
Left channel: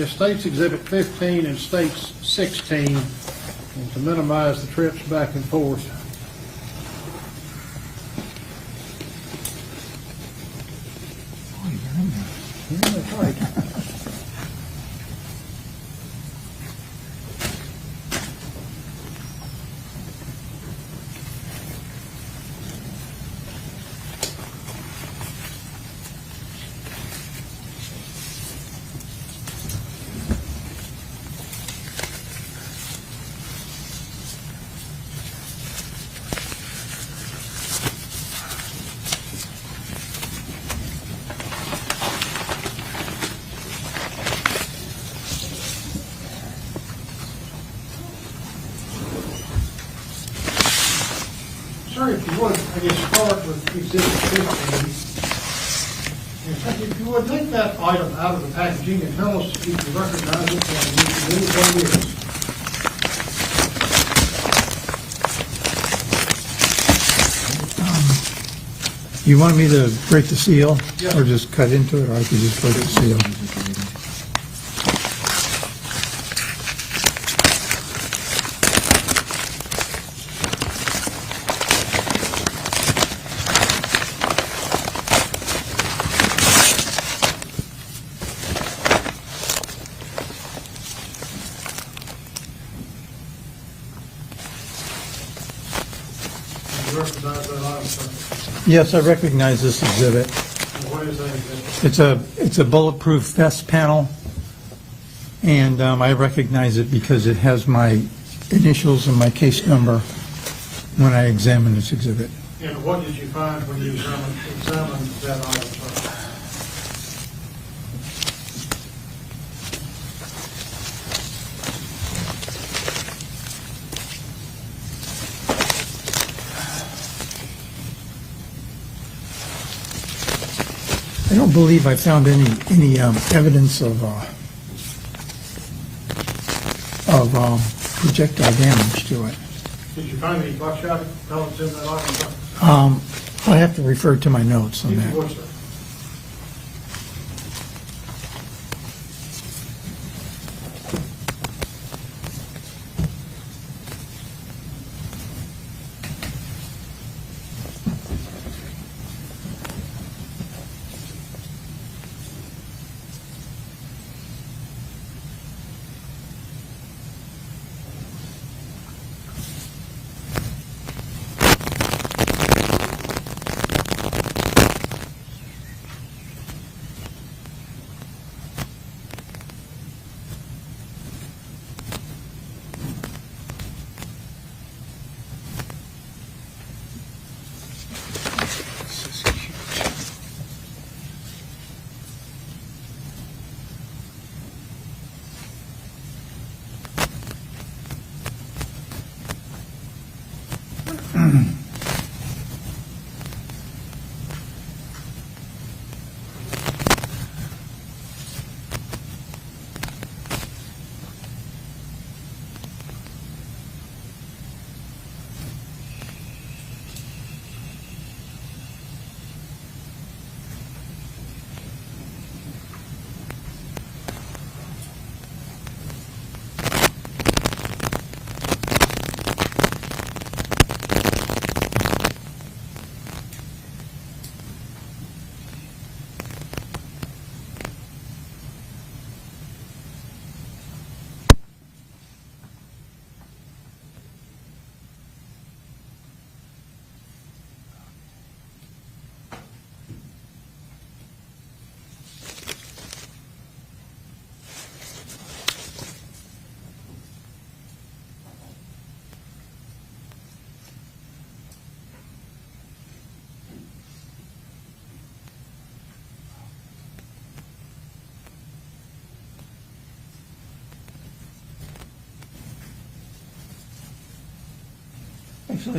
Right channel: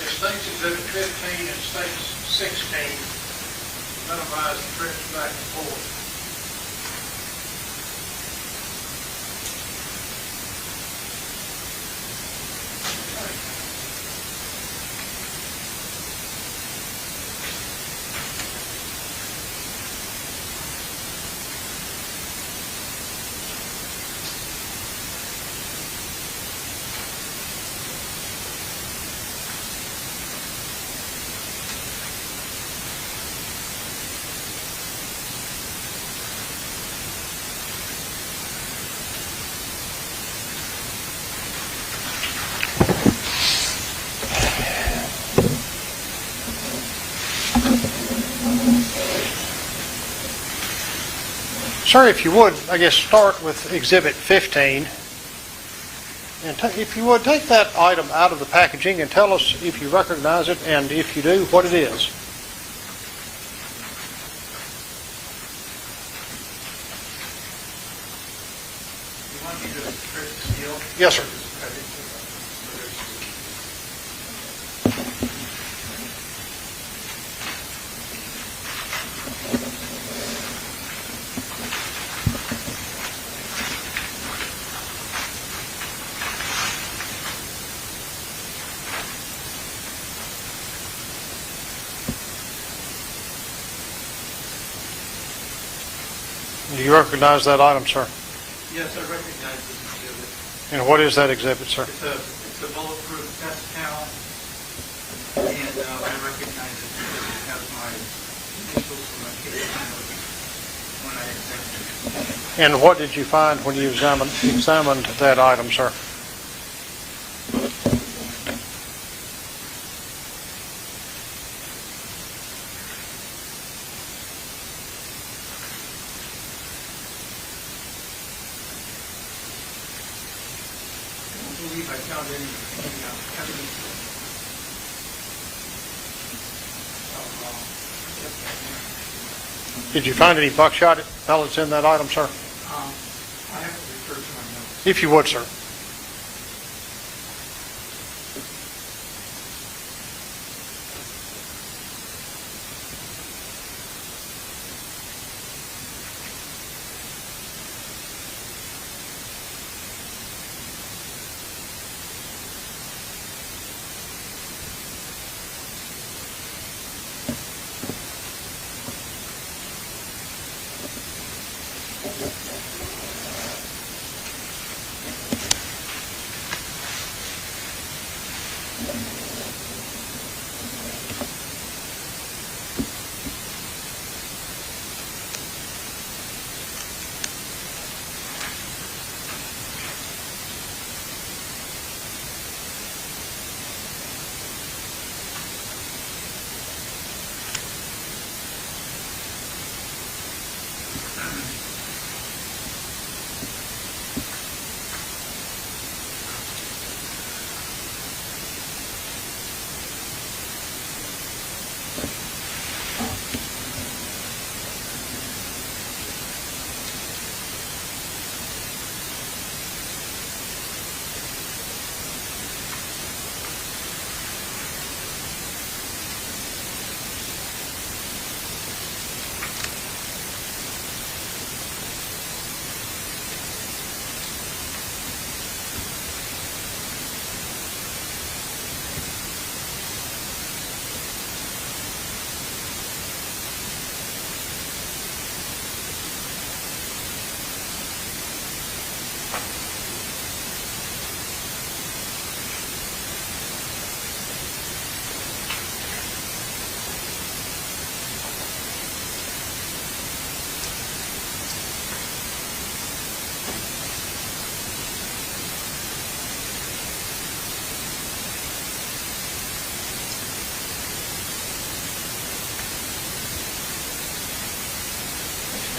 It states Exhibit 15 and states 16, and to minimize the trips back and forth. Sir, if you would, I guess, start with Exhibit 15. And if you would, take that item out of the packaging and tell us if you recognize it, and if you do, what it is. You want me to break the seal? Yes, sir. Or just cut into it, or I could just break the seal? Do you recognize that item, sir? Yes, I recognize this exhibit. And what is that exhibit, sir? It's a bulletproof vest panel, and I recognize it because it has my initials and my case number when I examined this exhibit. And what did you find when you examined that item, sir? I don't believe I found any evidence of projectile damage to it. Did you find any buckshot pellets in that item, sir? I have to refer to my notes. If you would, sir.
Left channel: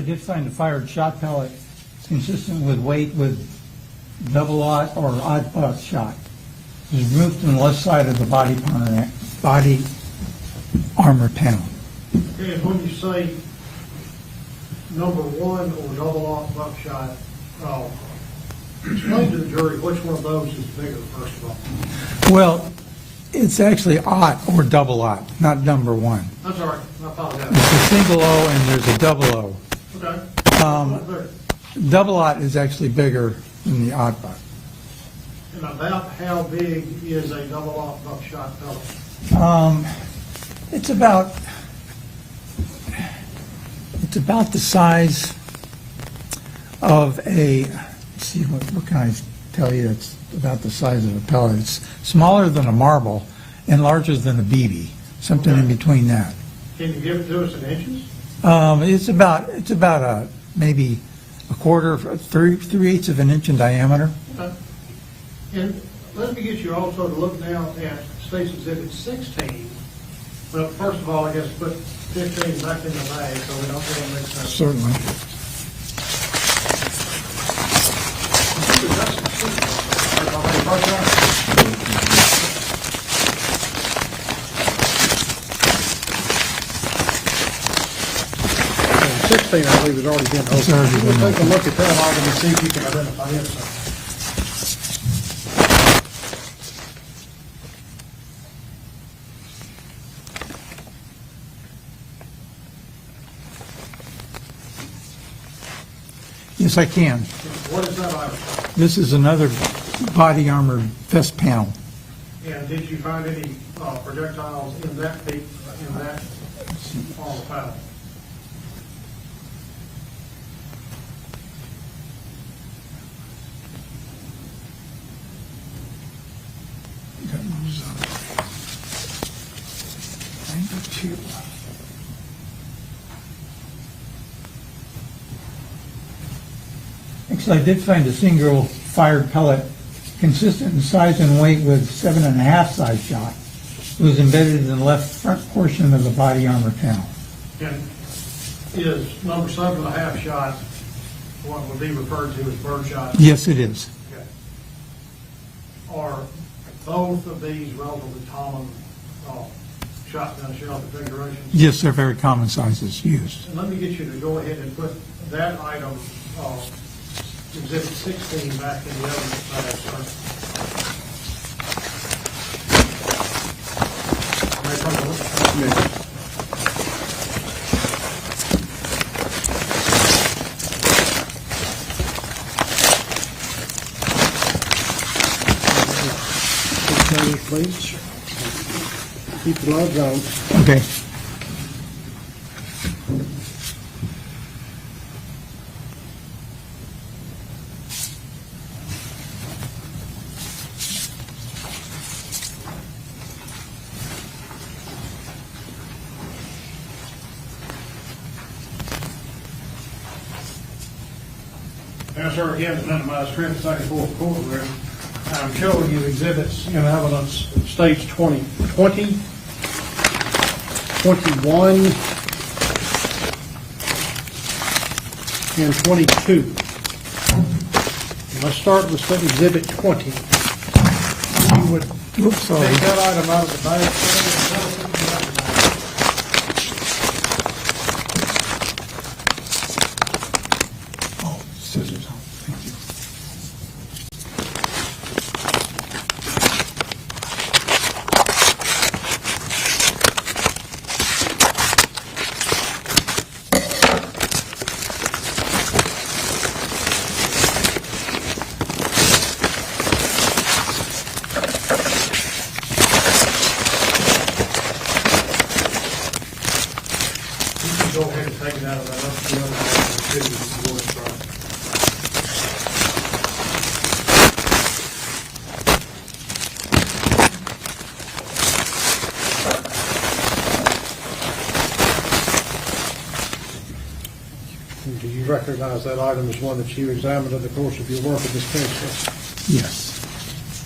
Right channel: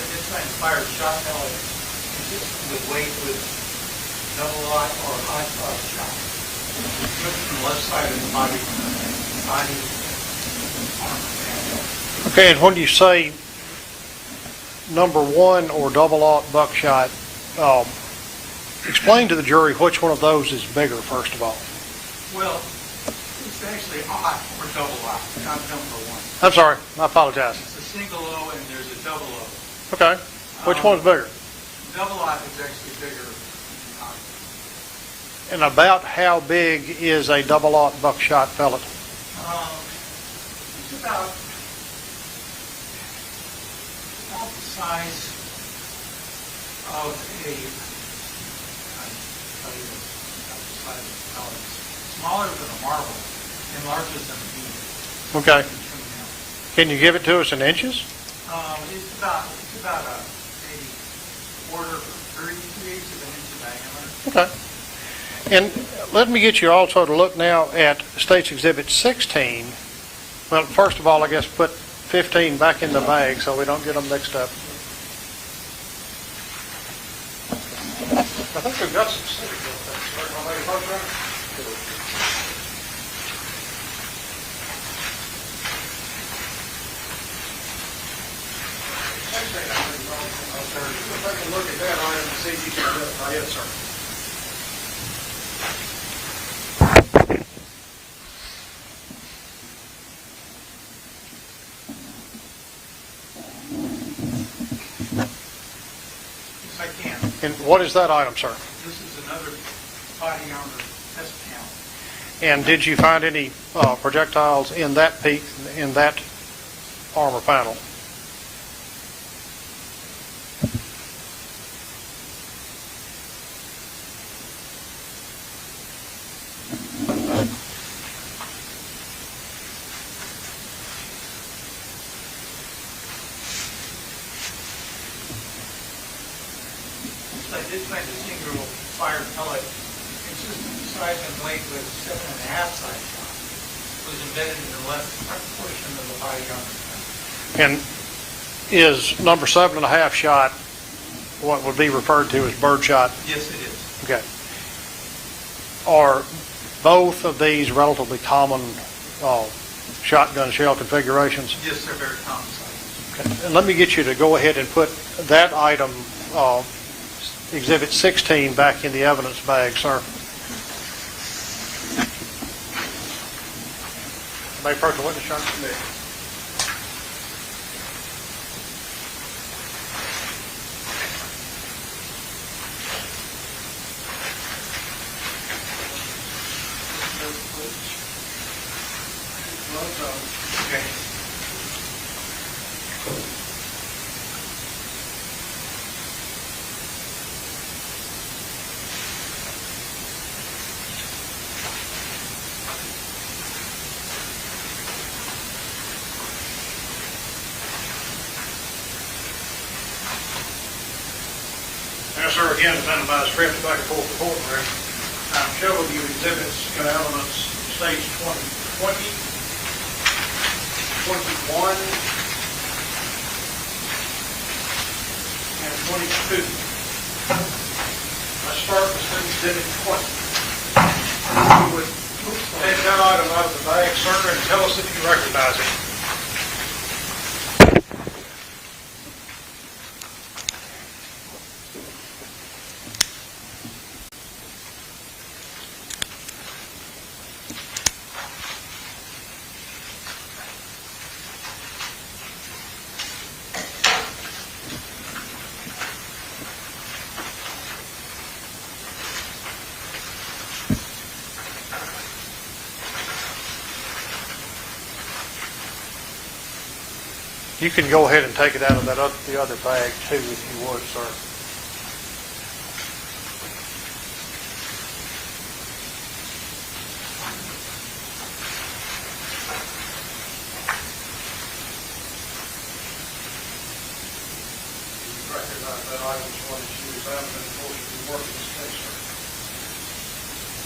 did find fired shot pellet consistent with weight with double-aught or odd-buck shot. It was removed from the left side of the body armor panel. Okay, and when you say number one or double-aught buckshot, explain to the jury which one of those is bigger, first of all. Well, it's actually aught or double-aught, not number one. I'm sorry, I apologize. It's a single O and there's a double O. Okay, which one's bigger? Double-aught is actually bigger than the odd buck. And about how big is a double-aught buckshot pellet? It's about the size of a, let's see, what can I tell you? It's about the size of a pellet. It's smaller than a marble and larger than a BB, something in between that. Can you give it to us in inches? It's about maybe a quarter, 3/8 of an inch in diameter. Okay. And let me get you also to look now at State's Exhibit 16. Well, first of all, I guess put 15 back in the bag so we don't get them mixed up. Certainly. I think we've got some sequels. 16, I believe, has already been opened. We'll take a look at that item and see if you can identify it, sir. Yes, I can. And what is that item, sir? This is another body armor vest panel. And did you find any projectiles in that armor panel? Actually, I did find a single fired pellet consistent in size and weight with 7.5 size shot. It was embedded in the left front portion of the body armor panel. And is number 7.5 shot what would be referred to as bird shot? Yes, it is. Okay. Are both of these relatively common shotgun shell configurations? Yes, they're very common sizes. Yes. And let me get you to go ahead and put that item, Exhibit 16, back in the evidence bag, sir. May I approach the witness, sir? Please. Keep the gloves on. Okay. Now, sir, again, amended by the script back and forth courtroom. I'm showing you exhibits in evidence, states 20, 21, and 22. Let's start with exhibit 20. You would take that item out of the bag, sir, and tell us if you recognize it. You can go ahead and take it out of that other bag too, if you would, sir. Do you recognize that item as one that you examined in the course of your work in this case, sir? Yes.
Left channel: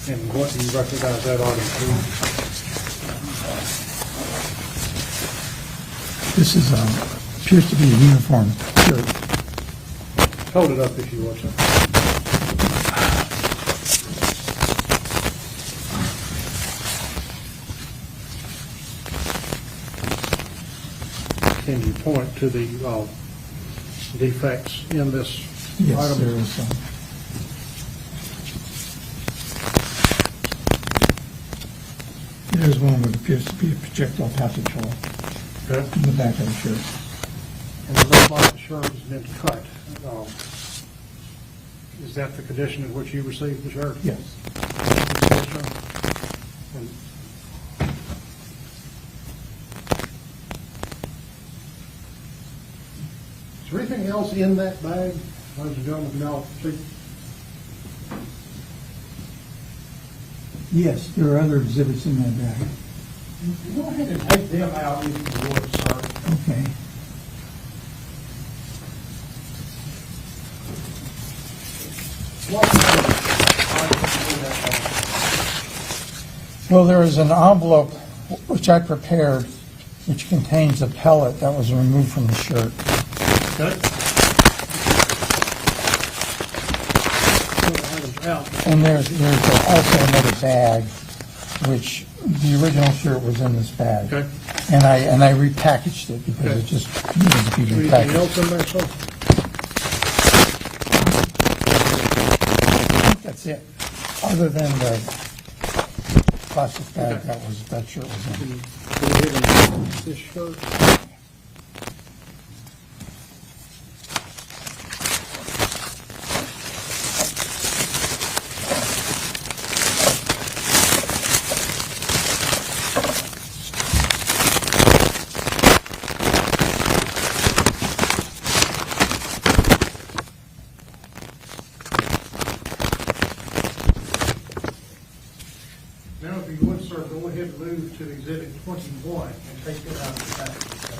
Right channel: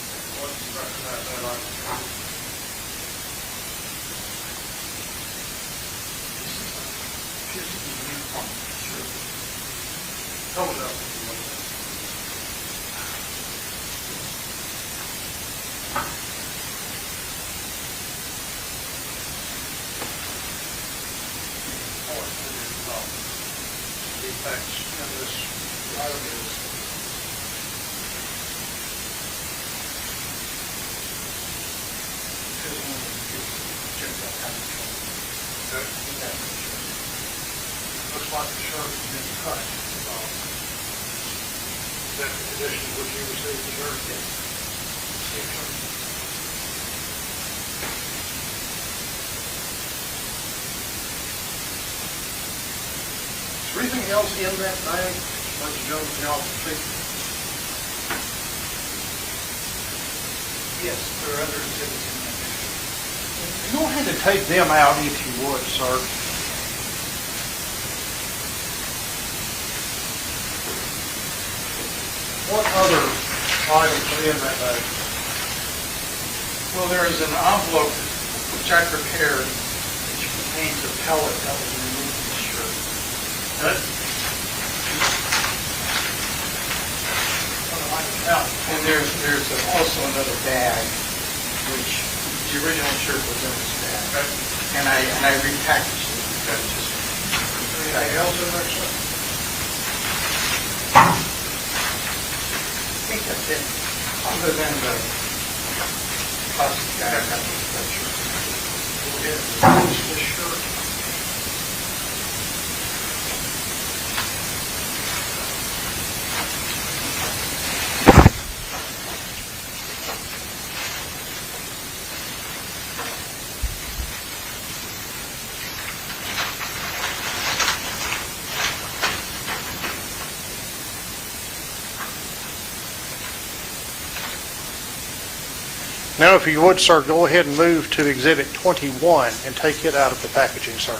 And what do you recognize that item to be? This is appears to be a uniform shirt. Hold it up if you want. Can you point to the defects in this Yes, item? there is some. There's one that appears to be projectile passage hole in the back of the shirt. And it looks like the shirt has been cut. Is that the condition in which you received the shirt? Yes. Is there anything else in that bag? Ladies and gentlemen, can y'all see? Yes, there are other exhibits in that bag. Go ahead and take them out if you would, sir. Okay. What other items are in that bag? Well, there is an envelope which I prepared, which contains a pellet that was removed from the shirt. And there's also another bag, which the original shirt was in this bag. And I repackaged it because it just needed to be repackaged. Anything else in there, sir? I think that's it, other than the plastic bag that was that shirt. Go ahead and use this shirt. Now, if you would, sir, go ahead and move to Exhibit 21 and take it out of the packaging, sir.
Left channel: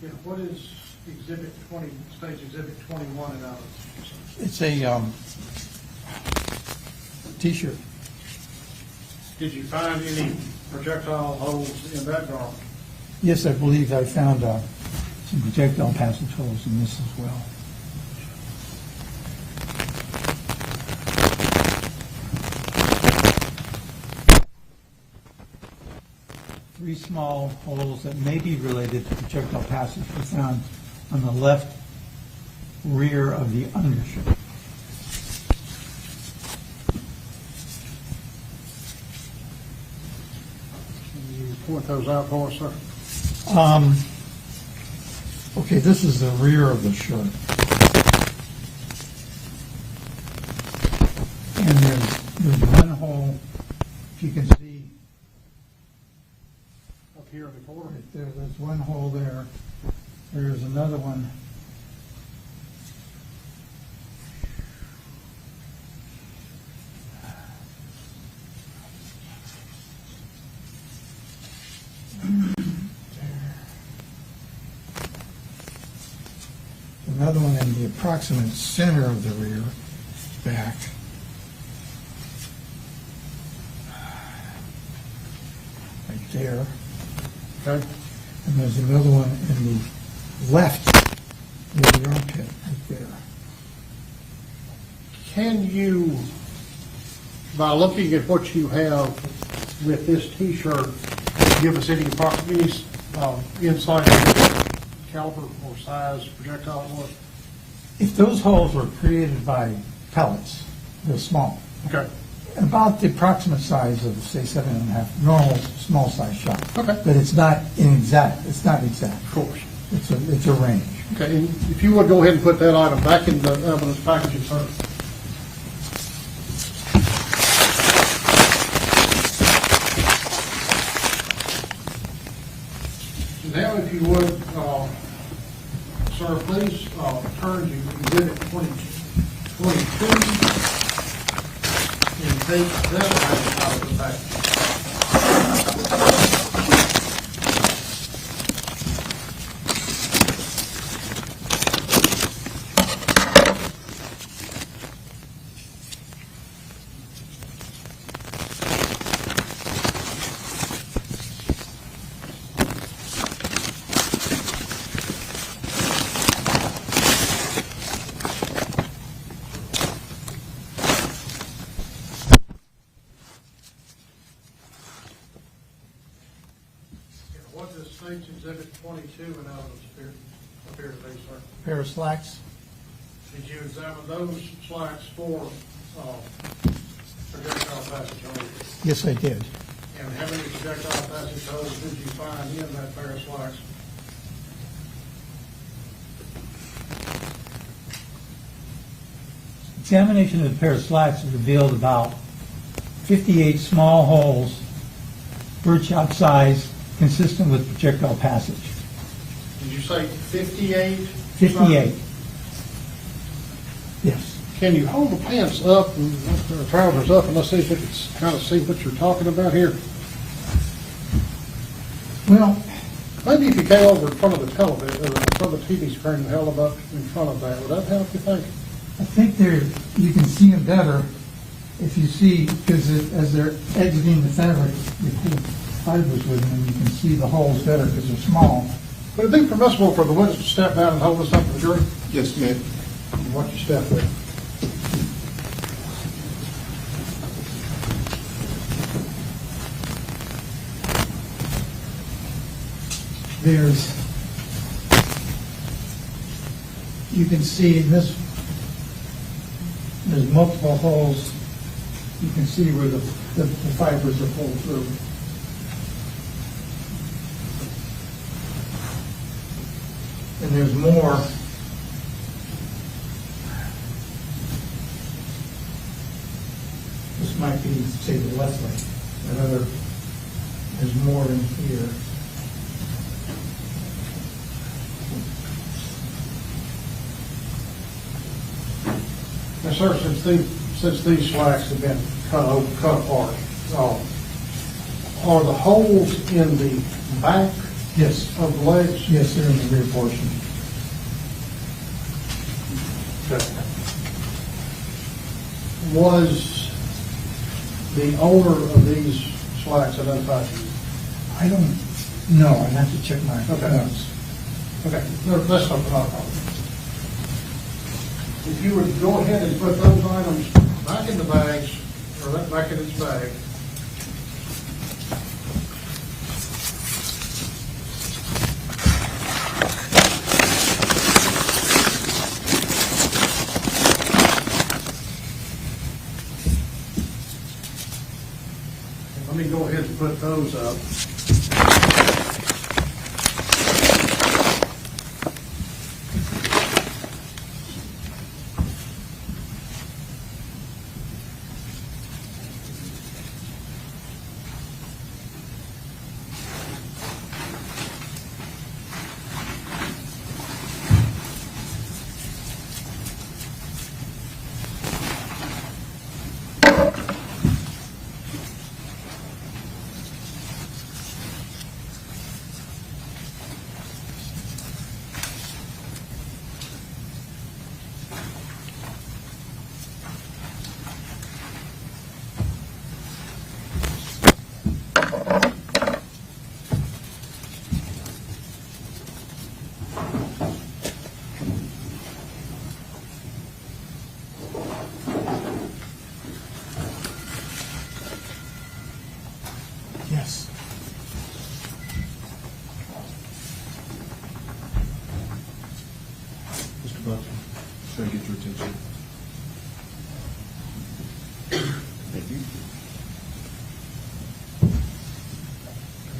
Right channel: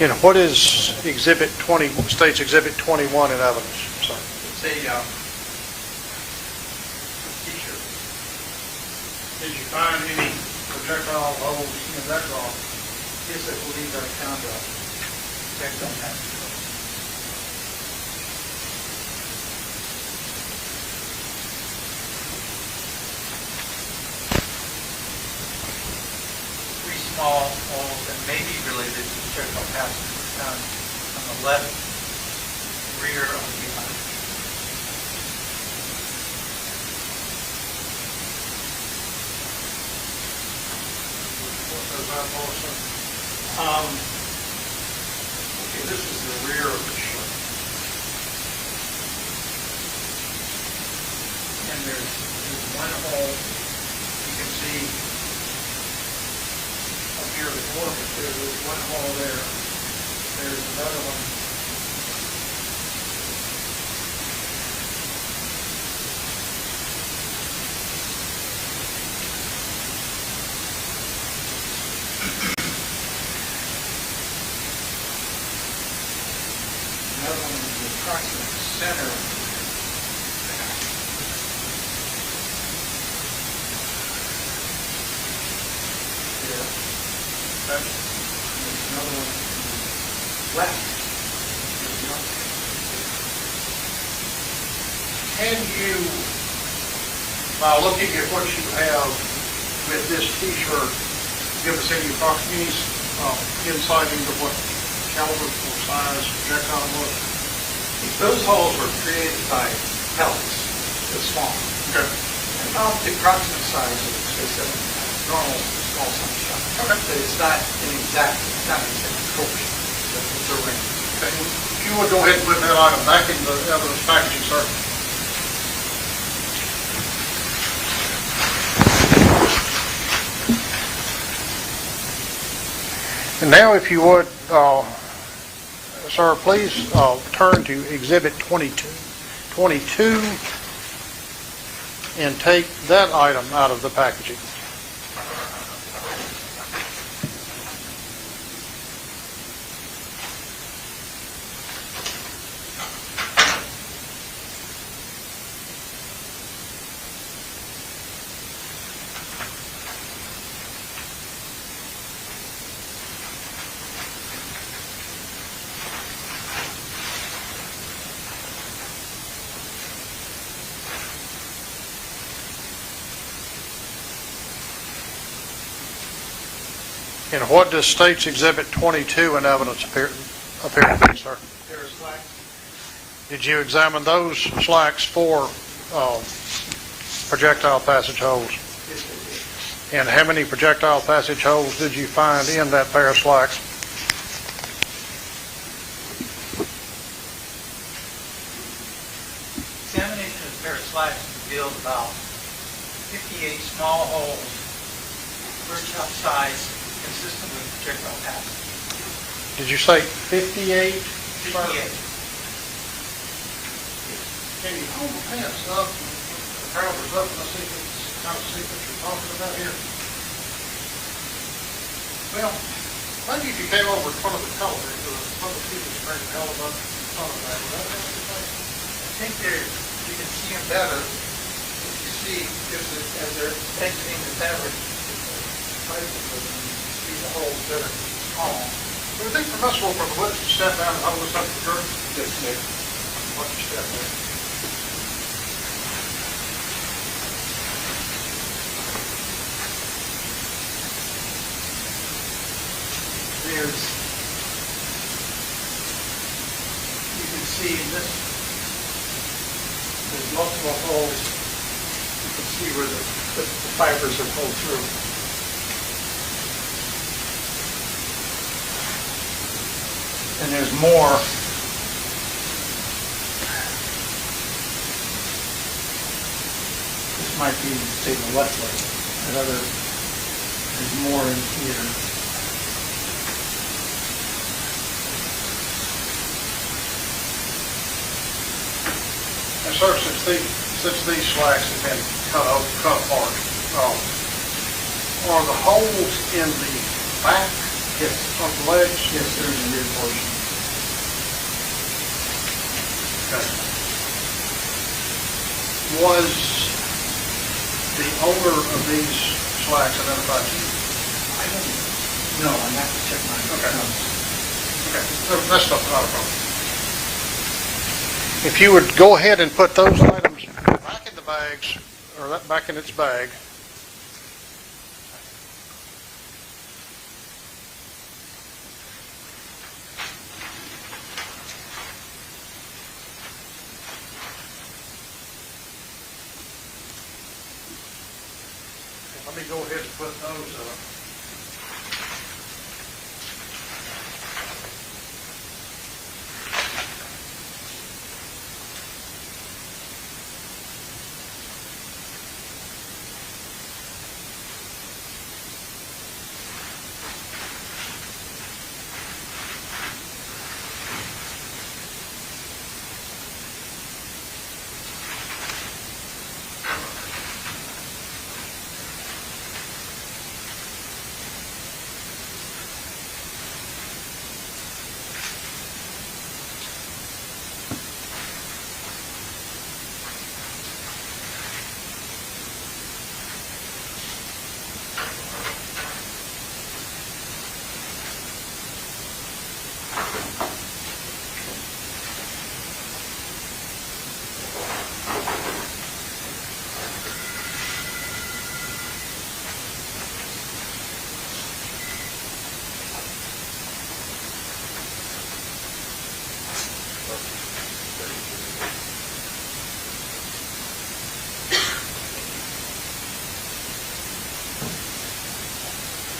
And what is Exhibit 20, states Exhibit 21 in evidence, sir? It's a T-shirt. Did you find any projectile holes in that drawer? Yes, I believe I found some projectile passage holes in this as well. Three small holes that may be related to projectile passage were found on the left rear of the undershirt. What those out for, sir? Okay, this is the rear of the shirt. And there's one hole you can see up here in the corner. There's one hole there. There's another one. Another one in the approximate center of the rear back. There. Okay. And there's another one in the left near the armpit, right there. Can you, by looking at what you have with this T-shirt, give us any insight into caliber or size projectile was? Those holes were created by pellets, they're small. Okay. About the approximate size of, say, 7.5, normal small size shot. Okay. But it's not exact. Of course. It's a range. Okay, if you would go ahead and put that item back in the evidence packaging, sir. Now, if you would, sir, please turn to Exhibit 22, and take that item out of the packaging. And what does State's Exhibit 22 in evidence appear to be, sir? Pair of slacks. Did you examine those slacks for projectile passage holes? Yes, I did. And how many projectile passage holes did you find in that pair of slacks? Examination of the pair of slacks revealed about 58 small holes, bird shot size, consistent with projectile passage. Did you say 58? 58. Yes. Can you hold the pants up and the trousers up and let's see if it's kind of see what you're talking about here? Well, maybe if you came over in front of the television, in front of the TV screen and held them up in front of that, would that help you think? I think you can see them better if you see, because as they're exiting the fabric, fibers with them, you can see the holes better because they're small. Would it be permissible for the witness to step down and hold this up to the jury? Yes, ma'am. Why don't you step there? You can see in this, there's multiple holes. You can see where the fibers are pulled through. And there's more. This might be, say, the left leg. There's more in here. And sir, since these slacks have been cut apart, are the holes in the back of the legs? Yes, they're in the rear portion. Okay. Was the owner of these slacks identified? I don't know. I'd have to check my notes. Okay, no, that's not a problem. If you would go ahead and put those items back in the bags, or that back in its bag. And let me go ahead and put those up.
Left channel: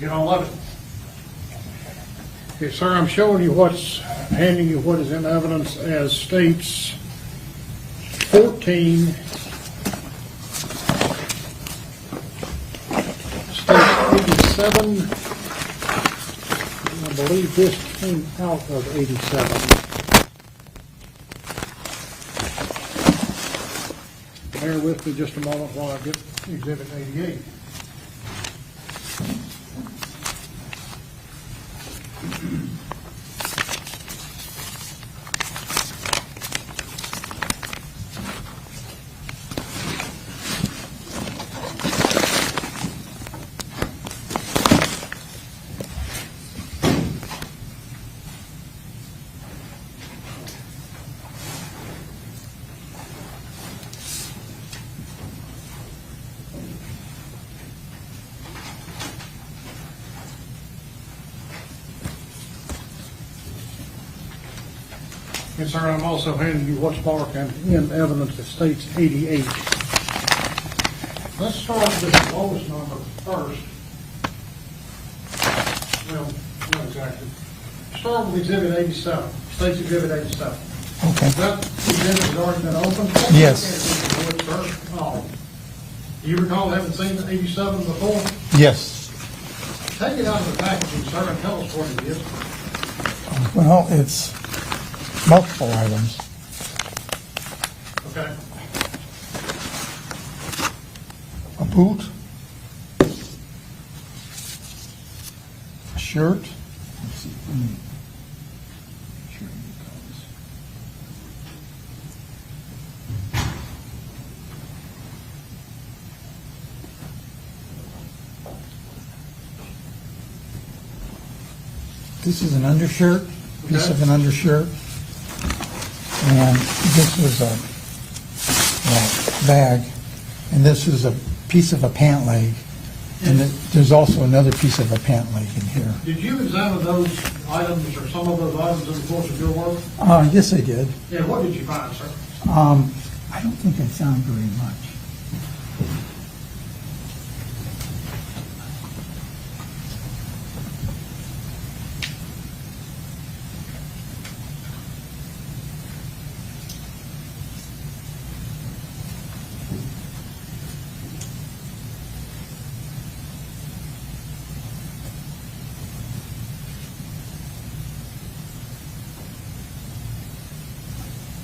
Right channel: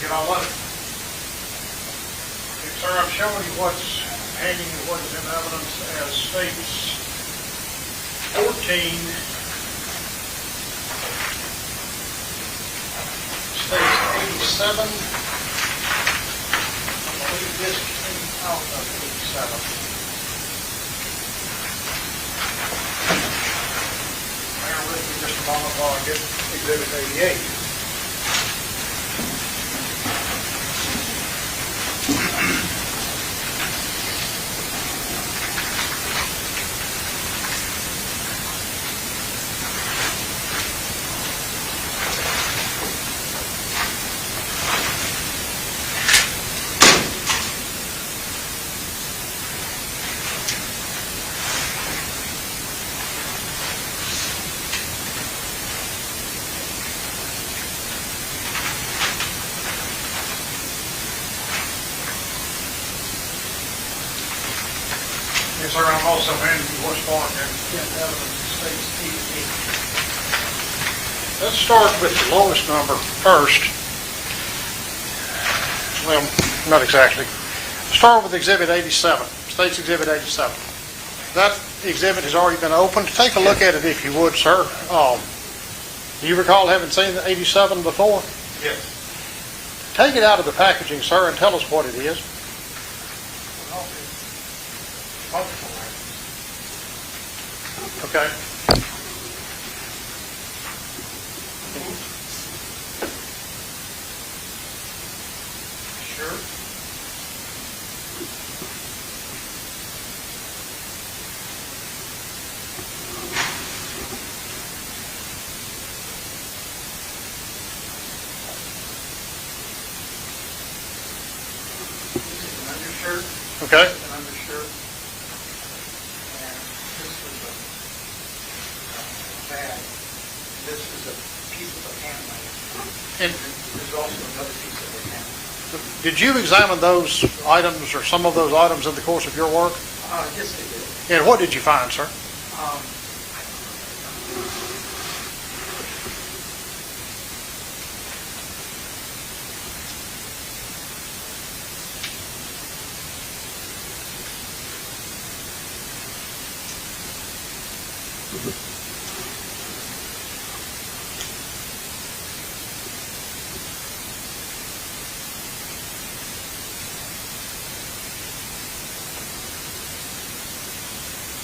Get all of it. Okay, sir, I'm showing you handing you what is in evidence as states 14, states 87, believe this came out of 87. Bear with me just a moment while I get Exhibit 88. Yes, sir, I'm also handing you what's marked in evidence that states 88. Let's start with the lowest number first. Well, not exactly. Start with Exhibit 87, State's Exhibit 87. Okay. That exhibit has already been opened. Take a Yes. look at it if you would, sir. Do you recall having seen the 87 before? Yes. Take it out of the packaging, sir, and tell us what it is. Well, it's multiple items. Okay. A boot, shirt, this is an undershirt. Okay. This is an undershirt. And this is a bag, and this is a piece of a pant leg. And there's also another piece of a pant leg in here. Did you examine those items or some of those items in the course of your work? Yes, I did. And what did you find, sir? I don't think I found any.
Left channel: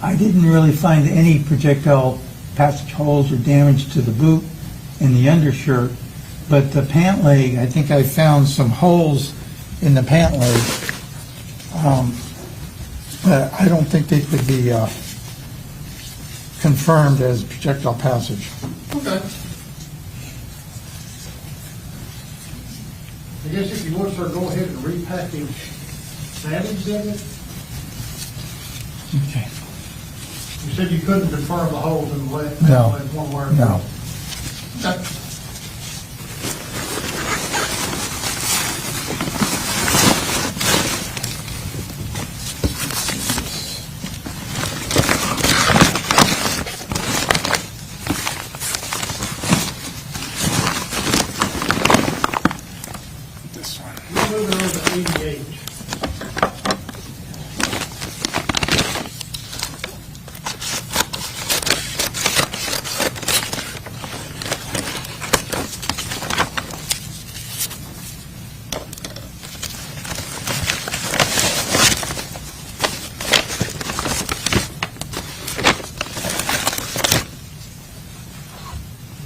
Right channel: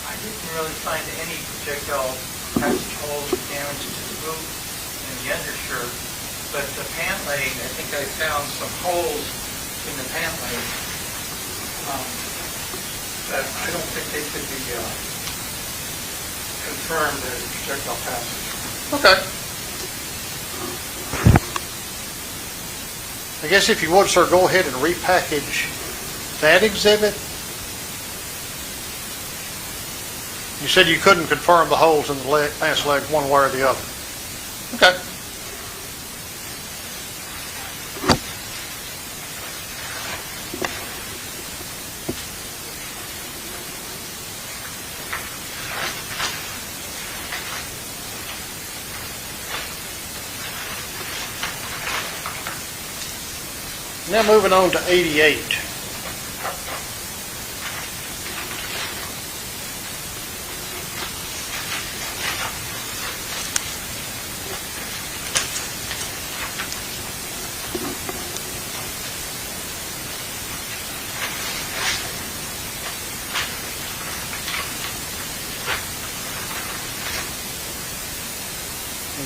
I didn't really find any projectile passage holes or damage to the boot and the undershirt, but the pant leg, I think I found some holes in the pant leg. But I don't think they could be confirmed as projectile passage. Okay. I guess if you would, sir, go ahead and repackage that exhibit. You said you couldn't confirm the holes in the leg, pants leg, one way or the other. Okay. Now moving on to 88.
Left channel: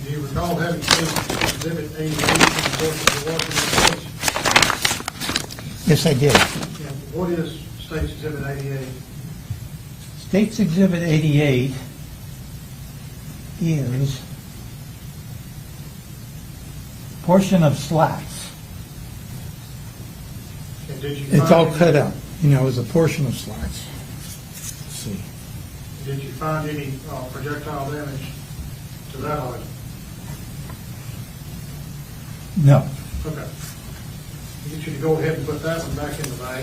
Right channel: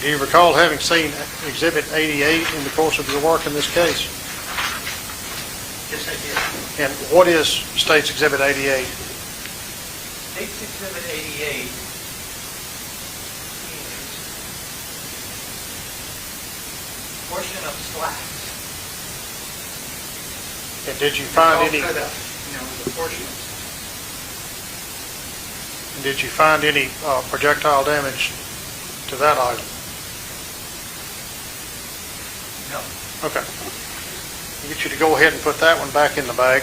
Do you recall having seen Exhibit 88 in the course of your work in this case? Yes, I did. And what is State's Exhibit 88? State's Exhibit 88 is portion of slats. And did you It's find all any? cut up, it's a portion of slats. Did you find any projectile damage to that item? No. Okay. I'll get you to go ahead and put that one back in the bag.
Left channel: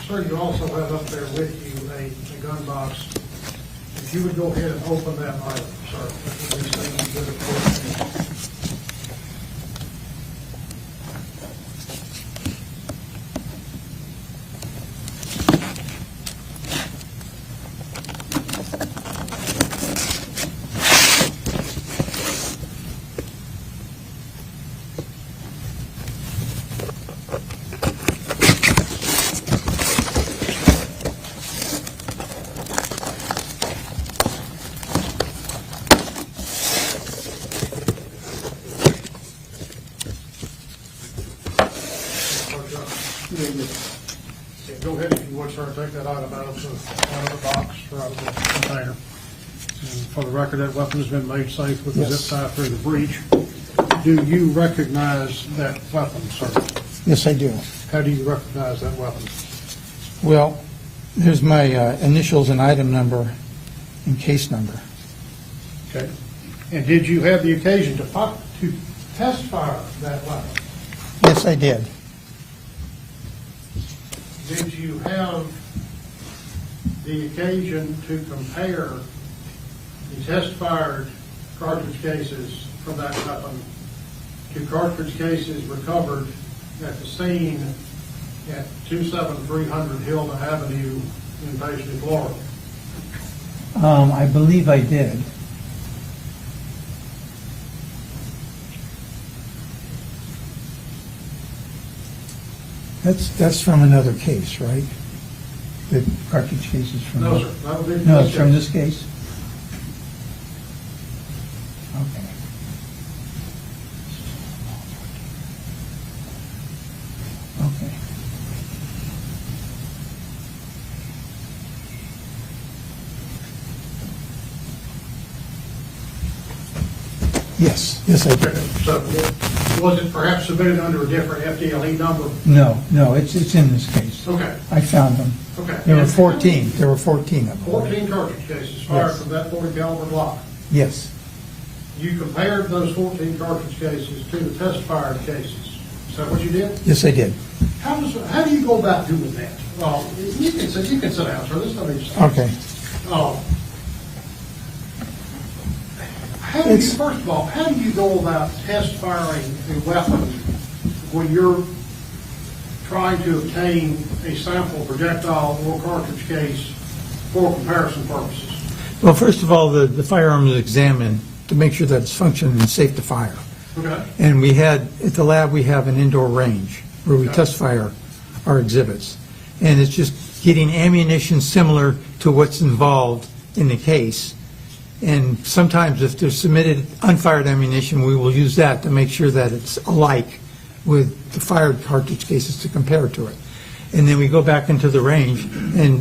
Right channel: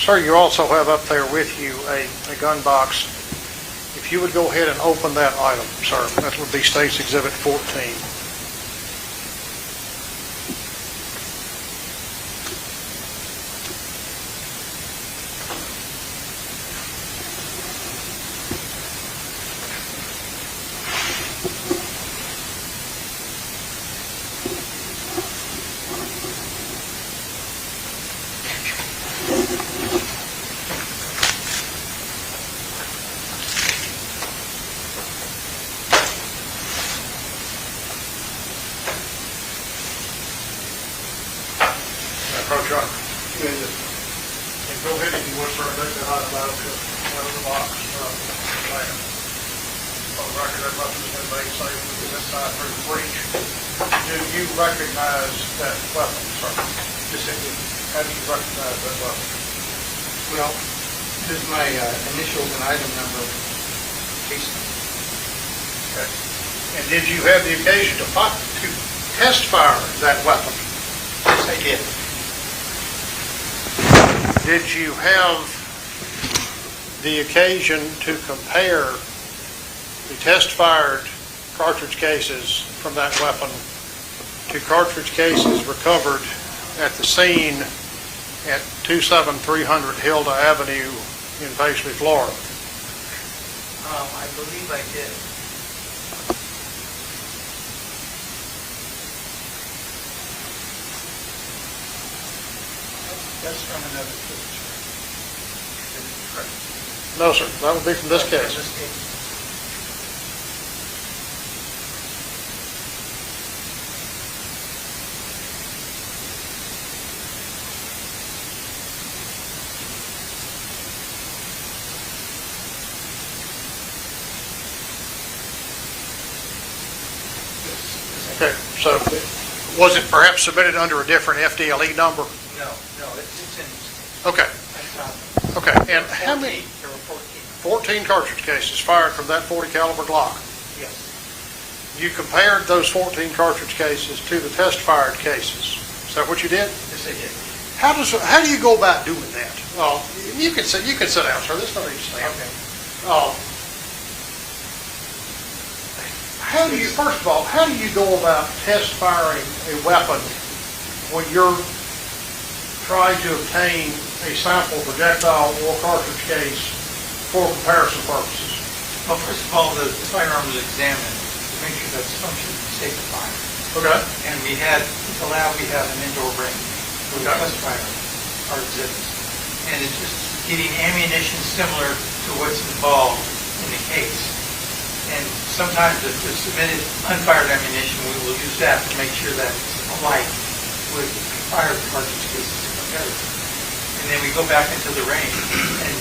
Sir, you also have up there with you a gun box. If you would go ahead and open that item, sir, that would be State's Exhibit 14. ahead if you would, sir, and take that item out to the box, container. For the record, that weapon has been made safe with the zip tie through the breech. Do you recognize that weapon, sir? Yes, I do. How do you recognize that weapon? Well, there's my initials and item number and case number. Okay. And did you have the occasion to test fire that weapon? Yes, I did. Did you have the occasion to compare the test-fired cartridge cases from that weapon to cartridge cases recovered at the scene at 27300 Hilda Avenue in Paisley, Florida? I believe I did. That's from another case, right? The cartridge cases from... No, sir. That would be from No, this it's case. from this case? Yes, I did. So was it perhaps submitted under a different FDLE number? No, it's in this case. Okay. I found them. Okay. There were And how many- 14. There were 14 of them. 14 cartridge cases fired Yes. from that 40 caliber Glock. Yes. You compared those 14 cartridge cases to the test-fired cases. Is that what you did? Yes, I did. How do you go about doing that? You can sit down, sir. There's no need to stand. Okay. How do you, first of all, how do you go about test firing a weapon when you're trying to obtain a sample projectile or cartridge case for comparison purposes? Well, first of all, the firearm was examined to make sure that it's functioning and safe to fire. Okay. And we had, at the lab, we have an indoor range where we test fire our exhibits. And it's just getting ammunition similar to what's involved in the case. And sometimes if there's submitted unfired ammunition, we will use that to make sure that it's alike with the fired cartridge cases to compare to it. And then we go back into the range and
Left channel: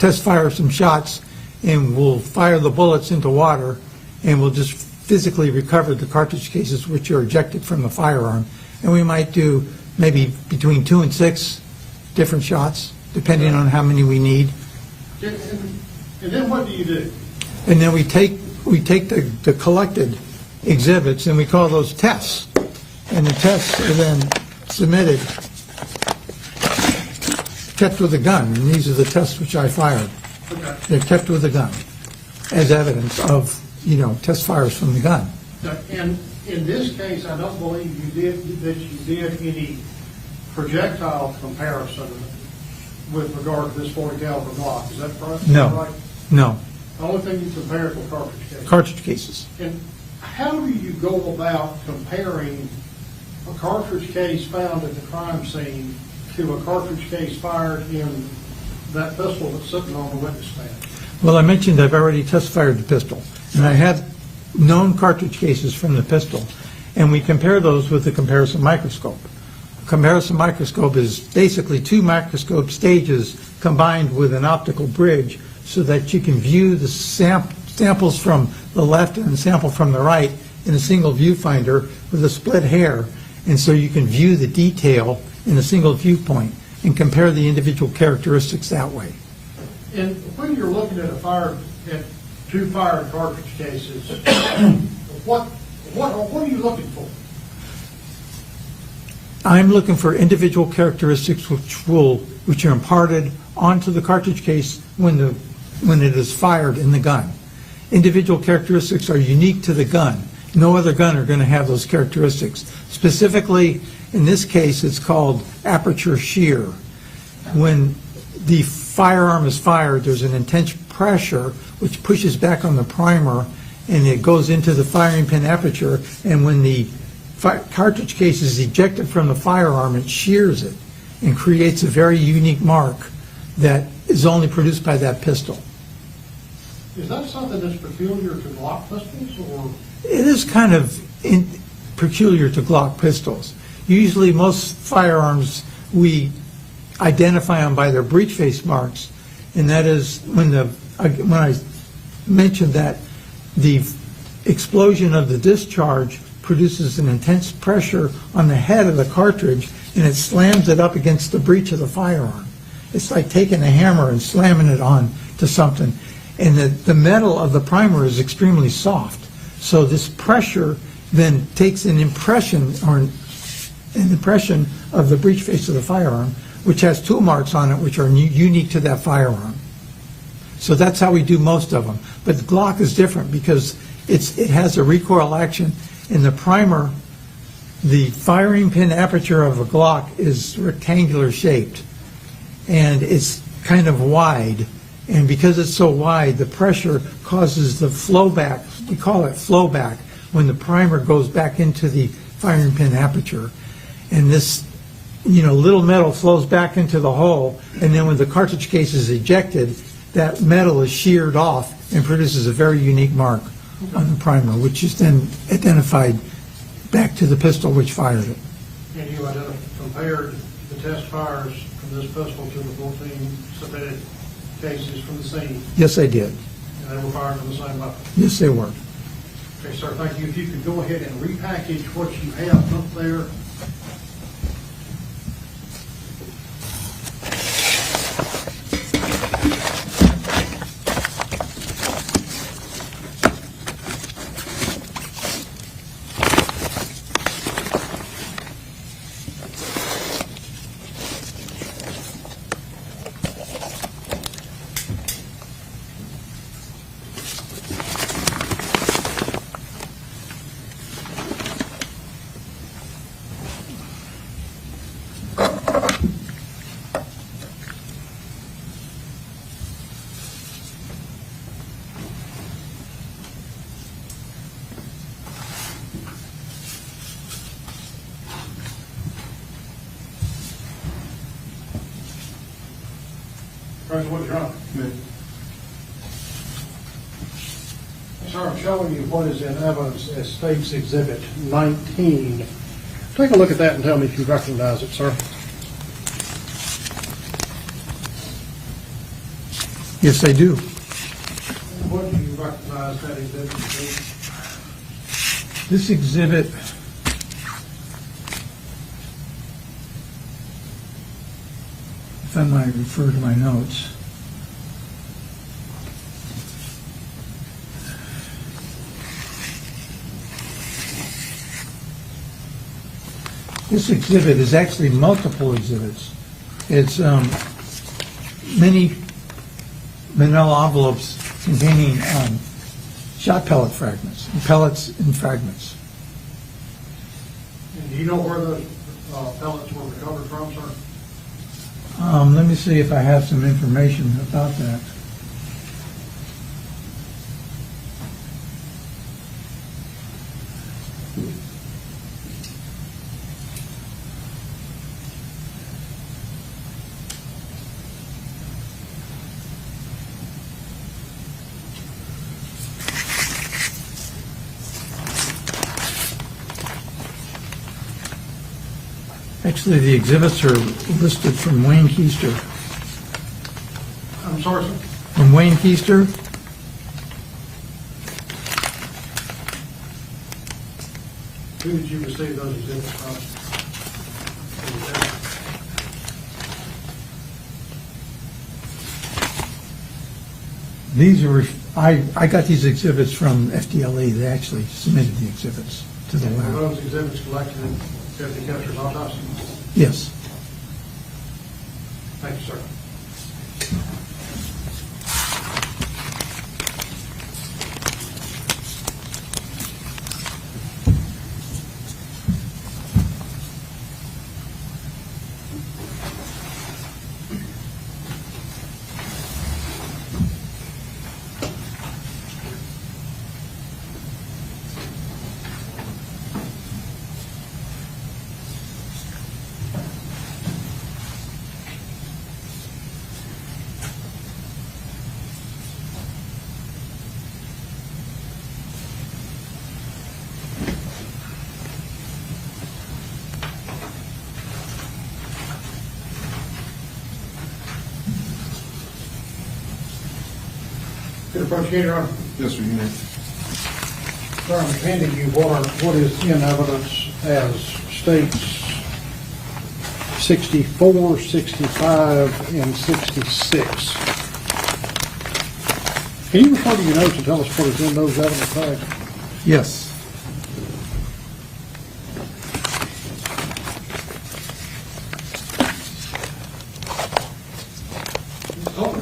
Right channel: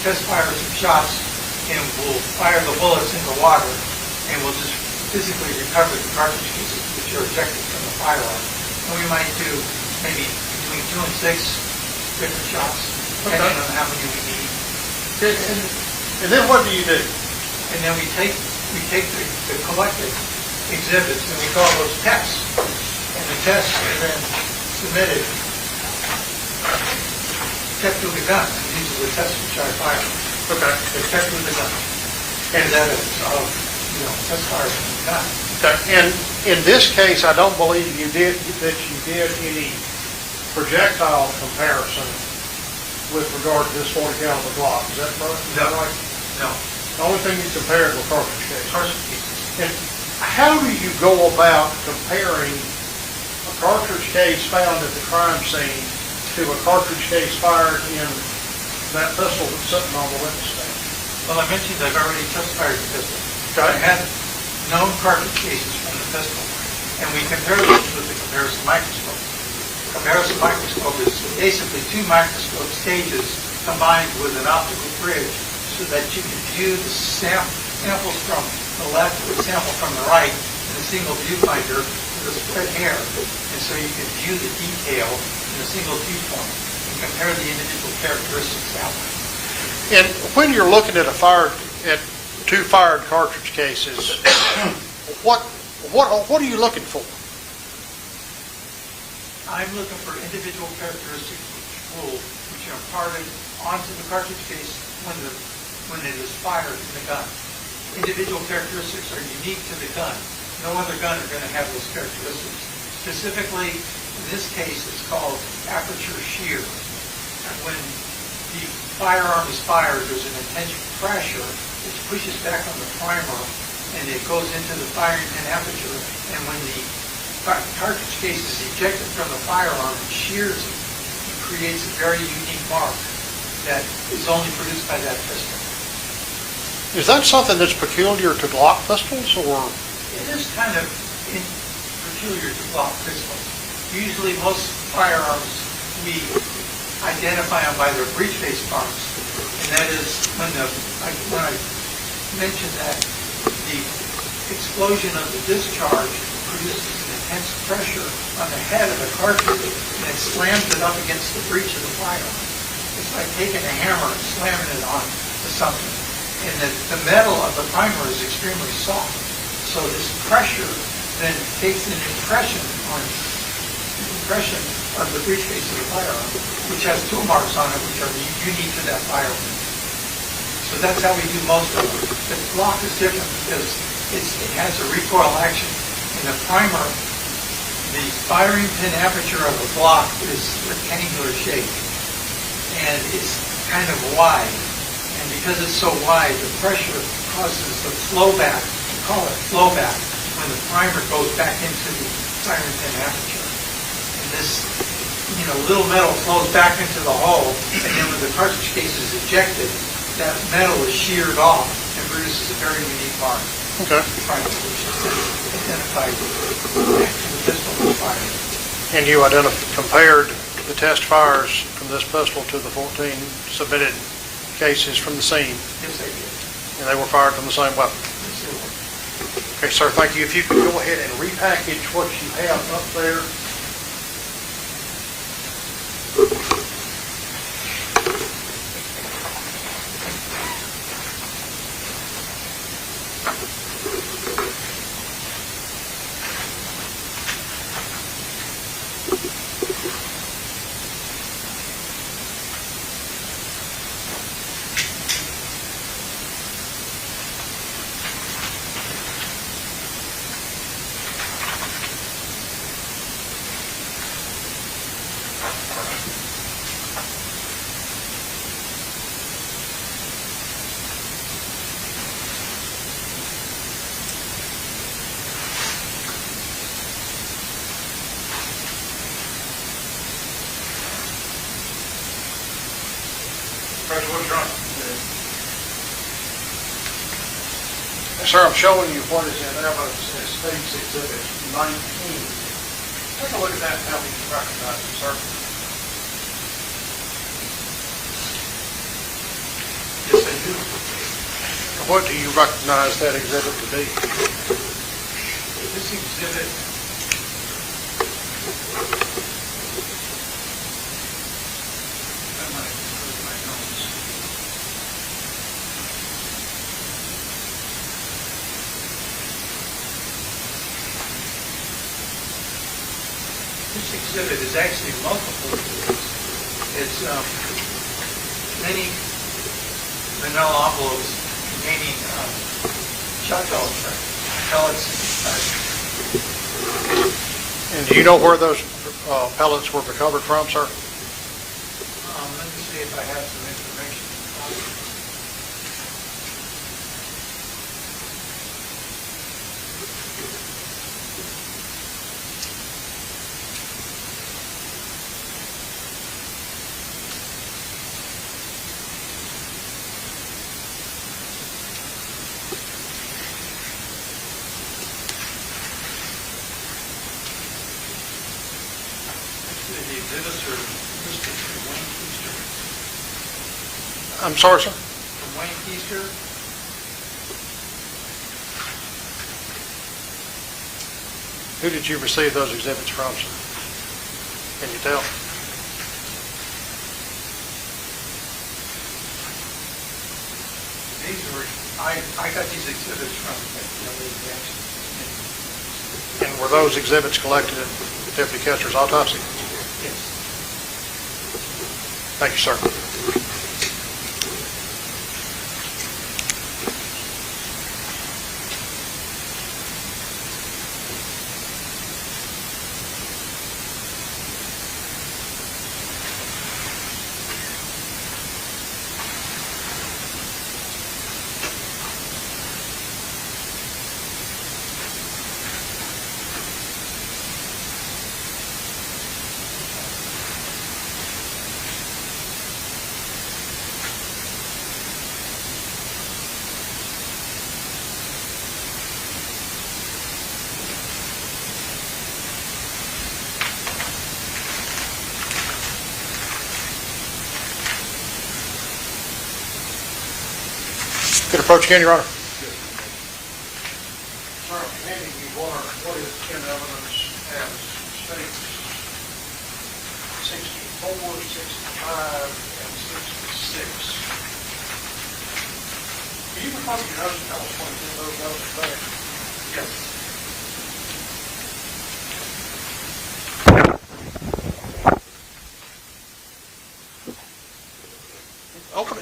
test fire some shots, and we'll fire the bullets into water, and we'll just physically recover the cartridge cases which are ejected from the firearm. And we might do maybe between 2 and 6 different shots, depending on how many we need. And then what do you do? And then we take the collected exhibits and we call those tests. And the tests are then submitted, checked with a gun. And these are the tests which I fired. Okay. They're checked with a gun as evidence of, test fires from the gun. Okay. And in this case, I don't believe you did any projectile comparison with regard to this 40 caliber Glock. Is that correct? No. Is that right? No. The only thing you compared were cartridge cases. Cartridge cases. And how do you go about comparing a cartridge case found at the crime scene to a cartridge case fired in that pistol that's sitting on the witness stand? Well, I mentioned I've already test fired the pistol. And I had known cartridge cases from the pistol, and we compare those with the comparison microscope. Comparison microscope is basically 2 microscope stages combined with an optical bridge so that you can view the samples from the left and the sample from the right in a single viewfinder with a split hair. And so you can view the detail in a single viewpoint and compare the individual characteristics that way. And when you're looking at 2 fired cartridge cases, what are you looking for? I'm looking for individual characteristics which are imparted onto the cartridge case when it is fired in the gun. Individual characteristics are unique to the gun. No other gun are going to have those characteristics. Specifically, in this case, it's called aperture shear. When the firearm is fired, there's an intense pressure which pushes back on the primer, and it goes into the firing pin aperture, and when the cartridge case is ejected from the firearm, it shears it and creates a very unique mark that is only produced by that pistol. Is that something that's peculiar to Glock pistols, or? It is kind of peculiar to Glock pistols. Usually most firearms we identify them by their breech face marks. And that is when I mentioned that the explosion of the discharge produces an intense pressure on the head of the cartridge, and it slams it up against the breech of the firearm. It's like taking a hammer and slamming it on to something. And the metal of the primer is extremely soft. So this pressure then takes an impression of the breech face of the firearm, which has tool marks on it, which are unique to that firearm. So that's how we do most of them. But Glock is different because it has a recoil action in the primer. The firing pin aperture of a Glock is rectangular shaped, and it's kind of wide. And because it's so wide, the pressure causes the flow back. We call it flow back when the primer goes back into the firing pin aperture. And this, little metal flows back into the hole, and then when the cartridge case is ejected, that metal is sheared off and produces a very unique mark on the primer, which is then identified back to the pistol which fired it. And you compared the test fires from this pistol to the 14 submitted cases from the scene? Yes, I did. And they were fired from the same weapon? Yes, they were. Okay, sir, thank you. If you could go ahead and repackage what you have up there. What's wrong? Sir, I'm showing you what is in evidence as State's Exhibit 19. Take a look at that and tell me if you recognize it, sir. Yes, I do. What do you recognize that exhibit to be? This exhibit I might refer to my notes. This exhibit is actually multiple exhibits. It's many manila envelopes containing shot pellet fragments, pellets inside them. And do you know where those pellets were recovered from, sir? Let me see if I have some information about that. Actually, the exhibits are listed from Wayne Koester. I'm sorry, sir? From Wayne Koester. Who did you receive those exhibits from, sir? Can you tell? These were, I got these exhibits from FDLE. They actually submitted the exhibits. And were those exhibits collected in Deputy Koester's autopsy? Yes. Thank you, sir. Could approach again, Your Honor. Yes, sir, you may. Sir, I'm handing you what is in evidence as states 64, 65, and 66. Can you refer to your notes and tell us what is in those evidence bags? Yes.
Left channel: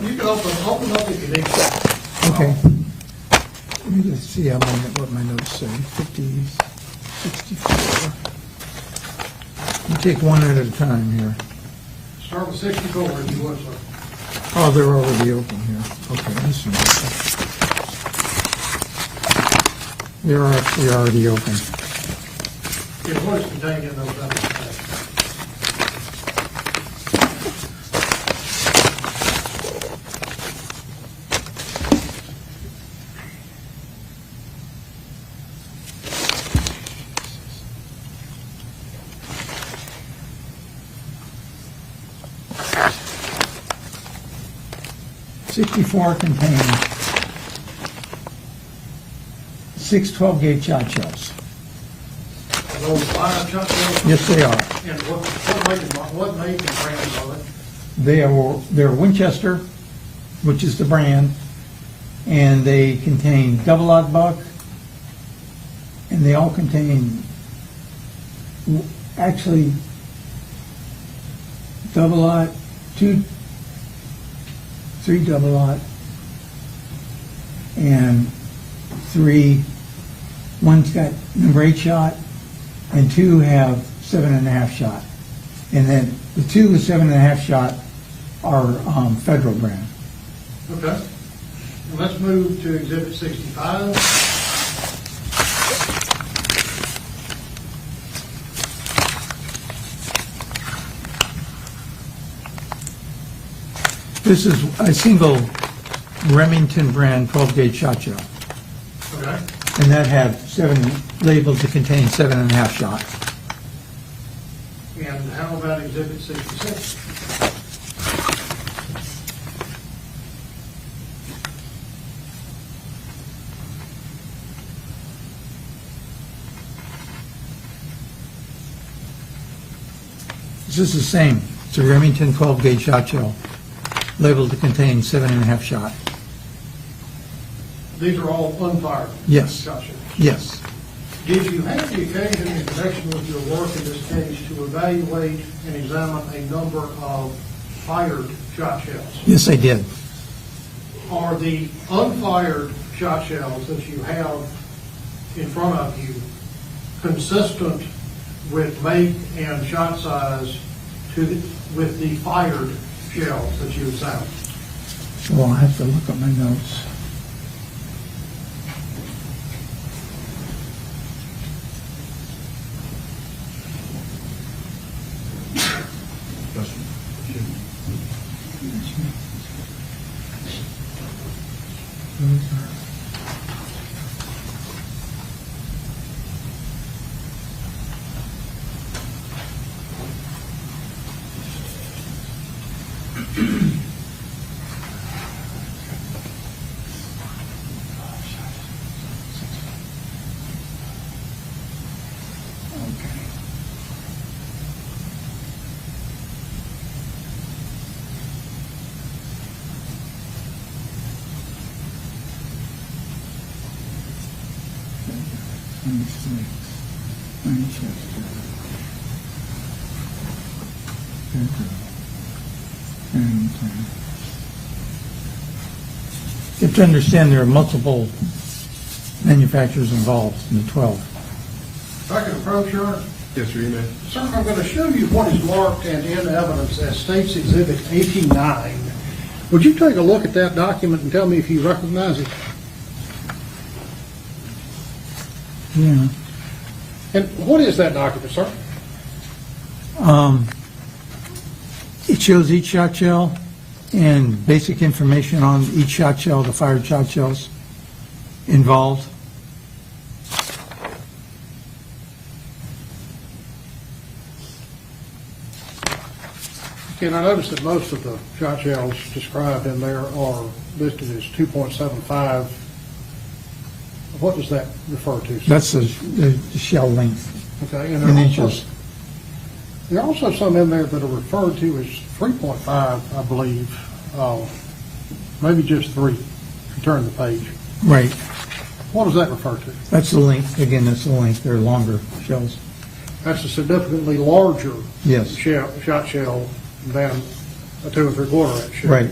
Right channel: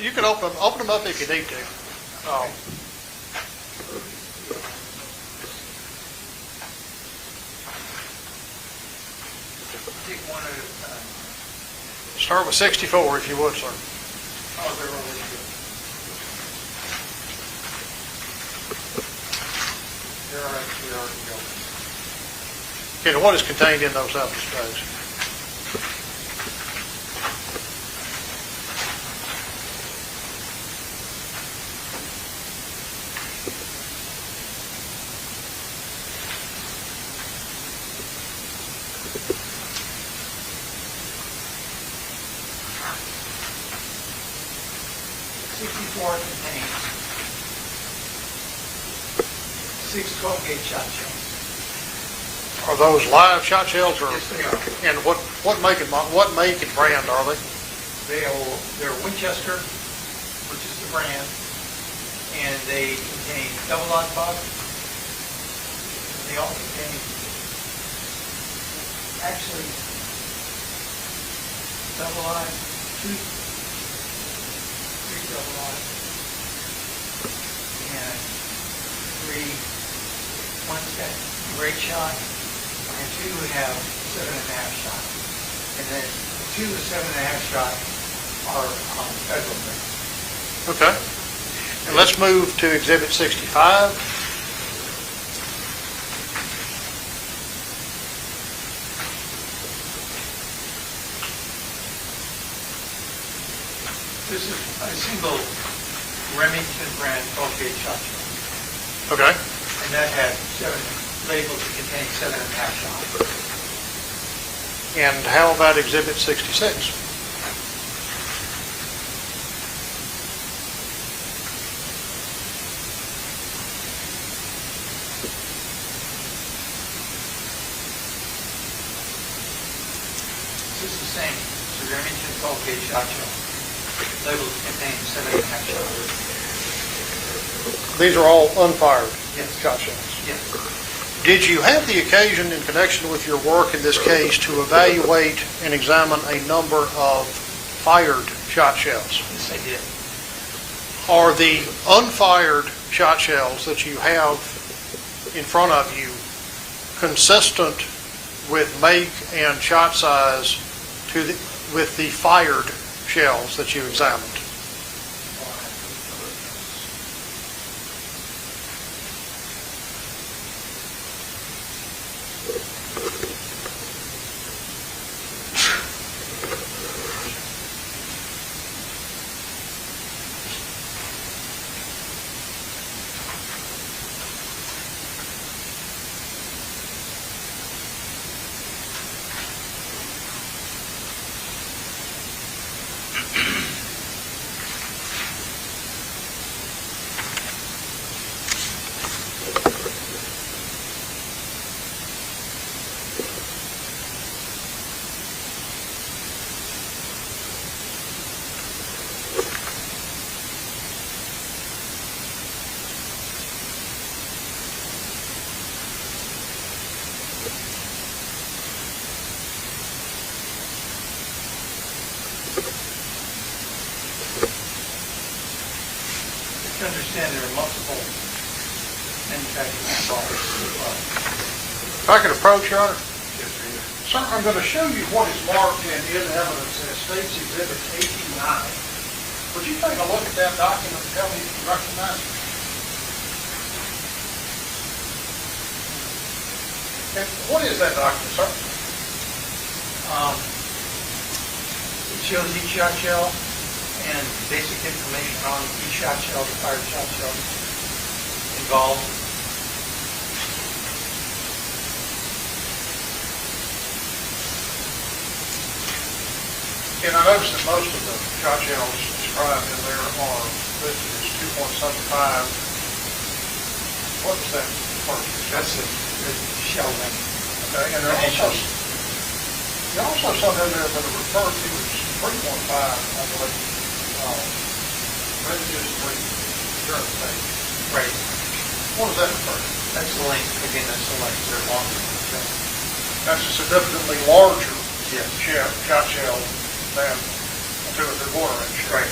You can open them up if you need to. Okay. Let me just see what my notes say. 50, 64. We'll take one at a time here. Start with 64 if you would, sir. Oh, they're already open here. Okay, I see. They're actually already open. And what is contained in those evidence bags? '64 contained 6 12-gauge shot shells. Are those live shot shells? Or- Yes, they are. And what make and brand are they? They're Winchester, which is the brand, and they contain double-aught buck, and they all contain, actually, double-aught, 3 double-aught, and 3, one's got number 8 shot, and 2 have 7.5 shot. And then the 2 with 7.5 shot are federal brand. Okay. And let's move to Exhibit 65. This is a single Remington brand 12-gauge shot shell. Okay. And that had 7, labeled to contain 7.5 shot. And how about Exhibit 66? This is the same. It's a Remington 12-gauge shot shell, labeled to contain 7.5 shot. These are all unfired Yes. shot shells. Yes. Did you have the occasion in connection with your work in this case to evaluate and examine a number of fired shot shells? Yes, I did. Are the unfired shot shells that you have in front of you consistent with make and shot size with the fired shells that you examined? Well, I have to look at my notes. You have to understand there are multiple manufacturers involved in the club. If I could approach, Your Honor? Yes, sir, you may. Sir, I'm going to show you what is marked and in evidence as State's Exhibit 89. Would you take a look at that document and tell me if you recognize it? Yeah. And what is that document, sir? It shows each shot shell and basic information on each shot shell, the fired shot shells involved. And I noticed that most of the shot shells described in there are listed as 2.75. What does that refer to? That's the shell length. Okay, and there are also, Initials. there are also some in there that are referred to as 3.5, I believe. Maybe just 3. Turn the page. Right. What does that refer to? That's the length, again, that's the length, they're longer shells. That's a significantly larger Yes. shot shell than a 2 3/4 inch shell. Right.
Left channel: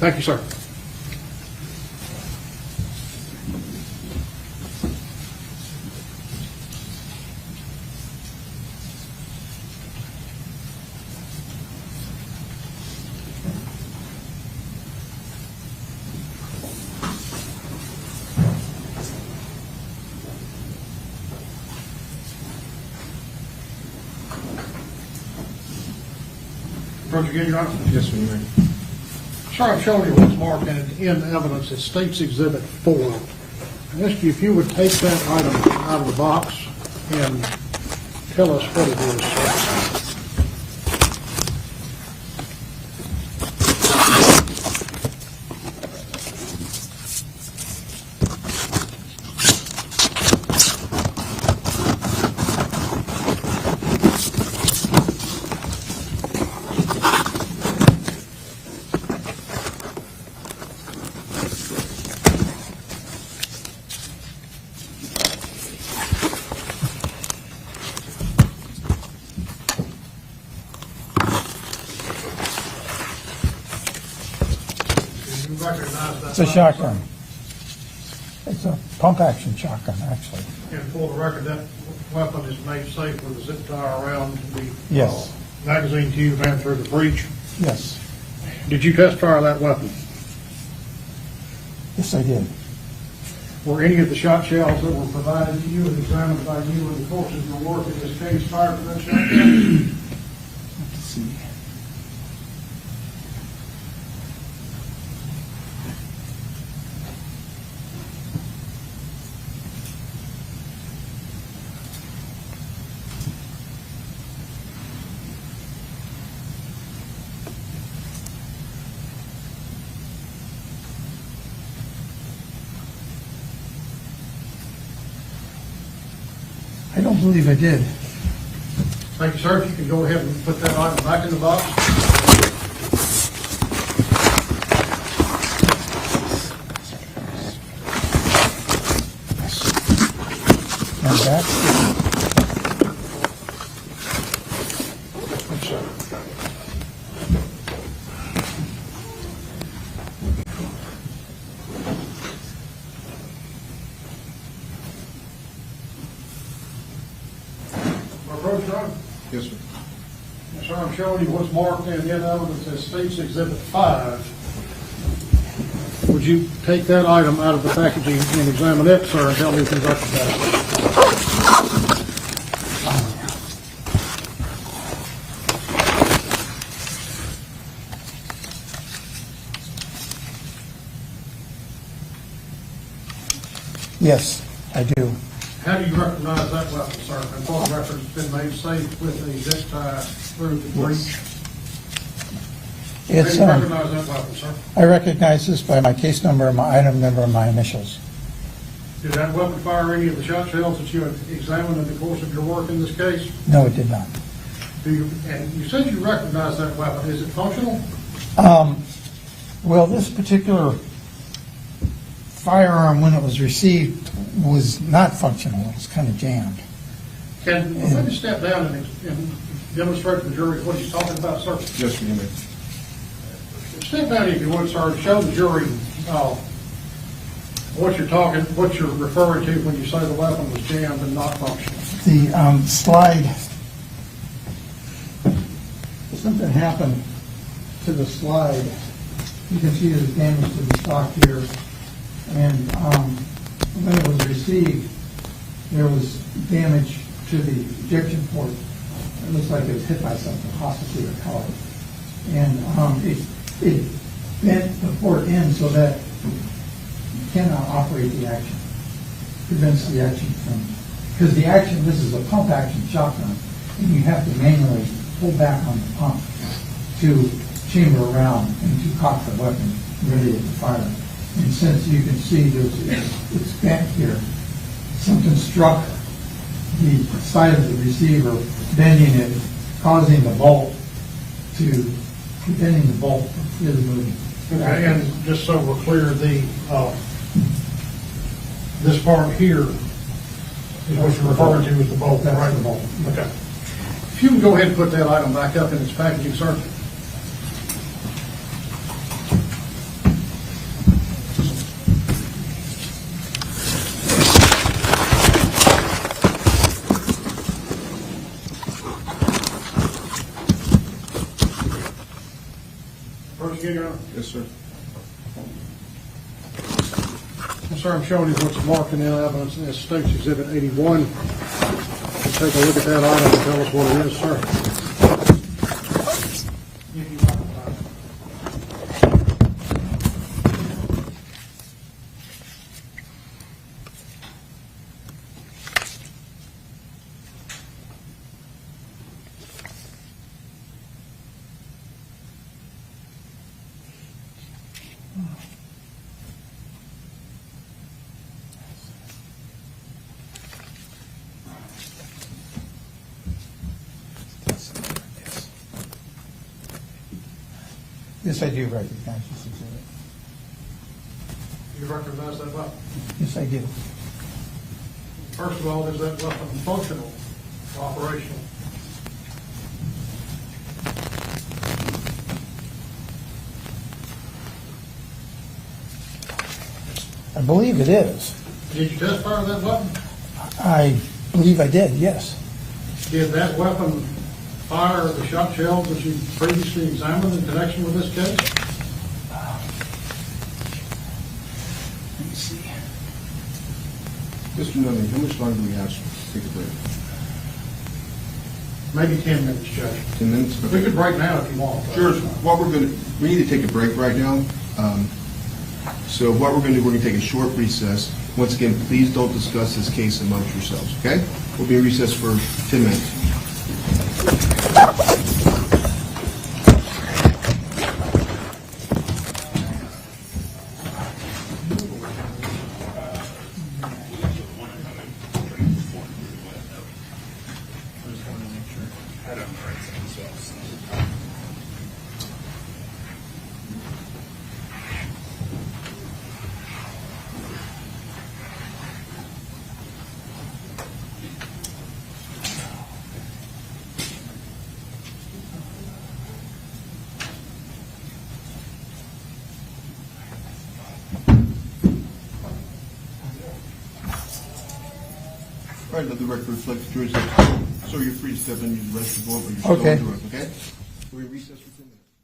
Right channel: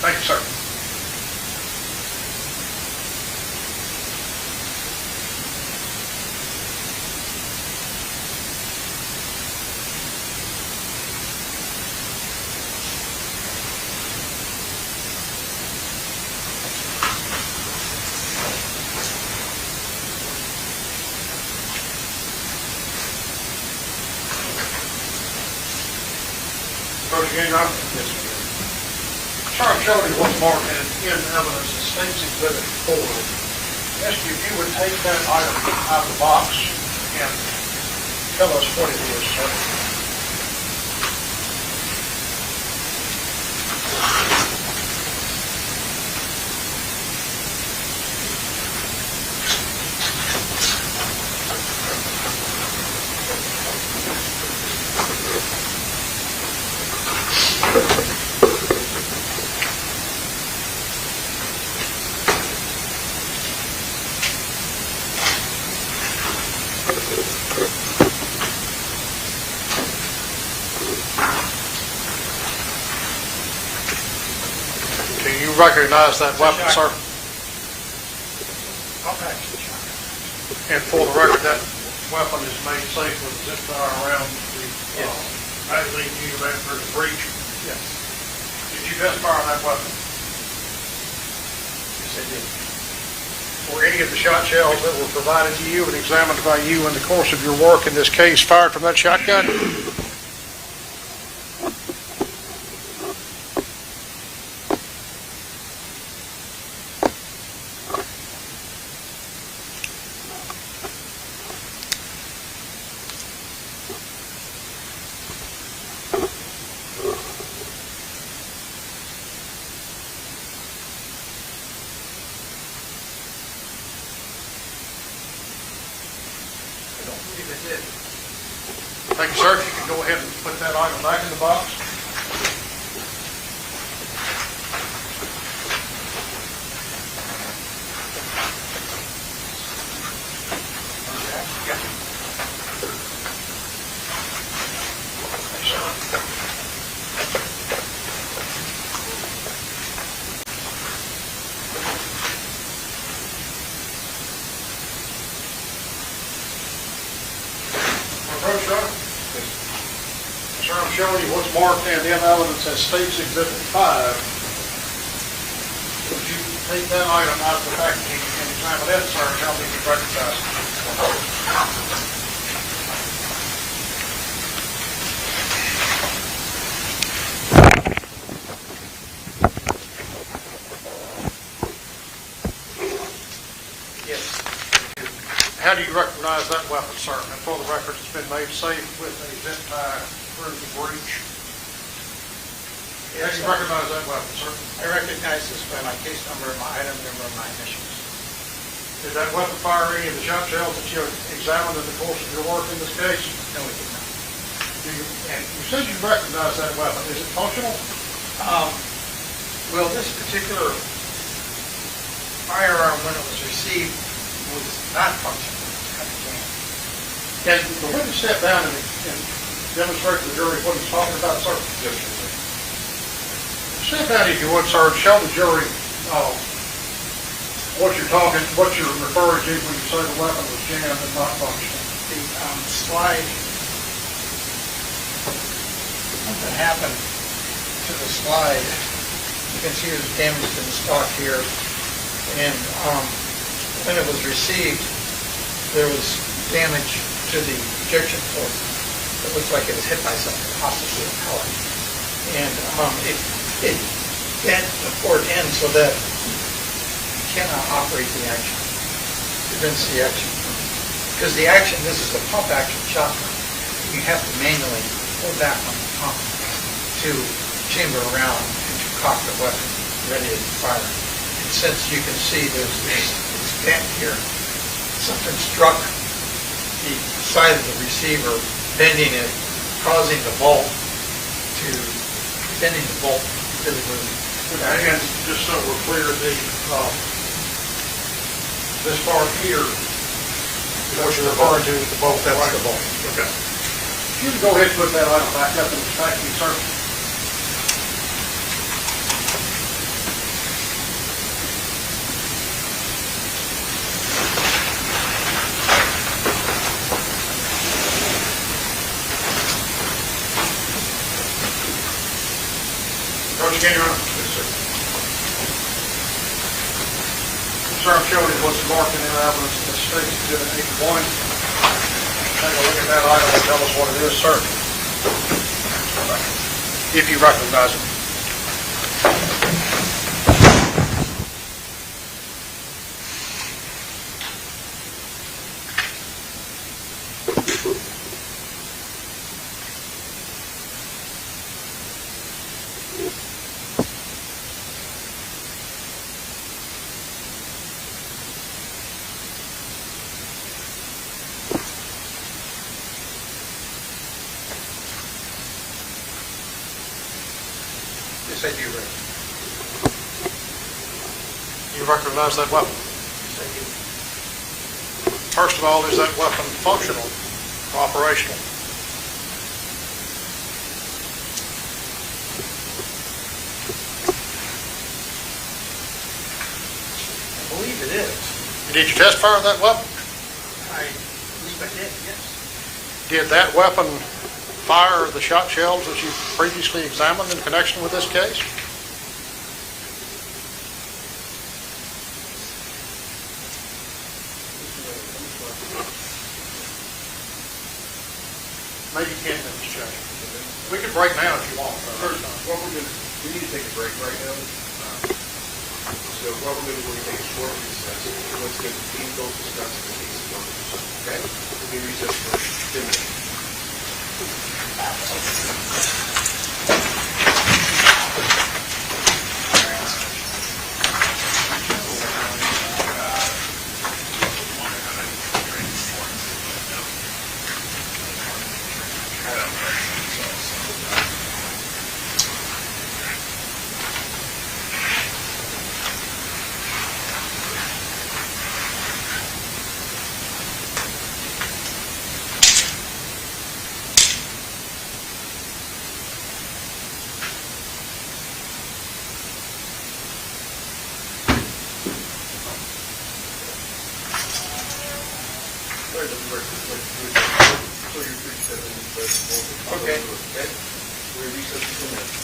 Thank you, sir. Approach again, Your Honor. Yes, ma'am. Sir, I'm showing you what's marked in evidence as State's Exhibit 4. I ask you if you would take that item out of the box and tell us what it is. Do you recognize that It's a weapon, sir? shotgun. It's a pump-action shotgun, actually. And for the record, that weapon is made safe with a zip fire around the Yes. magazine tube ran through the breech. Yes. Did you test fire that weapon? Yes, I did. Were any of the shot shells that were provided to you and examined by you in the course of your work in this case fired from that shotgun? I don't believe I did. Thank you, sir. If you can go ahead and put that item back in the box. And that's Thank you, sir. Approach, sir. Sir, I'm showing you what's marked in evidence as State's Exhibit 5. Would you take that item out of the packaging and examine it, sir, and tell me if you recognize it? Yes, I do. How do you recognize that weapon, sir? And for the record, it's been made safe with a zip tie through the breech. How do It's, you recognize that weapon, sir? I recognize this by my case number, my item number, and my initials. Did that weapon fire any of the shot shells that you examined in the course of your work in this case? No, it did not. And you said you recognize that weapon. Is it functional? Well, this particular firearm, when it was received, was not functional. It was kind of jammed. And will you step down and demonstrate to the jury what he's talking about, sir? Yes, ma'am. Step down if you would, sir, and show the jury what you're referring to when you say the weapon was jammed and not functional. The slide, something happened to the slide. You can see there's damage to the stock here. And when it was received, there was damage to the ejection port. It looks like it was hit by something, possibly a pellet. And it bent the port in so that you cannot operate the action. Prevents the action from, because the action, this is a pump action shotgun, and you have to manually pull back on the pump to chamber around and to cock the weapon, ready to fire. And since you can see it's bent here, something struck the side of the receiver, bending it, causing the bolt preventing the bolt from really moving. And just so we're clear, this part here is what you're referring to with the bolt, That's right? the bolt. Okay. If you can go ahead and put that item back up and thank you, sir. Coach, can you run? Yes, sir. Sir, I'm showing you what's marked in the evidence in the state's exhibit 81. Take a look at that item and tell us what it is, sir. If you recognize it. Yes, I do recognize it. You recognize that weapon? Yes, I do. First of all, is that weapon functional, operational? I believe it is. Did you test fire that weapon? I believe I did, yes. Did that weapon fire the shot shells that you previously examined in connection with this case? Mr. Williams, how much longer do you want to take a break? Maybe 10 minutes, Judge. 10 minutes? We could break now if you want. Sure. We need to take a break right now. So what we're going to do, we're going to take a short recess. Once again, please don't discuss this case amongst yourselves, okay? We'll be in recess for 10 minutes. All right, let me record this, so you're free to step in and let the board. Okay. Okay? We recess for 10 minutes.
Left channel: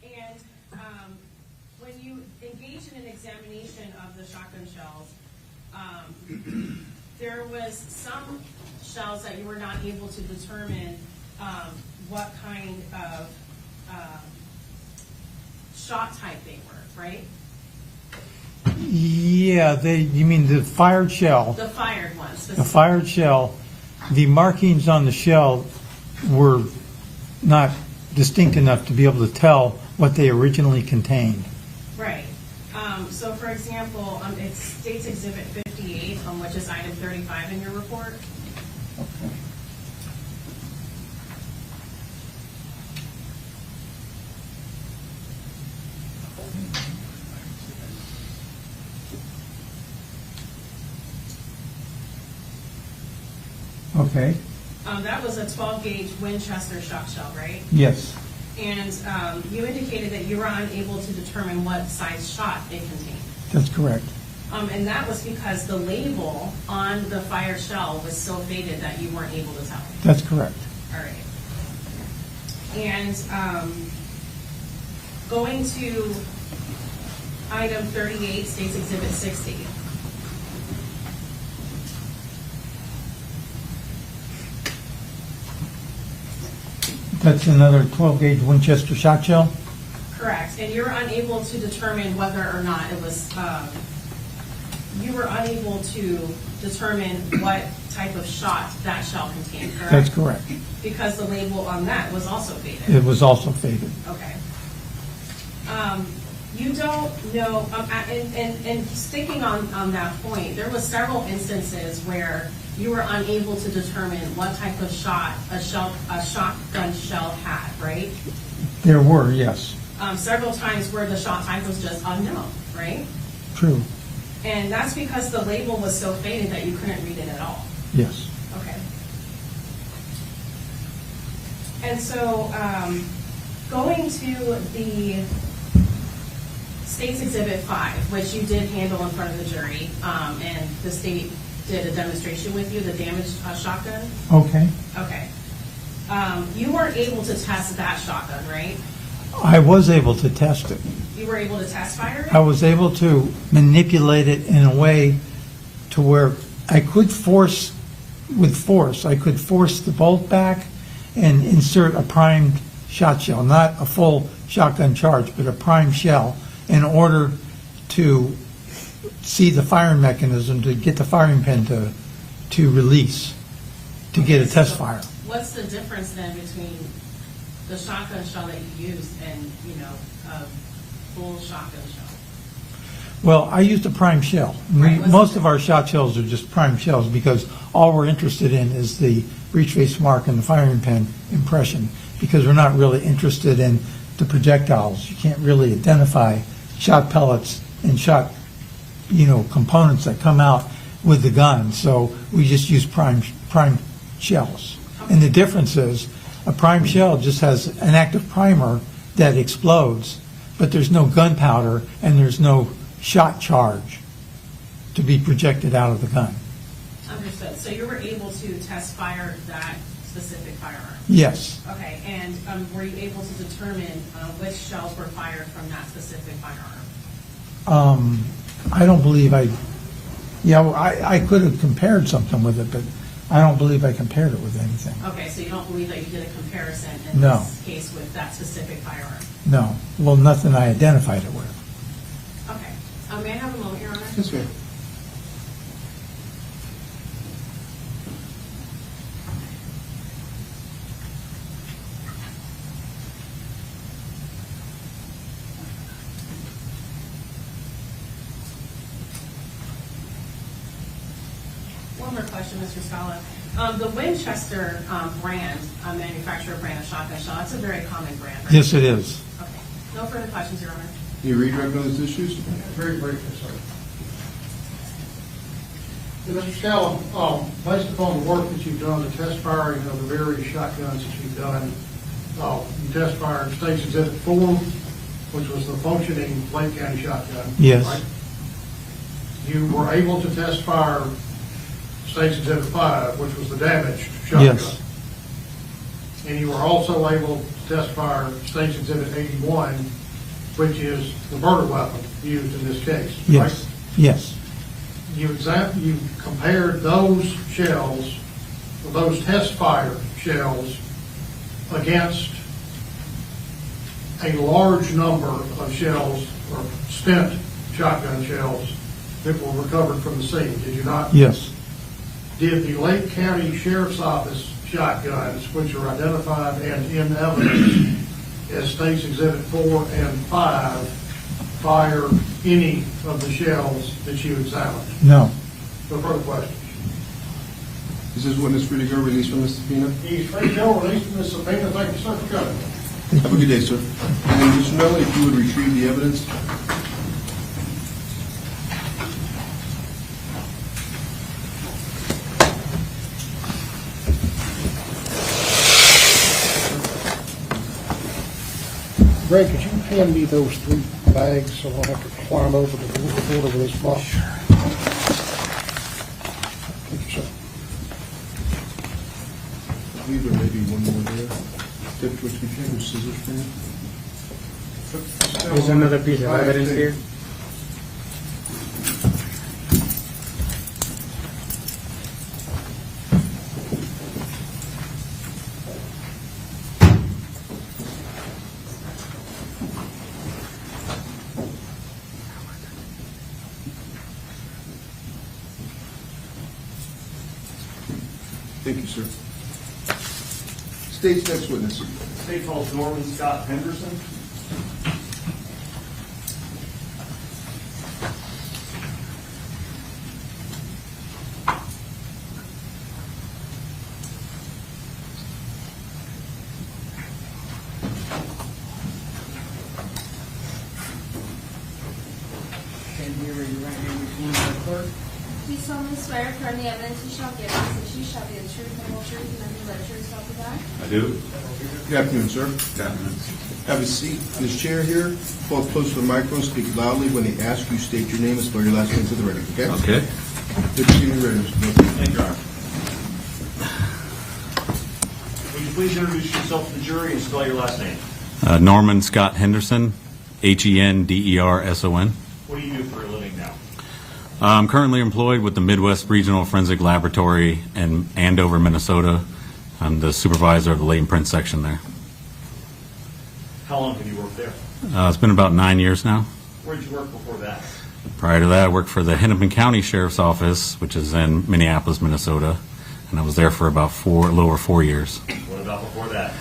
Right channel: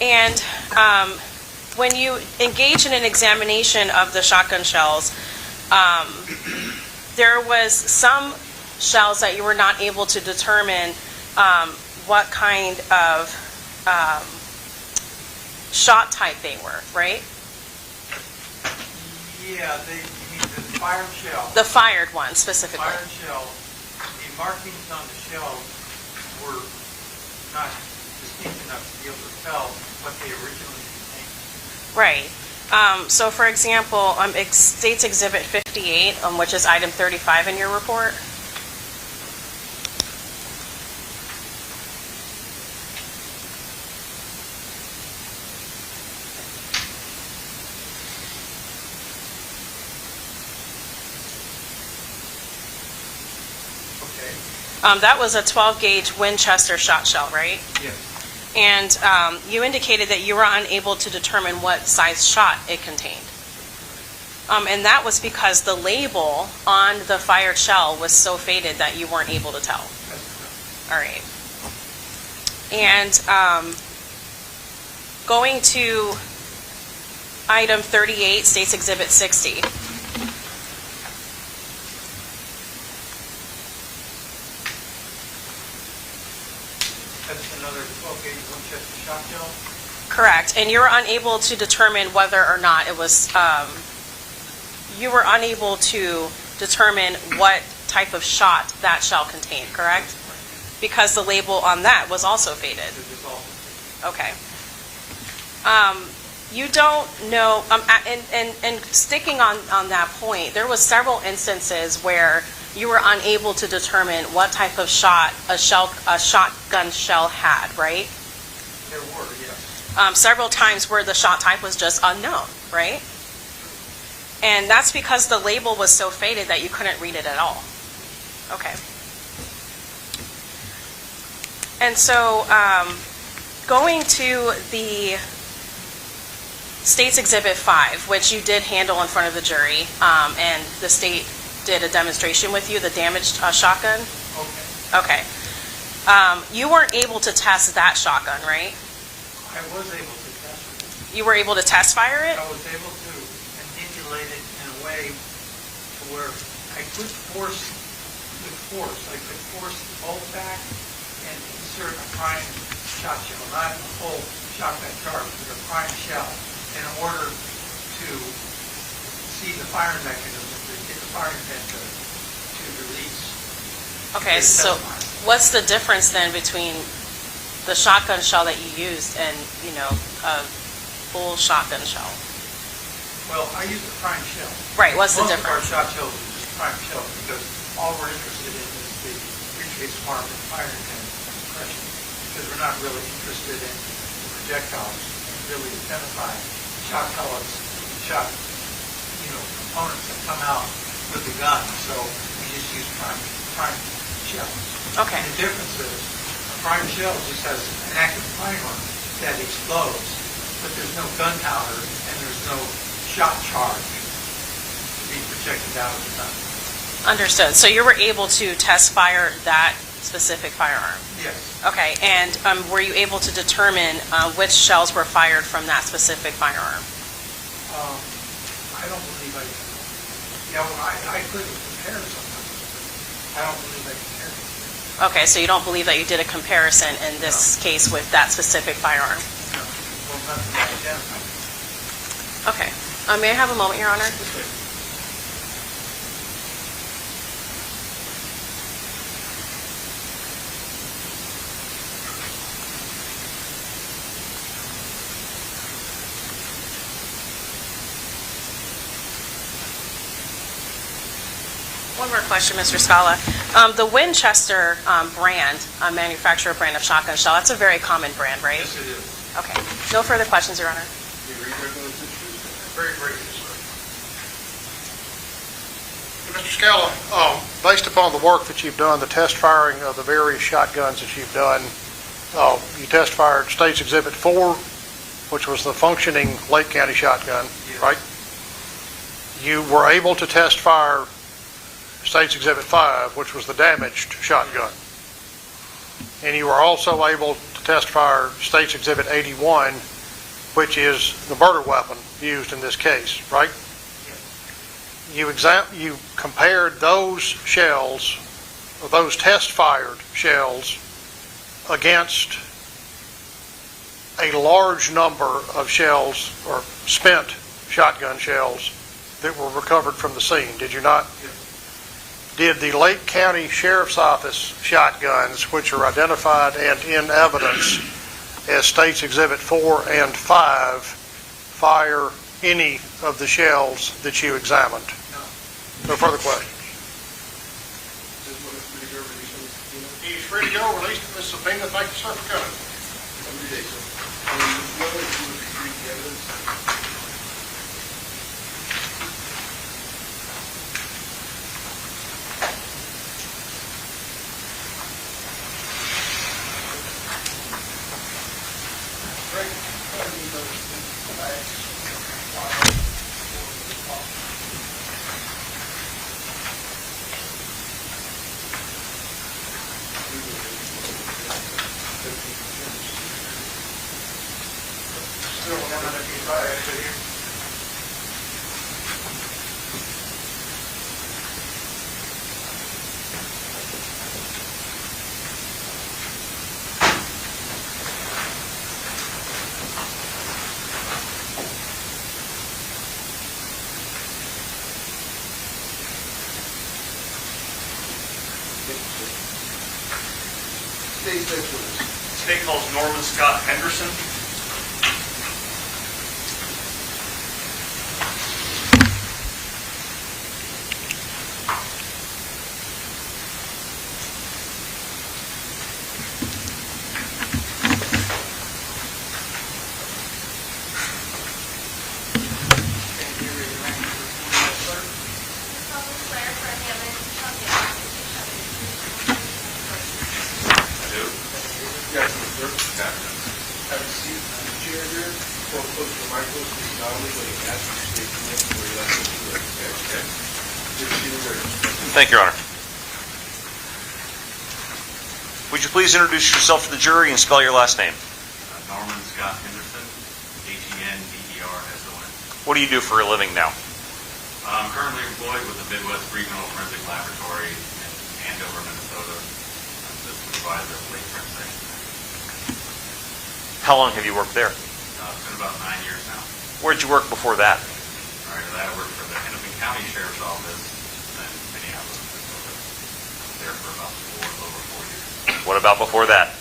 And when you engage in an examination of the shotgun shells, there was some shells that you were not able to determine what kind of shot type they were, right? Yeah, you mean the fired shell? The fired one The specifically. fired shell, the markings on the shell were not distinct enough to be able to tell what they originally contained. Right. So for example, States Exhibit 58, which is item 35 in your report. Okay, That was a 12-gauge Winchester shot shell, right? yes, And you indicated that you were unable to determine what size shot it contained. that's correct. And that was because the label on the fired shell was so faded that you weren't able to tell. That's correct. All right. And going to item 38, States Exhibit 60. That's another 12-gauge Winchester shot shell? Correct. And you were unable to determine whether or not it was, you were unable to determine what type of shot that shell contained, correct? That's correct. Because the label on that was also faded. It was also faded. Okay. You don't know, and sticking on that point, there was several instances where you were unable to determine what type of shot a shotgun shell had, right? There were, yes, Several times where the shot type was just unknown, right? true, And that's because the label was so faded that you couldn't read it at all. yes. Okay. And so, going to the State's Exhibit 5, which you did handle in front of the jury, and the state did a demonstration with you, the damaged shotgun. Okay. Okay. You weren't able to test that shotgun, right? I was able to test it. You were able to test fire it? I was able to manipulate it in a way to where I could force the bolt back and insert a prime shot shell, not a full shotgun charge, but a prime shell, in order to see the firing mechanism, to get the firing pin to release, to Okay, get a test so fire. what's the difference then between the shotgun shell that you used and, a full shotgun shell? Well, I used a prime shell. Right, what's the Most of our shot shells are just prime shells because all we're interested in is the retrace mark and the firing pin impression, because we're not really interested in the projectiles. You can't really identify shot pellets and shot, components that come out with the gun. So we just use prime shells. Okay. And the difference is a prime shell just has an active primer that explodes, but there's no gunpowder and there's no shot charge to be projected out of the gun. Understood. So you were able to test fire that specific firearm? Yes. Okay, and were you able to determine which shells were fired from that specific firearm? I don't believe I could have compared something with it, but I don't believe I compared it with anything. Okay, so you don't believe that you did a comparison in this case with that specific firearm? No. Well, nothing I identified it with. Okay. May I have a moment, Your Honor? Yes, ma'am. One more question, Mr. Scala. The Winchester brand, manufacturer brand of shotgun shell, that's a very common brand, right? Yes, it is. Okay. No further questions, Your Honor. Any regard on those issues? Very briefly, sir. Mr. Scala, based upon the work that you've done, the test firing of the various shotguns that you've done, you test fired State's Exhibit 4, which was the functioning Lake County shotgun, Yes. right? You were able to test fire State's Exhibit 5, which was the damaged shotgun. Yes. And you were also able to testify State's Exhibit 81, which is the murder weapon used in this case, right? Yes. You compared those shells, those test-fired shells, against a large number of shells or spent shotgun shells that were recovered from the scene, did you not? Yes. Did the Lake County Sheriff's Office shotguns, which are identified and in evidence as States Exhibit 4 and 5, fire any of the shells that you examined? No. No further questions. Is this witness free to go, released from the subpoena? He's free to go, released from the subpoena. Thank you, sir, for coming. Have a good day, sir. And Mr. Miller, if you would retrieve the evidence. Greg, could you hand me those 3 bags so I don't have to climb over this box? Sure. There's another piece of evidence here. Thank you, sir. State's next witness. State calls Norman Scott Henderson. You solemnly swear affirm the evidence you shall give us that you shall be the truth, the whole truth, and nothing but the truth, so help you God. I do. Good afternoon, sir. Have a seat in this chair here. Pull up close to the microphone, speak loudly. When he asks you, state your name and spell your last name for the record, okay? Okay. Good to see you, ready, Mr. Miller. Thank you, Your Honor. Would you please introduce yourself to the jury and spell your last name? Norman Scott Henderson, Henderson. What do you do for a living now? I'm currently employed with the Midwest Regional Forensic Laboratory in Andover, Minnesota. I'm the supervisor of the latent print section there. How long have you worked there? It's been about 9 years now. Where'd you work before that? Prior to that, I worked for the Hennepin County Sheriff's Office, which is in Minneapolis, Minnesota, and I was there for about a little over 4 years. What about before that?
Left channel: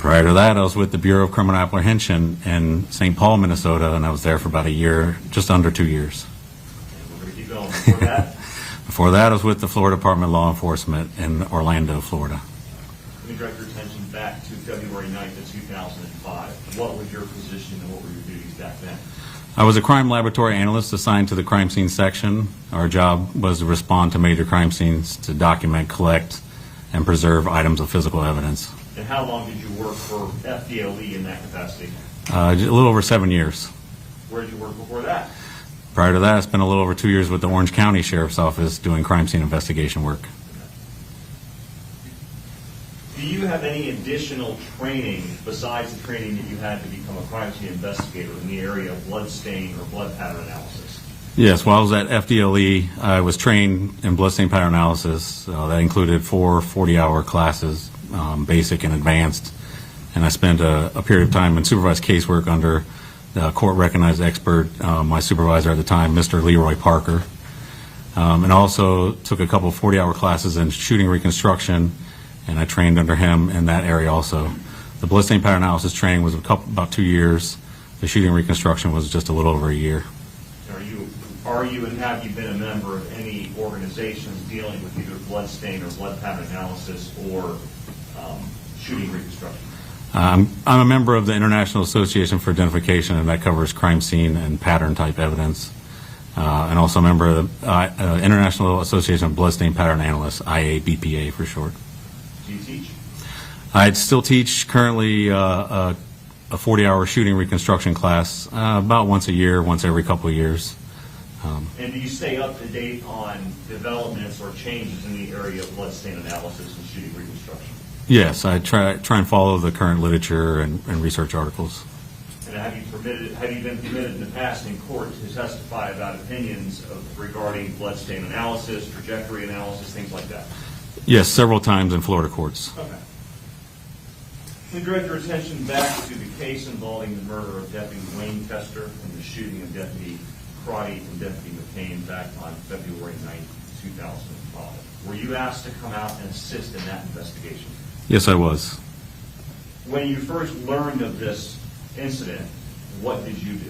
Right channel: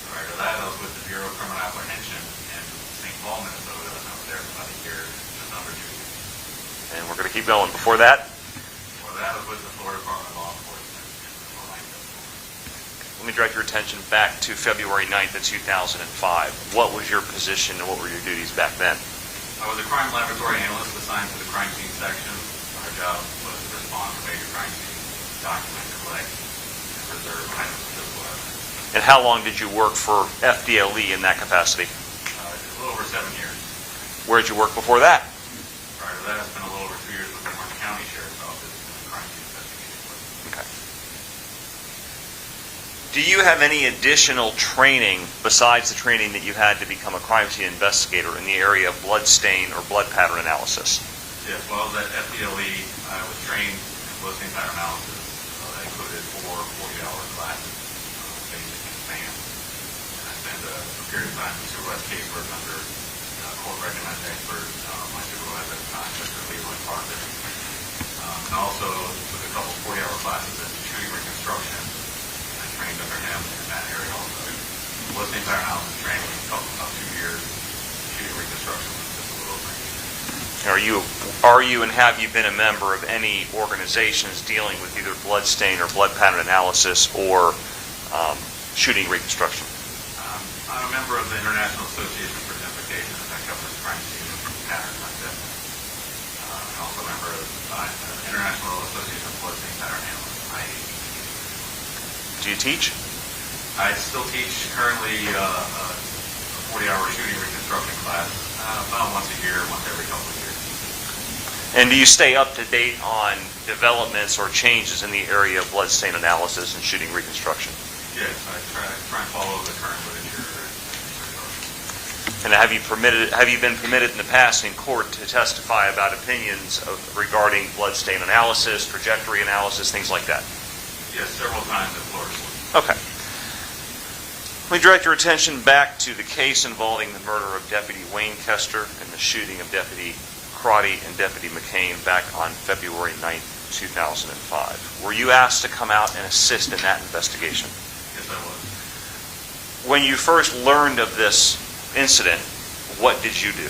Prior to that, I was with the Bureau of Criminal Apprehension in St. Paul, Minnesota, and I was there for about a year, just under 2 years. And we're going to keep going. Before that? Before that, I was with the Florida Department of Law Enforcement in Orlando, Florida. Let me direct your attention back to February 9th of 2005. What was your position and what were your duties back then? I was a crime laboratory analyst assigned to the crime scene section. Our job was to respond to major crime scenes to document, collect, and preserve items of physical evidence. And how long did you work for FDLE in that capacity? A little over 7 years. Where did you work before that? Prior to that, I spent a little over 2 years with the Orange County Sheriff's Office doing crime scene investigation work. Okay. Do you have any additional training besides the training that you had to become a crime scene investigator in the area of blood stain or blood pattern analysis? Yes, while I was at FDLE, I was trained in blood stain pattern analysis. That included 4 40-hour classes, basic and advanced. And I spent a period of time in supervised casework under the court-recognized expert, my supervisor at the time, Mr. Leroy Parker. And also took a couple of 40-hour classes in shooting reconstruction, and I trained under him in that area also. The blood stain pattern analysis training was about 2 years. The shooting reconstruction was just a little over a year. Are you and have you been a member of any organizations dealing with either blood stain or blood pattern analysis or shooting reconstruction? I'm a member of the International Association for Identification, and that covers crime scene and pattern type evidence. And also a member of the International Association of Blood Stain Pattern Analysts, IABPA for short. Do you teach? I still teach currently a 40-hour shooting reconstruction class about once a year, once every couple of years. And do you stay up to date on developments or changes in the area of blood stain analysis and shooting reconstruction? Yes, I try and follow the current literature and research articles. And have you been permitted in the past in court to testify about opinions regarding bloodstain analysis, trajectory analysis, things like that? Yes, several times in Florida courts. Okay. Let me direct your attention back to the case involving the murder of Deputy Wayne Koester and the shooting of Deputy Crotty and Deputy McKane back on February 9th, 2005. Were you asked to come out and assist in that investigation? Yes, I was. When you first learned of this incident, what did you do?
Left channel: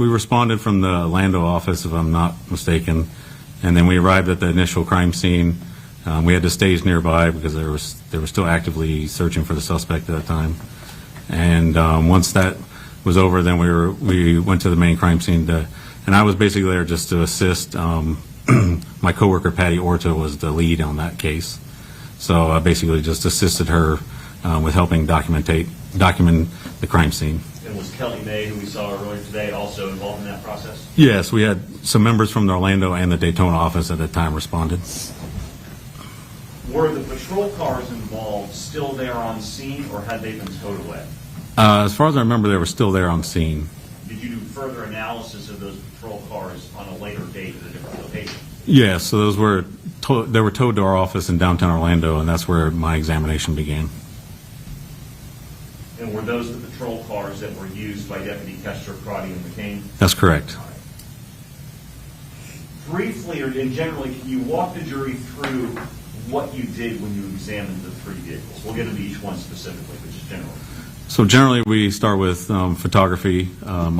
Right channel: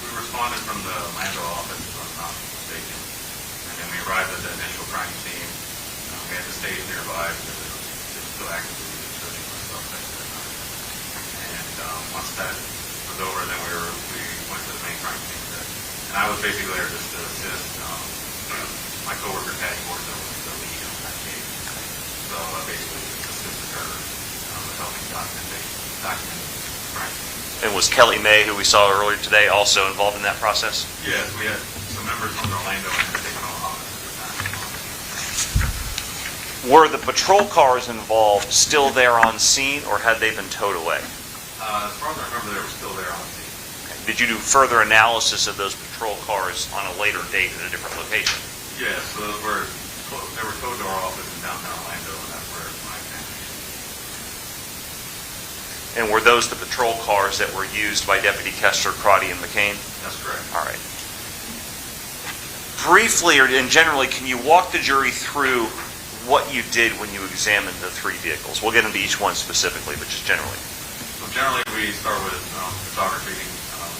We responded from the Lando office, if I'm not mistaken, and then we arrived at the initial crime scene. We had to stage nearby because they were still actively searching for the suspect at that time. And once that was over, then we went to the main crime scene, and I was basically there just to assist. My coworker Patty Orta was the lead on that case, so I basically just assisted her with helping document the crime scene. And was Kelly May, who we saw earlier today, also involved in that process? Yes, we had some members from the Orlando and the Daytona office at the time responded. Were the patrol cars involved still there on scene, or had they been towed away? As far as I remember, they were still there on scene. Did you do further analysis of those patrol cars on a later date at a different location? Yes, so those were they were towed to our office in downtown Orlando, and that's where my examination began. And were those the patrol cars that were used by Deputy Koester, Crotty, and McKane? That's correct. All right. Briefly and generally, can you walk the jury through what you did when you examined the three vehicles? We'll get into each one specifically, but just generally. So generally, we start with photography,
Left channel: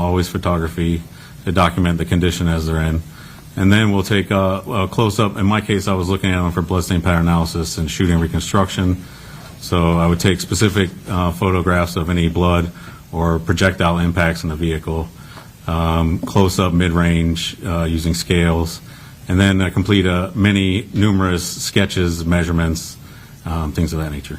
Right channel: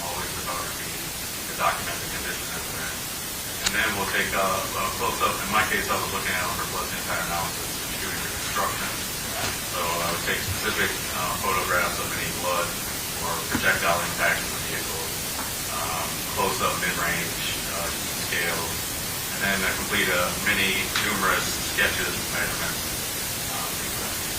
always photography, to document the condition as they're in. And then we'll take a close-up. In my case, I was looking at them for bloodstain pattern analysis and shooting reconstruction. So I would take specific photographs of any blood or projectile impacts in the vehicle, close-up, mid-range, using scales, and then complete numerous sketches, measurements, things of that nature.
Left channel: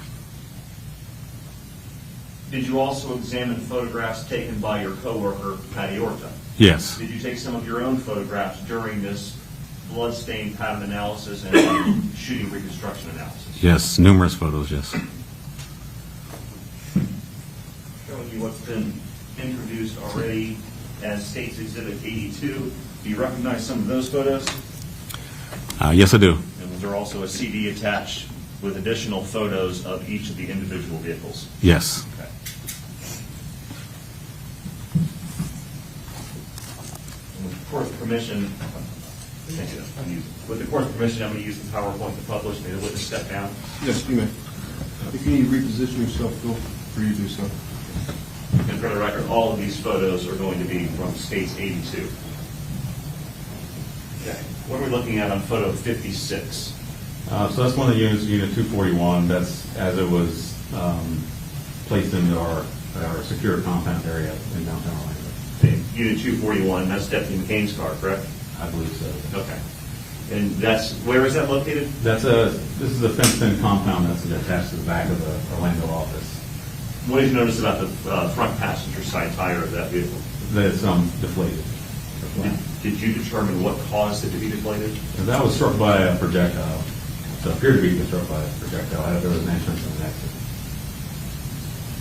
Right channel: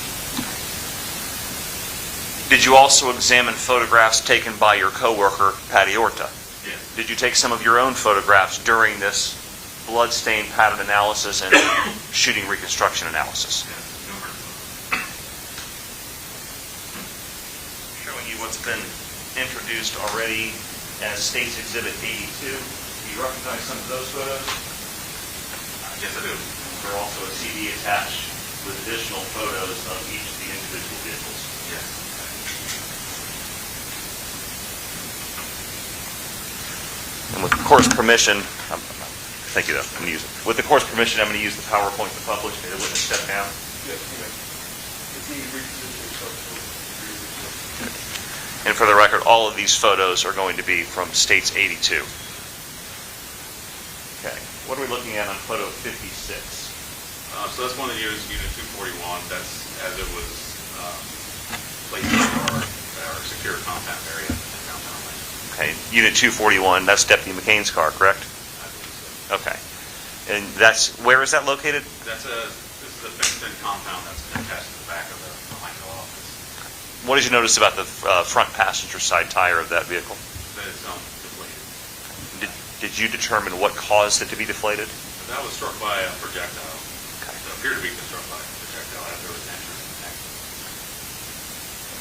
Did you also examine photographs taken by your coworker, Patty Orta? Yes. Did you take some of your own photographs during this bloodstain pattern analysis and shooting reconstruction analysis? Yes, numerous photos, yes. Showing you what's been introduced already as State's Exhibit 82. Do you recognize some of those photos? Yes, I do. And there's also a CD attached with additional photos of each of the individual vehicles. Yes. And with the court's permission, thank you though, I'm going to use it. With the court's permission, I'm going to use the PowerPoint to publish. May the witness step down? Yes, you may. If you need to reposition yourself, feel free to do so. And for the record, all of these photos are going to be from State's 82. Okay. What are we looking at on photo 56? So that's one of the units, Unit 241. That's as it was placed in our secure compound area in downtown Orlando. Okay, Unit 241, that's Deputy McKane's car, correct? I believe so. Okay. And where is that located? This is a fenced-in compound that's attached to the back of the Orlando office. What did you notice about the front passenger side tire of that vehicle? That it's deflated. Did you determine what caused it to be deflated? That was struck by a projectile. Okay. It appeared to be struck by a projectile after there was an entrance in the accident.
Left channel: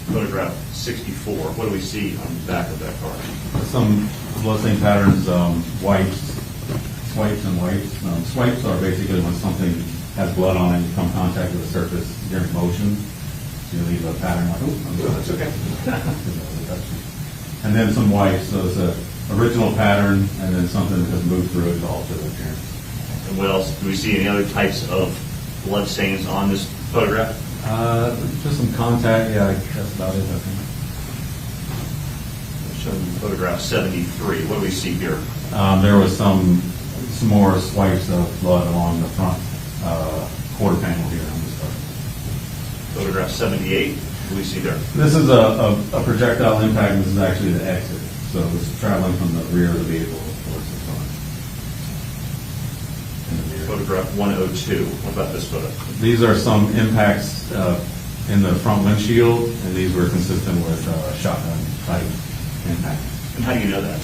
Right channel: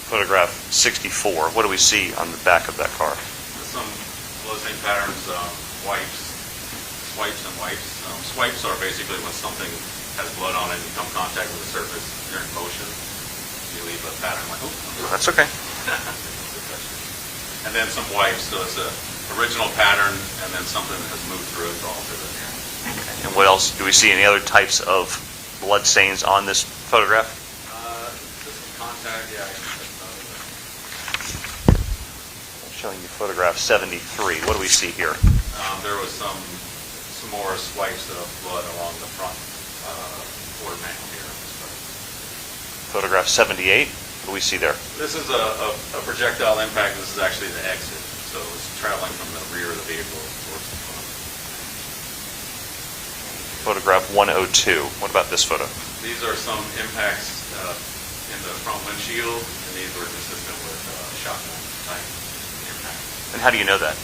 Photograph 64. What do we see on the back of that car? Some bloodstain patterns, swipes and wipes. Swipes are basically when something has blood on it and you come in contact with the surface during motion. So you leave a pattern like, oh, that's okay. And then some wipes, so it's an original pattern and then something that has moved through it for altered appearance. And what else? Do we see any other types of blood stains on this photograph? Just some contact, yeah, that's about it, I think. Showing you photograph 73. What do we see here? There was some more swipes of blood along the front quarter panel here on this part. Photograph 78. What do we see there? This is a projectile impact, and this is actually the exit. So it's traveling from the rear of the vehicle towards the front. Photograph 102. What about this photo? These are some impacts in the front windshield, and these were consistent with shotgun type impact. And how do you know that?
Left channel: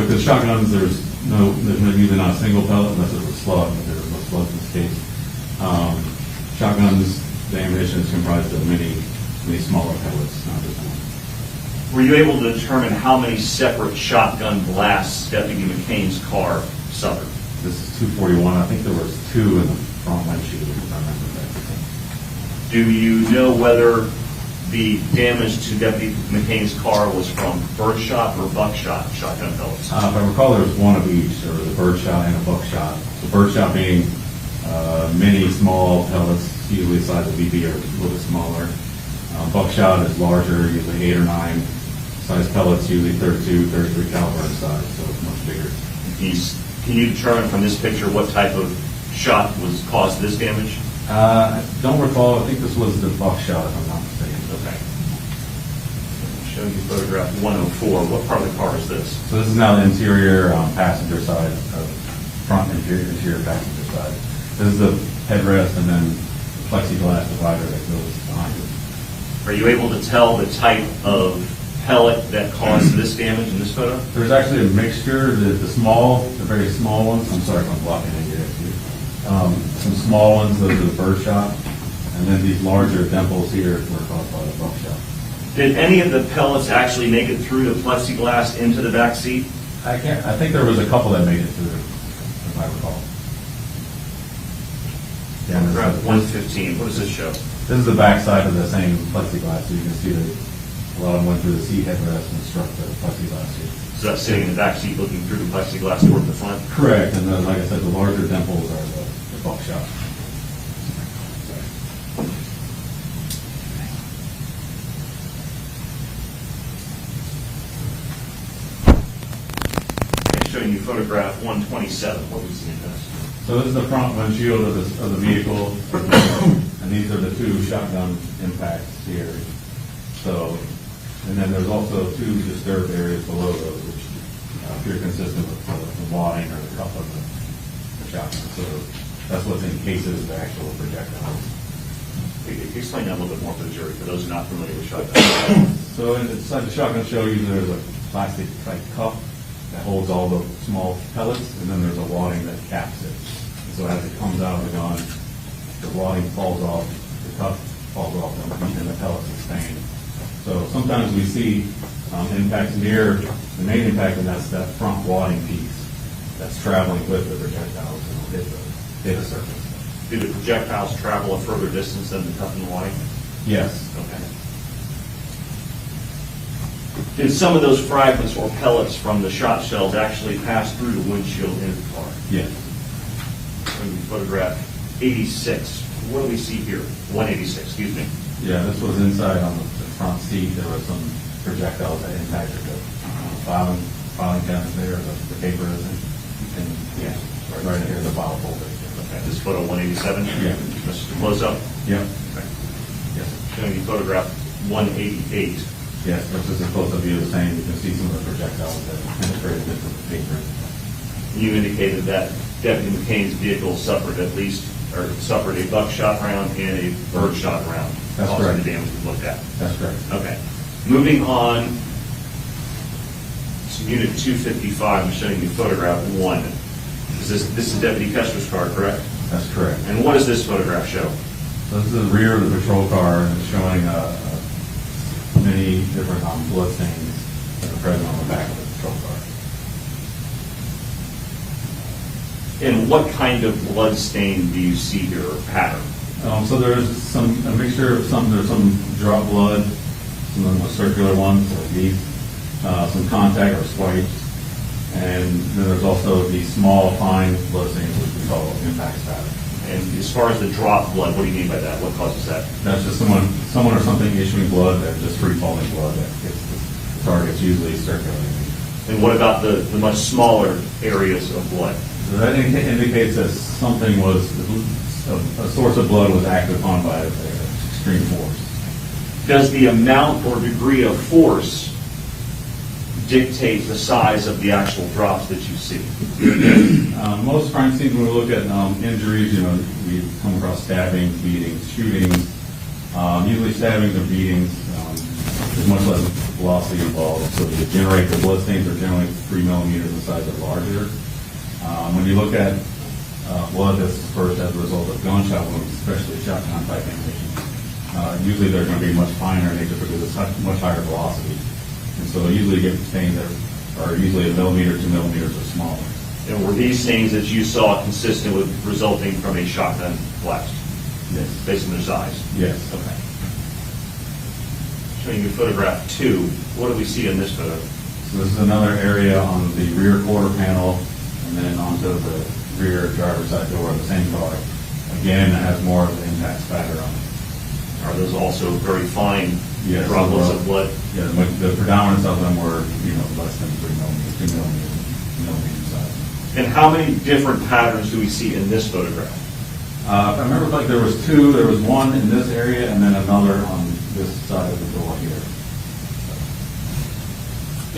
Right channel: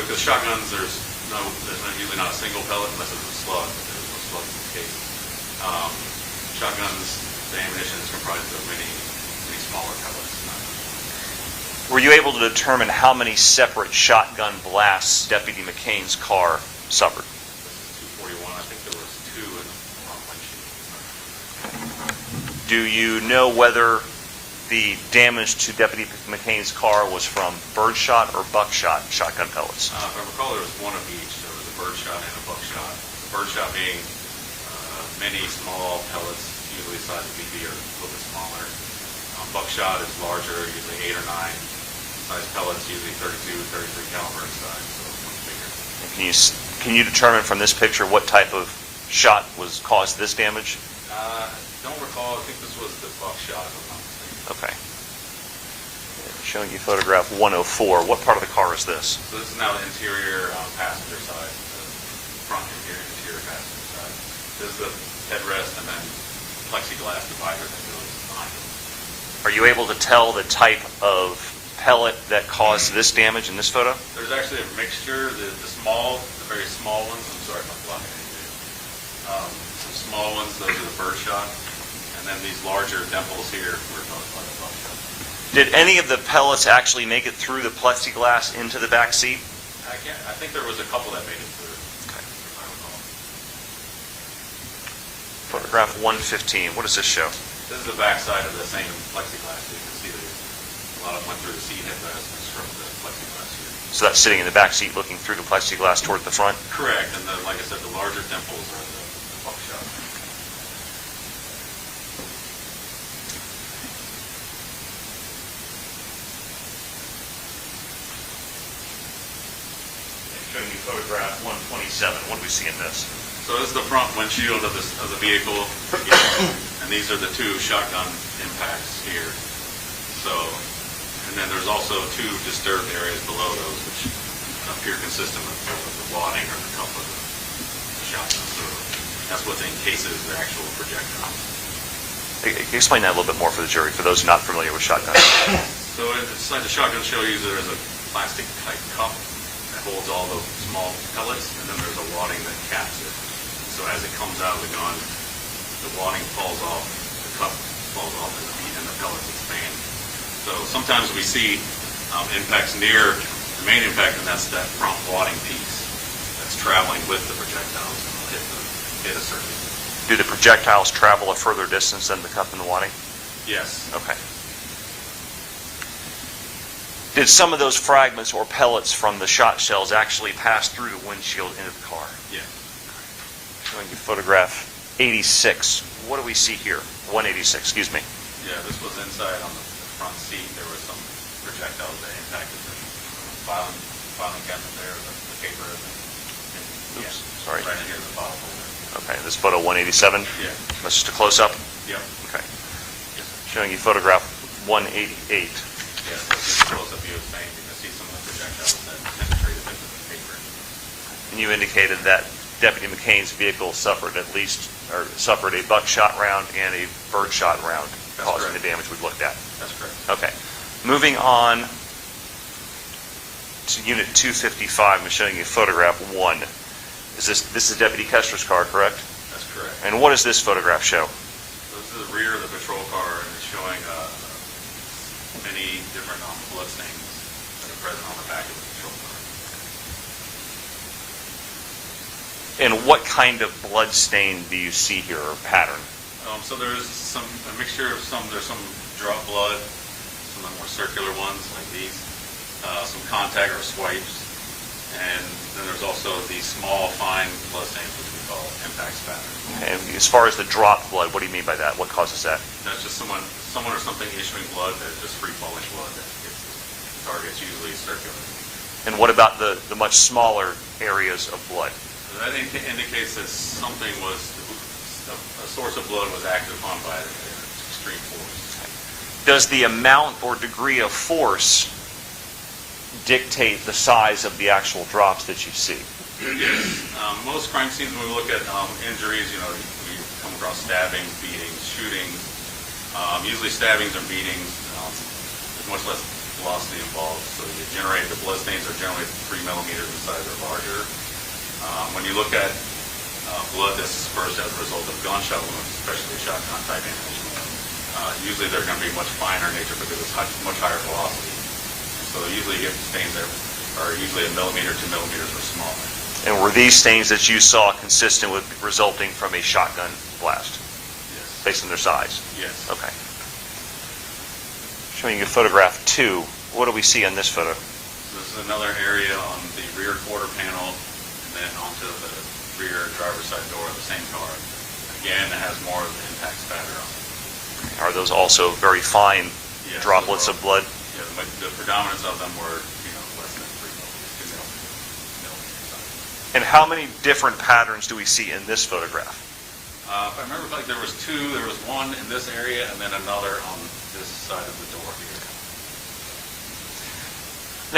Because shotguns, there's usually not a single pellet unless it's a slug, but there's no slugs in this case. Shotguns, the ammunition is comprised of many smaller pellets, not just one. Were you able to determine how many separate shotgun blasts Deputy McKane's car suffered? This is 241. I think there was 2 in the front windshield, if I remember that. Do you know whether the damage to Deputy McKane's car was from birdshot or buckshot shotgun pellets? If I recall, there was one of each. There was a birdshot and a buckshot. The birdshot being many small pellets, usually the size of BB or a little bit smaller. Buckshot is larger, usually 8 or 9. Size pellets, usually 32, 33 caliber inside, so it's much bigger. Can you determine from this picture what type of shot caused this damage? I don't recall. I think this was the buckshot, if I'm not mistaken. Okay. Showing you photograph 104. What part of the car is this? So this is now the interior passenger side, front interior passenger side. This is the headrest and then plexiglass divider that goes behind it. Are you able to tell the type of pellet that caused this damage in this photo? There's actually a mixture. The very small ones, I'm sorry if I'm blocking it here. Some small ones, those are the birdshot. And then these larger dimples here were caused by the buckshot. Did any of the pellets actually make it through the plexiglass into the back seat? I think there was a couple that made it through, if I recall. Photograph 115. What does this show? This is the back side of the same plexiglass. So you can see a lot of them went through the seat headrest and struck the plexiglass here. So that's sitting in the back seat looking through the plexiglass toward the front? Correct. And like I said, the larger dimples are the buckshot. Showing you photograph 127. What do we see in this? So this is the front windshield of the vehicle, and these are the 2 shotgun impacts here. So, and then there's also 2 disturbed areas below those, which appear consistent with the wadding or the cup of the shotgun. So that's what encases the actual projectiles. Explain that a little bit more for the jury, for those not familiar with shotguns. So inside the shotgun shell user, there's a plastic type cup that holds all the small pellets, and then there's a wadding that caps it. So as it comes out of the gun, the wadding falls off, the cup falls off, and the pellets expand. So sometimes we see impacts near the main impact, and that's that front wadding piece that's traveling with the projectiles and will hit the surface. Do the projectiles travel a further distance than the cup and the wadding? Yes. Okay. Did some of those fragments or pellets from the shot shells actually pass through the windshield into the car? Yes. When you photograph 86, what do we see here? 186, excuse me. Yeah, this was inside on the front seat. There were some projectiles that impacted the filing cabinet there, the paper, and Yes. Sorry. right here, the file folder. Okay, this photo 187? Yeah. That's just a close-up? Yeah. Okay. Yes. Showing you photograph 188. Yes, this is a close-up view of the same. You can see some of the projectiles that penetrated into the paper. You indicated that Deputy McKane's vehicle suffered a buckshot round and a birdshot round. That's causing correct. the damage we've looked at. That's correct. Okay. Moving on to Unit 255, I'm showing you photograph 1. This is Deputy Koester's car, correct? That's correct. And what does this photograph show? So this is the rear of the patrol car, and it's showing many different blood stains that are present on the back of the patrol car. And what kind of blood stain do you see here, or pattern? So there's a mixture of there's some drop blood, some of the more circular ones like these, some contact or swipes, and then there's also these small fine blood stains which we call impact spatter. Okay, and as far as the drop blood, what do you mean by that? What causes that? That's just someone or something issuing blood, that just free falling blood that gets the target's usually circulating. And what about the much smaller areas of blood? So that indicates that something a source of blood was acted upon by extreme force. Does the amount or degree of force dictate the size of the actual drops that you see? Yes. Most crime scenes, when we look at injuries, we come across stabbings, beatings, shootings. Usually stabbings or beatings, there's much less velocity involved, so the blood stains are generally 3 millimeters in size or larger. When you look at blood that's dispersed as a result of gunshot wounds, especially shotgun type ammunition, Usually they're going to be much finer in nature because it's much higher velocity. And so usually you get stains that are usually 1 millimeter, 2 millimeters or smaller. And were these stains that you saw consistent with resulting from a shotgun blast? Yes. Based on their size? Yes. Okay. Showing you photograph 2. What do we see in this photo? So this is another area on the rear quarter panel and then onto the rear driver's side door of the same car. Again, it has more of an impact spatter on it. Are those also very fine Yes, droplets overall. of blood? Yeah, the predominance of them were, less than 3 millimeters, 2 millimeters size. And how many different patterns do we see in this photograph? I remember like there was 2. There was one in this area and then another on this side of the door here.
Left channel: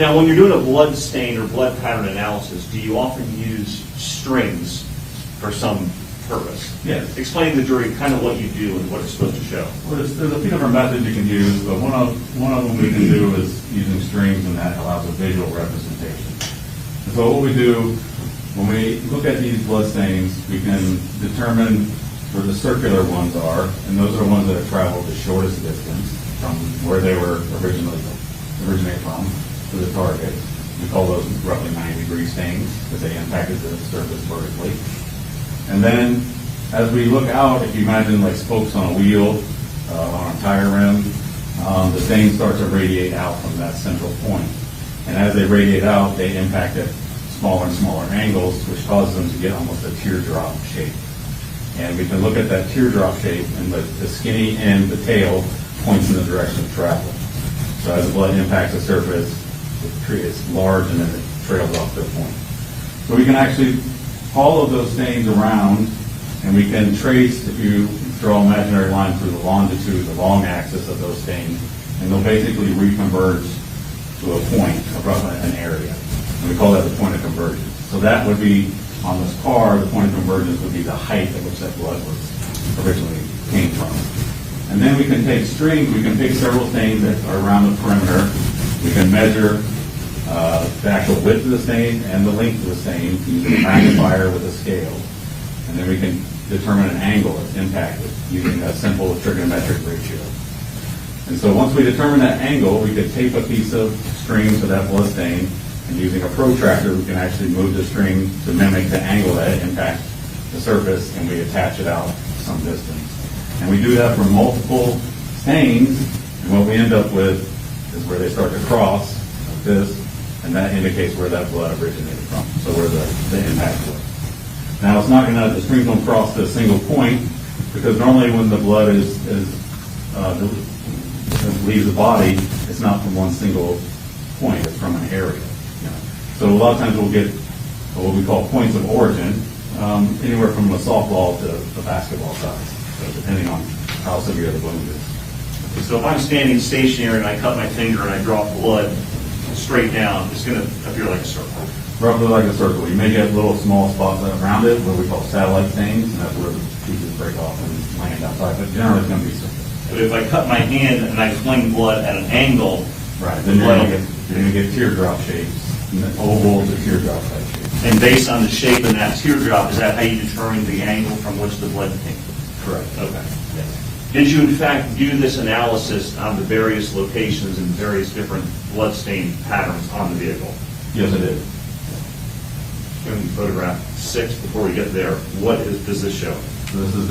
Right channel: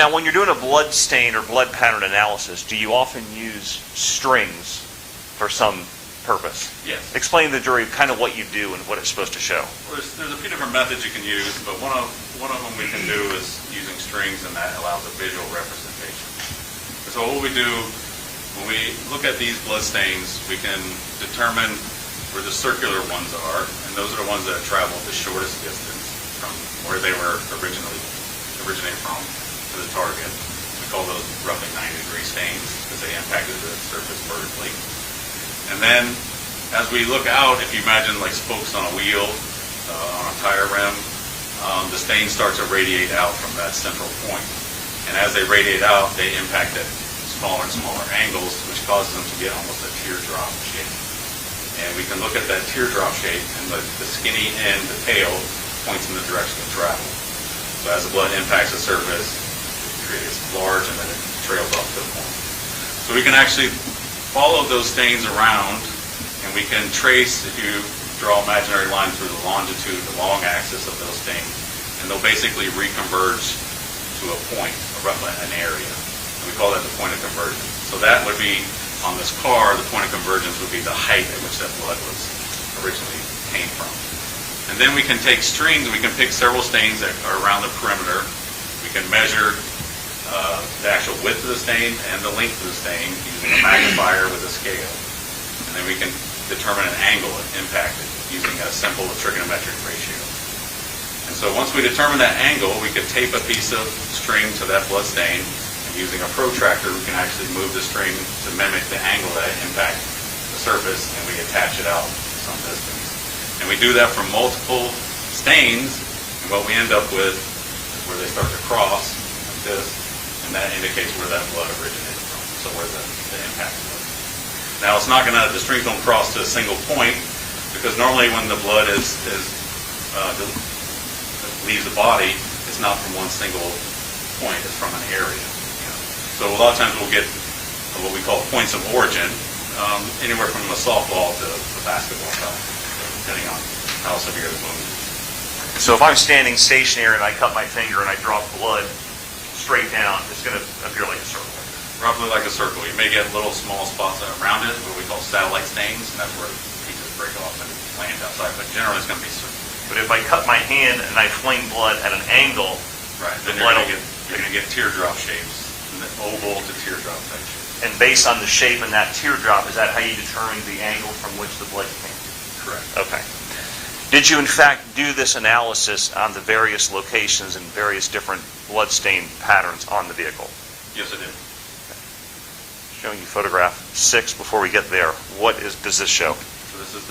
Now, when you're doing a blood stain or blood pattern analysis, do you often use strings for some purpose? Yes. Explain to the jury kind of what you do and what it's supposed to show. Well, there's a few different methods you can use, but one of them we can do is using strings, and that allows a visual representation. And so what we do, when we look at these blood stains, we can determine where the circular ones are, and those are the ones that have traveled the shortest distance from where they were originate from to the target. We call those roughly 90-degree stains because they impacted the surface vertically. And then as we look out, if you imagine like spokes on a wheel, on a tire rim, the stain starts to radiate out from that central point. And as they radiate out, they impact at smaller and smaller angles, which causes them to get almost a teardrop shape. And we can look at that teardrop shape, and the skinny end, the tail, points in the direction of travel. So as the blood impacts the surface, it creates large, and then it trails off to the point. So we can actually follow those stains around, and we can trace, if you draw imaginary lines through the longitude, the long axis of those stains, and they'll basically reconverge to a point, roughly an area. And we call that the point of convergence. So that would be, on this car, the point of convergence would be the height at which that blood was originally came from. And then we can take strings, we can pick several stains that are around the perimeter. We can measure the actual width of the stain and the length of the stain using a magnifier with a scale. And then we can determine an angle that impacted using a simple trigonometric ratio. And so once we determine that angle, we can tape a piece of string to that blood stain, and using a protractor, we can actually move the string to mimic the angle that it impacts the surface, and we attach it out some distance. And we do that for multiple stains, and what we end up with is where they start to cross, like this, and that indicates where that blood originated from, so where the impact was. Now, it's not going to, the strings don't cross to a single point, because normally when the blood leaves the body, it's not from one single point, it's from an area. So a lot of times we'll get what we call points of origin, anywhere from a softball to a basketball size, depending on how severe the wound is. So if I'm standing stationary and I cut my finger and I drop blood straight down, it's going to appear like a circle. Roughly like a circle. You may get little small spots around it, what we call satellite stains, and that's where pieces break off and land outside, but generally it's going to be circle. But if I cut my hand and I fling blood at an angle, right, then you're going to get teardrop shapes, and then oval to teardrop type shapes. And based on the shape in that teardrop, is that how you determine the angle from which the blood came? Correct. Okay. Did you in fact do this analysis on the various locations and various different blood stain patterns on the vehicle? Yes, I did. Showing you photograph 6 before we get there. What does this show? So this is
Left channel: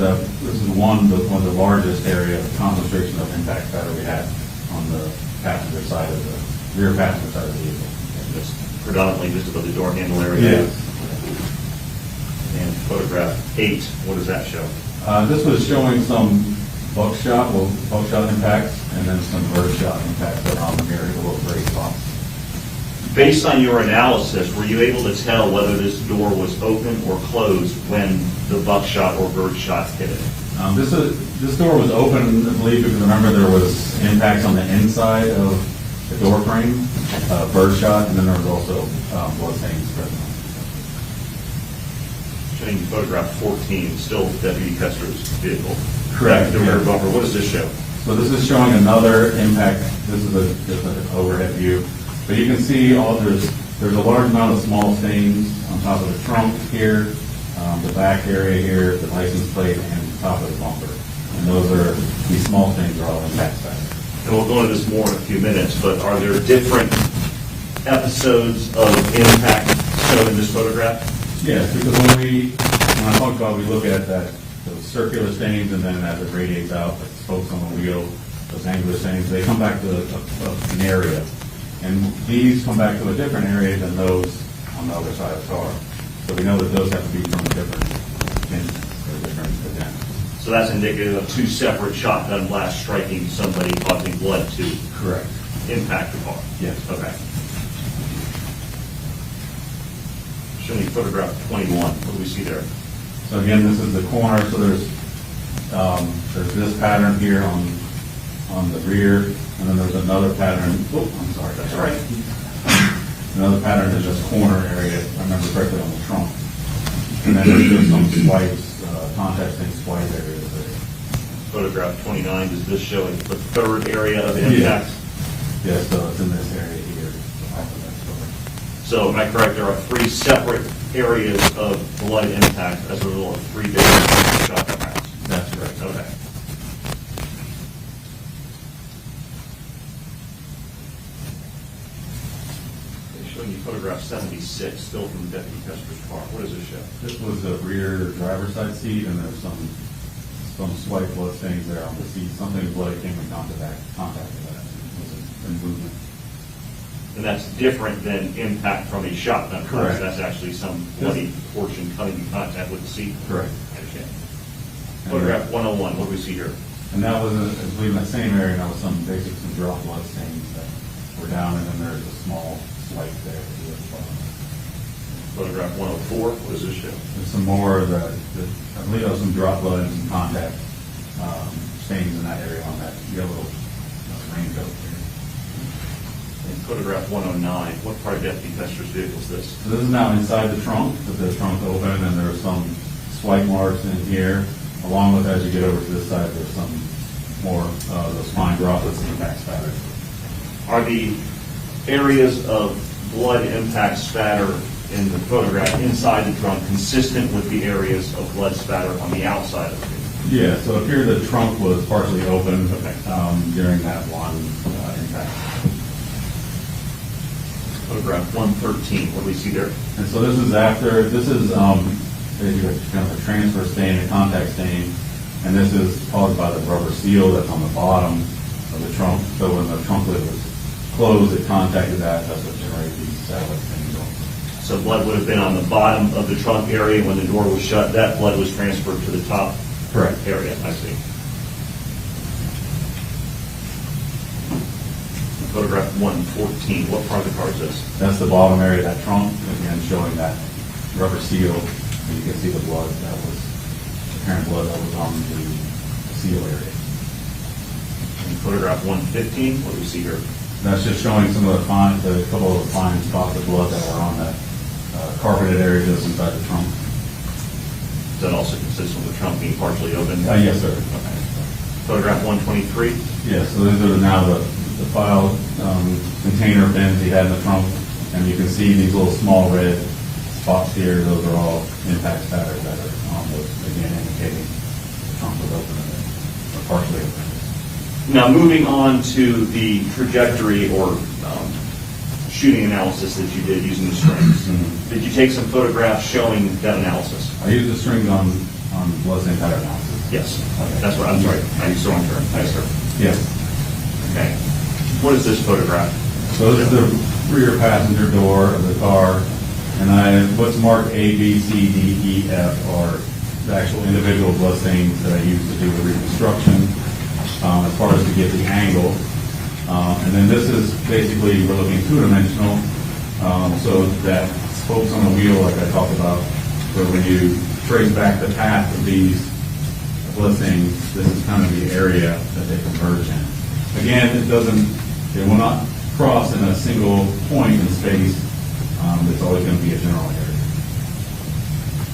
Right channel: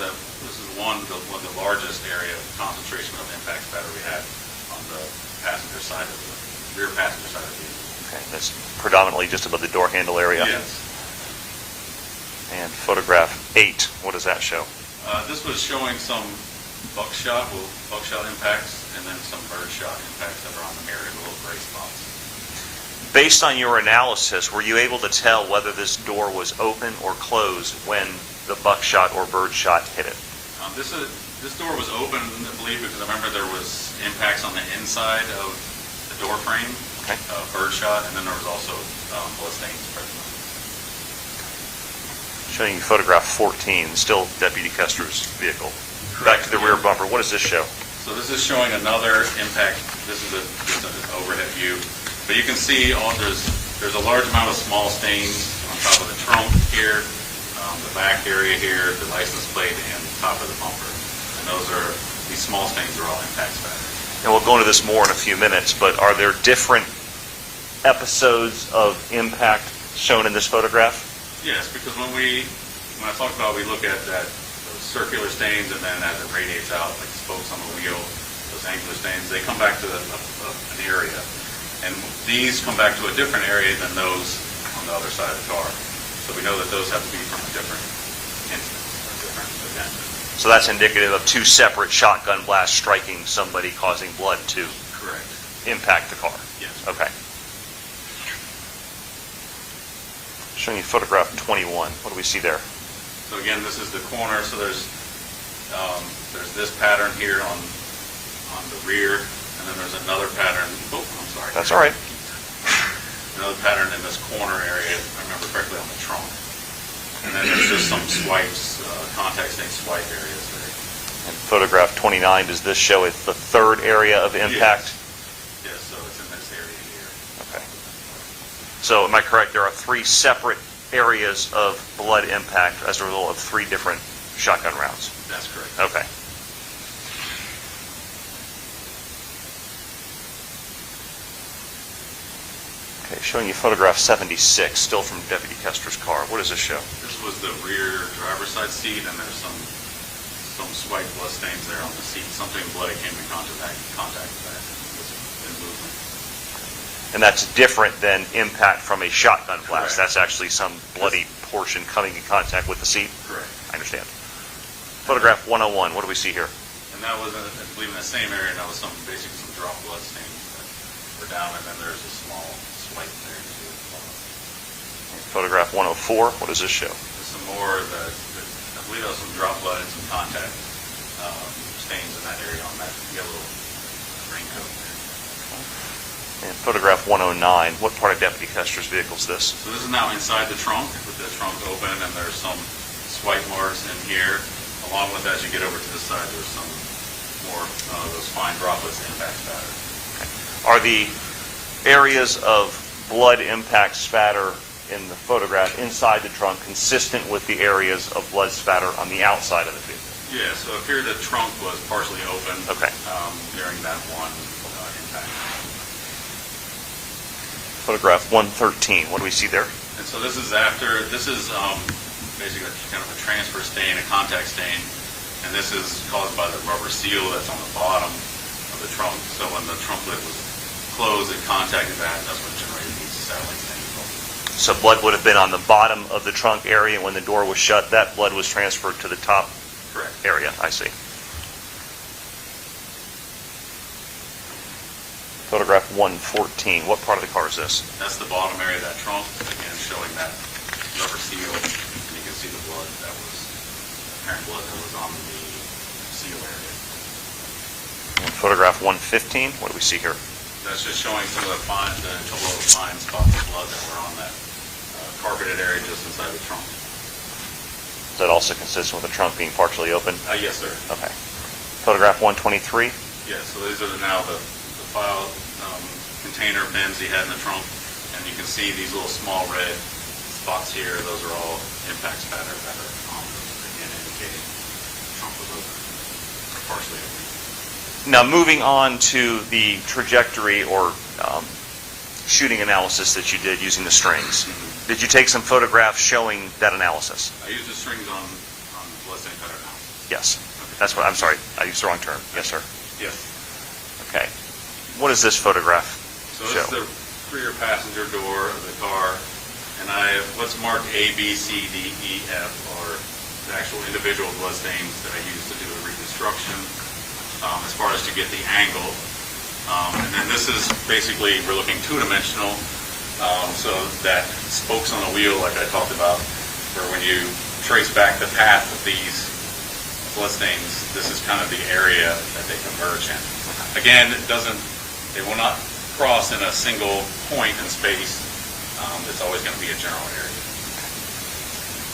one of the largest area of concentration of impact spatter we had on the passenger side of the rear passenger side of the vehicle. Okay, that's predominantly just above the door handle area. Yes. And photograph 8, what does that show? This was showing some buckshot impacts, and then some birdshot impacts around here, little gray spots. Based on your analysis, were you able to tell whether this door was open or closed when the buckshot or birdshot hit it? This door was open, I believe, because remember there was impacts on the inside of the door frame, birdshot, and then there was also blood stains present. Showing you photograph 14, still Deputy Koester's vehicle. Correct. Back to the rear bumper. What does this show? So this is showing another impact. This is just an overhead view. But you can see there's a large amount of small stains on top of the trunk here, the back area here, the license plate, and the top of the bumper. And these small stains are all impact spatter. And we'll go into this more in a few minutes, but are there different episodes of impact shown in this photograph? Yes, because when I talk about, we look at those circular stains, and then as it radiates out, like spokes on the wheel, those angular stains, they come back to an area. And these come back to a different area than those on the other side of the car. So we know that those have to be from a different instance or a different event. So that's indicative of two separate shotgun blasts striking somebody, causing blood to Correct. impact the car? Yes. Okay. Showing you photograph 21. What do we see there? So again, this is the corner, so there's this pattern here on the rear, and then there's another pattern, oh, I'm sorry. That's all right. Another pattern in this corner area, if I remember correctly, on the trunk. And then there's just some swipes, contact stain swipe areas there. And photograph 29, does this show it the third area of impact? Yeah, so it's in this area here. Okay. So am I correct, there are three separate areas of blood impact as a result of three different shotgun rounds? That's correct. Okay. Okay, showing you photograph 76, still from Deputy Koester's car. What does this show? This was the rear driver's side seat, and there's some swipe blood stains there on the seat. Something bloody came in contact with that in movement. And that's different than impact from a shotgun blast. Correct. That's actually some bloody portion coming in contact with the seat? Correct. I understand. Photograph 101, what do we see here? And that was, I believe, in the same area, and that was some drop blood stains that were down, and then there's a small swipe there too as well. Photograph 104, what does this show? There's some more of I believe there was some drop blood and some contact stains in that area on that yellow raincoat. And photograph 109, what part of Deputy Koester's vehicle is this? So this is now inside the trunk, with the trunk open, and there's some swipe marks in here, along with, as you get over to this side, there's some more those fine droplets impact spatter. Are the areas of blood impact spatter in the photograph inside the trunk consistent with the areas of blood spatter on the outside of the vehicle? Yeah, so up here the trunk was partially open during that one impact. Photograph 113, what do we see there? And so this is basically kind of a transfer stain, a contact stain, and this is caused by the rubber seal that's on the bottom of the trunk. So when the trunk lid was closed, it contacted that. That's what generated these satellite stains on. So blood would have been on the bottom of the trunk area when the door was shut. That blood was transferred to the top Correct. area. I see. Photograph 114. What part of the car is this? That's the bottom area of that trunk, again showing that rubber seal, and you can see the blood that was, apparent blood that was on the seal area. And photograph 115. What do we see here? That's just showing some of the total of fine spots of blood that were on that carpeted area just inside the trunk. That also consistent with the trunk being partially open? Yes, sir. Okay. Photograph 123. Yeah, so these are now the file container bins he had in the trunk, and you can see these little small red spots here. Those are all impact spatter that are on those, again indicating the trunk was open or partially open. Now, moving on to the trajectory or shooting analysis that you did using the strings. Did you take some photographs showing that analysis? I used the strings on blood stain pattern analysis. Yes. That's what, I'm sorry, I used the wrong term. Yes, sir. Yes. Okay. What is this photograph? So this is the rear passenger door of the car, and what's marked A, B, C, D, E, F are the actual individual blood stains that I used to do the reconstruction, as far as to get the angle. And then this is basically, we're looking two-dimensional, so that spokes on a wheel, like I talked about, where when you trace back the path of these blood stains, this is kind of the area that they converge in. Again, it will not cross in a single point in space. It's always going to be a general area.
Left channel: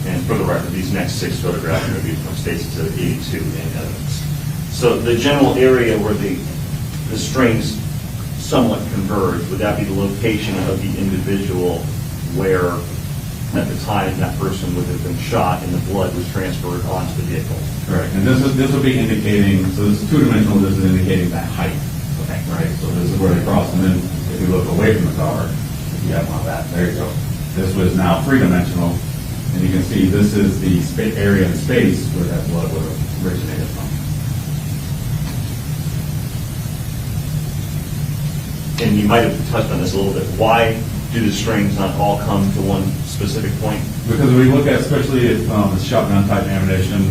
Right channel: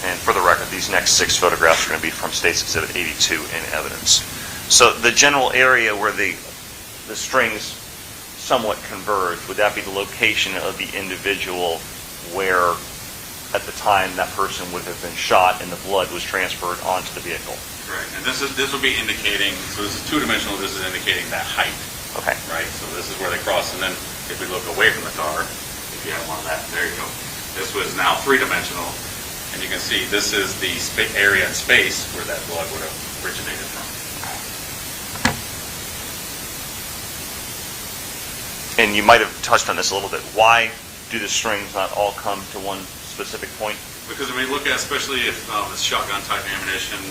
And for the record, these next 6 photographs are going to be from State's Exhibit 82 in evidence. So the general area where the strings somewhat converge, would that be the location of the individual where at the time that person would have been shot and the blood was transferred onto the vehicle. Correct, and this will be indicating, so this is two-dimensional, this is indicating that height. Okay. Right, so this is where they cross, and then if we look away from the car, if you have one of that, there you go. This was now three-dimensional, and you can see this is the area and space where that blood would have originated from. And you might have touched on this a little bit. Why do the strings not all come to one specific point? Because if we look at, especially if it's shotgun type ammunition,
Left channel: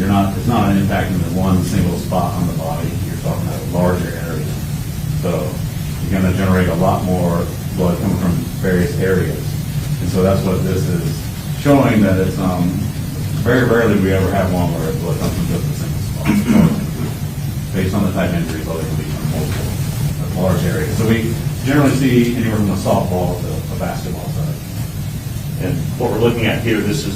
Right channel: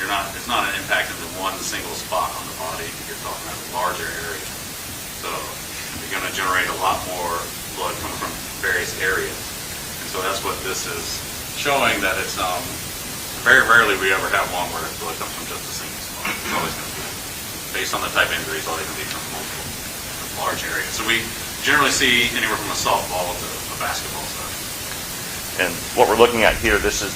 it's not an impact in the one single spot on the body. You're talking about a larger area. So you're going to generate a lot more blood coming from various areas. And so that's what this is showing, that it's very rarely we ever have one where blood comes from just a single spot. It's always going to be, based on the type of injuries, all they can be from multiple large areas. So we generally see anywhere from a softball to a basketball size. And what we're looking at here, this is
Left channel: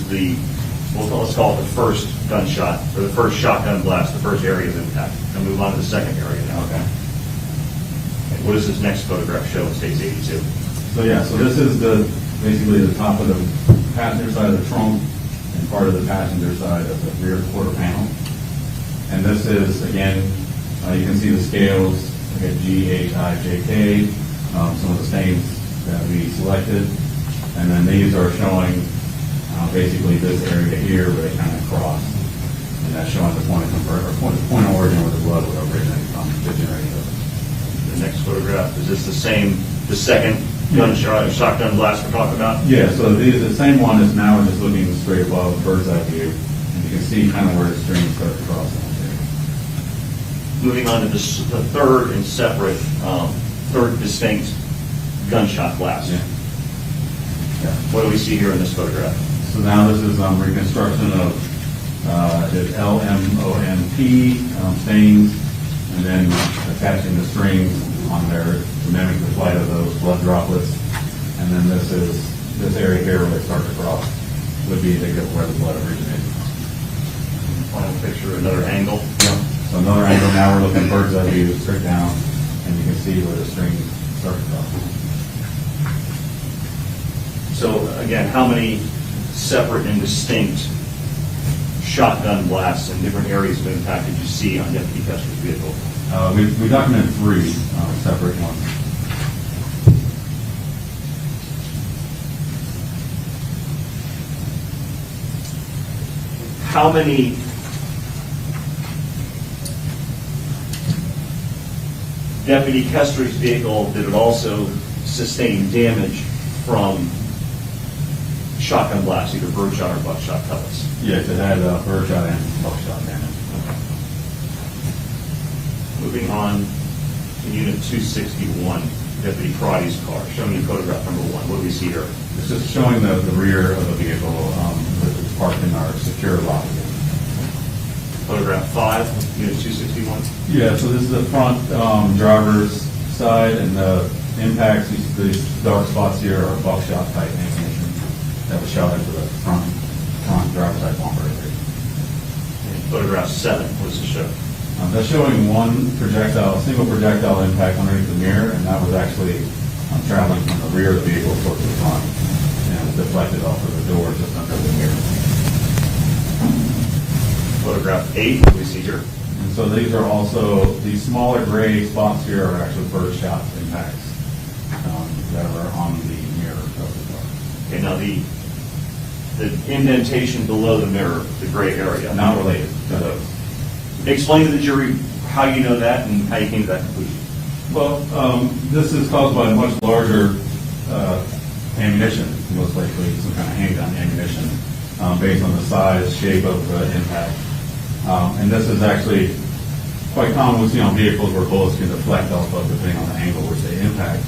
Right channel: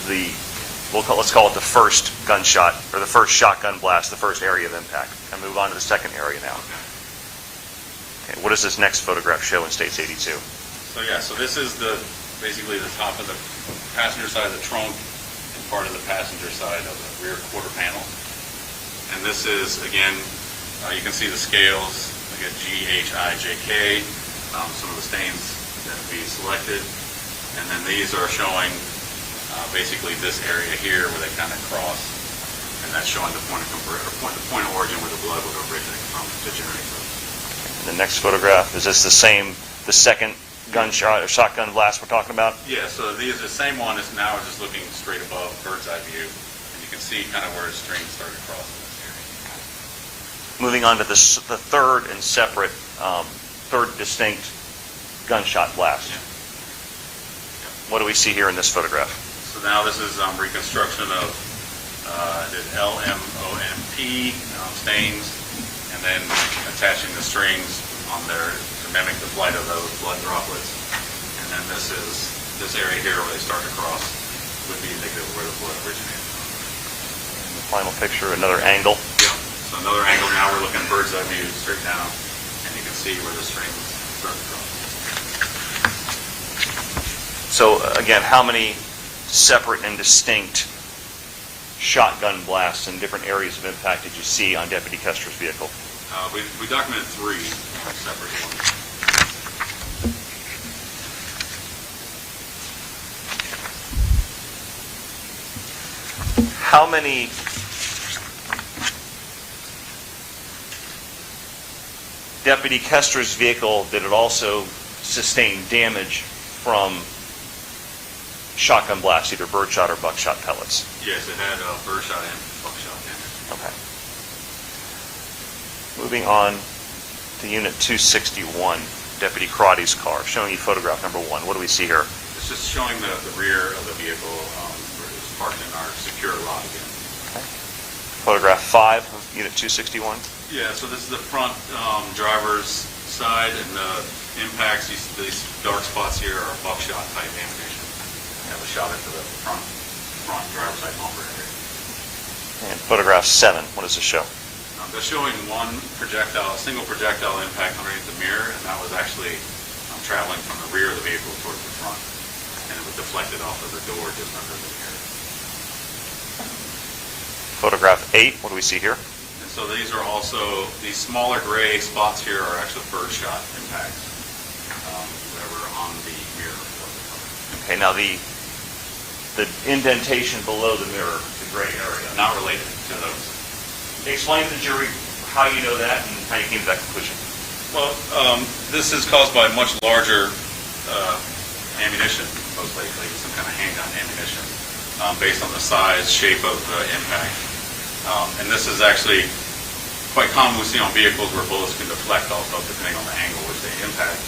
let's call it the first gunshot, or the first shotgun blast, the first area of impact. And move on to the second area now. Okay. And what does this next photograph show in States 82? So yeah, so this is basically the top of the passenger side of the trunk and part of the passenger side of the rear quarter panel. And this is, again, you can see the scales, like a G, H, I, J, K, some of the stains that we selected. And then these are showing basically this area here where they kind of cross. And that's showing the point of origin where the blood would originate from to generate those. The next photograph, is this the second gunshot, shotgun blast we're talking about? Yeah, so the same one is now just looking straight above, bird's eye view. And you can see kind of where the strings start to cross in this area. Moving on to the third and separate, third distinct gunshot blast. Yeah. What do we see here in this photograph? So now this is reconstruction of the LMOMP stains, and then attaching the strings on there to mimic the flight of those blood droplets. And then this area here where they start to cross would be indicative of where the blood originated from. Final picture, another angle. Yeah. So another angle, now we're looking bird's eye view straight down, and you can see where the strings start to cross. So again, how many separate and distinct shotgun blasts in different areas of impact did you see on Deputy Koester's vehicle? We documented 3 separate ones. How many Deputy Koester's vehicle did it also sustain damage from shotgun blasts, either birdshot or buckshot pellets? Yes, it had birdshot and buckshot damage. Okay. Moving on to Unit 261, Deputy Crotty's car, showing you photograph number 1. What do we see here? It's just showing the rear of the vehicle, which is parked in our secure lot again. Photograph 5, Unit 261. Yeah, so this is the front driver's side, and the impacts, these dark spots here are buckshot type ammunition that was shot into the front driver's side bumper area. And photograph 7, what does this show? That's showing one projectile, a single projectile impact underneath the mirror, and that was actually traveling from the rear of the vehicle toward the front, and it was deflected off of the door just under the mirror. Photograph 8, what do we see here? And so these are also, these smaller gray spots here are actually birdshot impacts that were on the mirror of the car. Okay, now the indentation below the mirror, the gray area. Not related to those. Explain to the jury how you know that and how you came to that conclusion. Well, this is caused by much larger ammunition, most likely some kind of handgun ammunition, based on the size, shape of the impact. And this is actually quite common we see on vehicles where bullets can deflect also depending on the angle which they impact.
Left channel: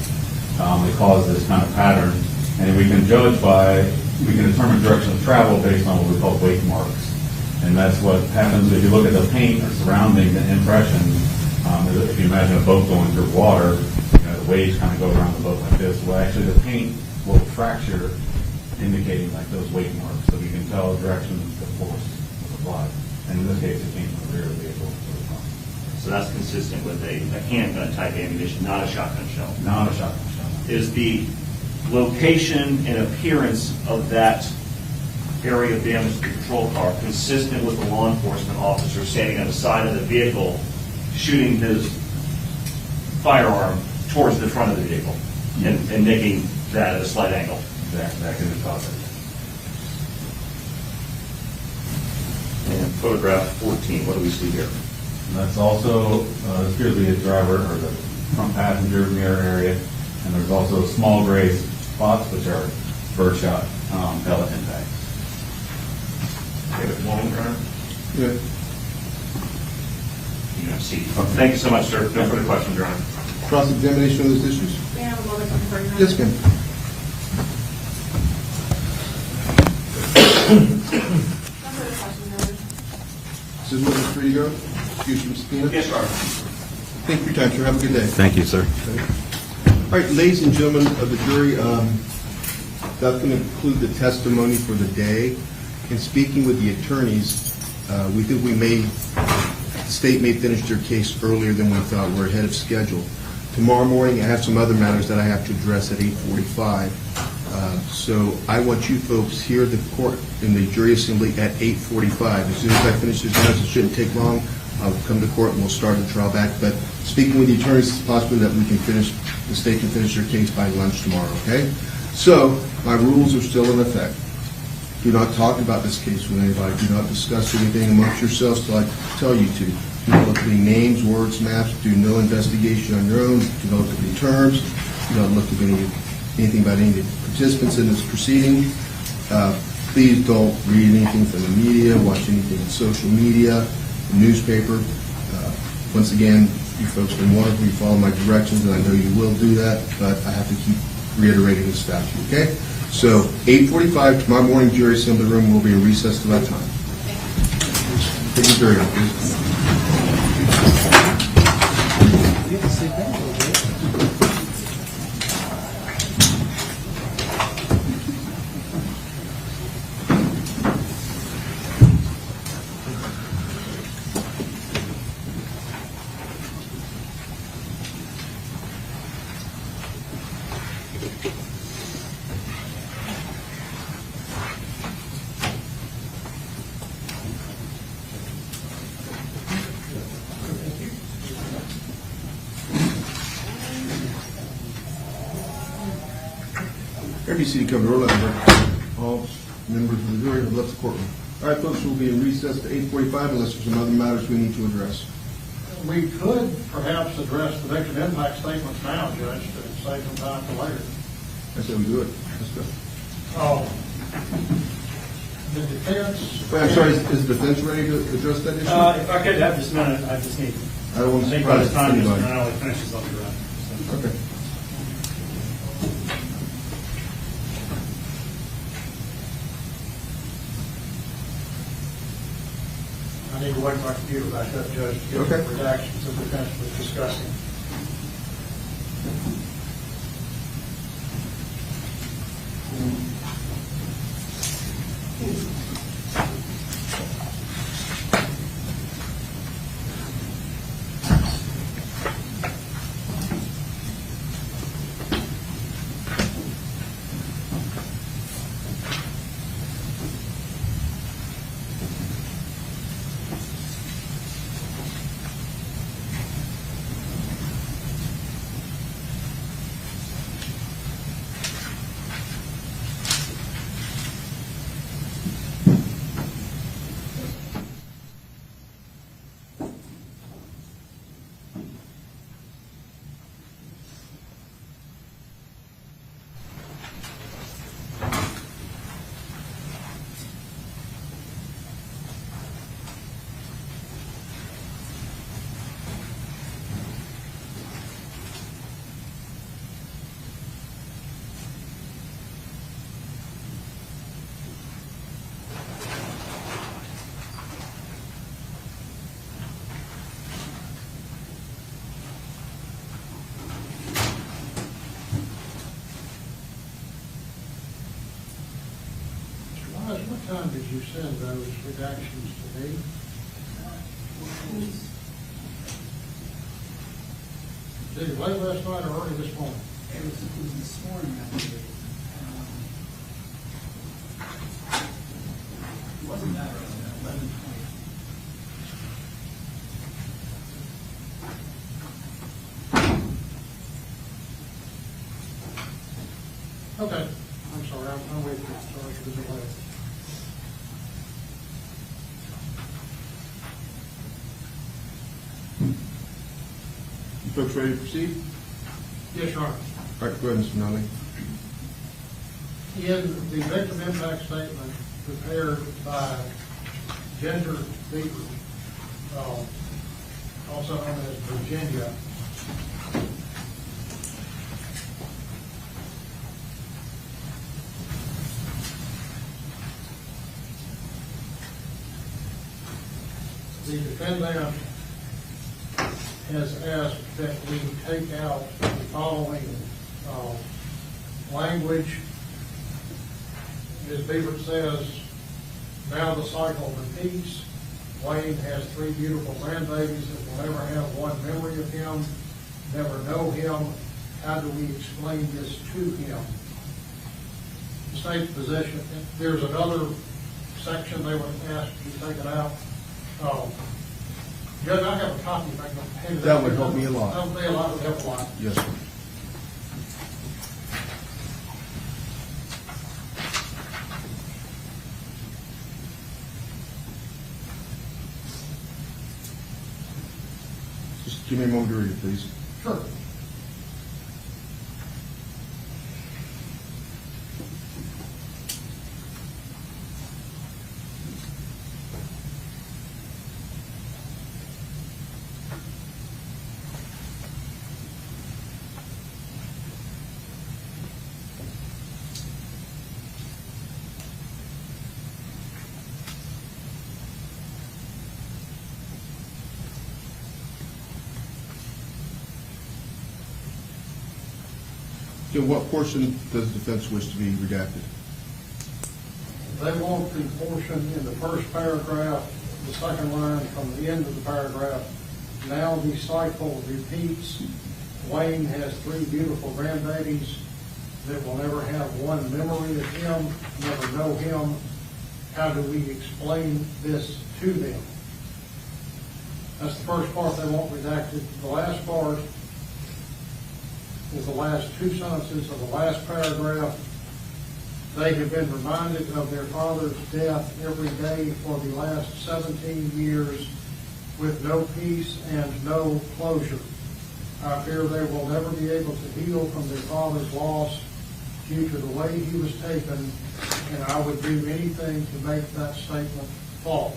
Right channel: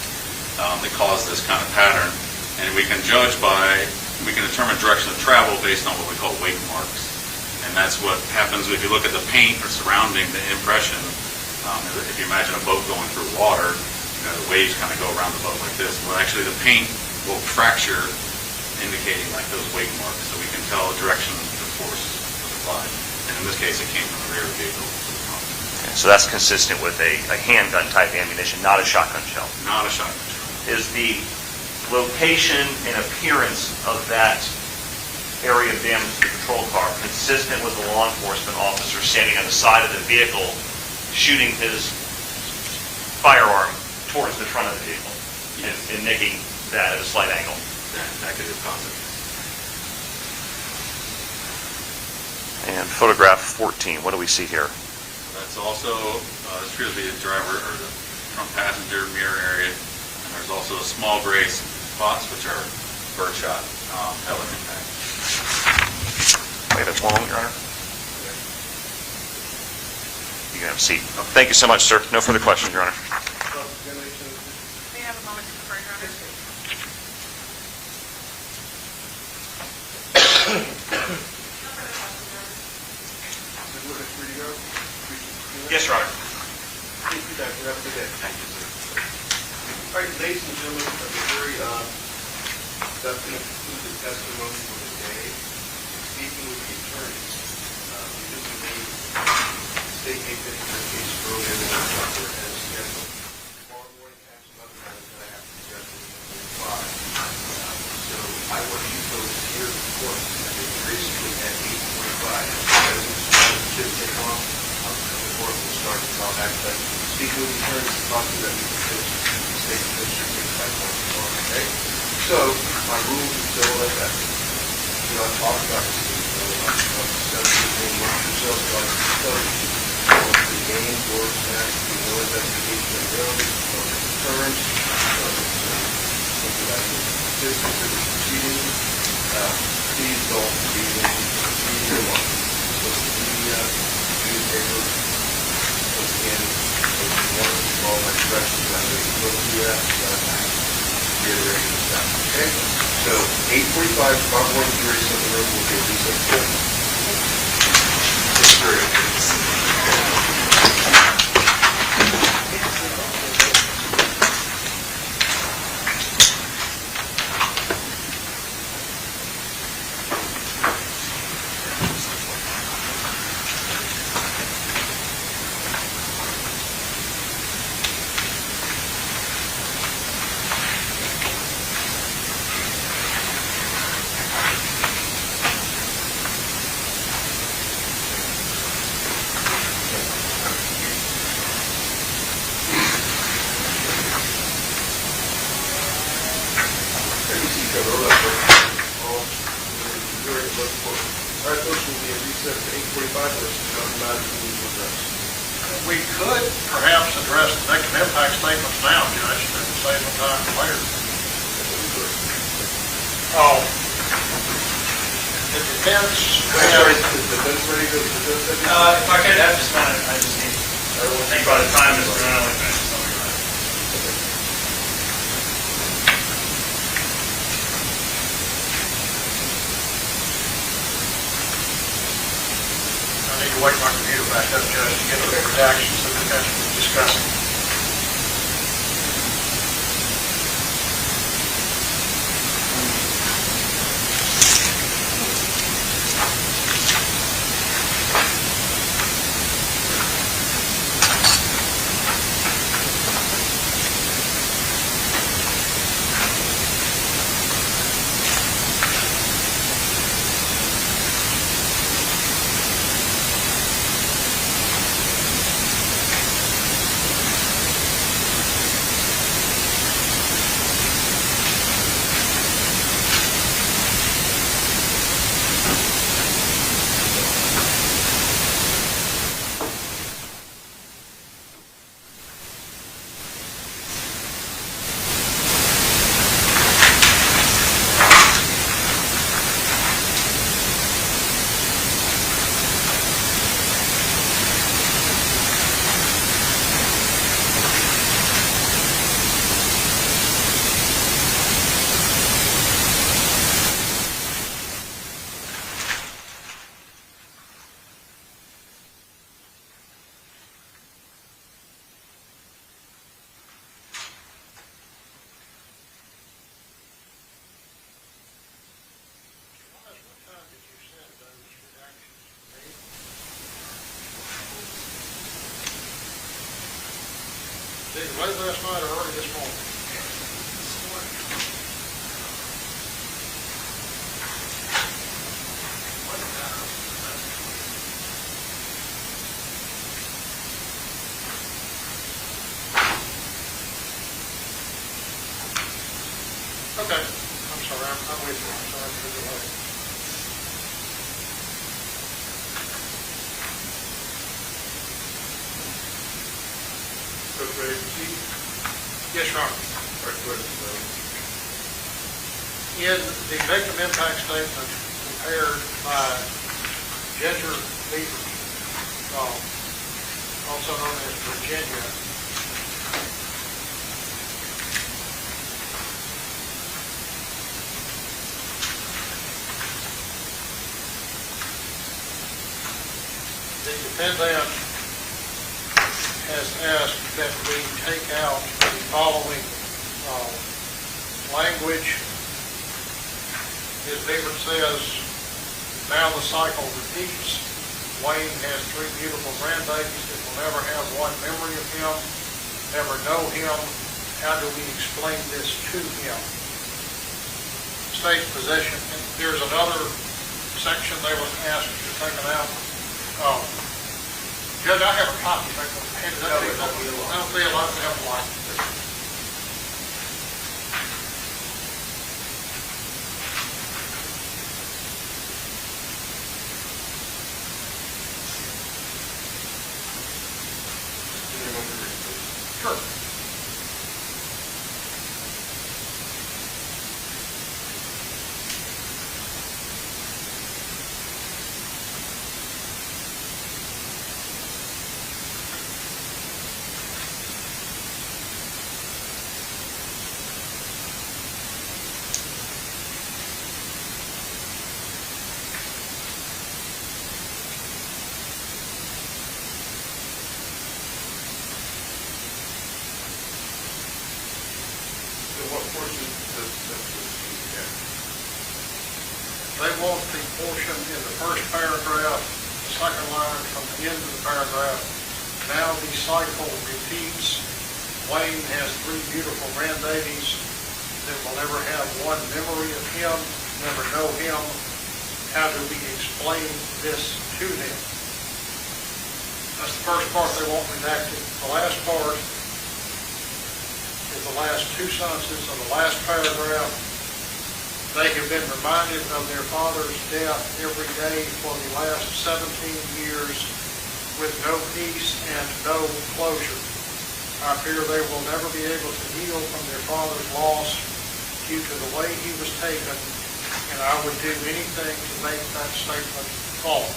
They cause this kind of pattern, and we can determine direction of travel based on what we call wake marks. And that's what happens if you look at the paint surrounding the impression. If you imagine a boat going through water, the waves kind of go around the boat like this. Well, actually the paint will fracture, indicating like those wake marks, so we can tell the direction of the force applied. And in this case, it came from the rear of the vehicle to the front. So that's consistent with a handgun type ammunition, not a shotgun shell. Not a shotgun shell. Is the location and appearance of that area of damage to the patrol car consistent with the law enforcement officer standing on the side of the vehicle shooting his firearm towards the front of the vehicle and nicking that at a slight angle? That could be possible. And photograph 14, what do we see here? That's also, this appears to be the driver or the front passenger mirror area. And there's also small gray spots, which are birdshot pellet impact. Wait, that's long, Your Honor. Yeah. You can have a seat. Thank you so much, sir. No further questions, Your Honor. Cross-examination on those issues? May I have a moment to confer, Your Honor? Yes, ma'am. Is this witness free to go? Excuse me, subpoena? Yes, Your Honor. Thank you for your time, sir. Have a good day. Thank you, sir. All right, ladies and gentlemen of the jury, that's going to conclude the testimony for the day. In speaking with the attorneys, we think the state may finish their case earlier than we thought. We're ahead of schedule. Tomorrow morning, I have some other matters that I have to address at 8:45. So I want you folks here at the court in the jury assembly at 8:45. As soon as I finish this, it shouldn't take long. I'll come to court and we'll start the trial back. But speaking with the attorneys, it's possible that the state can finish their case by lunch tomorrow, okay? So my rules are still in effect. Do not talk about this case with anybody. Do not discuss anything amongst yourselves till I tell you to. Do not look at names, words, match. Do no investigation on your own. Do not look at the terms. Do not look at anything about any participants in this proceeding. Please don't read anything from the media, watch anything on social media, newspaper. Once again, you folks can want to follow my directions, and I know you will do that, but I have to keep reiterating this stuff, okay? So 8:45 tomorrow morning, jury assembly room will be in recess till 8 o'clock. Take the jury out, please. All right, folks, we'll be in recess at 8:45, unless there's another matter we need to address. We could perhaps address the victim impact statements now, Judge, but save some time for later. That's what we do it. Oh. The defense. Sorry, is the defense ready to address that? If I could have just a minute, I just need, I think by the time Mr. Ronald finishes, I'll be ready. Okay. I need to wake my computer back up, Judge, to get the reactions the defense was discussing. What time did you send those redactions to me? Either late last night or early this morning? This morning. Okay, I'm sorry, I'm with you. I'm sorry for the delay. Clerk, ready to proceed? Yes, Your Honor. All right, go ahead, Mr. Miller. In the victim impact statement prepared by Ginger Beaver, also known as Virginia, the defendant has asked that we take out the following language. As Beaver says, now the cycle repeats. Wayne has 3 beautiful grandbabies that will never have one memory of him, never know him. How do we explain this to him? State's possession. There's another section they was asked to take it out. Judge, I have a copy. That would help me a lot. That would be a lot, would help a lot. Yes, sir. Just give me a moment to read, please. Sure. So what portion does the defense wish to be redacted? They want the portion in the first paragraph, the second line from the end of the paragraph. Now the cycle repeats. Wayne has 3 beautiful grandbabies that will never have one memory of him, never know him. How do we explain this to them? That's the first part they want redacted. The last part is the last 2 sentences of the last paragraph. They have been reminded of their father's death every day for the last 17 years with no peace and no closure. I fear they will never be able to heal from their father's loss due to the way he was taken, and I would do anything to make that statement false.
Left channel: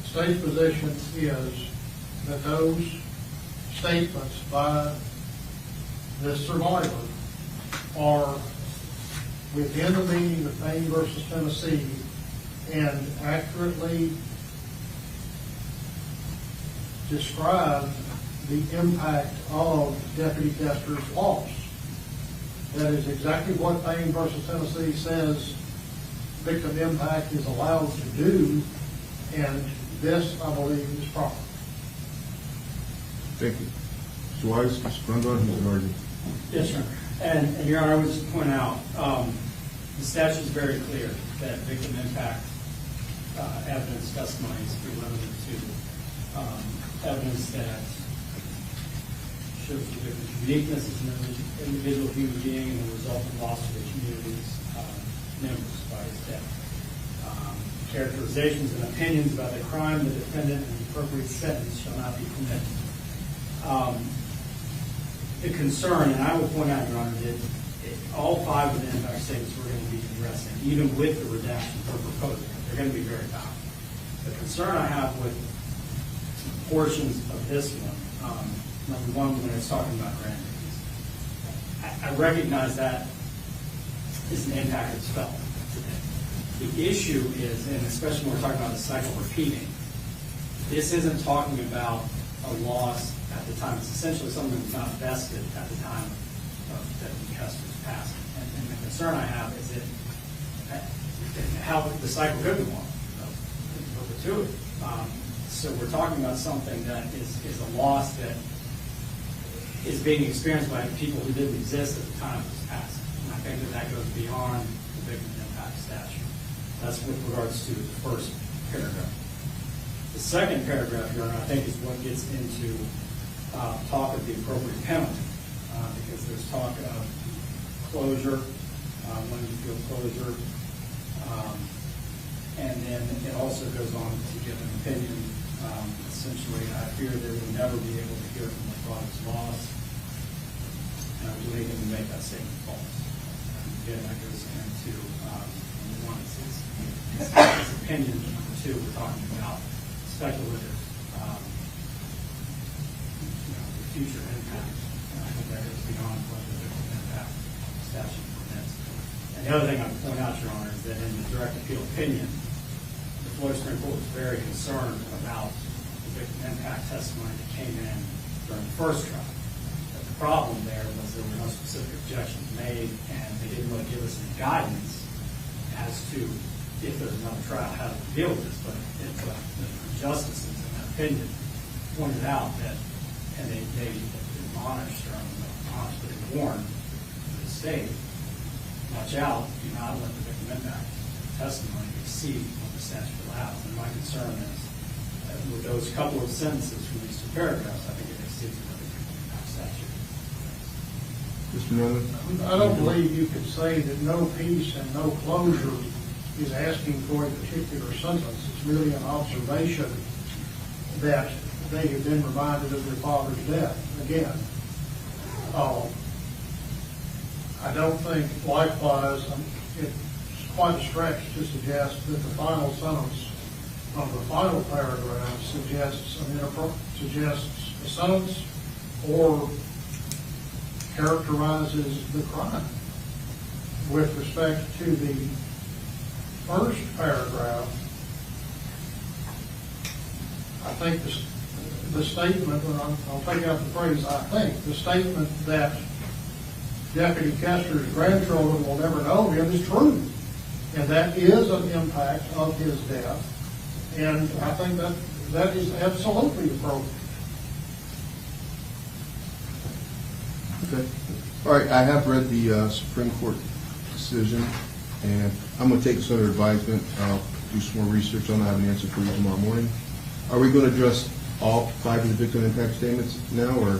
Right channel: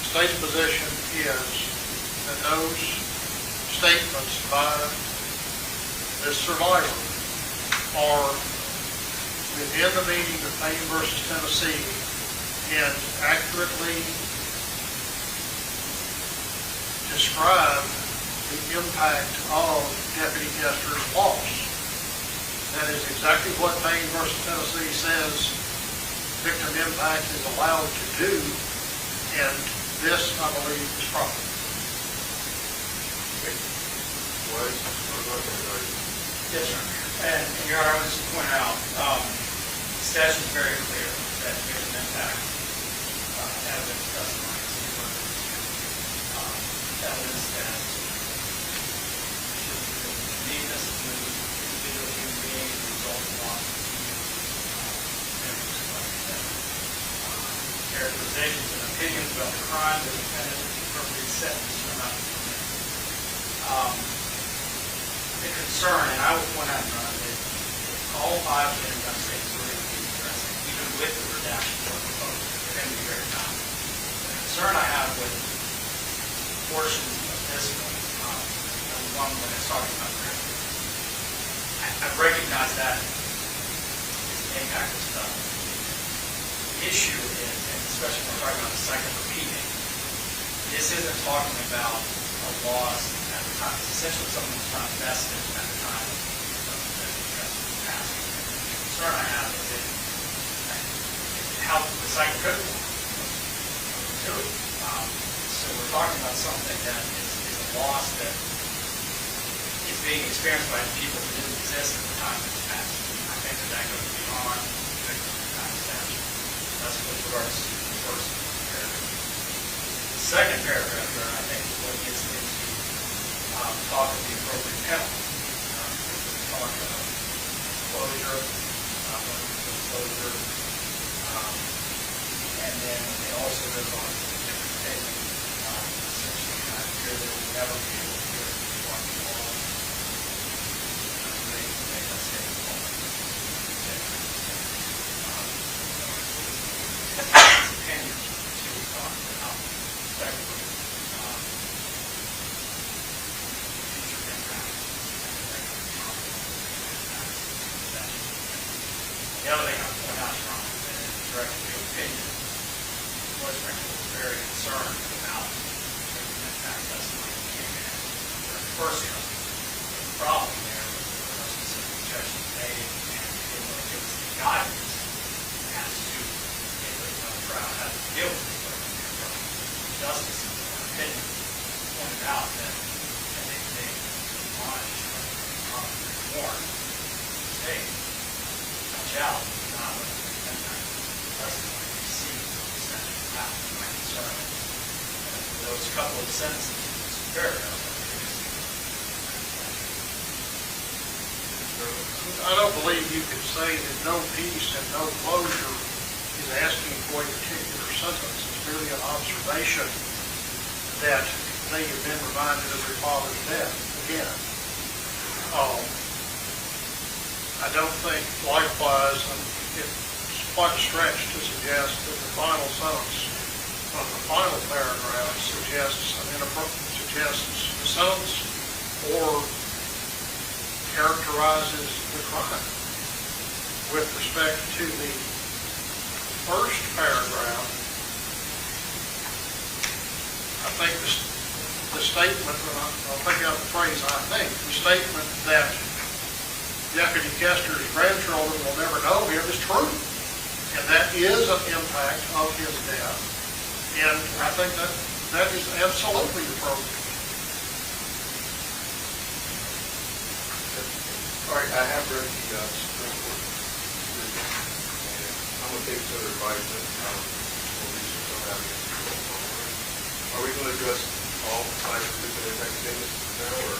The state's position is that those statements by this survivor are within the meaning of Payne versus Tennessee and accurately describe the impact of Deputy Koester's loss. That is exactly what Payne versus Tennessee says victim impact is allowed to do, and this, I believe, is proper. Thank you. Wise, Mr. Ronald, Yes, sir. And Your Honor, I would just point out, the statute is very clear that victim impact evidence testimony is limited to evidence that shows the uniqueness of an individual human being and the result of loss of the community members. Characterizations and opinions about the crime, the defendant, and the appropriate sentence shall not be permitted. The concern, and I will point out, Your Honor, that all 5 of the impact states are going to be addressed, even with the redactions that are proposed. They're going to be very valid. The concern I have with portions of this one, number one, when I was talking about grandkids, I recognize that is an impact of stuff. The issue is, and especially when we're talking about the cycle repeating, this isn't talking about a loss at the time. It's essentially something that's not vested at the time of the passing. And the concern I have is how the cycle goes along perpetuity. So we're talking about something that is a loss that is being experienced by people who didn't exist at the time of its passing. I think that goes beyond the victim impact statute. That's with regards to the first paragraph. The second paragraph, Your Honor, I think is what gets into talk of the appropriate penalty. Talk of closure, limited closure. And then it also goes on to a different opinion. Essentially, I fear they will never be able to get from the Department of Law. They can make that statement false. Then it's opinion to talking about speculative future impacts that go beyond the impacts. The other thing I would point out, Your Honor, is that in the direct appeal opinion, the Florida Supreme Court was very concerned about the impact testimony that came in during the first trial. The problem there was there were no specific objections made, and they didn't really give us any guidance as to if there was another trial, how to deal with this. But justice, in my opinion, pointed out that, and they admonished, they warned the state, watch out, do not let the impact testimony exceed the statute allowed. And my concern is that with those couple of sentences in this paragraph, I think they exceed the statute. I don't believe you could say that no peace and no closure is asking for a particular sentence. It's merely an observation that they have been reminded of their father's death again. I don't think, likewise, it's quite a stretch to suggest that the final sentence from the final paragraph suggests the sentence or characterizes the crime. With respect to the first paragraph, I think the statement, and I'll pick up the phrase, I think, the statement that Deputy Koester's grandchildren will never know him is true. And that is an impact of his death. And I think that is absolutely appropriate. Okay. All right, I have read the Supreme Court decision, and I'm going to take this under advisement. Do some more research on it. I have an answer for you tomorrow morning. Are we going to address all sides of the victim impact statements now, or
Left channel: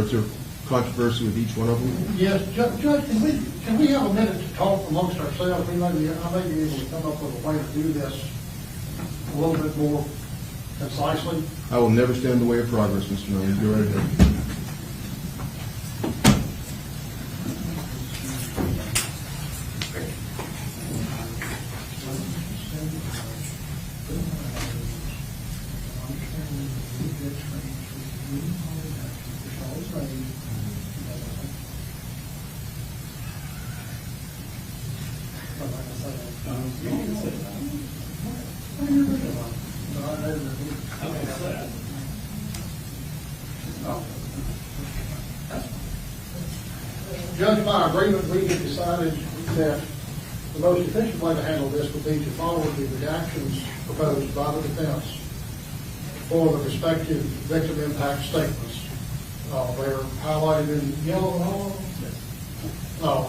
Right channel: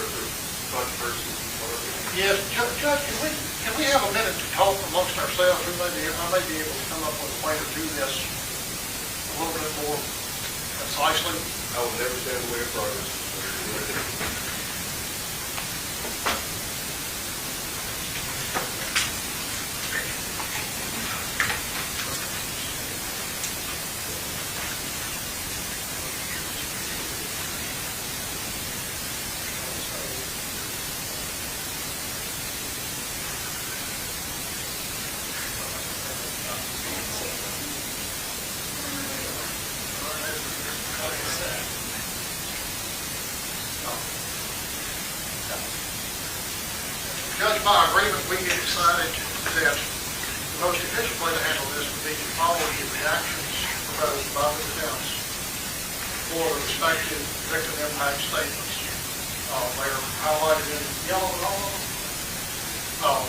is there controversy with each one of them? Yes, Judge, can we have a minute to talk amongst ourselves? I may be able to come up with a way to do this a little bit more concisely. I will never stand in the way of progress, Mr. Miller. Go right ahead. Judge, by agreement, we have decided that the most efficient way to handle this would be to follow the reactions proposed by the defense for the respective victim impact statements. They're highlighted in yellow and all.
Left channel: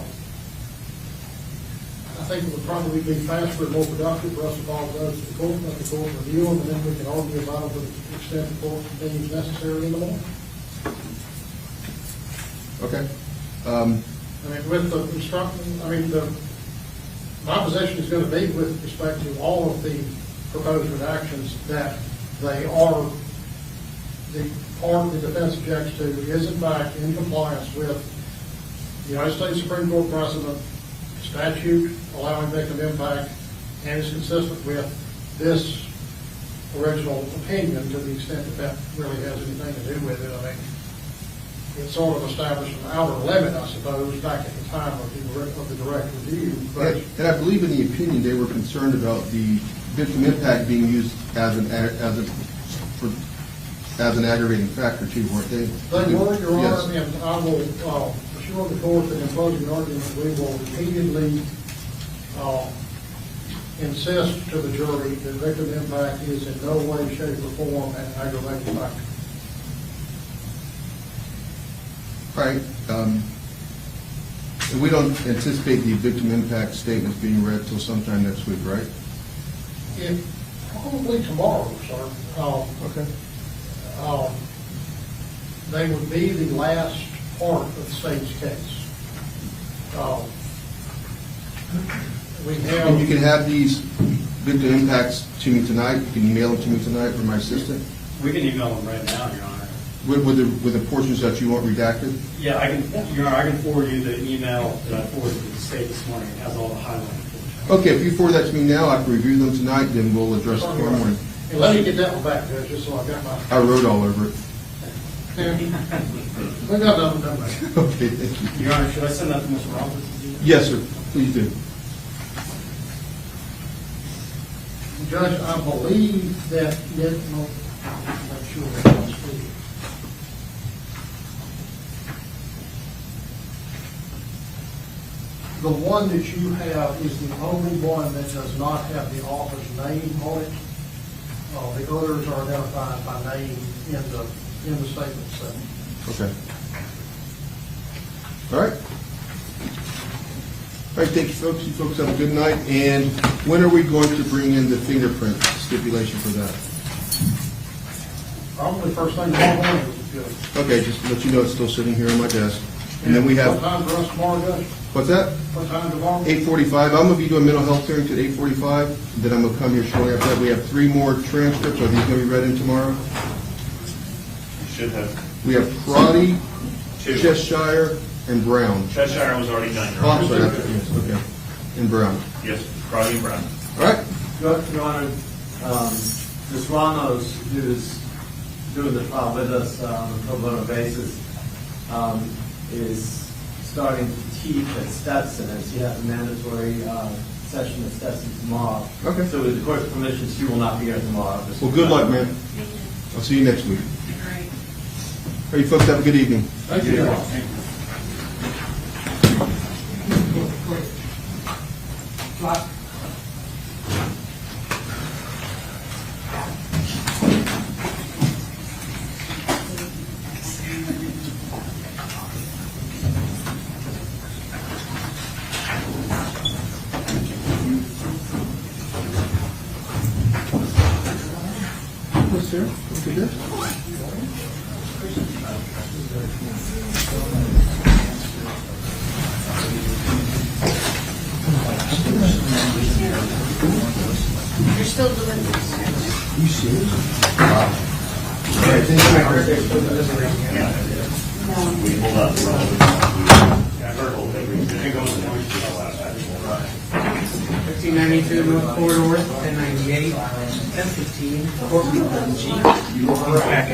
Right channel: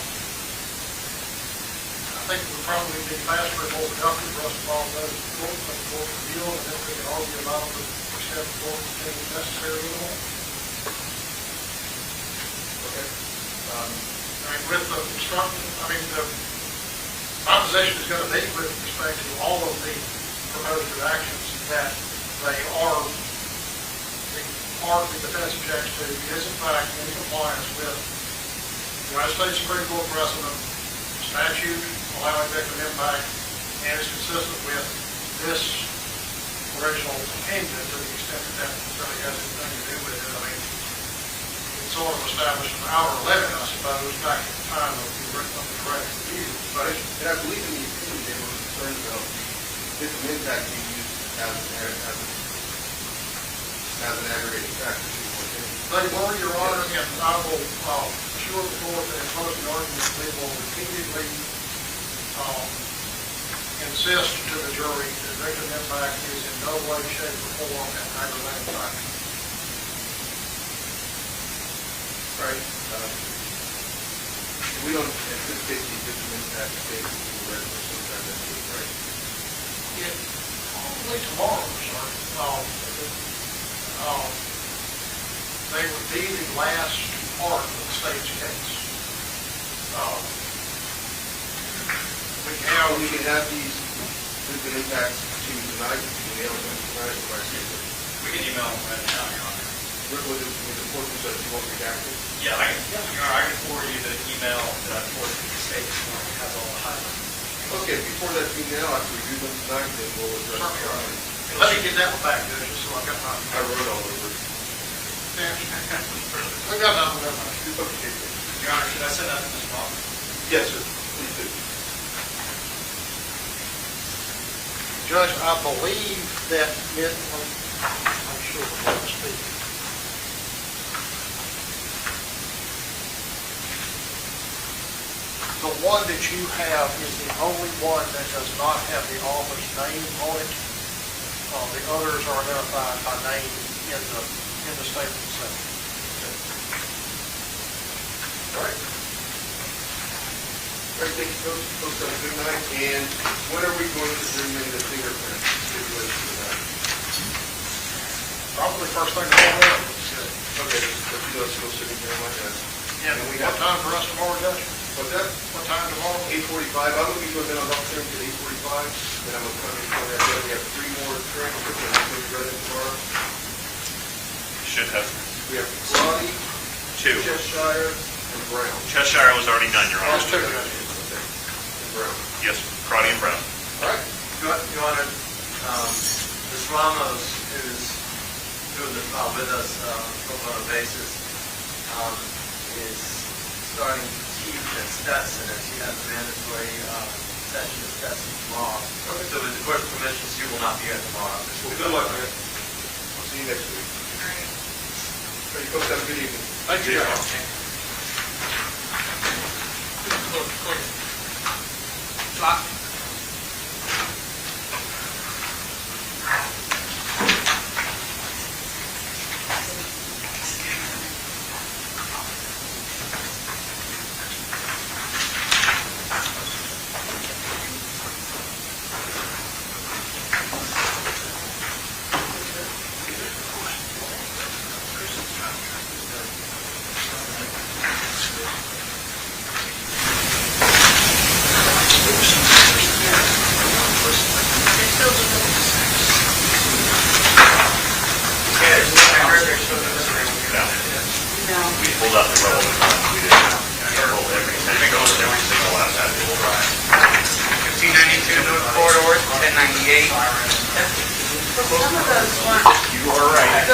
I think it would probably be faster and more productive for us to follow those to the court, let the court review them, and then we can argue about them to the extent the court deems necessary in the law. Okay. With the instruction, my position is going to be with respect to all of the proposed actions that they are, the part the defense objects to is in fact in compliance with the United States Supreme Court precedent, statute allowing victim impact, and is consistent with this original opinion to the extent that that really has anything to do with it. It sort of established an outer limit, I suppose, back at the time of the direct review. But and I believe in the opinion they were concerned about the victim impact being used as an aggravating factor too, weren't they? They were, Your Honor, and I will assure the court that in closing arguments we will repeatedly insist to the jury that victim impact is in no way, shape, or form an aggravating factor. All right. We don't anticipate the victim impact statements being read till sometime next week, right? Probably tomorrow, sir. Okay. They would be the last part of the state's case. We And you can have these victim impacts to me tonight, you can mail it to me tonight from my assistant, We can email them right now, Your Honor. with the portions that you want redacted. Yeah, Your Honor, I can forward you the email that I forwarded to the state this morning. It has all the highlights. Okay, if you forward that to me now, after we review them tonight, then we'll address it tomorrow morning. Let me get that one back there, just so I got my. I wrote all over it. I got nothing. Okay, thank you. Your Honor, should I send that to Mr. Roberts? Yes, sir, please do. Judge, I believe that, I'm sure we can speak. The one that you have is the only one that does not have the office name on it. The others are identified by name in the statement section. Okay. All right. All right, thank you, folks. You folks have a good night. And when are we going to bring in the fingerprint stipulation for that? Probably first thing tomorrow morning, if you could. Okay, just to let you know, it's still sitting here on my desk. And then we have. What time for us tomorrow, Judge? What's that? What time tomorrow? 8:45. I'm gonna be doing mental health hearings at 8:45. Then I'm gonna come here shortly after that. We have 3 more transcripts. Are these gonna be read in tomorrow? You should have We have Crotty, 2. Cheshire, and Brown. Cheshire was already done, Your Honor. Okay. And Brown. Yes, Crotty and Brown. All right. Your Honor, Ms. Ramos, who's doing the trial with us on a pro bono basis, is starting to teach at Stetson, and she has a mandatory session at Stetson tomorrow. Okay. So with the court's permission, she will not be here tomorrow. Well, good luck, man. I'll see you next week. All right, you folks have a good evening. Thank you. Yes, sir. Okay, good. We pulled out the relevant, we circled everything on every single affidavit. 1592 North Corridor, 1098. You are right.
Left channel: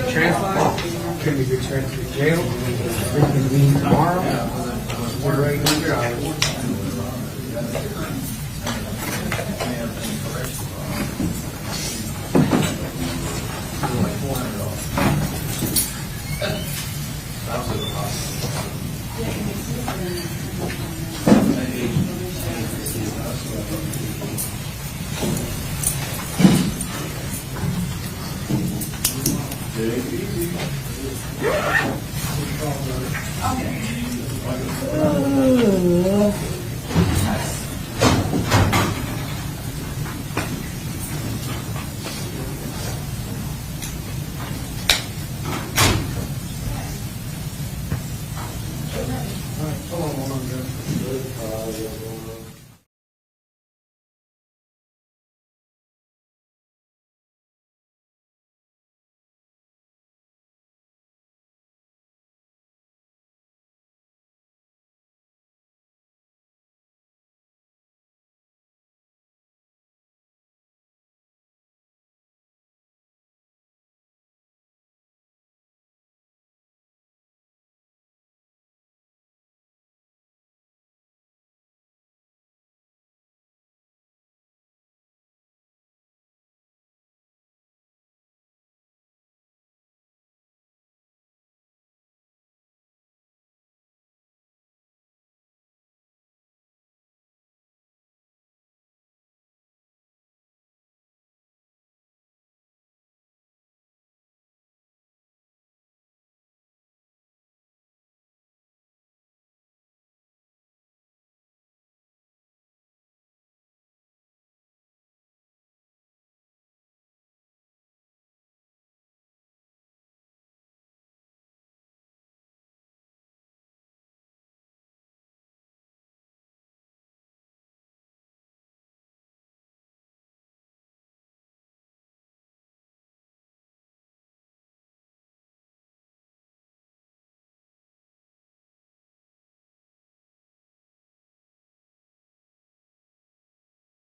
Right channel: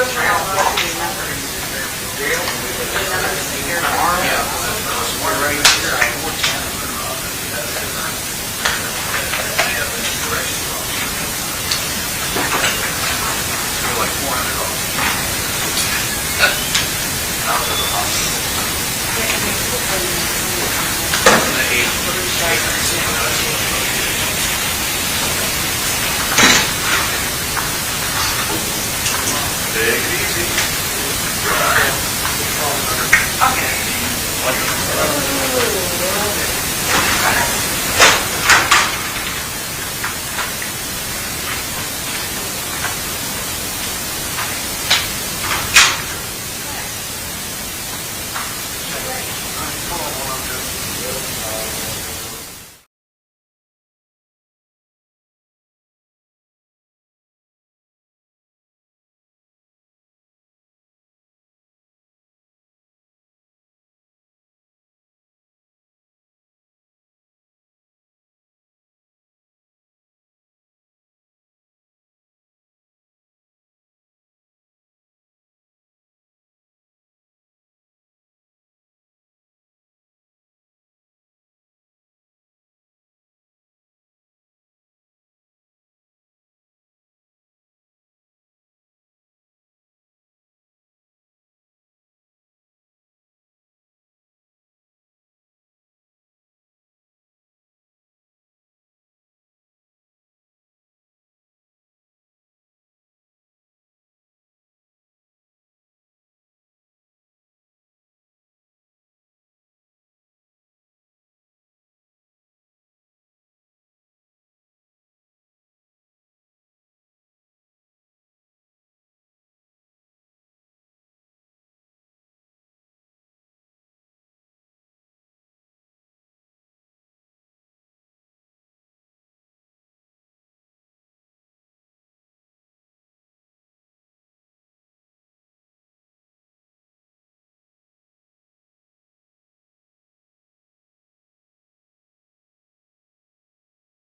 Take it easy. Okay.